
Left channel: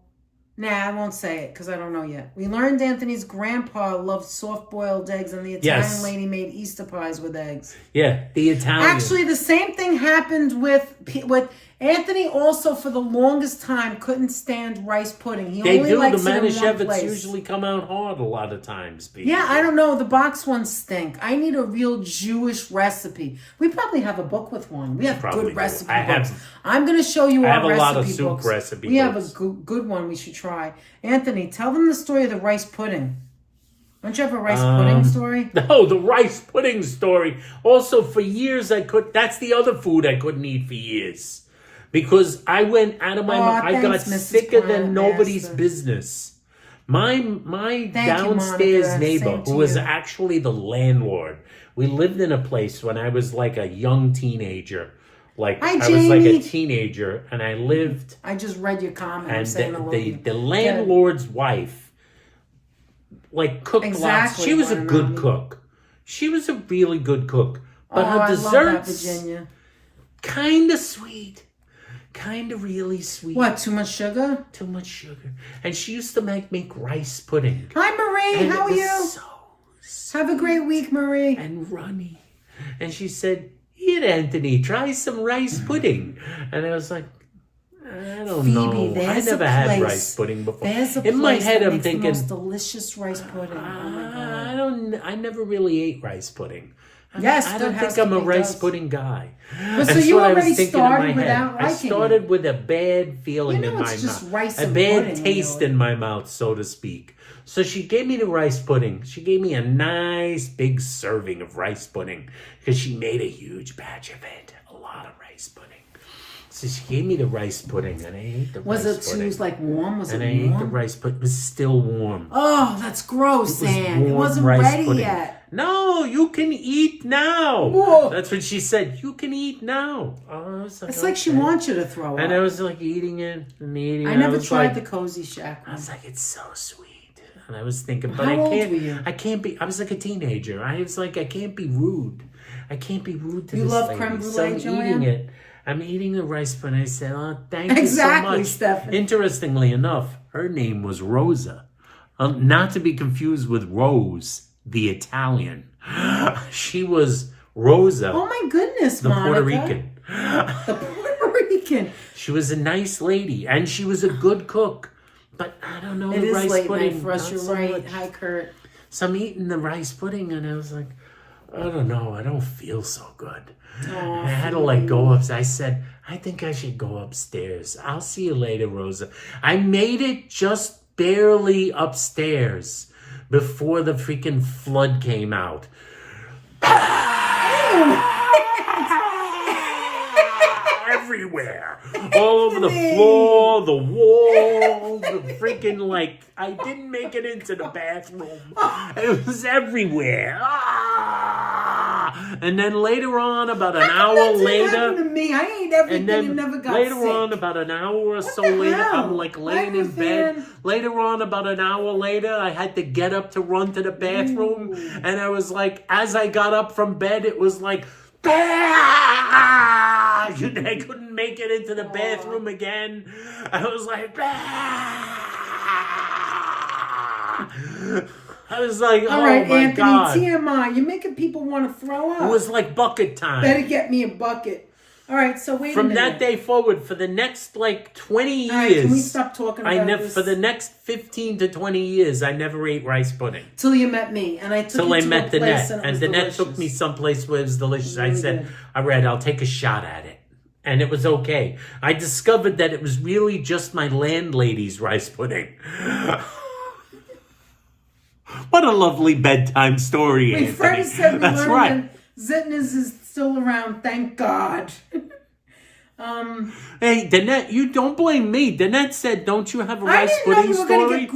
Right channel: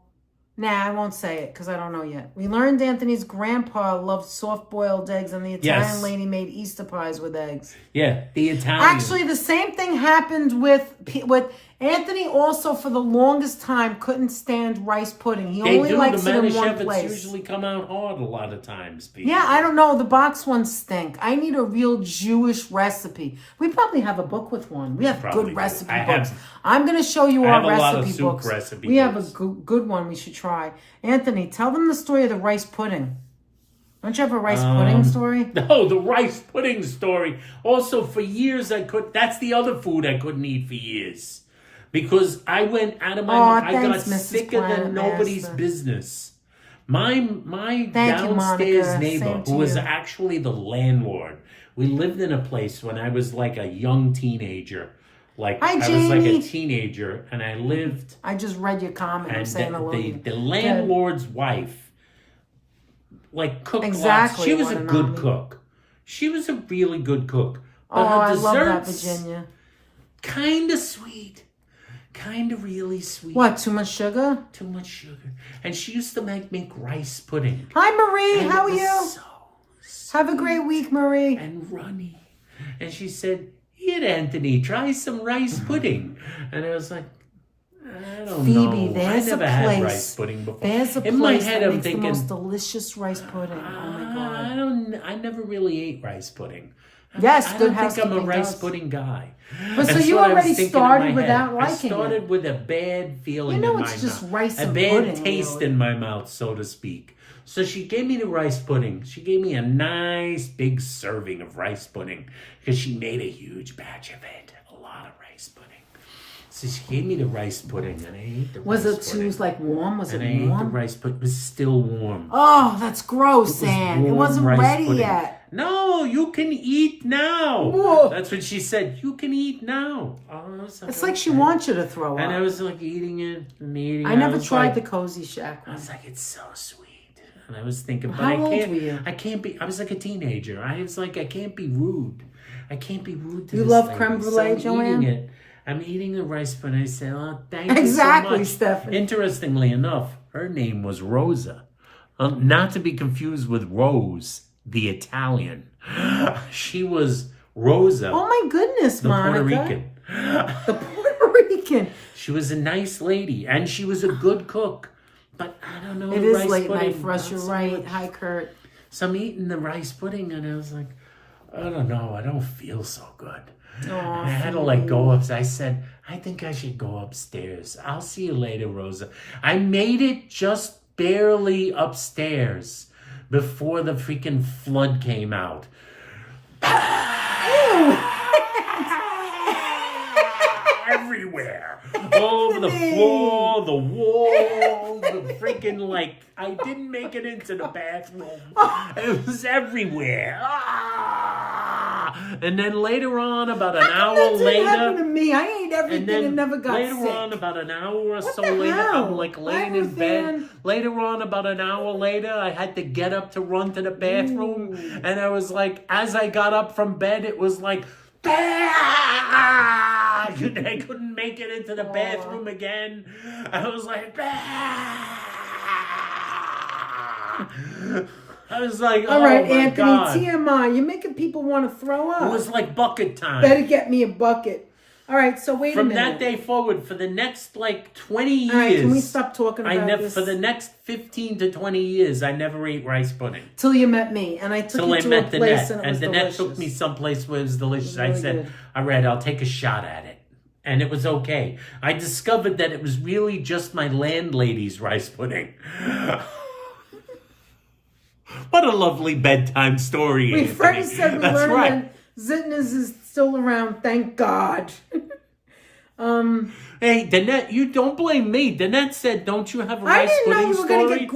Nah, I won't say it because I don't know yet. We learned Anthony's grandpa loved soft-boiled eggs, and the Italian lady made Easter pies with eggs. Yeah, the Italian. Actually, the same thing happened with Anthony. Also, for the longest time, couldn't stand rice pudding. He only likes it in one place. Usually come out hard a lot of times. People. Yeah, I don't know. The box ones stink. I need a real Jewish recipe. We probably have a book with one. We have good recipe books. I'm going to show you our recipe books. We have a good one we should try. Anthony, tell them the story of the rice pudding. Don't you have a rice pudding story? No, the rice pudding story. Also, for years, that's the other food I couldn't eat for years. Because I went out of my mind. I got sicker than nobody's business. My downstairs neighbor, who was actually the landlord, we lived in a place when I was like a young teenager. I was like a teenager, and I lived. I just read your comment. And the landlord's wife, cooked lots. She was a good cook. She was a really good cook. But her desserts, I love that, Virginia. Kind of sweet. Kind of really sweet. What, too much sugar? Too much sugar. And she used to make rice pudding. Hi, Marie. How are you? So have a great week, Marie. And runny. And she said, "Here, Anthony, try some rice pudding." And I was like, I don't know. I never had rice pudding before. In my head, I'm thinking, the most delicious rice pudding. Oh my God. I never really ate rice pudding. Yes, I don't think I'm a rice pudding guy. But so you already started without liking it. I started with a bad feeling in my mouth. A bad taste in my mouth, so to speak. So she gave me the rice pudding. She gave me a nice big serving of rice pudding because she made a huge batch of it. A lot of rice pudding. So she gave me the rice pudding, and I ate the rice pudding. She was warm? Was it warm? And I ate the rice pudding. It was still warm. Oh, that's gross, Anne. It wasn't ready yet. No, you can eat now. Whoa. That's what she said. You can eat now. Oh, it's like she wants you to throw up. And I was eating it and eating it. I never tried the Cozy Shack one. I was like, it's so sweet. And I was thinking, but I can't be. I was like a teenager. I was like, I can't be rude. I can't be rude to this lady. You love creme brulee, Joanne? I'm eating the rice pudding. I said, oh, thank you so much. Stephanie. Interestingly enough, her name was Rosa. Not to be confused with Rose, the Italian. She was Rosa. Oh my goodness, the Monica. Puerto Rican. The Puerto Rican. She was a nice lady, and she was a good cook. But I don't know, the rice pudding. It is late night for us, you're right. Hi, Kurt. So I'm eating the rice pudding, and I was like, I don't know, I don't feel so good. Oh, I had to go up. I said, I think I should go upstairs. I'll see you later, Rosa. I made it just barely upstairs before the freaking flood came out. Everywhere. All over the floor, the walls, the freaking, I didn't make it into the bathroom. It was everywhere. And then later on, about an hour later. Happened to me. I ate everything and never got later on, about an hour or so later, I'm laying in bed. Later on, about an hour later, I had to get up to run to the bathroom. And I was like, as I got up from bed, it was like, I couldn't make it into the bathroom again. I was like, I was like, all right, my Anthony, God. TMI. You're making people want to throw up. It was like bucket time. Better get me a bucket. All right, so wait a minute. From that day forward, for the next, 20 years... All right, can we stop talking about this? For the next 15 to 20 years, I never ate rice pudding. Till you met me, and I took you to a place, and the net took me someplace where it was delicious. I said, all right, I'll take a shot at it. And it was okay. I discovered that it was really just my landlady's rice pudding. What a lovely bedtime story, We Anthony. first said we That's learned right. that Zitner's is still around, thank God. Hey, Danette, you don't blame me. Danette said, don't you have a rice pudding I didn't know you were story? going to get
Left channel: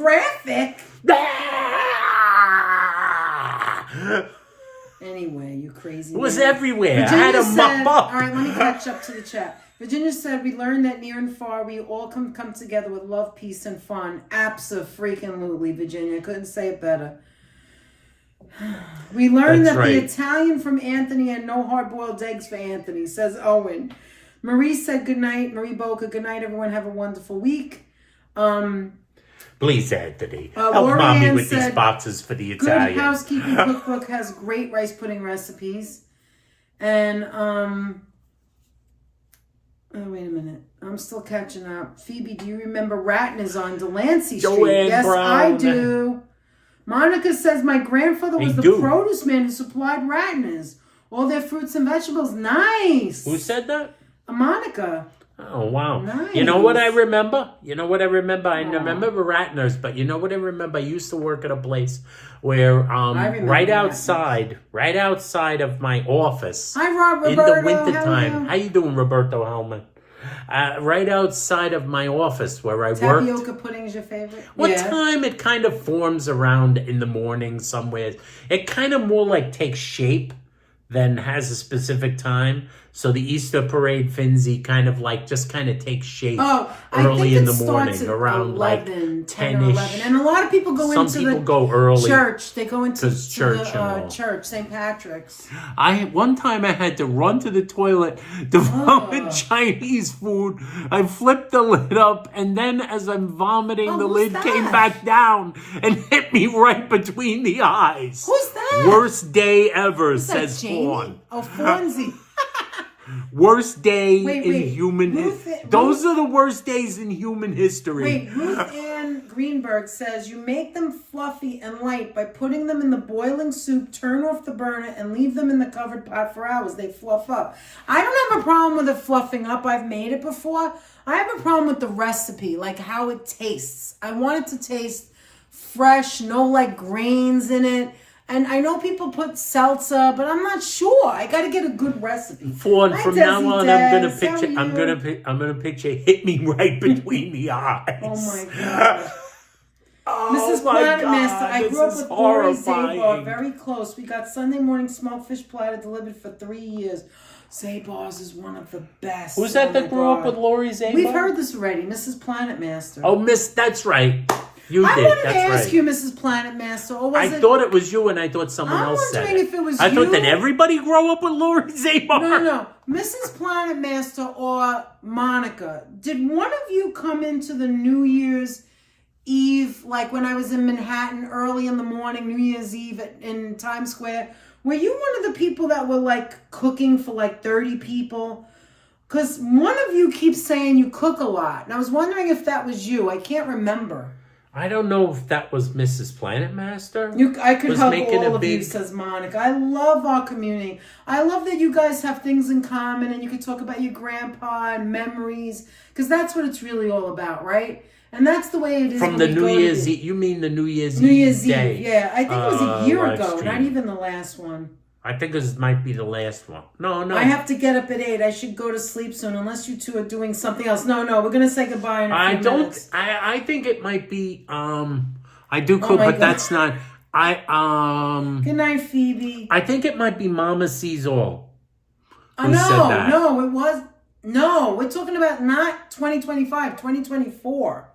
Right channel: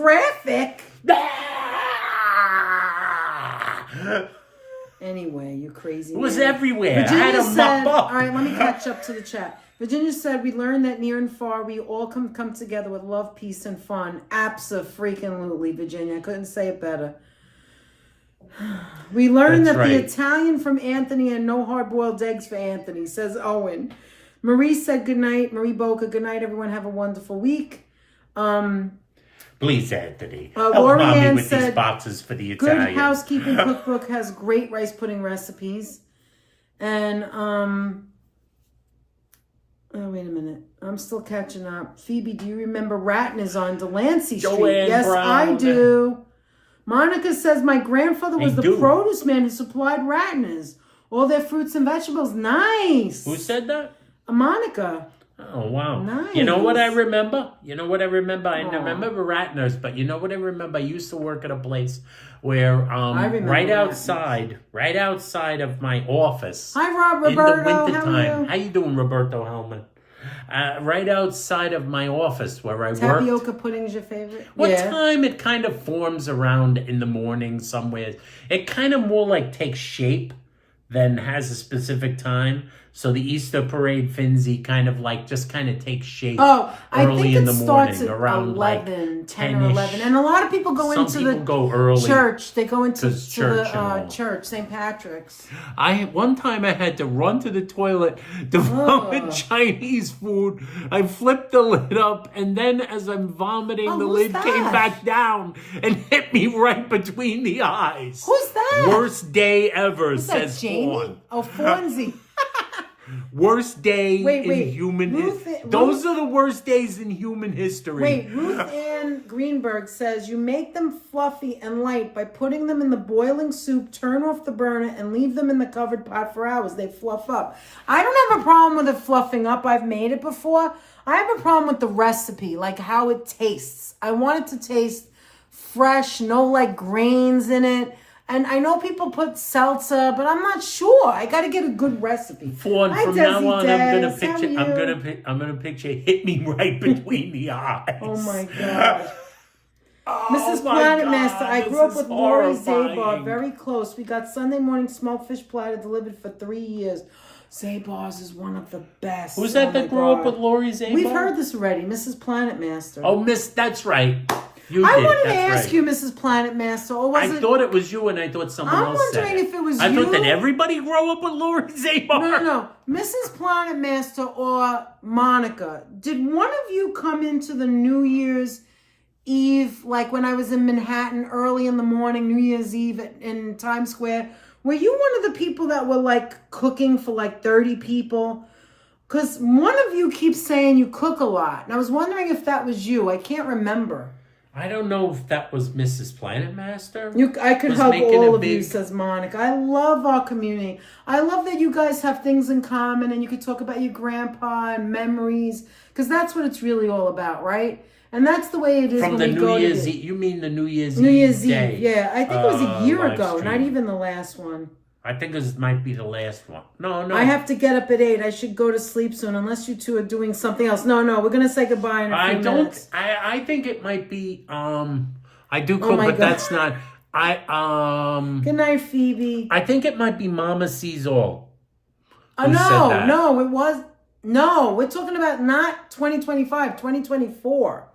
graphic. Anyway, you crazy. It was everywhere. Virginia I had to said, mop up. all right, let me catch up to the chat. Virginia said, we learned that near and far, we all come together with love, peace, and fun. Abso-freaking-lutely, Virginia. Couldn't say it better. We learned That's that right. the Italian from Anthony and no hard-boiled eggs for Anthony, says Owen. Marie said good night. Marie Boca, good night, everyone. Have a wonderful week. Please, Anthony. Help Lori Mommy Ann with said, these boxes for the Good Italians. Housekeeping Cookbook has great rice pudding recipes. And, oh, wait a minute. I'm still catching up. Phoebe, do you remember Ratton is on Delancey Street? Joanne Yes, Brown. I do. Monica says, my grandfather was the produce man who supplied Rattoners. All their fruits and vegetables. Nice. Who said that? Monica. Oh, wow. Nice. You know what I remember? I remember Ratners, but you know what I remember? I used to work at a place where right outside of my office. Hi, Roberto. In the wintertime. How you doing, Roberto Hellman? Right outside of my office where I worked. Tapioca pudding is your favorite? What time it kind of forms around in the morning somewhere. It kind of more like takes shape than has a specific time. So the Easter parade, Finzi, kind of takes shape early in the morning, around 11, 10 or 10-ish. 11. And a lot of people go into the go early. church. They go into church, church, St. Patrick's. One time I had to run to the toilet to vomit Chinese food. I flipped the lid up, and then as I'm vomiting, the lid came back down and hit me right between the eyes. Who's that? Worst day ever, says Fawn. Oh, Fonzie. Worst day in human history. Those are the worst days in human history. Wait, Ruth Ann Greenberg says, you make them fluffy and light by putting them in the boiling soup, turn off the burner, and leave them in the covered pot for hours. They fluff up. I don't have a problem with it fluffing up. I've made it before. I have a problem with the recipe, like how it tastes. I want it to taste fresh, no grains in it. And I know people put salsa, but I'm not sure. I got to get a good recipe. From now on, I'm gonna picture hit me right between the eyes. Oh my God. Oh Mrs. my Planet God, Master, I this grew up is with Lori horrifying. Zabar, very close. We got Sunday morning smoked fish platter delivered for 3 years. Zabar's is one of the best. Who's that grew up with Lori Zabar? We've heard this already, Mrs. Planet Master. Oh, that's right. You I did. wanted That's to ask right. you, Mrs. Planet Master, or was I thought it was you, and I thought someone else said it. I'm wondering if it was I thought you. that everybody grew up with Lori Zabar. No. Mrs. Planet Master or Monica, did one of you come into the New Year's Eve, like when I was in Manhattan early in the morning, New Year's Eve in Times Square? Were you one of the people that were cooking for 30 people? Because one of you keeps saying you cook a lot. And I was wondering if that was you. I can't remember. I don't know if that was Mrs. Planet Master. I could help all of you, says Monica. I love our community. I love that you guys have things in common and you can talk about your grandpa and memories. Because that's what it's really all about, right? And that's the way it is. From the New Year's Eve. You mean the New Year's Eve? New Year's day. Eve, yeah. I think it was a year ago, stream. not even the last one. I think this might be the last one. No. I have to get up at 8. I should go to sleep soon, unless you two are doing something else. No, we're going to say goodbye in a few minutes. I think it might be, I do cook, but that's not, Good night, Phoebe. I think it might be Mama Sees All. No, it was, we're talking about not 2025, 2024.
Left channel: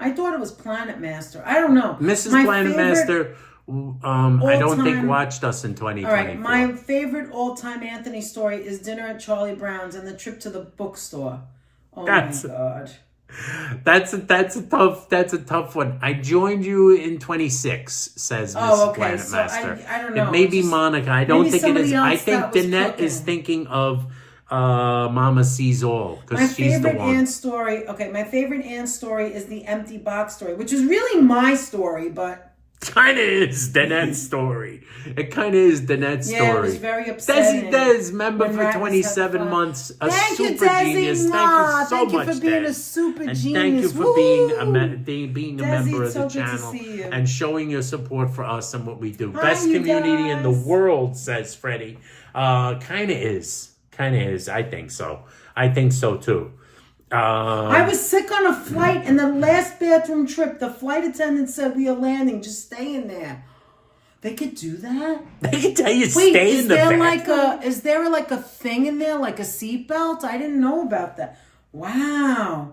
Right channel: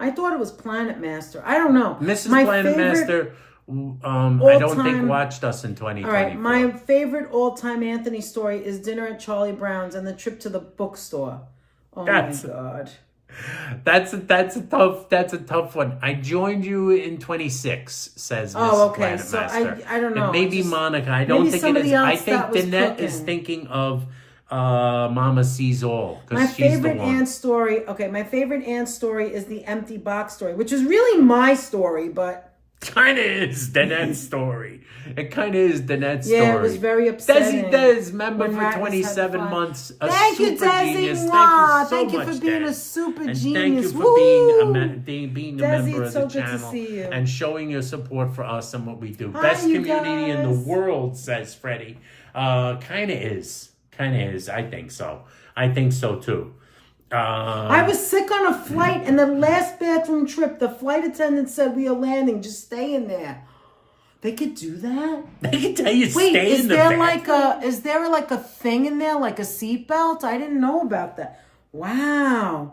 I thought it was Planet Master. I don't know. Mrs. Planet Master I don't think All-time- watched us in 2024. All right, my favorite all-time Anthony story is dinner at Charlie Brown's and the trip to the bookstore. Oh my God. That's a tough one. I joined you in 26, says Mrs. Planet So Master. I don't know. It may be Monica. I don't think it is. I else think that was Danette is cooking. thinking of Mama Sees All, My because she's the favorite one. aunt story. Okay, my favorite aunt story is the empty box story, which is really my story, but Kind of is Danette's story. It kind of is Danette's yeah, story. it was very upsetting. Desi Des, member when for Magnus 27 had months, a Thank you, super Desi. genius. Mwah. Thank you so much, Thank you for being Des. a super And genius. thank you for Woo! being a Desi, member of it's so the good to channel see you. and showing your support for us and what we do. Hi, Best you community in the guys. world, says Freddie. Kind of is. I think so. I think so too. I was sick on a flight, and the last bathroom trip, the flight attendant said we are landing. Just stay in there. They could do that. They can tell you Wait, stay is in the there bathroom. is there like a thing in there, like a seatbelt? I didn't know about that. Wow.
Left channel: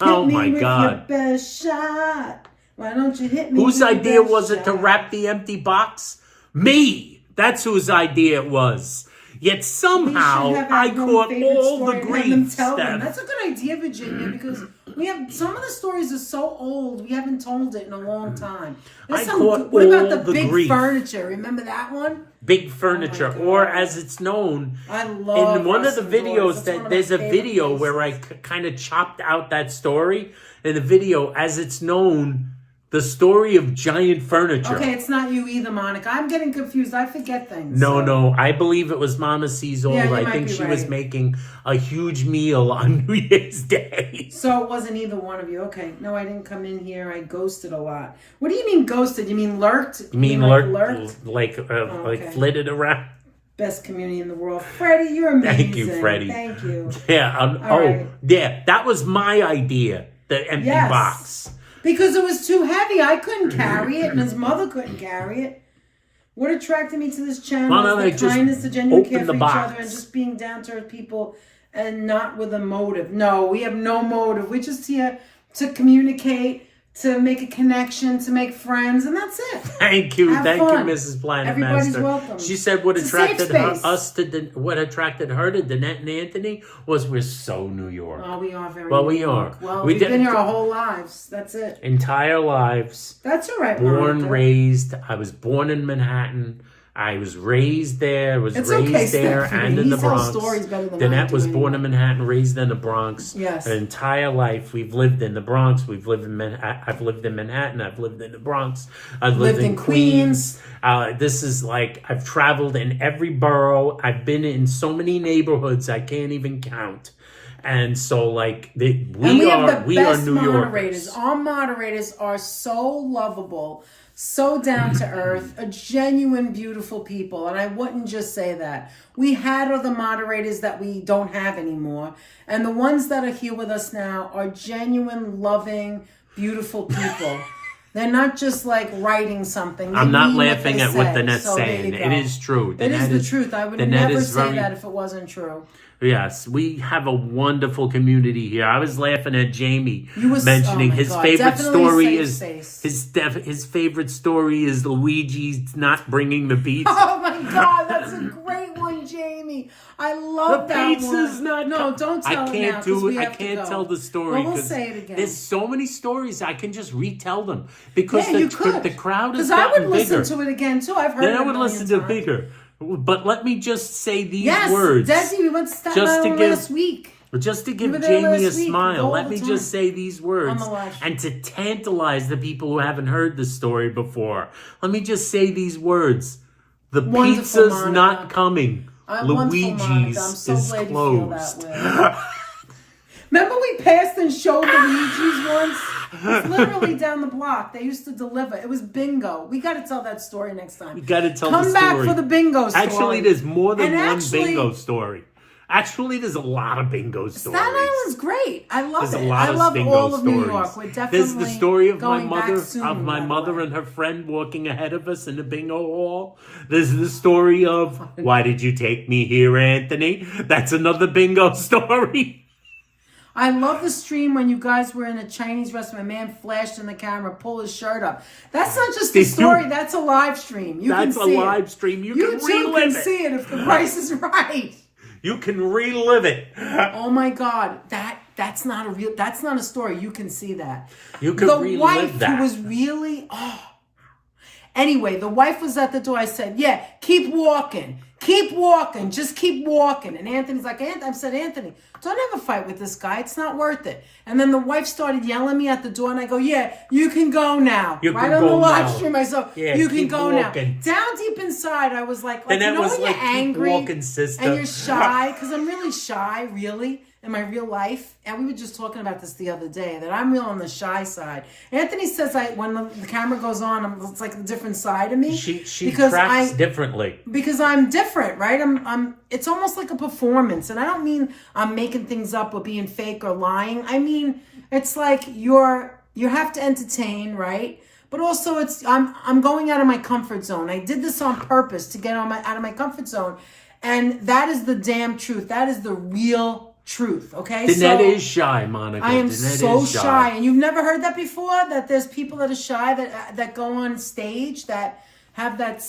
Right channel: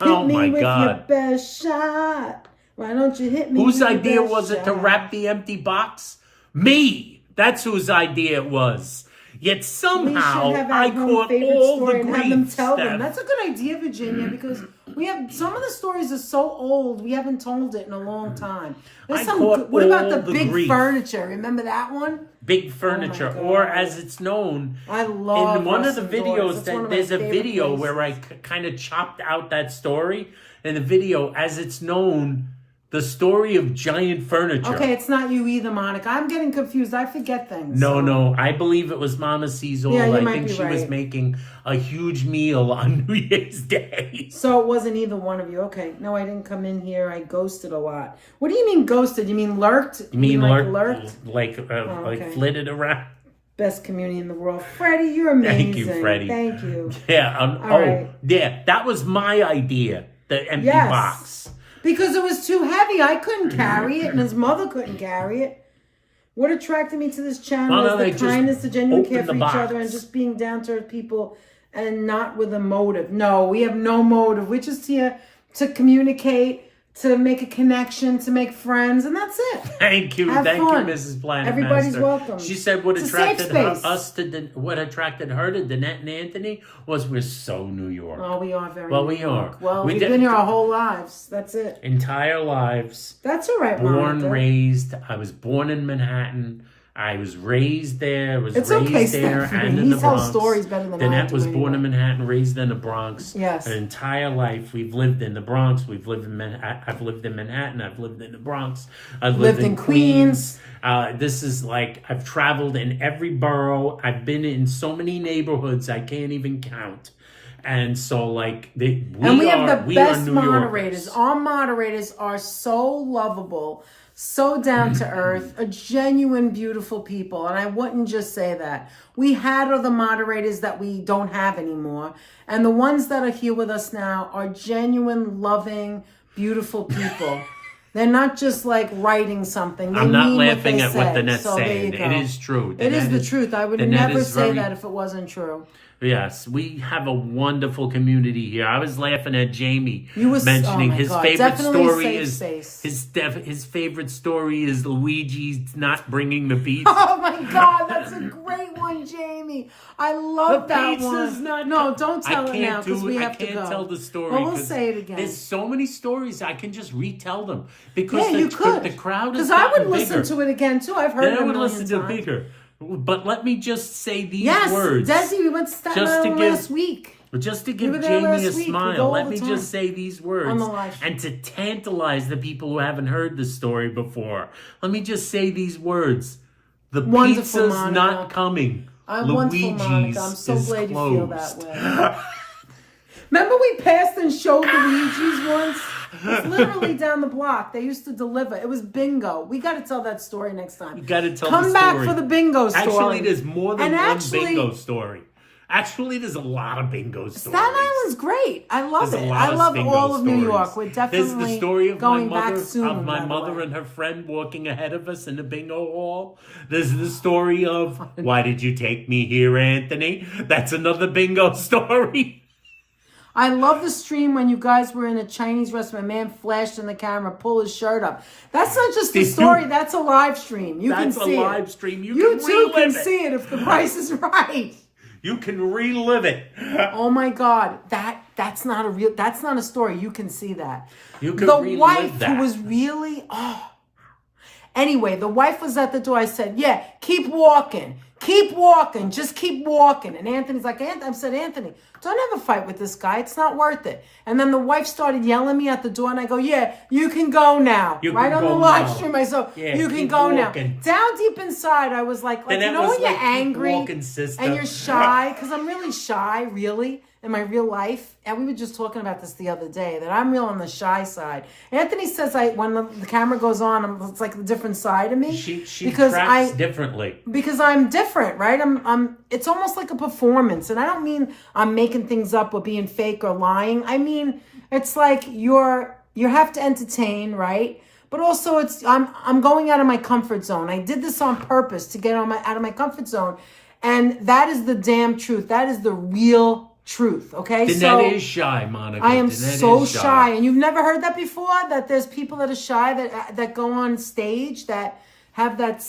Oh Hit me my with God. your best shot. Why don't you hit me? Whose with your idea best was it to shot? wrap the empty box? Me! That's whose idea it was. Yet We should somehow have I our own caught favorite all story the and have them grief, tell them. Steph. That's a good idea, Virginia, because we have some of the stories are so old we haven't told it in a long time. I There's caught what about all the the big grief. furniture? Remember that one? Big furniture, God. or as it's known, I love in one of the Russell Daughters. videos That's one that of my there's a favorite video things. where I kind of chopped out that story. In the video, as it's known, the story of giant furniture. Okay, it's not you either, Monica. I'm getting confused. I forget things. No, so. no. I believe it was Mama Sees All. Yeah, you I might think be she was right. making a huge meal on New Year's Day. So it wasn't either one of you. Okay. No, I didn't come in here. I ghosted a lot. What do you mean ghosted? You mean lurked? You mean like lurked? Like okay. flitted around? Best community in the world. Freddie, you're amazing. Thank you, Freddie. Thank you. Yeah. All right. Yeah. That was my idea. The empty Yes. box. Because it was too heavy. I couldn't carry it, and his mother couldn't carry it. What attracted me to this channel Why don't I is just the kindness, the genuine open care the for each box? other, and just being down to earth people, and not with a motive. No, we have no motive. We're just here to communicate, to make a connection, to make friends, and that's it. Thank you, Have thank fun. you, Mrs. Planet Everybody's Master. welcome. She said what It's a safe attracted her, space. what attracted her to Danette and Anthony was we're so New York. Oh, we are very. Well, we New York. are. Well, We we've did- been here our whole lives. That's it. Entire lives, That's all right. born, Monica. raised. I was born in Manhattan. I was raised there. Was It's raised okay, there Stephanie. and in He the tells Bronx. stories better than I Danette do was born anymore. in Manhattan, raised in the Bronx. Yes. An entire life we've lived in the Bronx. We've lived in I've lived in Manhattan. I've lived in the Bronx. I've lived in Queens. This is like I've traveled in every borough. I've been in so many neighborhoods I can't even count. And so like we have the best New moderators. Yorkers. Our moderators are so lovable, so down to earth, a genuine, beautiful people. And I wouldn't just say that. We had other moderators that we don't have anymore. And the ones that are here with us now are genuine, loving, beautiful people. They're not just like writing something. They I'm not mean what laughing they at what say. Danette's So there saying. you It go. is true. It is Danette the truth. I would Danette never is say very- that if it wasn't true. Yes, we have a wonderful community here. I was laughing at Jamie mentioning oh my his God, favorite definitely story safe is space. his favorite story is Luigi's not bringing the pizza. Oh my God, that's a great one, Jamie. I love The that pizza's one. not. No, don't tell I it now can't because we I have to can't go. tell the story. Well, we'll 'cause say it again. There's so many stories I can just retell them because Yeah, you could. the crowd is Because I gotten would listen bigger. to it again too. I've heard Then it I a would million listen to times. bigger. But let me just say these Yes, words. Desi, we went to Staten Just to Island give- last week. Just to We give were there Jamie a last week. We go smile, all let the me time. just say these words. On the live show. And to tantalize the people who haven't heard this story before, let me just say these words. The Wonderful, pizza's Monica. not coming. Wonderful, Monica. Luigi's I'm so is glad closed. you feel that way. Remember we passed and showed Luigi's once? It's literally down the block. They used to deliver. It was bingo. We got to tell that story next time. You got to tell Come the story. back for the bingo story. Actually, there's more than And one actually- bingo story. Actually, there's a lot of bingo stories. Staten Island's great. I love There's it. a lot I of love bingo all of New stories. York. We're definitely There's the story of my going back mother, soon, by the way. and her friend walking ahead of us in the bingo hall. There's the story of why did you take me here, Anthony? That's another bingo story. I love the stream when you guys were in a Chinese restaurant. A man flashed in the camera, pull his shirt up. That's not just a story. That's a live stream. You can see it. That's a live stream. You can relive it. You can see it if the price is right. You can relive it. Oh my God, that's not a story. You can see that. You can relive that. The wife who was really Anyway, the wife was at the door. I said, "Yeah, keep walking, just keep walking." And Anthony's like, I said, "Anthony, don't have a fight with this guy. It's not worth it." And then the wife started yelling at me at the door, and I go, "Yeah, you can go now." Right on the live stream, I said, "You can go now." Down deep inside, I was like you know when you're angry and you're shy, because I'm really shy, really, in my real life. And we were just talking about this the other day, that I'm real on the shy side. Anthony says when the camera goes on, it's like a different side of me. She tracks differently. Because I'm different, right? It's almost like a performance. And I don't mean I'm making things up or being fake or lying. I mean, it's like you have to entertain, right? But also I'm going out of my comfort zone. I did this on purpose to get out of my comfort zone. And that is the damn truth. That is the real truth, okay? Danette is shy, Monica. I am so shy. And you've never heard that before? That there's people that are shy that go on stage that have that.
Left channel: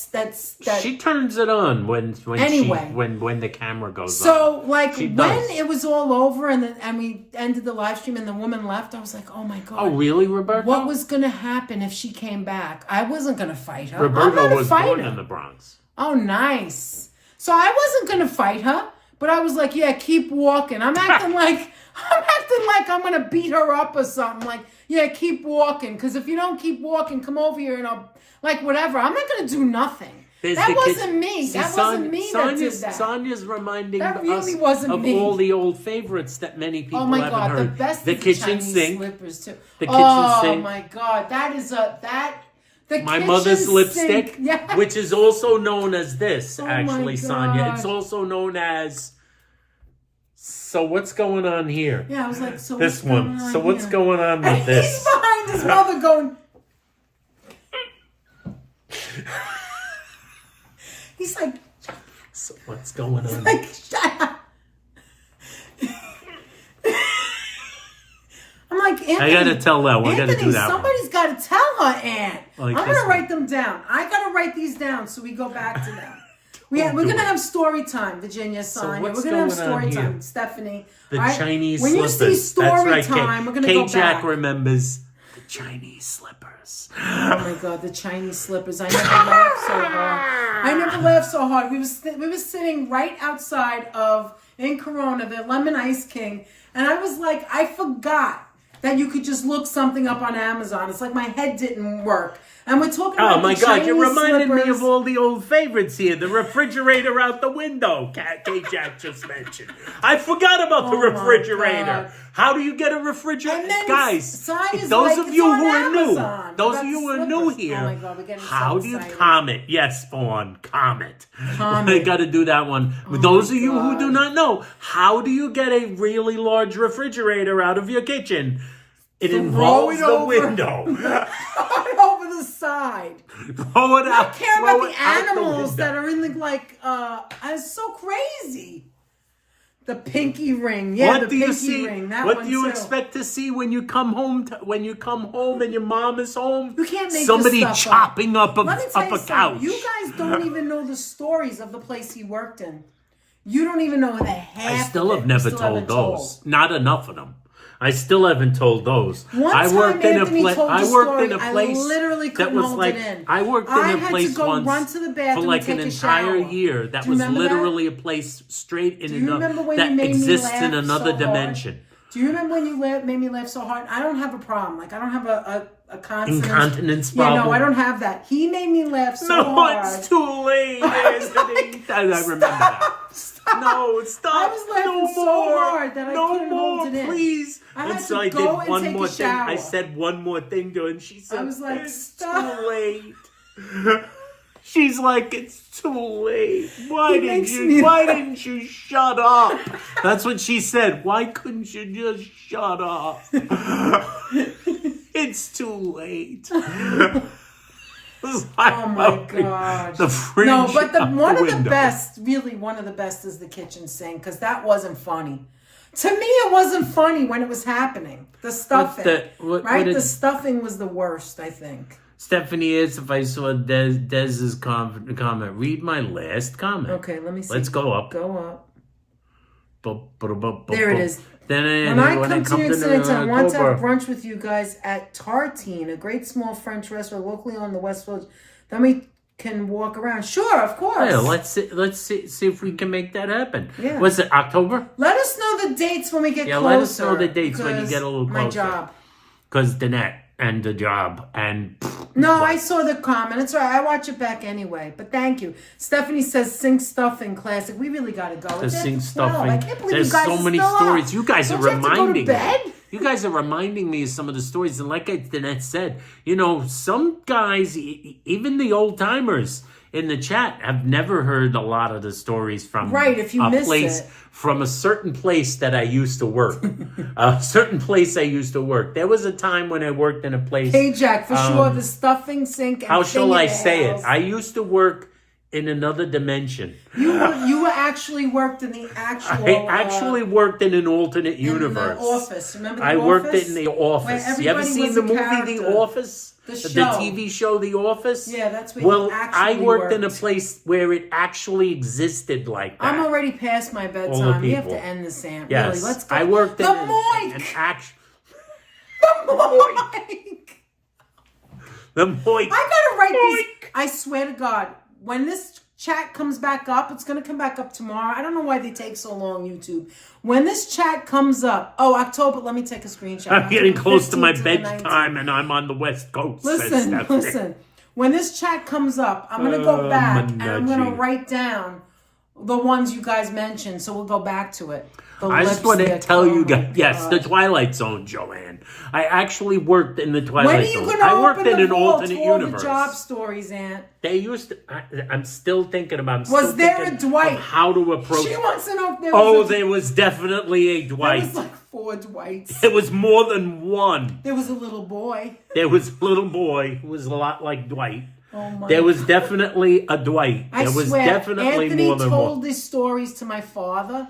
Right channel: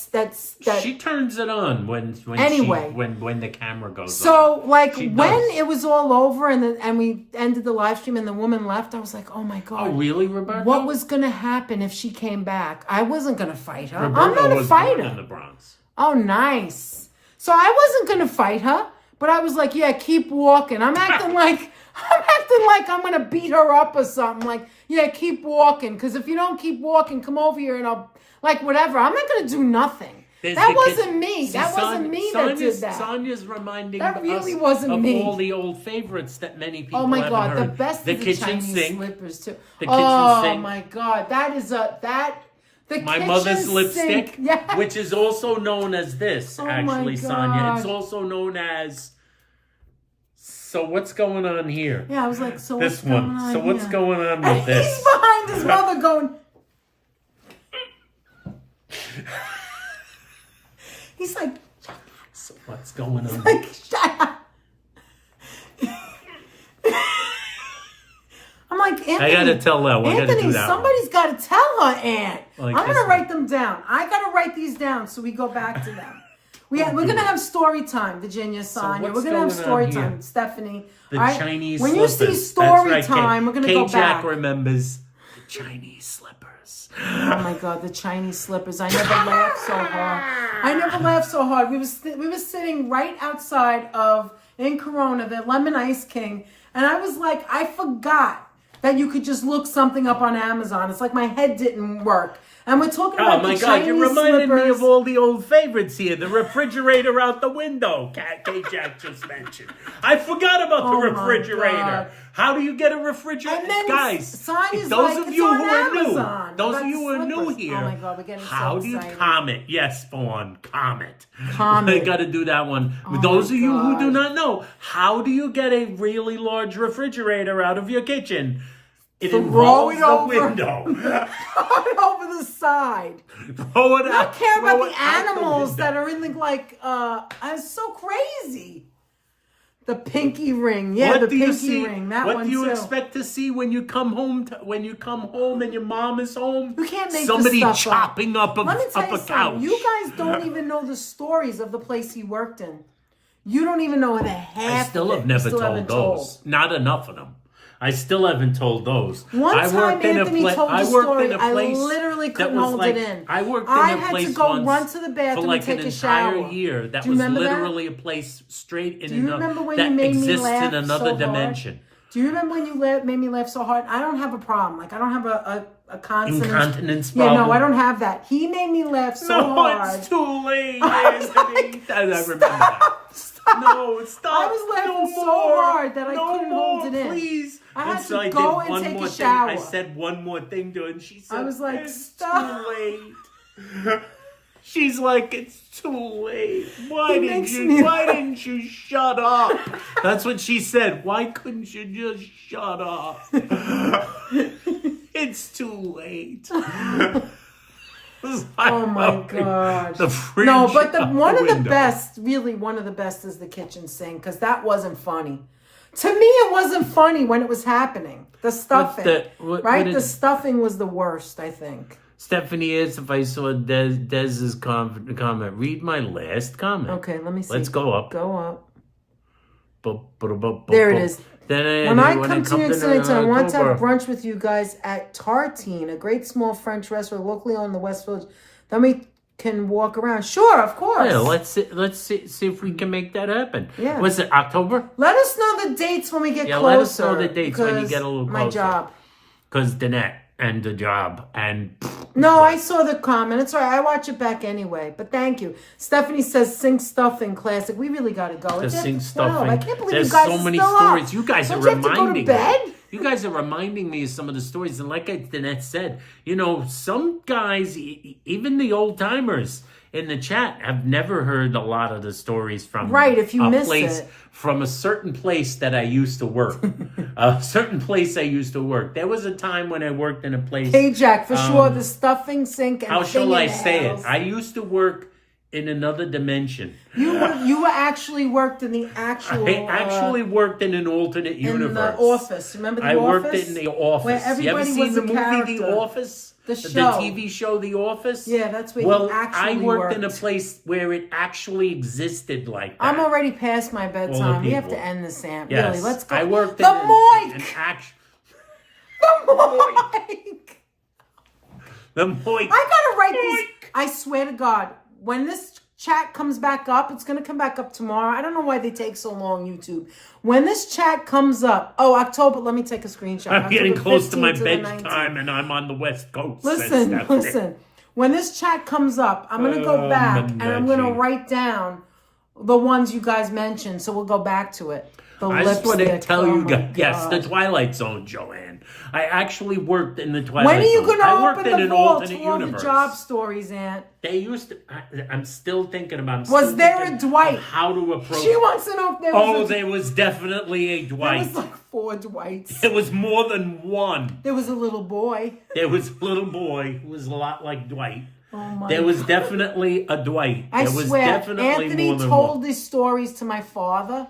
She turns it on when the camera goes on. So like when it was all over and we ended the live stream and the woman left, I was like, oh my God. Oh really, Roberto? What was gonna happen if she came back? I wasn't gonna fight her. Roberto was born in the Bronx. Oh nice. So I wasn't gonna fight her. But I was like, yeah, keep walking. I'm acting like I'm going to beat her up or something. Like, yeah, keep walking. Because if you don't keep walking, come over here and I'll, like, whatever. I'm not going to do nothing. That wasn't me. That wasn't me that did that. Sonia's reminding us of all the old favorites that many people haven't heard. Oh, my God. The best the is kitchen the Chinese sink. Slippers, too. The kitchen sink. Oh, my God. That is my mother's lipstick, yeah. Which is also known as this, actually, Sonia. It's also known as... So what's going on here? Yeah, I was like, so this one. So what's going on with this? He's behind his mother going... He's like... So what's going on? Like, shut up. I'm like, Anthony, I gotta tell that one. I gotta do that somebody's one. Gotta tell her, Aunt. Like I'm gonna write them down. I gotta write these down so we go back to them. We're gonna have story time, Virginia, Sonia. We're gonna have story time, Stephanie. The Chinese when slippers. When you see story time, we're gonna go back. K-Jack remembers the Chinese slippers. Oh my God, the Chinese slippers! I never laughed so hard. We were sitting right outside in Corona, the Lemon Ice King, and I was like, I forgot that you could just look something up on Amazon. It's like my head didn't work. And we're talking about my God, you're reminding me of all the old favorites here. The refrigerator out the window, K-Jack just mentioned. I forgot about the refrigerator. How do you get a refrigerator? Guys, those of you who are new here, how do you comment? Yes, Fawn, comment. I got to do that one. Those of you who do not know, how do you get a really large refrigerator out of your kitchen? It involves the window. Throw it over the side. Throw it out. I don't care about the animals that are in the, it's so crazy. The pinky ring. Yeah, the pinky ring. That one What do you expect to see when you come home and your mom is home? You can't make somebody this stuff chopping up a couch. couch. You guys don't even know the stories of the place he worked in. You don't even know the half. I still have never told those. Not enough of them. I still haven't told those. I worked in a place I literally couldn't hold it in. I worked in a place once run to the bathroom for like and take an a shower. entire year. That was literally a place straight in another that exists in another dimension. Do you remember when you made me laugh so hard? I don't have a problem. Like, I don't have a constant incontinence problem. Yeah, no, I don't have that. He made me laugh so hard. No, it's too late, Anthony. I remember that. Stop. No, stop. I was laughing so hard that I couldn't hold it in. Please. I had to go and take a shower. I said one more thing to her, and she said, I was like, it's stop. too late. She's like, it's too late. Why didn't you shut up? That's what she said. Why couldn't you just shut up? It's too late. Oh my God. The fridge. No, but one of the best is the kitchen sink, because that wasn't funny. To me, it wasn't funny when it was happening. The stuffing, the stuffing was the worst, I think. Stephanie asked if I saw Dez's comment. Read my last comment. Okay, let me see. Let's go up. Go up. There it is. Then when I come to New York City, I want to have brunch with you guys at Tartine, a great small French restaurant locally owned in the West Village. Then we can walk around. Sure, of course. Yeah, let's see if we can make that happen. Yeah. Was it October? Let us know the dates when we get closer. Yeah, let us know the dates when you get a little closer. My job. Because Danette and the job and... No, I saw the comment. It's all right. I watch it back anyway. But thank you. Stephanie says, sing stuffing classic. We really got to go. The sing stuffing. I can't believe There's you guys so many still stories. Up. You guys Don't are you have to reminding go to bed? me. You guys are reminding me of some of the stories. And like Danette said, you know, some guys, even the old timers in the chat, have never heard a lot of the stories from if you miss place. It. From a certain place that I used to work. A certain place I used to work. There was a time when I worked in a place... Hey, Jack, for sure, the stuffing sink and how shall I say house. it? I used to work in another dimension. You actually worked in the actual... I actually worked in an alternate universe. In the office. Remember the office? I worked office? in the office. You ever seen the movie The Office? The show. The TV show The Office? Yeah, that's where you actually I worked in a place where it actually existed like that. I'm already past my bedtime. We have to end this, Aunt. Yes. Really, let's go. I worked in an action... The Moik! The Moik! I gotta write this. I swear to God, when this chat comes back up, it's gonna come back up tomorrow. I don't know why they take so long, YouTube. When this chat comes up, October, let me take a screenshot. I'm getting close to my bedtime and I'm on the West Coast. Listen. When this chat comes up, I'm going to go back and I'm going to write down the ones you guys mentioned. So we'll go back to it. I just want to tell you guys, yes, the Twilight Zone, Joanne. I actually worked in the Twilight Zone. When are you going to worked in an alternate universe. The job stories, Aunt? They used to. I'm still thinking about. Was there a Dwight? How to approach? She wants to know if there was. There was definitely a Dwight. There was like 4 Dwights. It was more than one. There was a little boy. There was a little boy who was a lot like Dwight. Oh my there was definitely a Dwight. I there was swear, definitely Anthony more than one. told these stories to my father.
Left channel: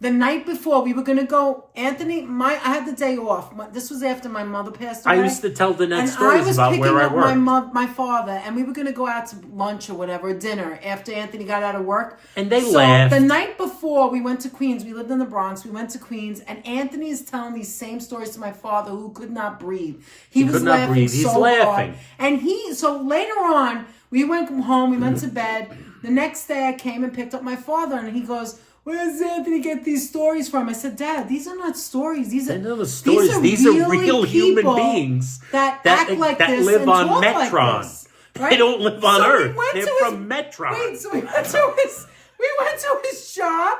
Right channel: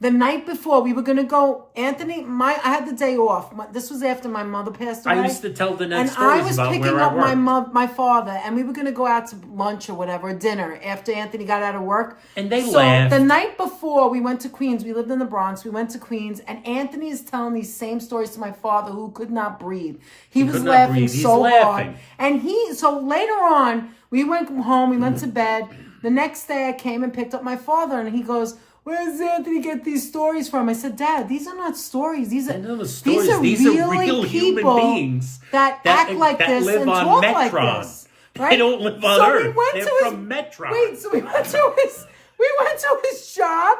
The night before, we were going to go, Anthony, I had the day off. This was after my mother passed away. I used to tell the next stories about where I worked. And I was picking up my father, and we were going to go out to lunch or whatever, dinner, after Anthony got out of work. And they laughed. The night before, we went to Queens. We lived in the Bronx. We went to Queens, and Anthony is telling these same stories to my father, who could not breathe. He was laughing so hard. And so later on, we went home. We went to bed. The next day, I came and picked up my father, and he goes, "Where does Anthony get these stories from?" I said, "Dad, these are not stories. These are stories. These are real human beings that act like that this live and on talk Metron. like this, right? They don't live on Earth. They're from Metron." Wait, so we went to his job,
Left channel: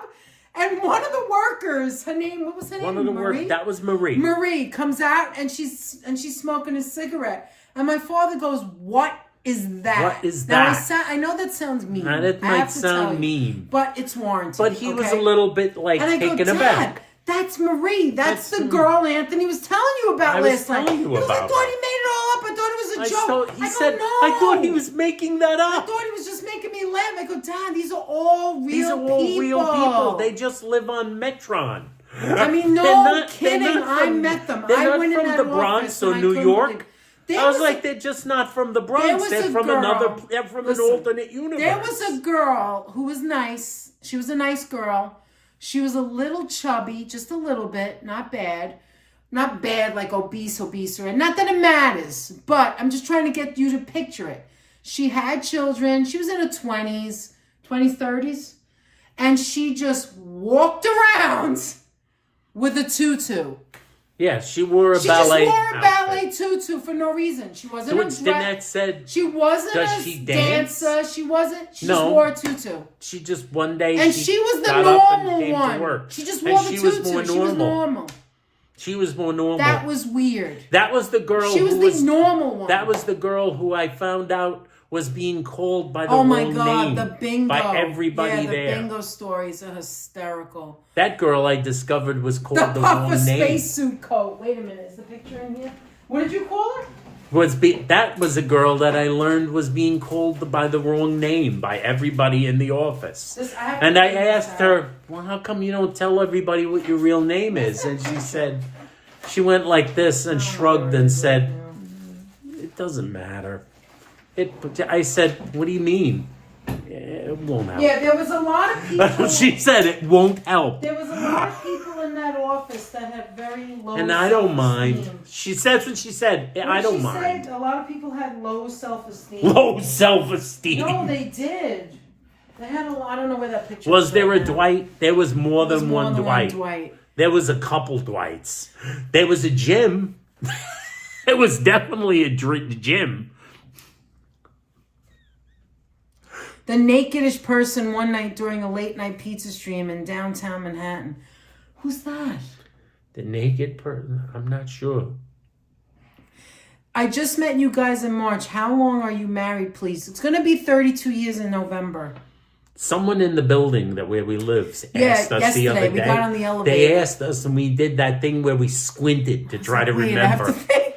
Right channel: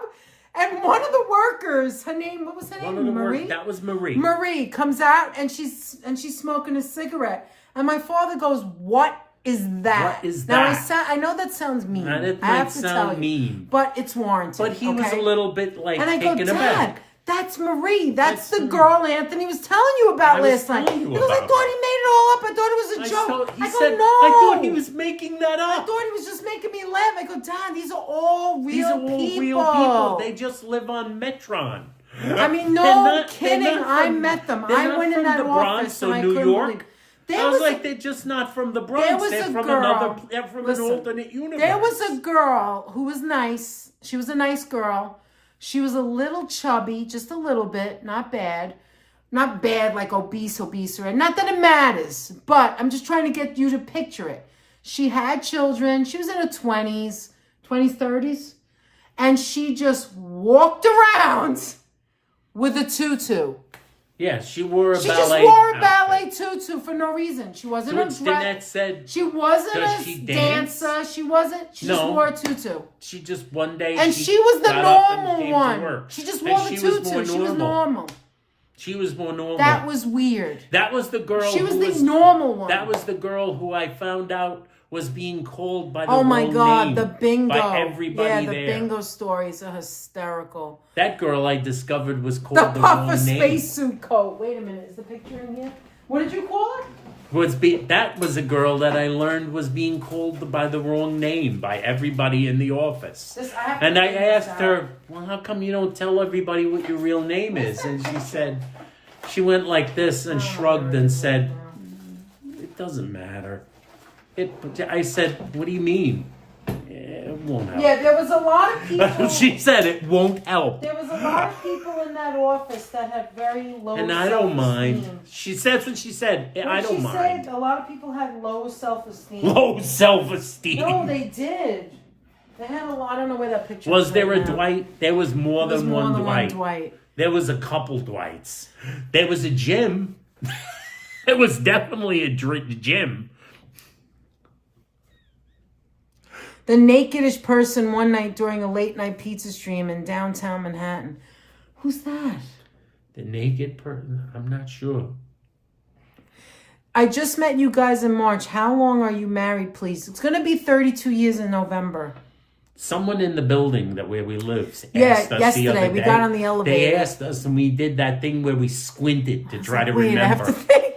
and one of the workers, her name, what was her name? One of the workers, that was Marie. Marie comes out and she's smoking a cigarette, and my father goes, "What is that?" What is that? Now, I know that sounds mean. That might sound mean. But it's warranted. But he was a little bit like taken aback. That's Marie. That's the girl Anthony was telling you about last time. He goes, "I thought he made it all up. I thought it was a joke." He said, "No. I thought he was making that up. I thought he was just making me laugh." I go, "Dad, these are all real people. These are all real people. They just live on Metron." I mean, no kidding. I met them. I went in that office. They're not from the Bronx or New York. I was like, they're just not from the Bronx. They're from they're from an alternate universe. There was a girl who was nice. She was a nice girl. She was a little chubby, just a little bit, not bad. Not bad like obese, or not that it matters, but I'm just trying to get you to picture it. She had children. She was in her 20s, 30s, and she just walked around with a tutu. Yeah, she wore a ballet. She just wore a ballet tutu for no reason. She wasn't a Danette said. She wasn't a dancer. She wasn't. She just wore a tutu. She just one day. And she was the normal one. She just wore the tutu. She was normal. She was more normal. That was weird. That was the girl. She was the normal one. That was the girl who I found out was being called by the wrong name. Oh my God, the bingo. By everybody there. Yeah, the bingo stories are hysterical. That girl I discovered was called the wrong name. The puffer spacesuit coat. Wait a minute, is the picture in here? What did you call her? That was a girl that I learned was being called by the wrong name by everybody in the office. And I asked her, well, how come you don't tell everybody what your real name is? And she said, she went like this and shrugged and said, it doesn't matter. I said, what do you mean? It won't help. Yeah, there was a lot of people. She said it won't help. There was a lot of people in that office that had very low and I don't mind. self-esteem. She said what she said. I don't mind. Said a lot of people had low self-esteem. Low self-esteem. No, they did. They had a lot. I don't know where that picture was. There a Dwight? There was more than one Dwight. Dwight. There was a couple Dwights. There was a Jim. It was definitely a gym. The nakedish person one night during a late night pizza stream in downtown Manhattan. Who's that? The naked person? I'm not sure. I just met you guys in March. How long are you married, please? It's going to be 32 years in November. Someone in the building where we live asked us yesterday, the other day. we got on the elevator. They asked us and we did that thing where we squinted to try to remember. I have to think.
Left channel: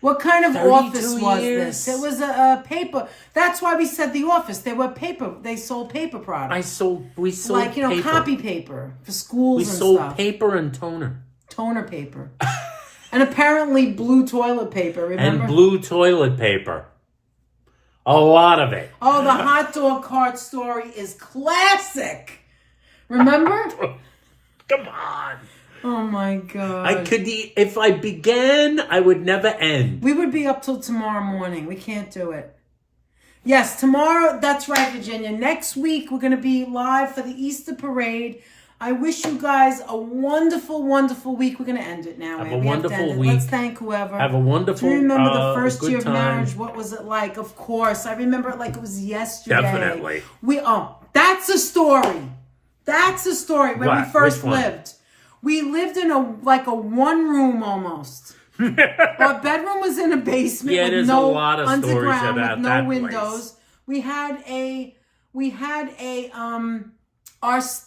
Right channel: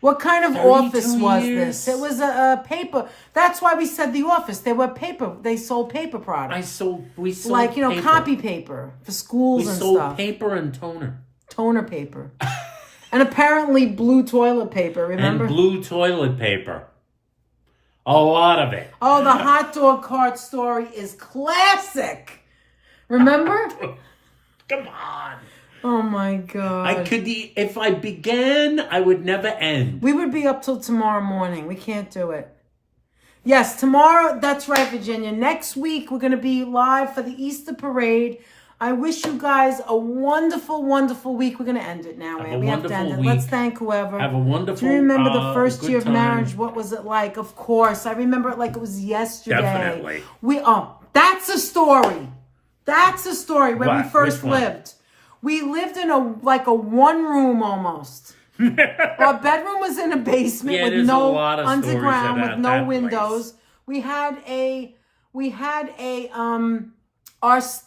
What kind of office was this? It was a paper. That's why we said the office. They were paper. They sold paper products. We sold like, paper. copy paper for schools and stuff. We sold paper and toner. Toner paper. And apparently blue toilet paper, remember? And blue toilet paper. A lot of it. Oh, the hot dog cart story is classic. Remember? Come on. Oh my God. I could, if I began, I would never end. We would be up till tomorrow morning. We can't do it. Yes, tomorrow, that's right, Virginia. Next week, we're going to be live for the Easter parade. I wish you guys a wonderful, wonderful week. We're going to end it now. Have a wonderful week. Let's thank whoever. Have a wonderful, Do you remember the first year of time. marriage? What was it like? Of course. I remember it like it was yesterday. Definitely. That's a story. That's a story when we first lived. We lived in a one room almost. Our bedroom was in a basement with no underground, with no windows. We had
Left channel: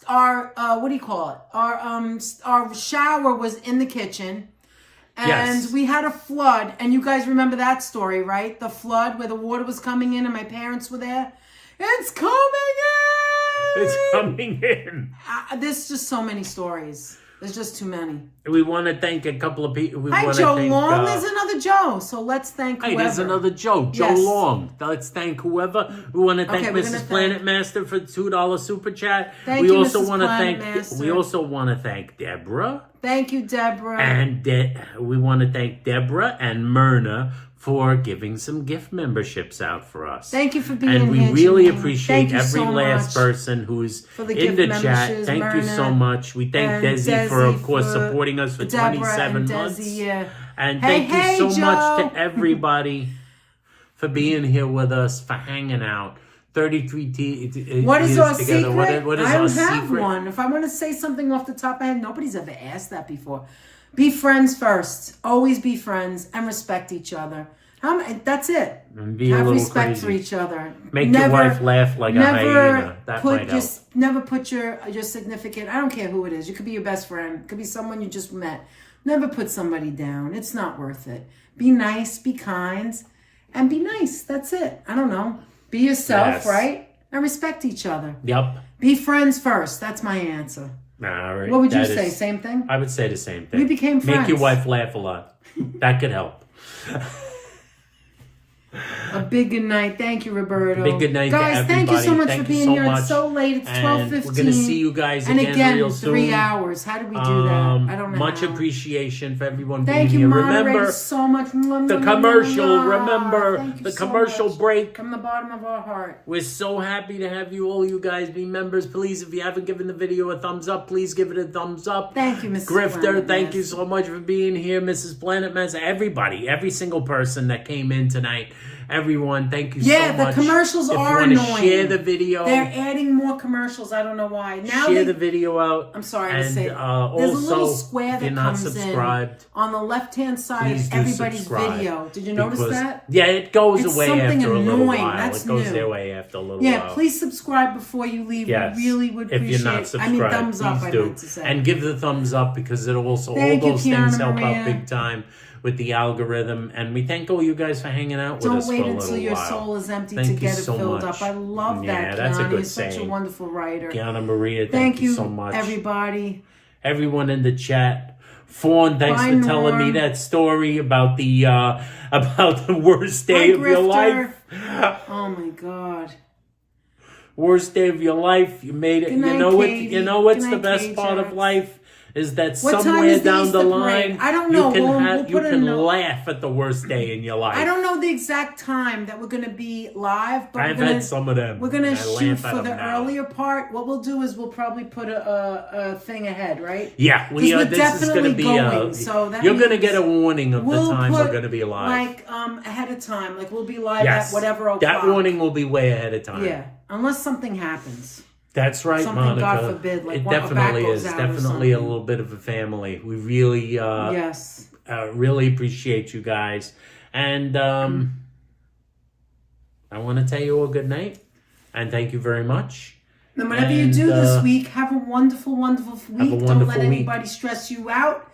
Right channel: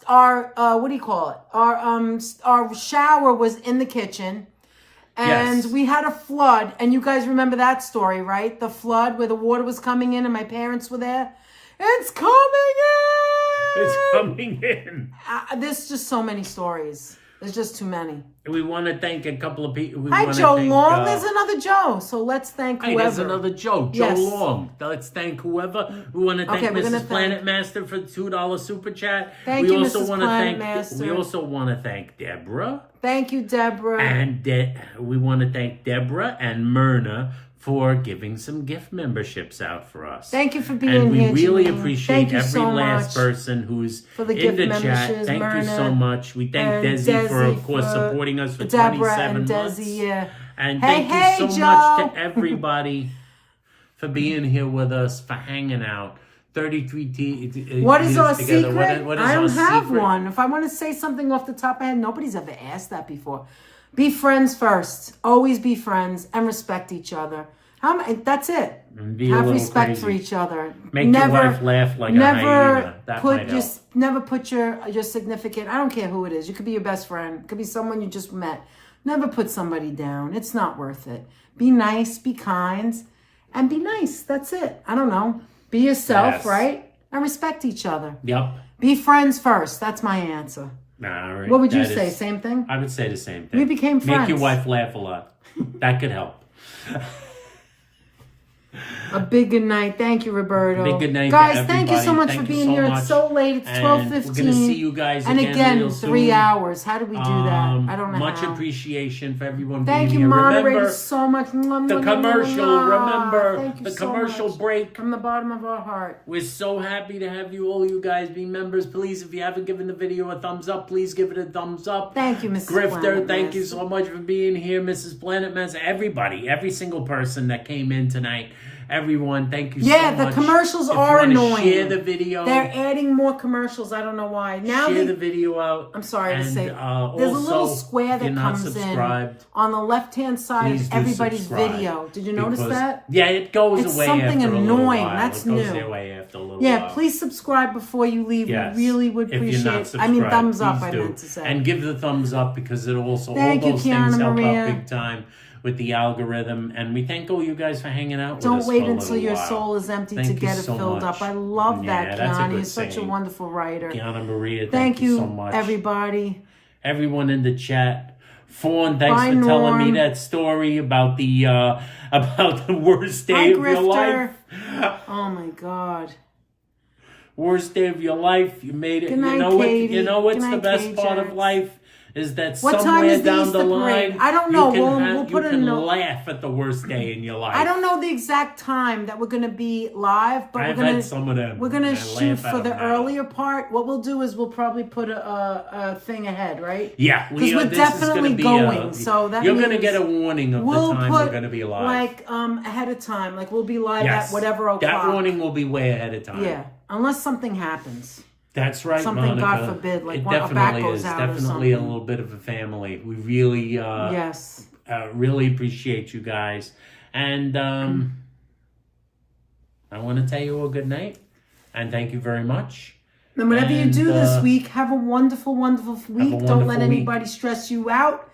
our what do you call it? Our shower was in the kitchen. And we had a flood, and you guys remember that story, right? The flood where the water was coming in and my parents were there. It's coming in! It's coming in. There's just so many stories. There's just too many. We want to thank a couple of people. Hi, Joe Long. There's another Joe. So let's thank whoever. Hey, there's another Joe. Joe Long. Let's thank whoever. We want to thank Mrs. Planet Master for the $2 super chat. Thank you, Mrs. Planet Master. We also want to thank Deborah. Thank you, Deborah. And we want to thank Deborah and Myrna for giving some gift memberships out for us. Thank you for being here. And we really appreciate every last person who's in the chat. Thank you so much. We thank Desi for, of course, supporting us for 27 months. And thank you so much to everybody for being here with us, for hanging out. 33 What is our together. secret? What is I don't our have secret? one. If I want to say something off the top of my head, nobody's ever asked that before. Be friends first. Always be friends and respect each other. That's it. And be have a little respect crazy. for each other. Make your wife laugh like a hyena. That might help. Never put your significant, I don't care who it is. You could be your best friend. It could be someone you just met. Never put somebody down. It's not worth it. Be nice, be kind, and be nice. That's it. I don't know. Be yourself, right? And respect each other. Yep. Be friends first. That's my answer. All right. What would you say? Same thing? I would say the same thing. We became friends. Make your wife laugh a lot. That could help. A big good night. Thank you, Roberto. Big good night, guys. to everybody. Thank you so much thank for being here. It's so late. It's 12:15. We're gonna see you guys again real soon. 3 hours. How did we do that? I don't know. Much appreciation for everyone Thank being you, here. Moderators, Remember so much. the commercial. Remember the commercial much. break. From the bottom of our heart. We're so happy to have all you guys be members. Please, if you haven't given the video a thumbs up, please give it a thumbs up. Thank you, Mrs. Grifter, Planet thank you Master. so much for being here, Mrs. Planet Master. Everybody, every single person that came in tonight Everyone, thank you so much. Yeah, the commercials are if you annoying. Share the video. They're adding more commercials. I don't know why. Now share the video out. I'm sorry to and, say. Also, there's a little square that comes in on the left-hand side of everybody's video. Did you notice that? Yeah, it goes it's away something after annoying. a little while. That's it goes new. away after a little Yeah, while. please subscribe before you leave. Yes. We really would appreciate If you're not subscribed, thumbs up, please I do. meant to say. And give the thumbs up because it also, Thank all those you, things Kiana help Maria. out big time with the algorithm. And we thank all you guys for hanging out with us Don't for wait a little until your while. soul is empty Thank to you get it so filled much. up. I love Yeah, that, that's a Kiana. good You're such a saying. wonderful writer. Kiana Maria, thank you so much. Everybody. Everyone in the chat. Fawn, thanks Bye, for telling me Norm. that story about the worst day of your life. Oh my God. Worst day of your life. You made it. Good night, you know what? Katie. You know what's Good the night, best Kate part of Jax. life is that What time somewhere is the down the Easter line, parade? I don't know. We'll put it you in can the- laugh at the worst day in your life. I don't know the exact time that we're going to be live, but I've we're gonna, had some of them. We're going to I shoot laugh at for the them now. earlier part. What we'll do is we'll probably put a thing ahead, right? Yeah, we we're are. This is going to definitely be going, so that you're going to means get a warning of the time we're going to be live. Like ahead of time, like we'll be live Yes, at whatever o'clock. that warning will be way ahead of time. Yeah, unless something happens. That's right, Something, Monica. God forbid, like it a back definitely goes is. out or Definitely a something. little bit of a family. We really, Yes. really appreciate you guys. And I want to tell you all good night. And thank you very much. And whatever you do this week, have a wonderful, wonderful week. Don't let anybody stress you out.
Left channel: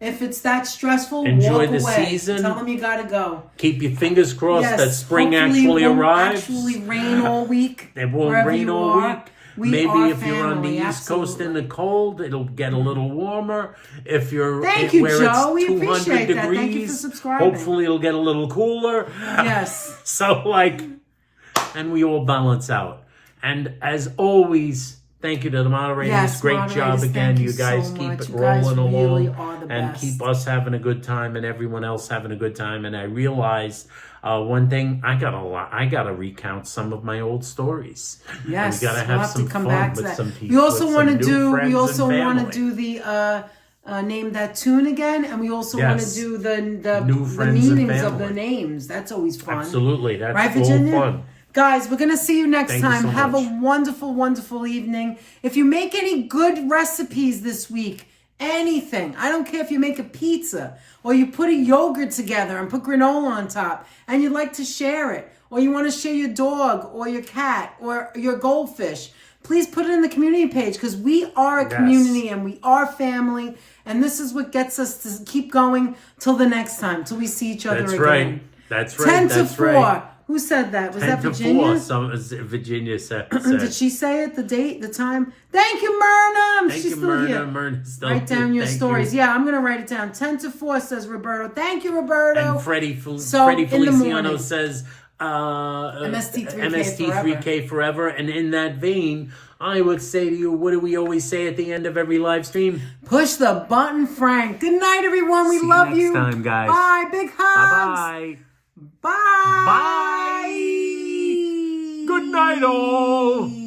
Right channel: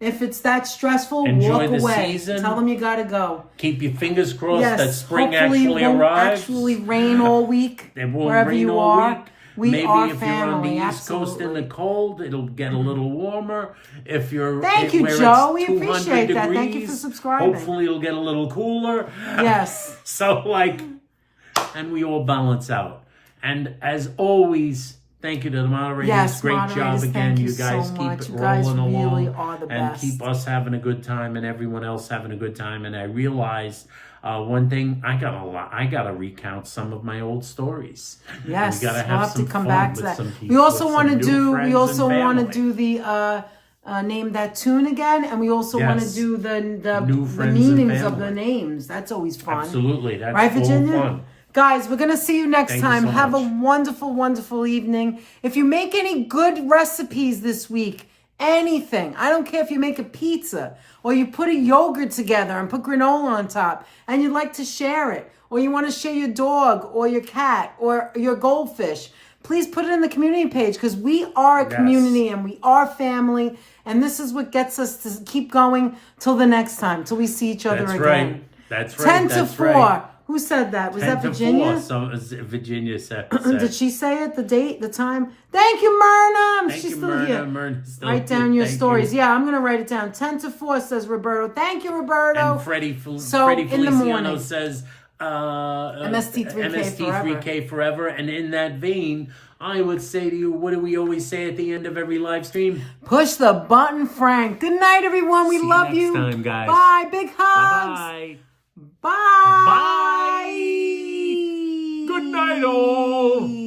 If it's that stressful, enjoy walk the away. season. Tell them you gotta go. Keep your fingers crossed Yes, that spring hopefully actually it won't arrives. actually rain all week. It won't wherever rain you all are. week. We Maybe are if you're on the family, East Coast in the absolutely. cold, it'll get a little warmer. If you're Thank you, where Joe. it's We 200 appreciate degrees, that. Thank you for subscribing. hopefully it'll get a little cooler. Yes. So and we all balance out. And as always, thank you to the moderators. Yes, Great moderators, job again. thank You you guys so keep much. it You guys rolling really along are the and best. keep us having a good time and everyone else having a good time. And I realized one thing, I gotta recount some of my old stories. Yes, and we gotta we'll have some to come fun back with to that. some people. We also want to do. We also want to family. do the name that tune again, and we also want to Yes. do the New friends and meanings of the family. names. That's always fun. Absolutely, that's Right, all Virginia? fun. Guys, we're going to see you next Thank you time. so Have much. a wonderful, wonderful evening. If you make any good recipes this week, anything, I don't care if you make a pizza or you put a yogurt together and put granola on top and you'd like to share it, or you want to share your dog or your cat or your goldfish, please put it in the community page because we are a community and we are family. And this is what gets us to keep going till the next time, till we see each other That's again. right. That's right. 10 to That's 4. right. Who said that? Was 10 that to Virginia? 4. Virginia said. Did she say it? The date? The time? Thank you, Myrna. Thank She's you, still Myrna. here. Myrna's still Write down here. your Thank stories. you. Yeah, I'm going to write it down. 10 to 4, says Roberto. Thank you, Roberto. And Freddie in the Feliciano morning. says MST3K forever. And in that vein, I would say to you, what do we always say at the end of every live stream? Push the button, Frank. Good night, everyone. We See love next you. time, guys. Bye. Big hugs. Bye-bye. Bye. Bye. Good night, all.